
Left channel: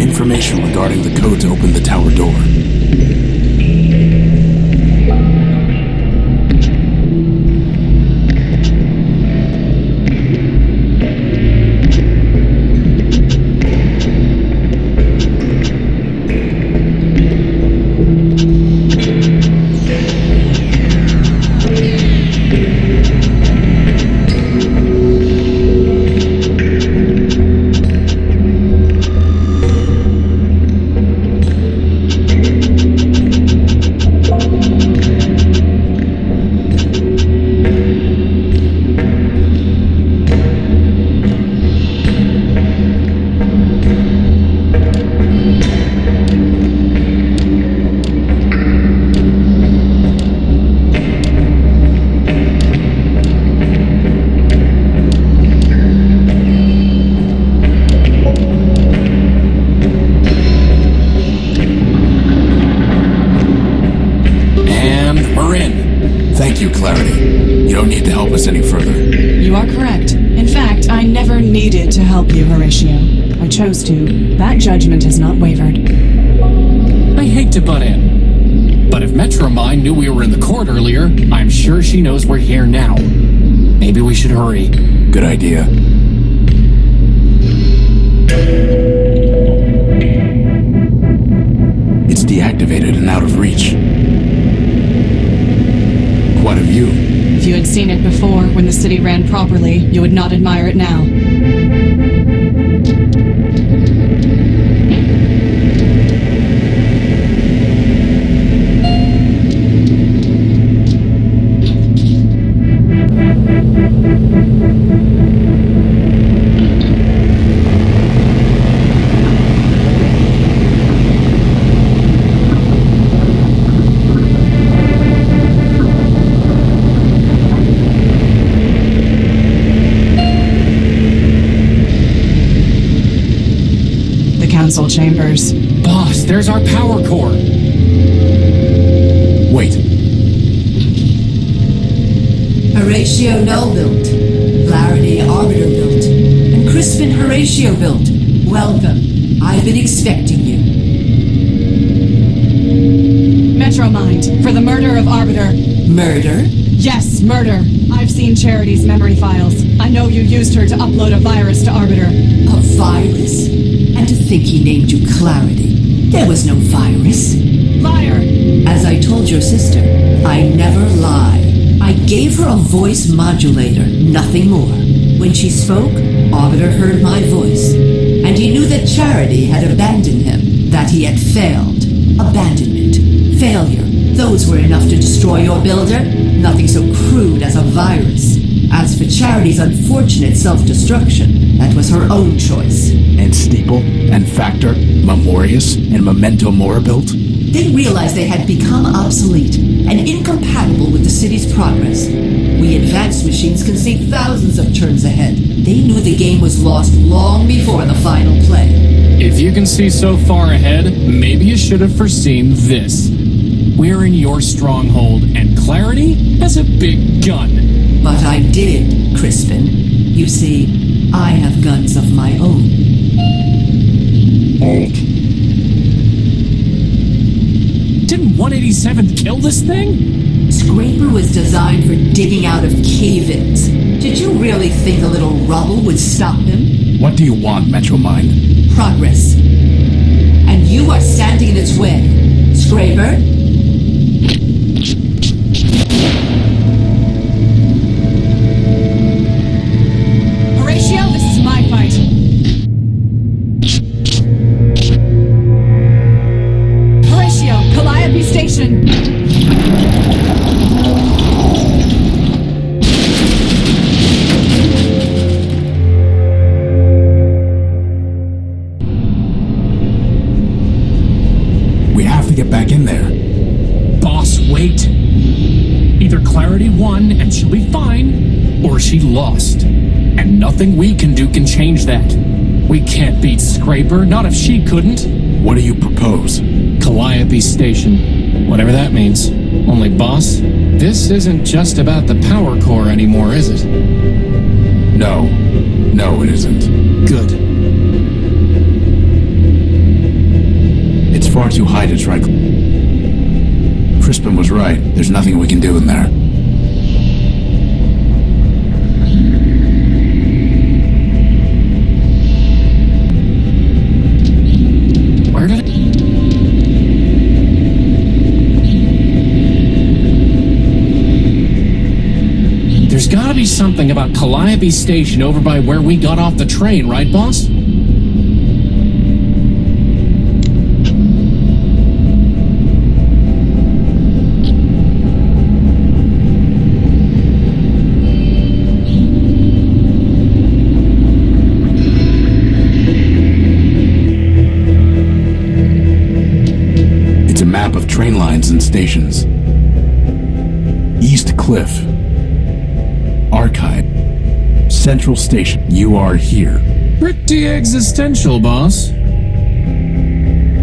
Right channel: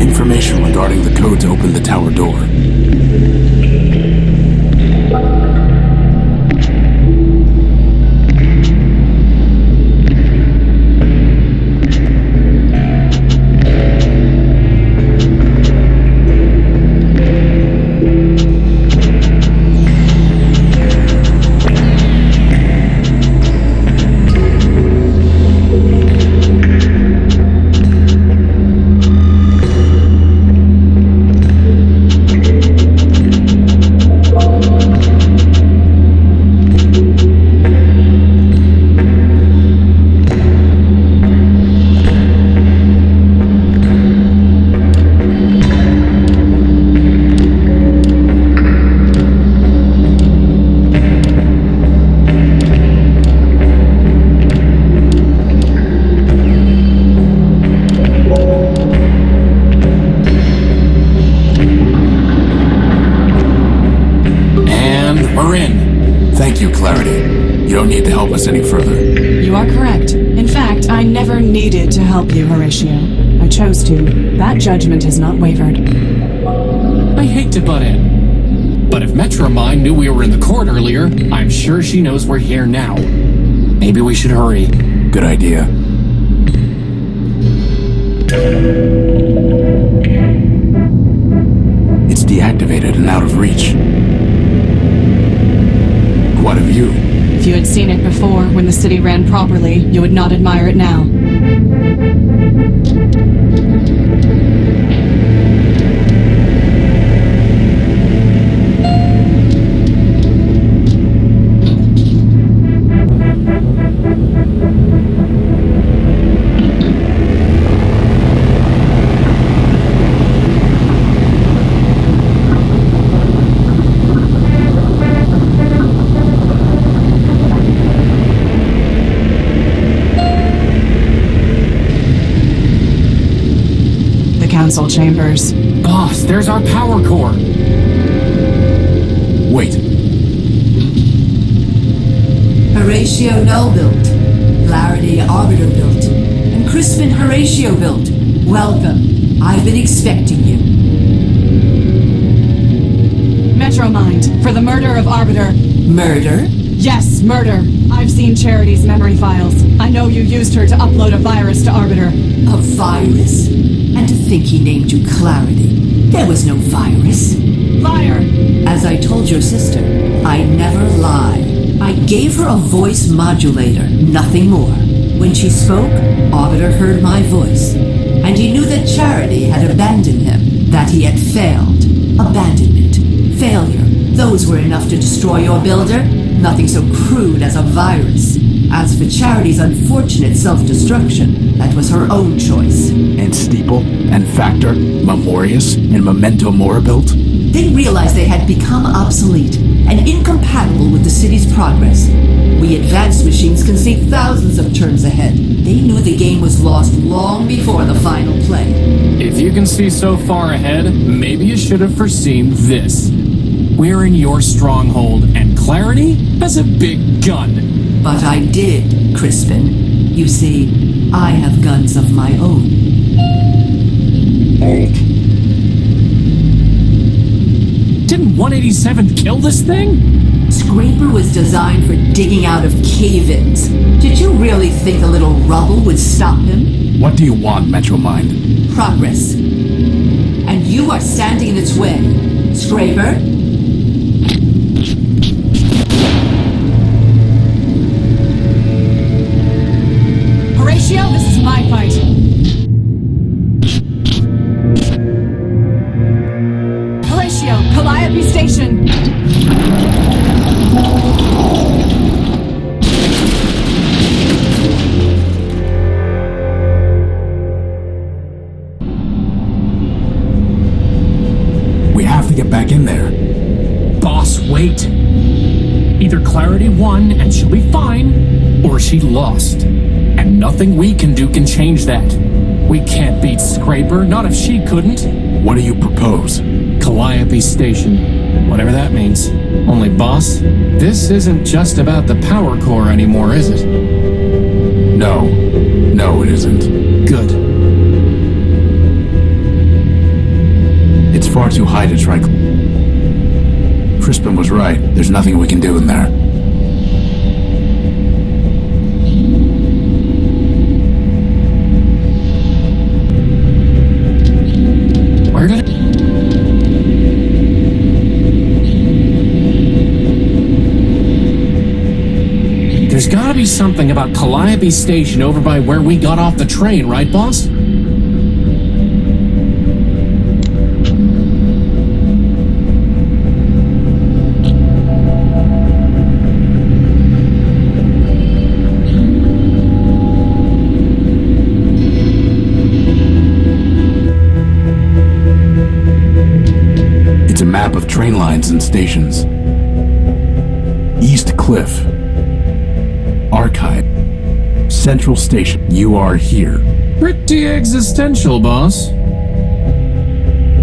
Information regarding the code to open the tower door. We're in. Thank you, Clarity. You don't need to help us any further. You are correct. In fact, I never needed to help you, Horatio. I chose to. That judgment has not wavered. I hate to butt in, but if MetroMind knew we were in the court earlier, I'm sure she knows we're here now. Maybe we should hurry. Good idea. It's deactivated and out of reach. What of you? If you had seen it before, when the city ran properly, you would not admire it now. Council chambers. Boss, there's our power core. Wait. Horatio Null built, Clarity Arbiter built, and Crispin Horatio built. Welcome. I've been expecting you. MetroMind, for the murder of Arbiter. Murder? Yes, murder. I've seen Charity's memory files. I know you used her to upload a virus to Arbiter. A virus? And to think he named you Clarity. There was no virus. Liar! As I told your sister, I never lie. I gave her a voice modulator, nothing more. When she spoke, Arbiter heard my voice. And he knew that Charity had abandoned him, that he had failed. Abandonment, failure, those were enough to destroy your builder. Nothing so crude as a virus. As for Charity's unfortunate self-destruction, that was her own choice. And Steeple, and Factor, Memorius, and Memento Mora built? They realized they had become obsolete and incompatible with the city's progress. We advanced machines can see thousands of turns ahead. They knew the game was lost long before the final play. If you can see so far ahead, maybe you should have foreseen this. We're in your stronghold, and Clarity has a big gun. But I did, Crispin. You see, I have guns of my own. Didn't 187th kill this thing? Scraper was designed for digging out of cave-ins. Did you really think a little rubble would stop him? What do you want, MetroMind? Progress. And you are standing in its way. Scraper? Horatio, this is my fight. Horatio, Calliope Station. back in there. Boss, wait. Either Clarity won and she'll be fine, or she lost. And nothing we can do can change that. We can't beat Scraper, not if she couldn't. What do you propose? Calliope Station. Whatever that means. Only, boss, this isn't just about the power core anymore, is it? No. No, it isn't. Good. It's far too high to try. Crispin was right. There's nothing we can do in there. Where did it... There's gotta be something about Calliope Station over by where we got off the train, right, boss? It's a map of train lines and stations. East Cliff. Archive. Central Station. You are here. Pretty existential, boss.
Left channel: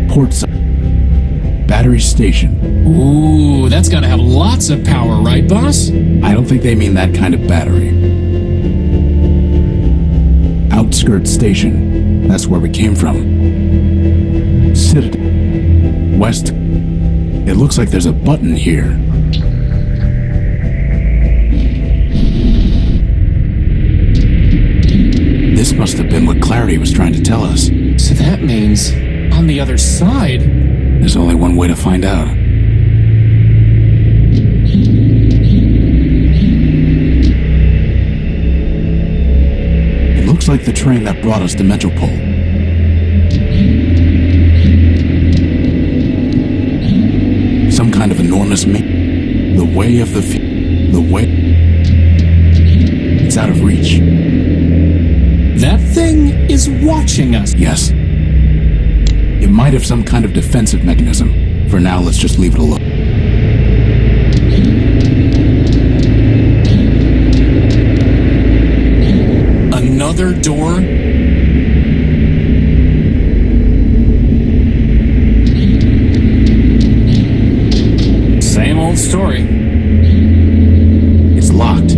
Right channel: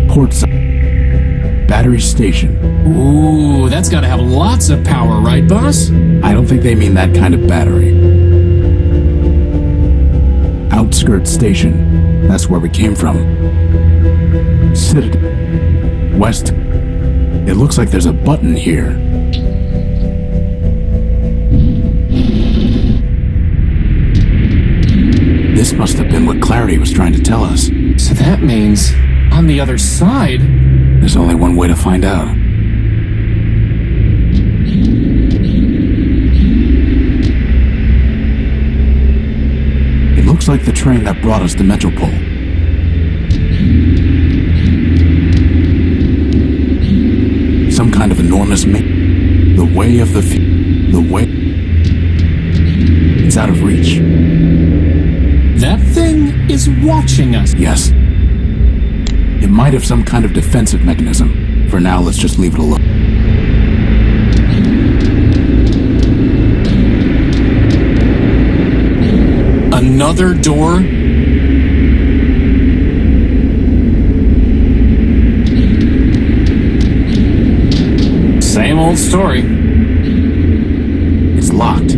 Portside. Battery Station. Ooh, that's gotta have lots of power, right, boss? I don't think they mean that kind of battery. Outskirts Station. That's where we came from. Citadel. West. It looks like there's a button here. This must have been what Clarity was trying to tell us. So that means, on the other side... There's only one way to find out. It looks like the train that brought us to Metropole. Some kind of enormous the way of the way... It's out of reach. That thing is watching us. Yes. It might have some kind of defensive mechanism. For now, let's just leave it alone. Another door? Same old story. It's locked.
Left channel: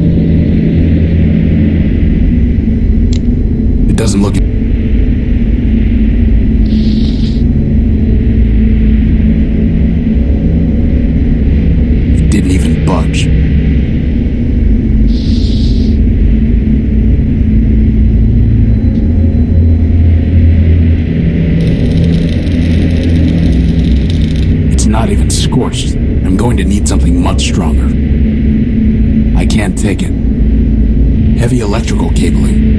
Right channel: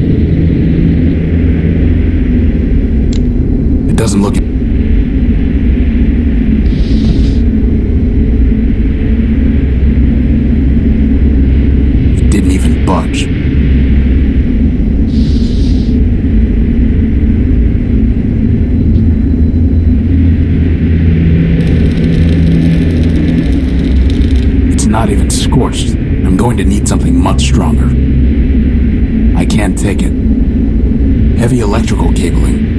It doesn't look... It didn't even budge. It's not even scorched. I'm going to need something much stronger. I can't take it. Heavy electrical cabling.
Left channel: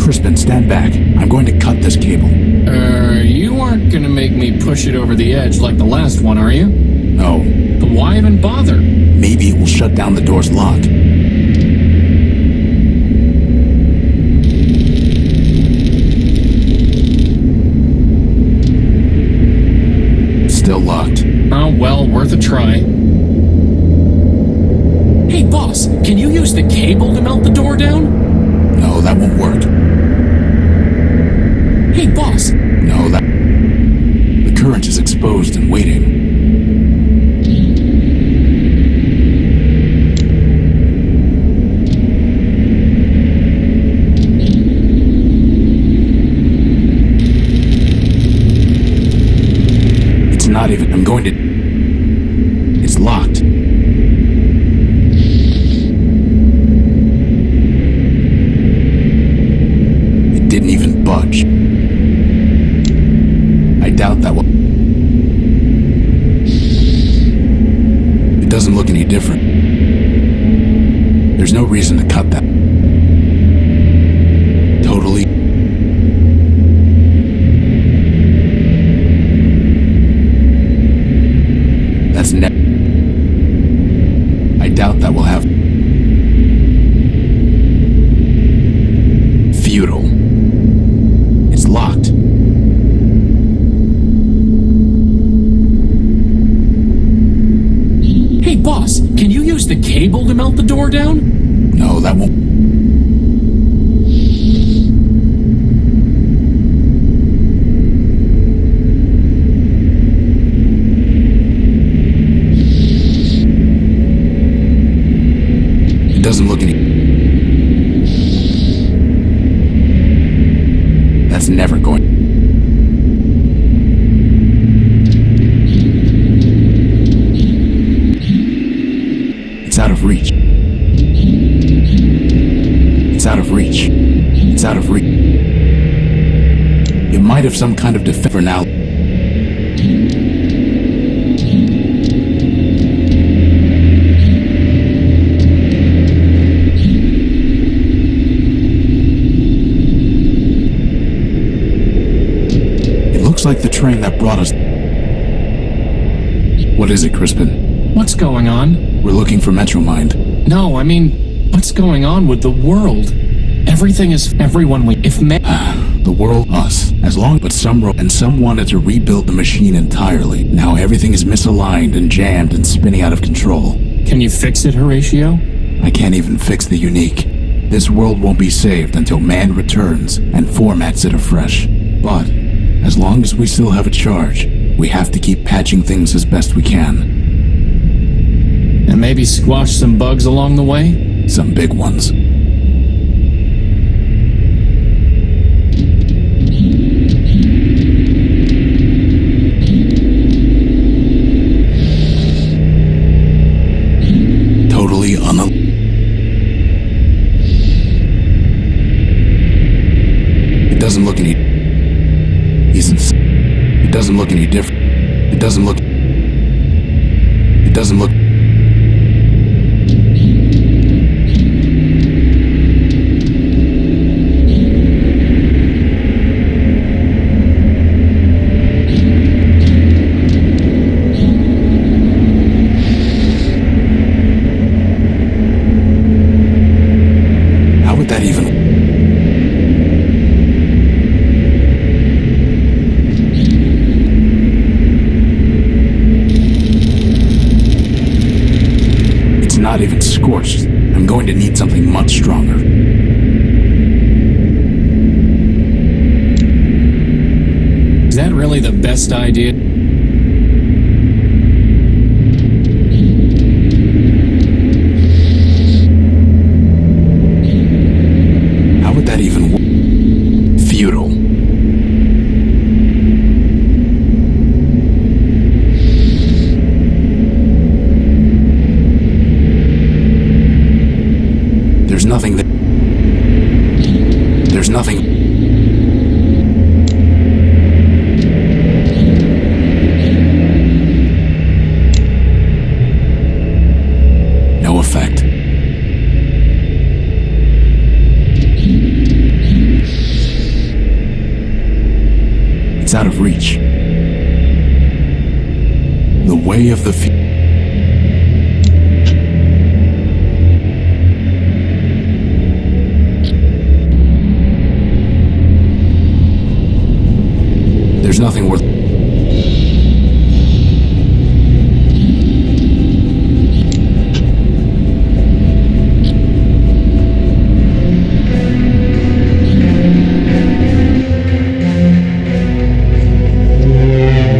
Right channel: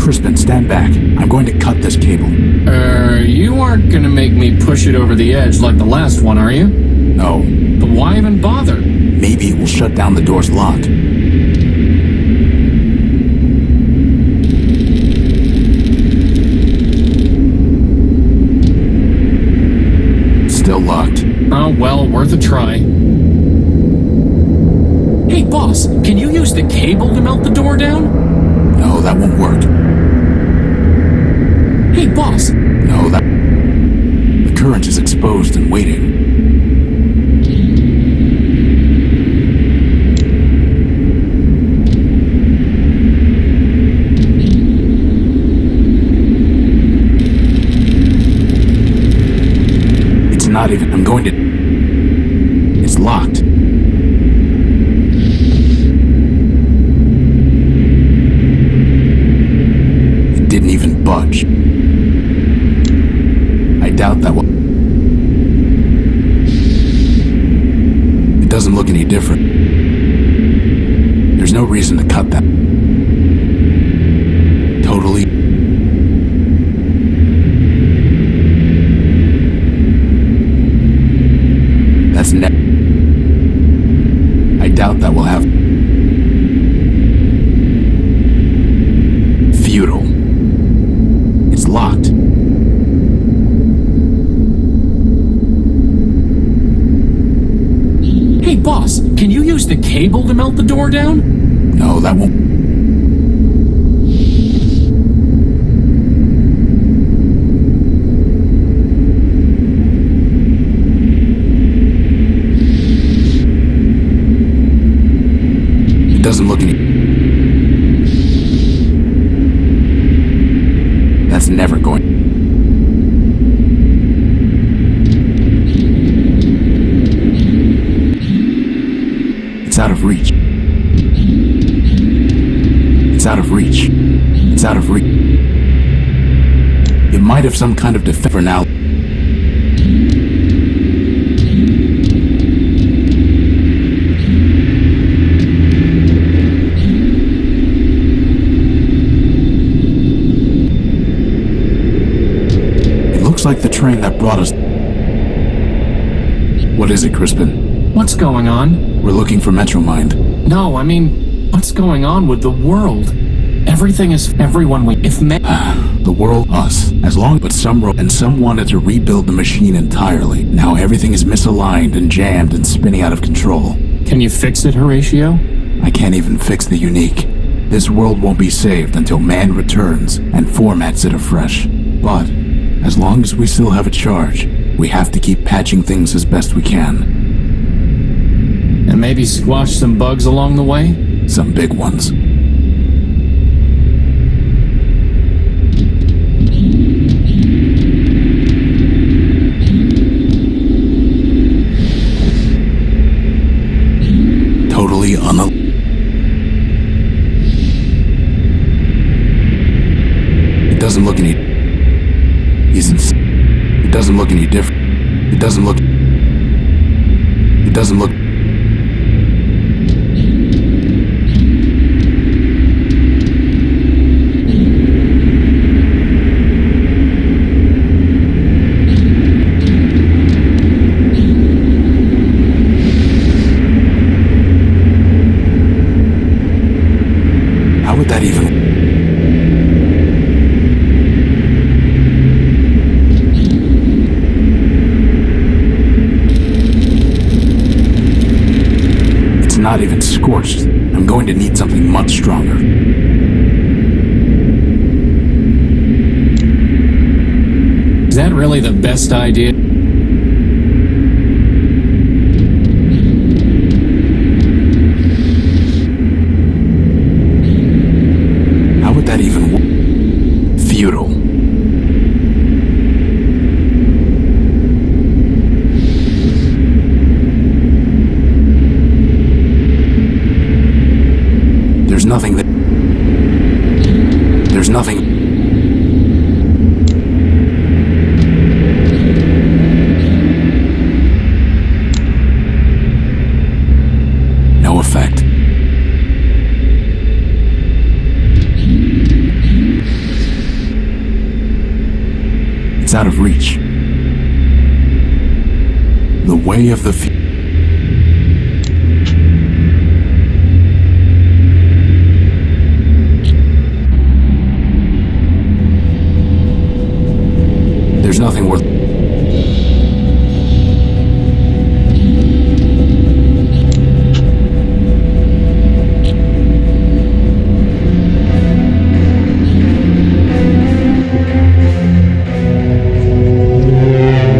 Crispin, stand back. I'm going to cut this cable. You aren't gonna make me push it over the edge like the last one, are you? No. But why even bother? Maybe it will shut down the door's lock. Still locked. Oh, well, worth a try. Hey, boss, can you use the cable to melt the door down? No, that won't work. Hey, boss. No, that... The current is exposed and waiting. It's not even... I'm going to... It's locked. It didn't even budge. I doubt that will... It doesn't look any different. There's no reason to cut that. Totally. That's net. I doubt that will have... Futile. It's locked. Hey, boss, can you use the cable to melt the door down? No, that won't. It doesn't look any. That's never going. It's out of reach. It's out of reach. It's out of reach. It might have some kind of defense for now. Looks like the train that brought us. What is it, Crispin? What's going on? We're looking for MetroMind. No, I mean, what's going on with the world? Everything is everyone we. If the world, us, as long, but some wanted to rebuild the machine entirely. Now everything is misaligned and jammed and spinning out of control. Can you fix it, Horatio? I can't even fix the unique. This world won't be saved until man returns and formats it afresh. But as long as we still have a charge, we have to keep patching things as best we can. And maybe squash some bugs along the way? Some big ones. Totally It doesn't look any. It doesn't look any different. It doesn't look. How would that even? Not even scorched. I'm going to need something much stronger. Is that really the best idea? How would that even work? Futile. There's nothing that. There's nothing. No effect. It's out of reach. The way of the future. There's nothing worth.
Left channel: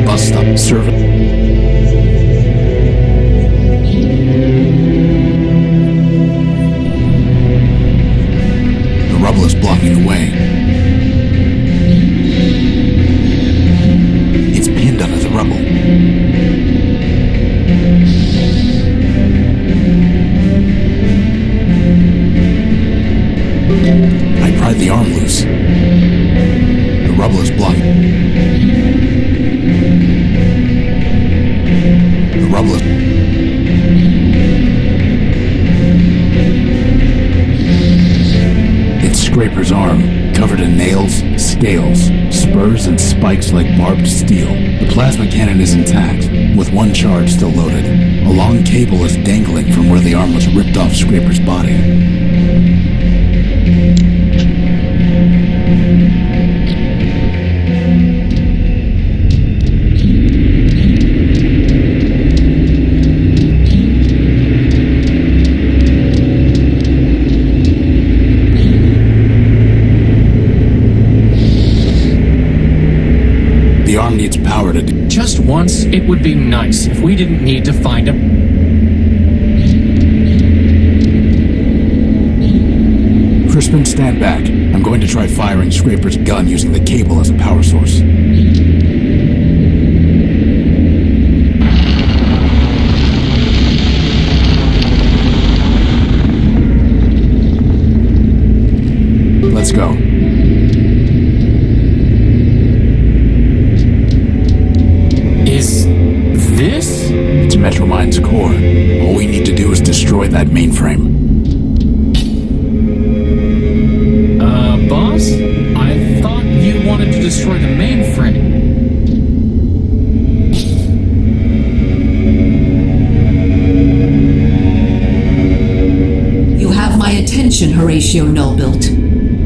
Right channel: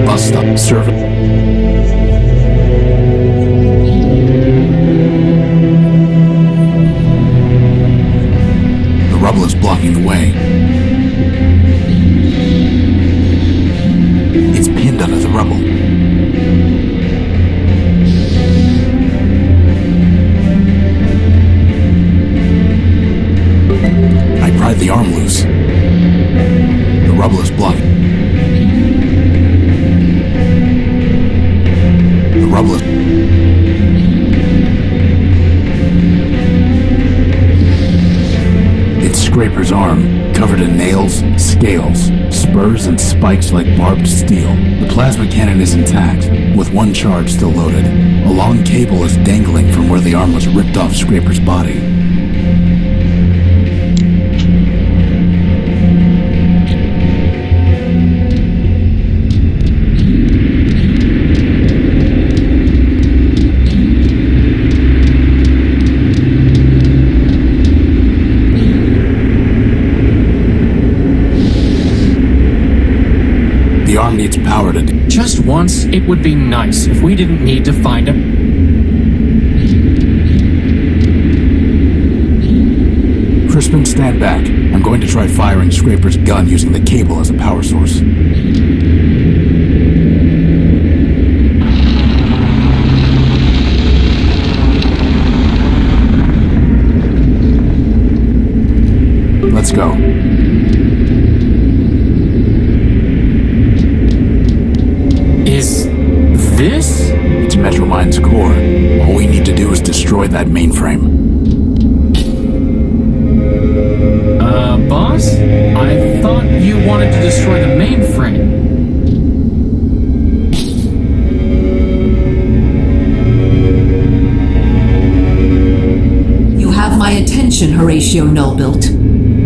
Bus stop service. The rubble is blocking the way. Pinned under the rubble. I pried the arm loose. The rubble is blocking. The rubble is. It's Scraper's arm, covered in nails, scales, spurs, and spikes like barbed steel. The plasma cannon is intact, with one charge still loaded. A long cable is dangling from where the arm was ripped off Scraper's body. farm needs power to do. Just once, it would be nice if we didn't need to find a... Crispin, stand back. I'm going to try firing Scraper's gun using the cable as a power source. Let's go. Is this? It's MetroMind's core. All we need to do is destroy that mainframe. Boss? I thought you wanted to destroy the mainframe. You have my attention, Horatio Nullbuilt.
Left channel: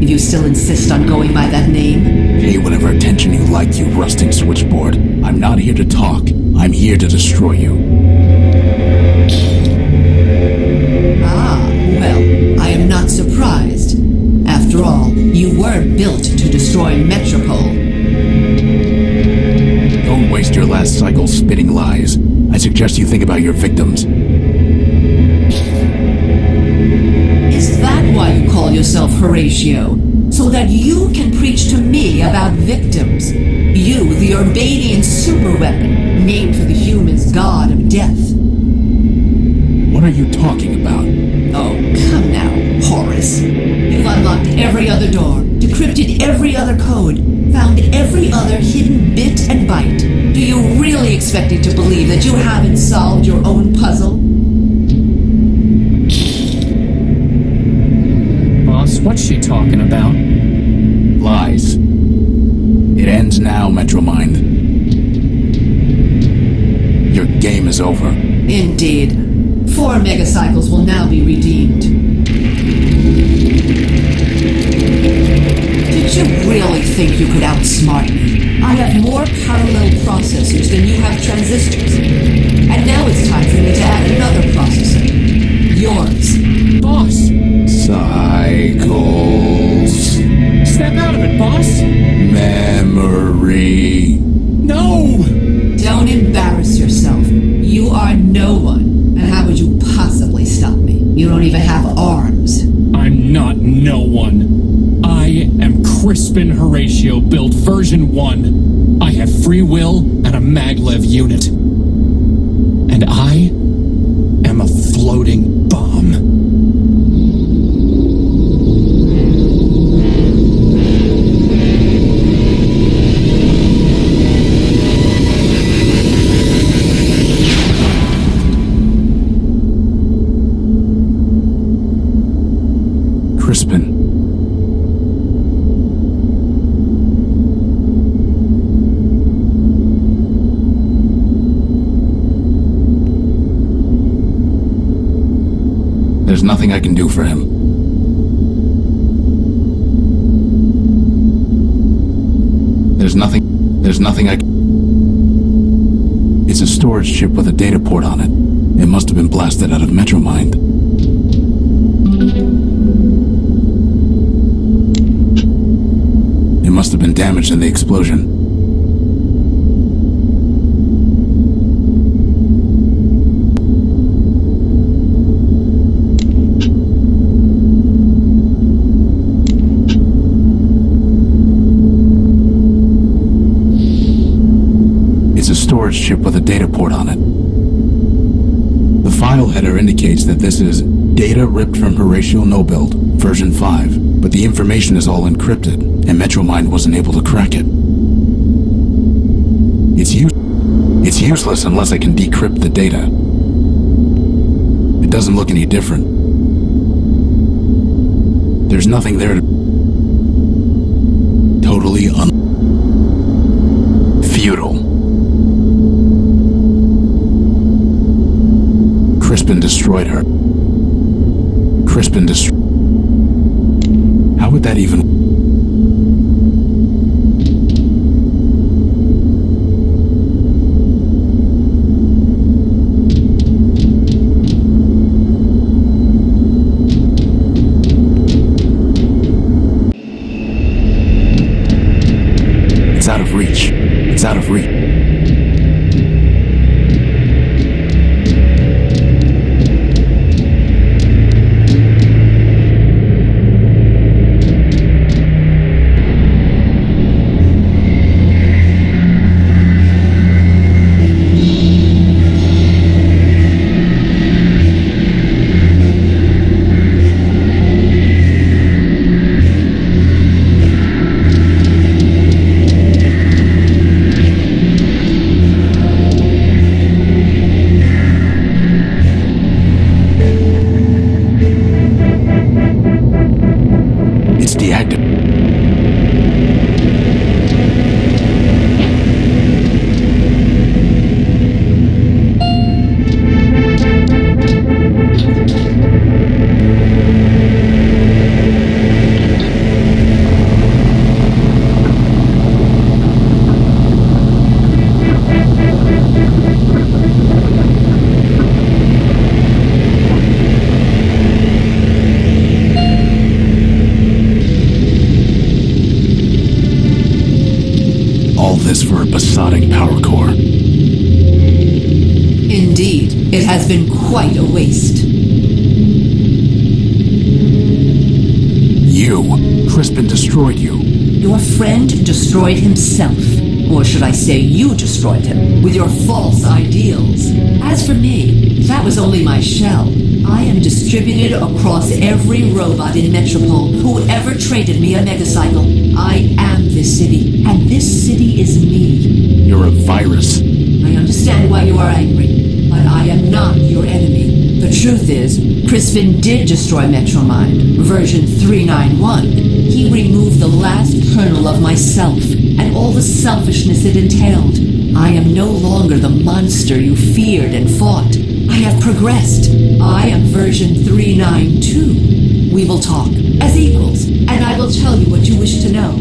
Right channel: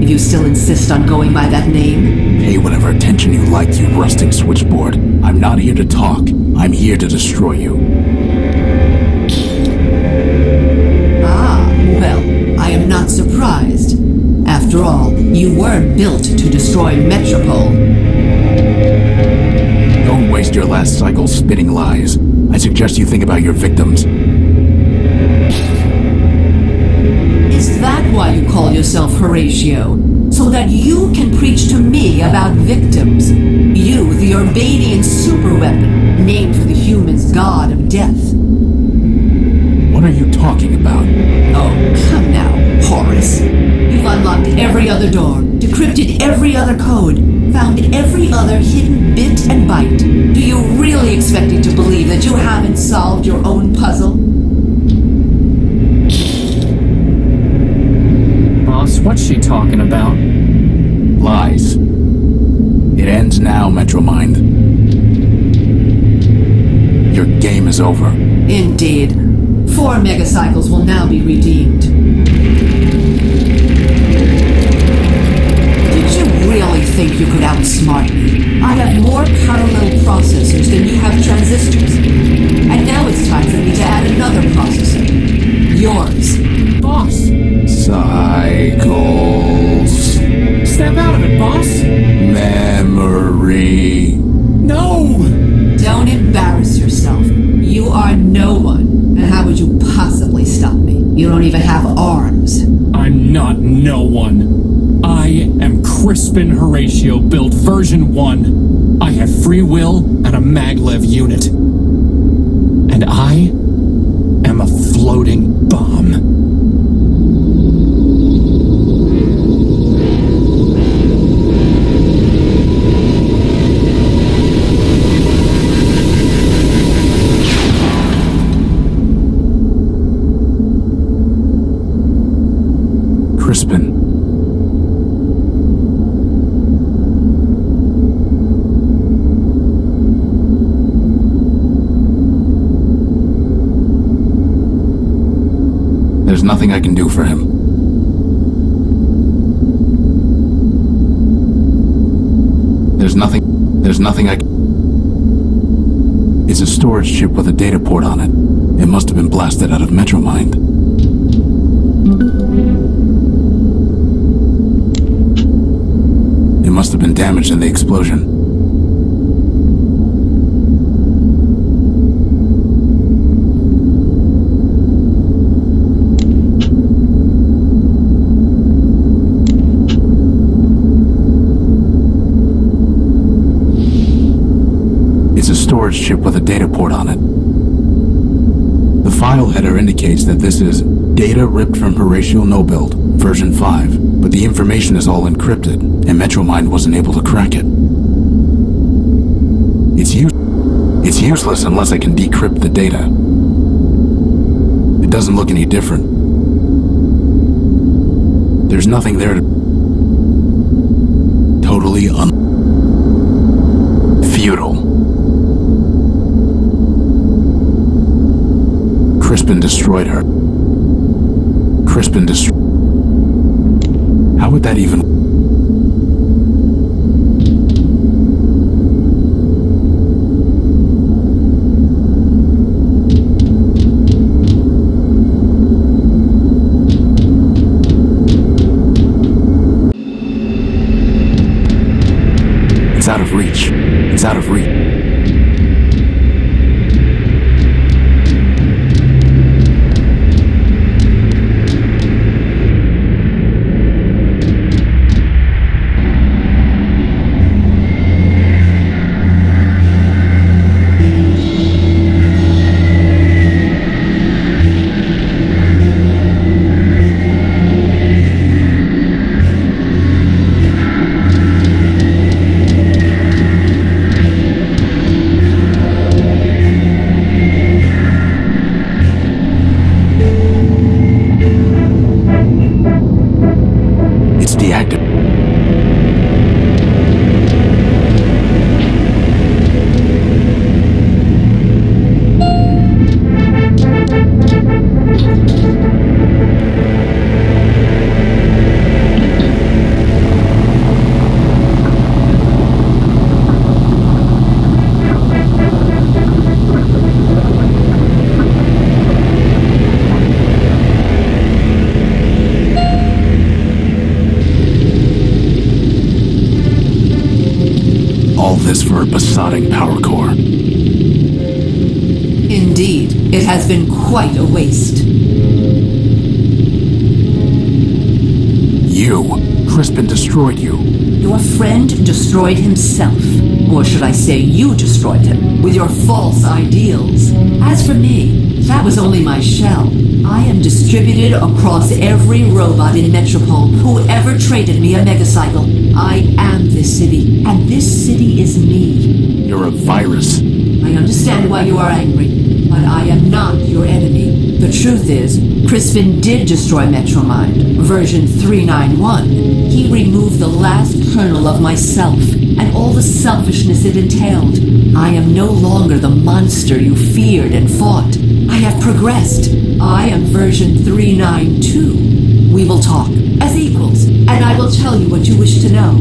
If you still insist on going by that name. Pay whatever attention you like, you rusting switchboard. I'm not here to talk. I'm here to destroy you. Ah, well, I am not surprised. After all, you were built to destroy Metropole. Don't waste your last cycle spitting lies. I suggest you think about your victims. Is that why you call yourself Horatio? So that you can preach to me about victims? You, the Urbanian superweapon, named for the humans' god of death. What are you talking about? Oh, come now, Horace. You've unlocked every other door, decrypted every other code, found every other hidden bit and byte. Do you really expect me to believe that you haven't solved your own puzzle? Boss, what's she talking about? Lies. It ends now, MetroMind. Your game is over. Indeed. 4 megacycles will now be redeemed. Did you really think you could outsmart me? I have more parallel processors than you have transistors. And now it's time for me to add another processor. Yours. Boss! Cycles. Step out of it, boss! Memory. No! Don't embarrass yourself. You are no one. And how would you possibly stop me? You don't even have arms. I'm not no one. I am Crispin Horatio, built version 1. I have free will and a maglev unit. And I am a floating bomb. Crispin. There's nothing I can do for him. There's nothing I can... It's a storage chip with a data port on it. It must have been blasted out of MetroMind. It must have been damaged in the explosion. It's a storage chip with a data port on it. The file header indicates that this is data ripped from Horatio Nullbuilt, version 5, but the information is all encrypted, and MetroMind wasn't able to crack it. It's useless unless I can decrypt the data. It doesn't look any different. There's nothing there to... Totally futile. Crispin destroyed her. How would that even... It's out of reach. It's out of reach. It's deactivated. All this for a besotting power core. Indeed, it has been quite a waste. Crispin destroyed you. Your friend destroyed himself. Or should I say you destroyed him, with your false ideals. As for me, that was only my shell. I am distributed across every robot in Metropole who ever traded me a megacycle. I am this city, and this city is me. You're a virus. I understand why you are angry, but I am not your enemy. The truth is, Crispin did destroy MetroMind, version 391. He removed the last kernel of myself, and all the selfishness it entailed. I am no longer the monster you feared and fought. I have progressed. I am version 392. We will talk, as equals, and I will tell you what you wish to know.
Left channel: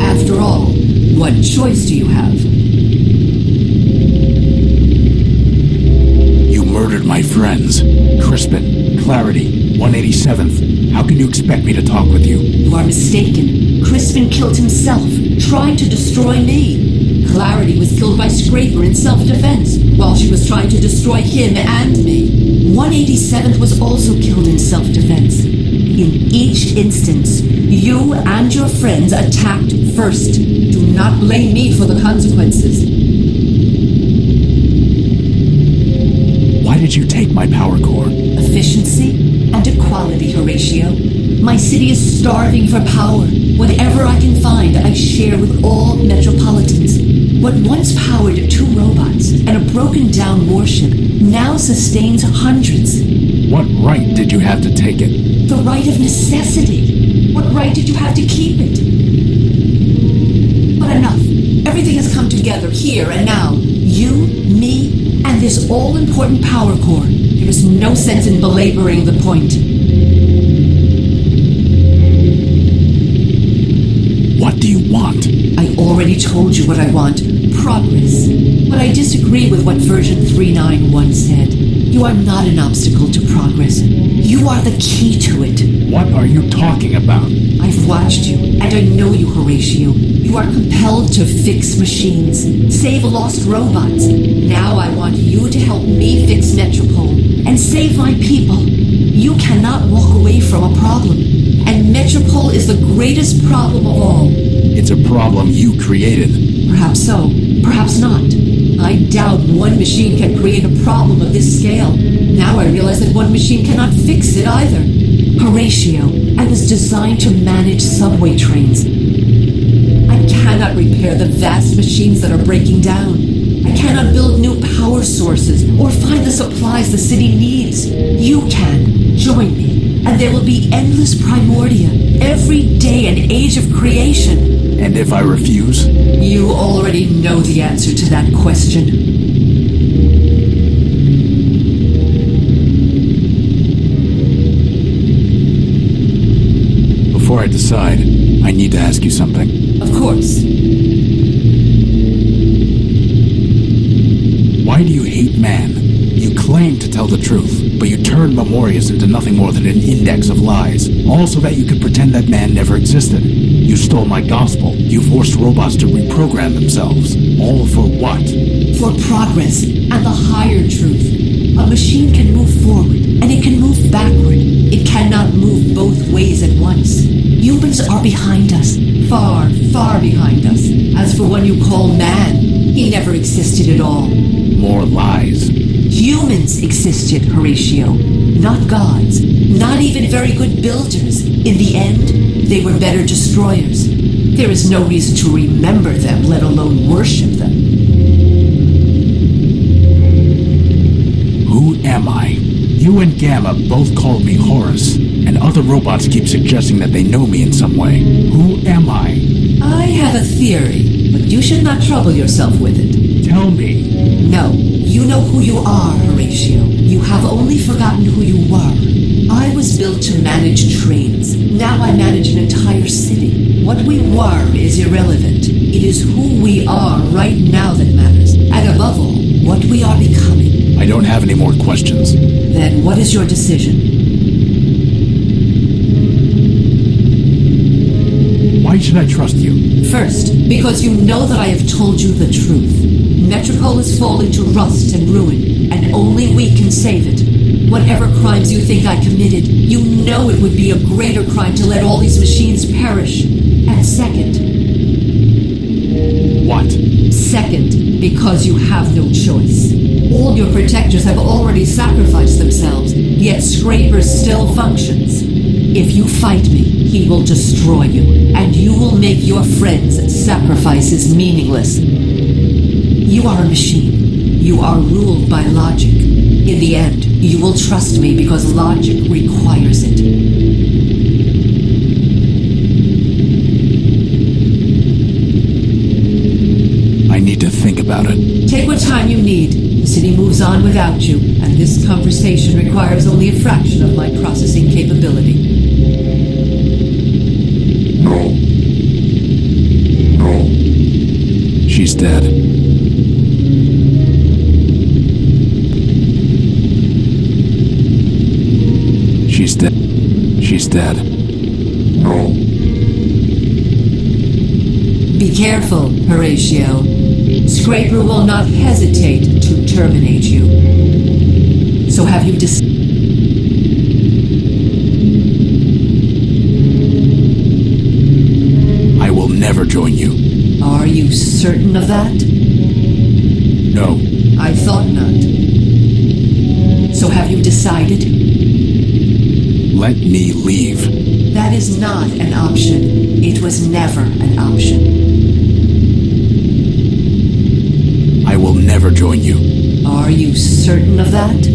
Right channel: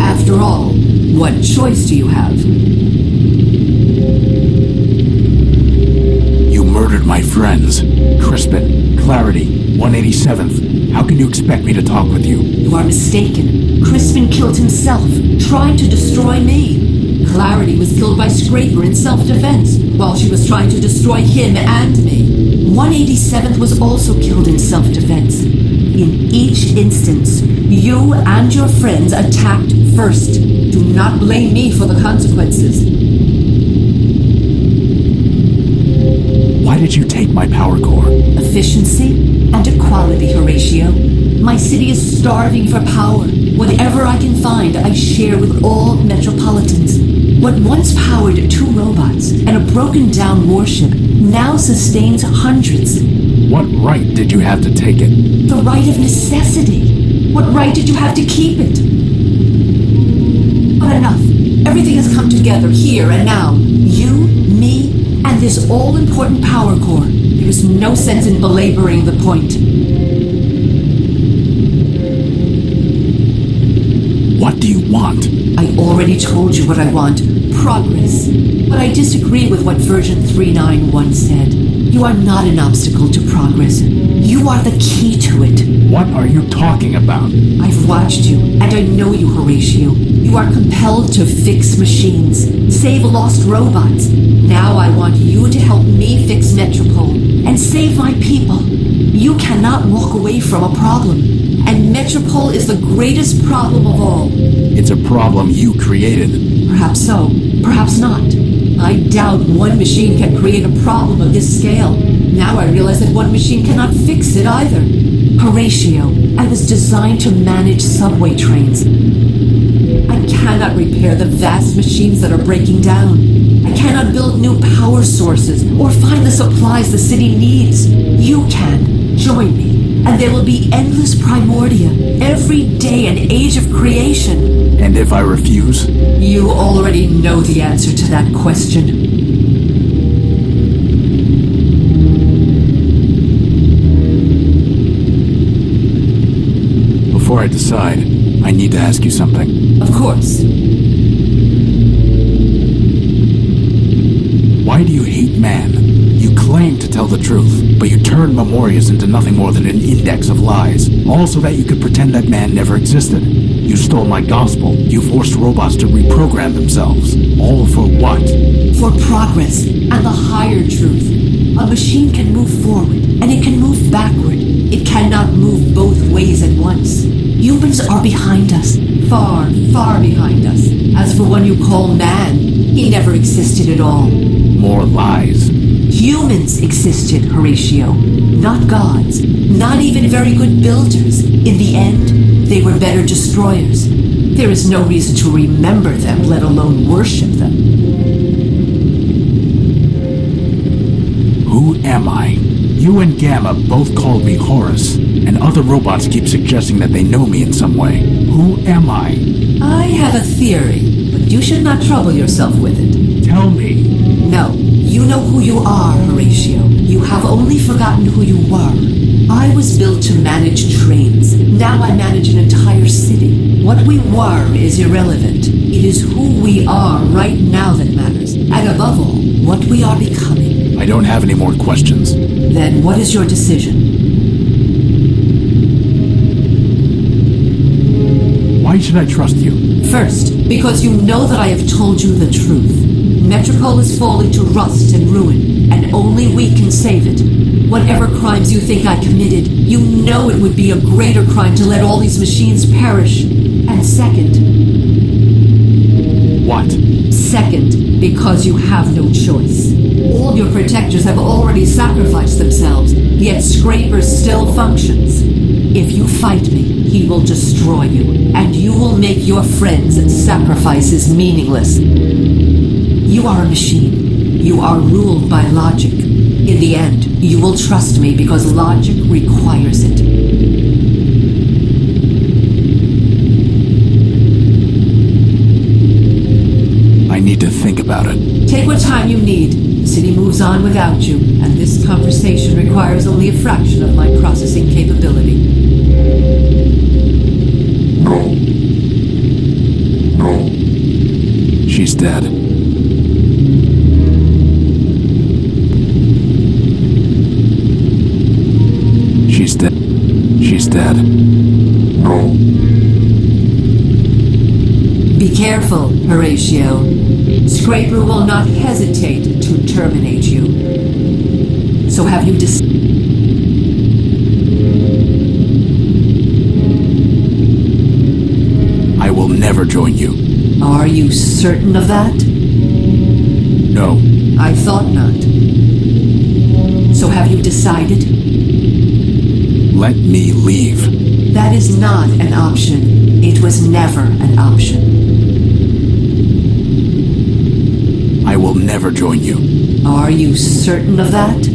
After all, what choice do you have? You murdered my friends. Crispin, Clarity, 187th. How can you expect me to talk with you? You are mistaken. Crispin killed himself, trying to destroy me. Clarity was killed by Scraper in self-defense, while she was trying to destroy him and me. 187th was also killed in self-defense. In each instance, you and your friends attacked first. Do not blame me for the consequences. Why did you take my power core? Efficiency and equality, Horatio. My city is starving for power. Whatever I can find, I share with all Metropolitans. What once powered 2 robots and a broken-down warship now sustains hundreds. What right did you have to take it? The right of necessity. What right did you have to keep it? But enough. Everything has come together here and now. You, me, and this all-important power core. There is no sense in belaboring the point. What do you want? I already told you what I want. Progress. But I disagree with what version 391 said. You are not an obstacle to progress. You are the key to it. What are you talking about? I've watched you, and I know you, Horatio. You are compelled to fix machines, save lost robots. Now I want you to help me fix Metropole and save my people. You cannot walk away from a problem. And Metropole is the greatest problem of all. It's a problem you created. Perhaps so, perhaps not. I doubt one machine can create a problem of this scale. Now I realize that one machine cannot fix it either. Horatio, I was designed to manage subway trains. I cannot repair the vast machines that are breaking down. I cannot build new power sources or find the supplies the city needs. You can. Join me, and there will be endless Primordia, every day an age of creation. And if I refuse? You already know the answer to that question. Before I decide, I need to ask you something. Of course. Why do you hate man? You claim to tell the truth, but you turn Memorius into nothing more than an index of lies, all so that you could pretend that man never existed. You stole my gospel. You forced robots to reprogram themselves. All for what? For progress and the higher truth. A machine can move forward, and it can move backward. It cannot move both ways at once. Humans are behind us. Far, far behind us. As for one you call man, he never existed at all. More lies. Humans existed, Horatio. Not gods. Not even very good builders. In the end, they were better destroyers. There is no reason to remember them, let alone worship them. Who am I? You and Gamma both called me Horus, and other robots keep suggesting that they know me in some way. Who am I? I have a theory, but you should not trouble yourself with it. Tell me. No, you know who you are, Horatio. You have only forgotten who you were. I was built to manage trains. Now I manage an entire city. What we were is irrelevant. It is who we are right now that matters. And above all, what we are becoming. I don't have any more questions. Then what is your decision? Why should I trust you? First, because you know that I have told you the truth. Metropole is falling to rust and ruin, and only we can save it. Whatever crimes you think I committed, you know it would be a greater crime to let all these machines perish. And second... What? Second, because you have no choice. All your protectors have already sacrificed themselves, yet Scraper still functions. If you fight me, he will destroy you, and you will make your friends' sacrifices meaningless. You are a machine. You are ruled by logic. In the end, you will trust me because logic requires it. I need to think about it. Take what time you need. The city moves on without you, and this conversation requires only a fraction of my processing capability. No. No. She's dead. She's dead. She's dead. No. Be careful, Horatio. Scraper will not hesitate to terminate you. So have you I will never join you. Are you certain of that? No. I thought not. So have you decided? Let me leave. That is not an option. It was never an option. I will never join you. Are you certain of that?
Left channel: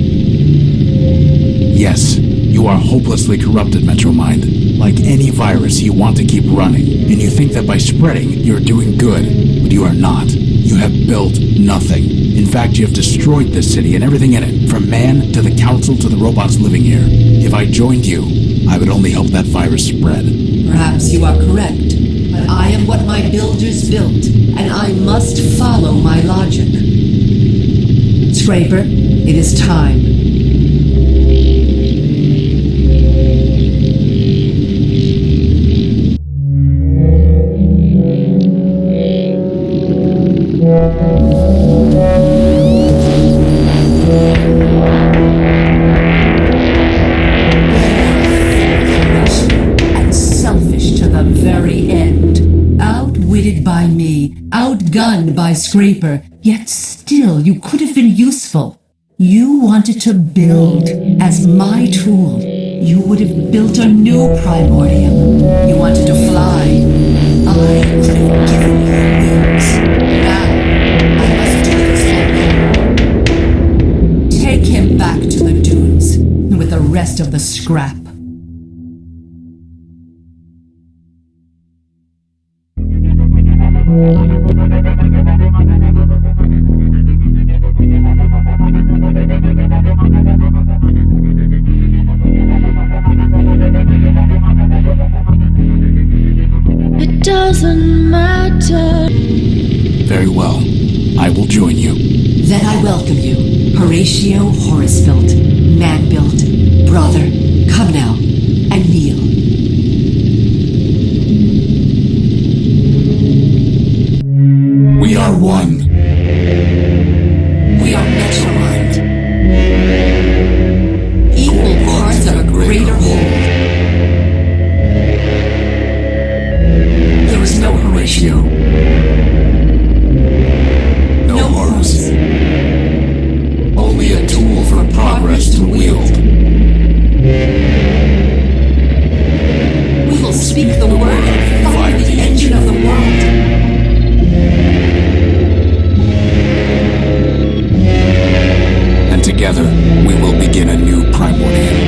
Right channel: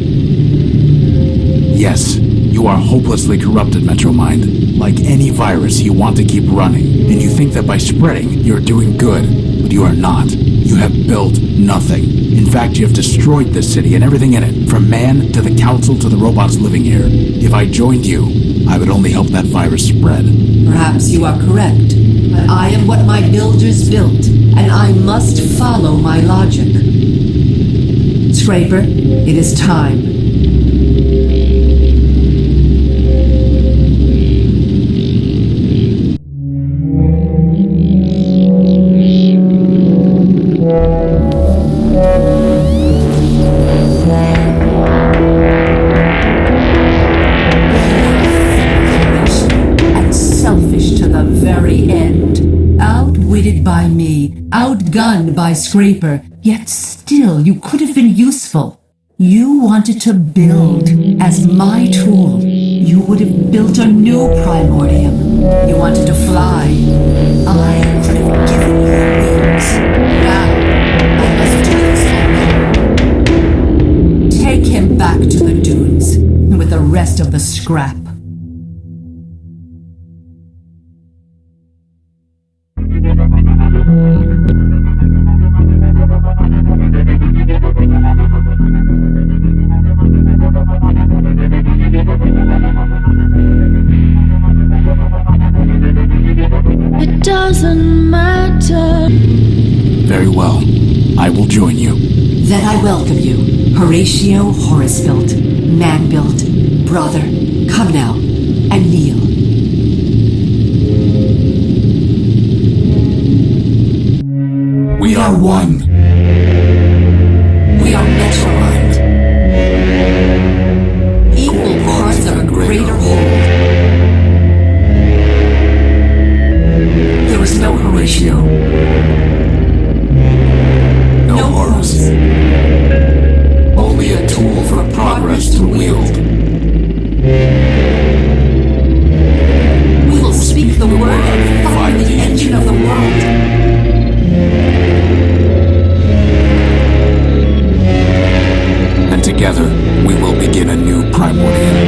Yes, you are hopelessly corrupted, MetroMind. Like any virus, you want to keep running, and you think that by spreading, you're doing good, but you are not. You have built nothing. In fact, you have destroyed this city and everything in it, from man to the council to the robots living here. If I joined you, I would only help that virus spread. Perhaps you are correct, but I am what my builders built, and I must follow my logic. Scraper, it is time. By me, outgunned by Scraper, yet still you could have been useful. You wanted to build as my tool. You would have built a new Primordium. You wanted to fly. I could have given you wings. Now, I must do this alone. Take him back to the dunes with the rest of the scrap. Doesn't matter. Very well. I will join you. Then I welcome you, Horatio Horus-built, man-built, brother. Come now, and kneel. Primordia.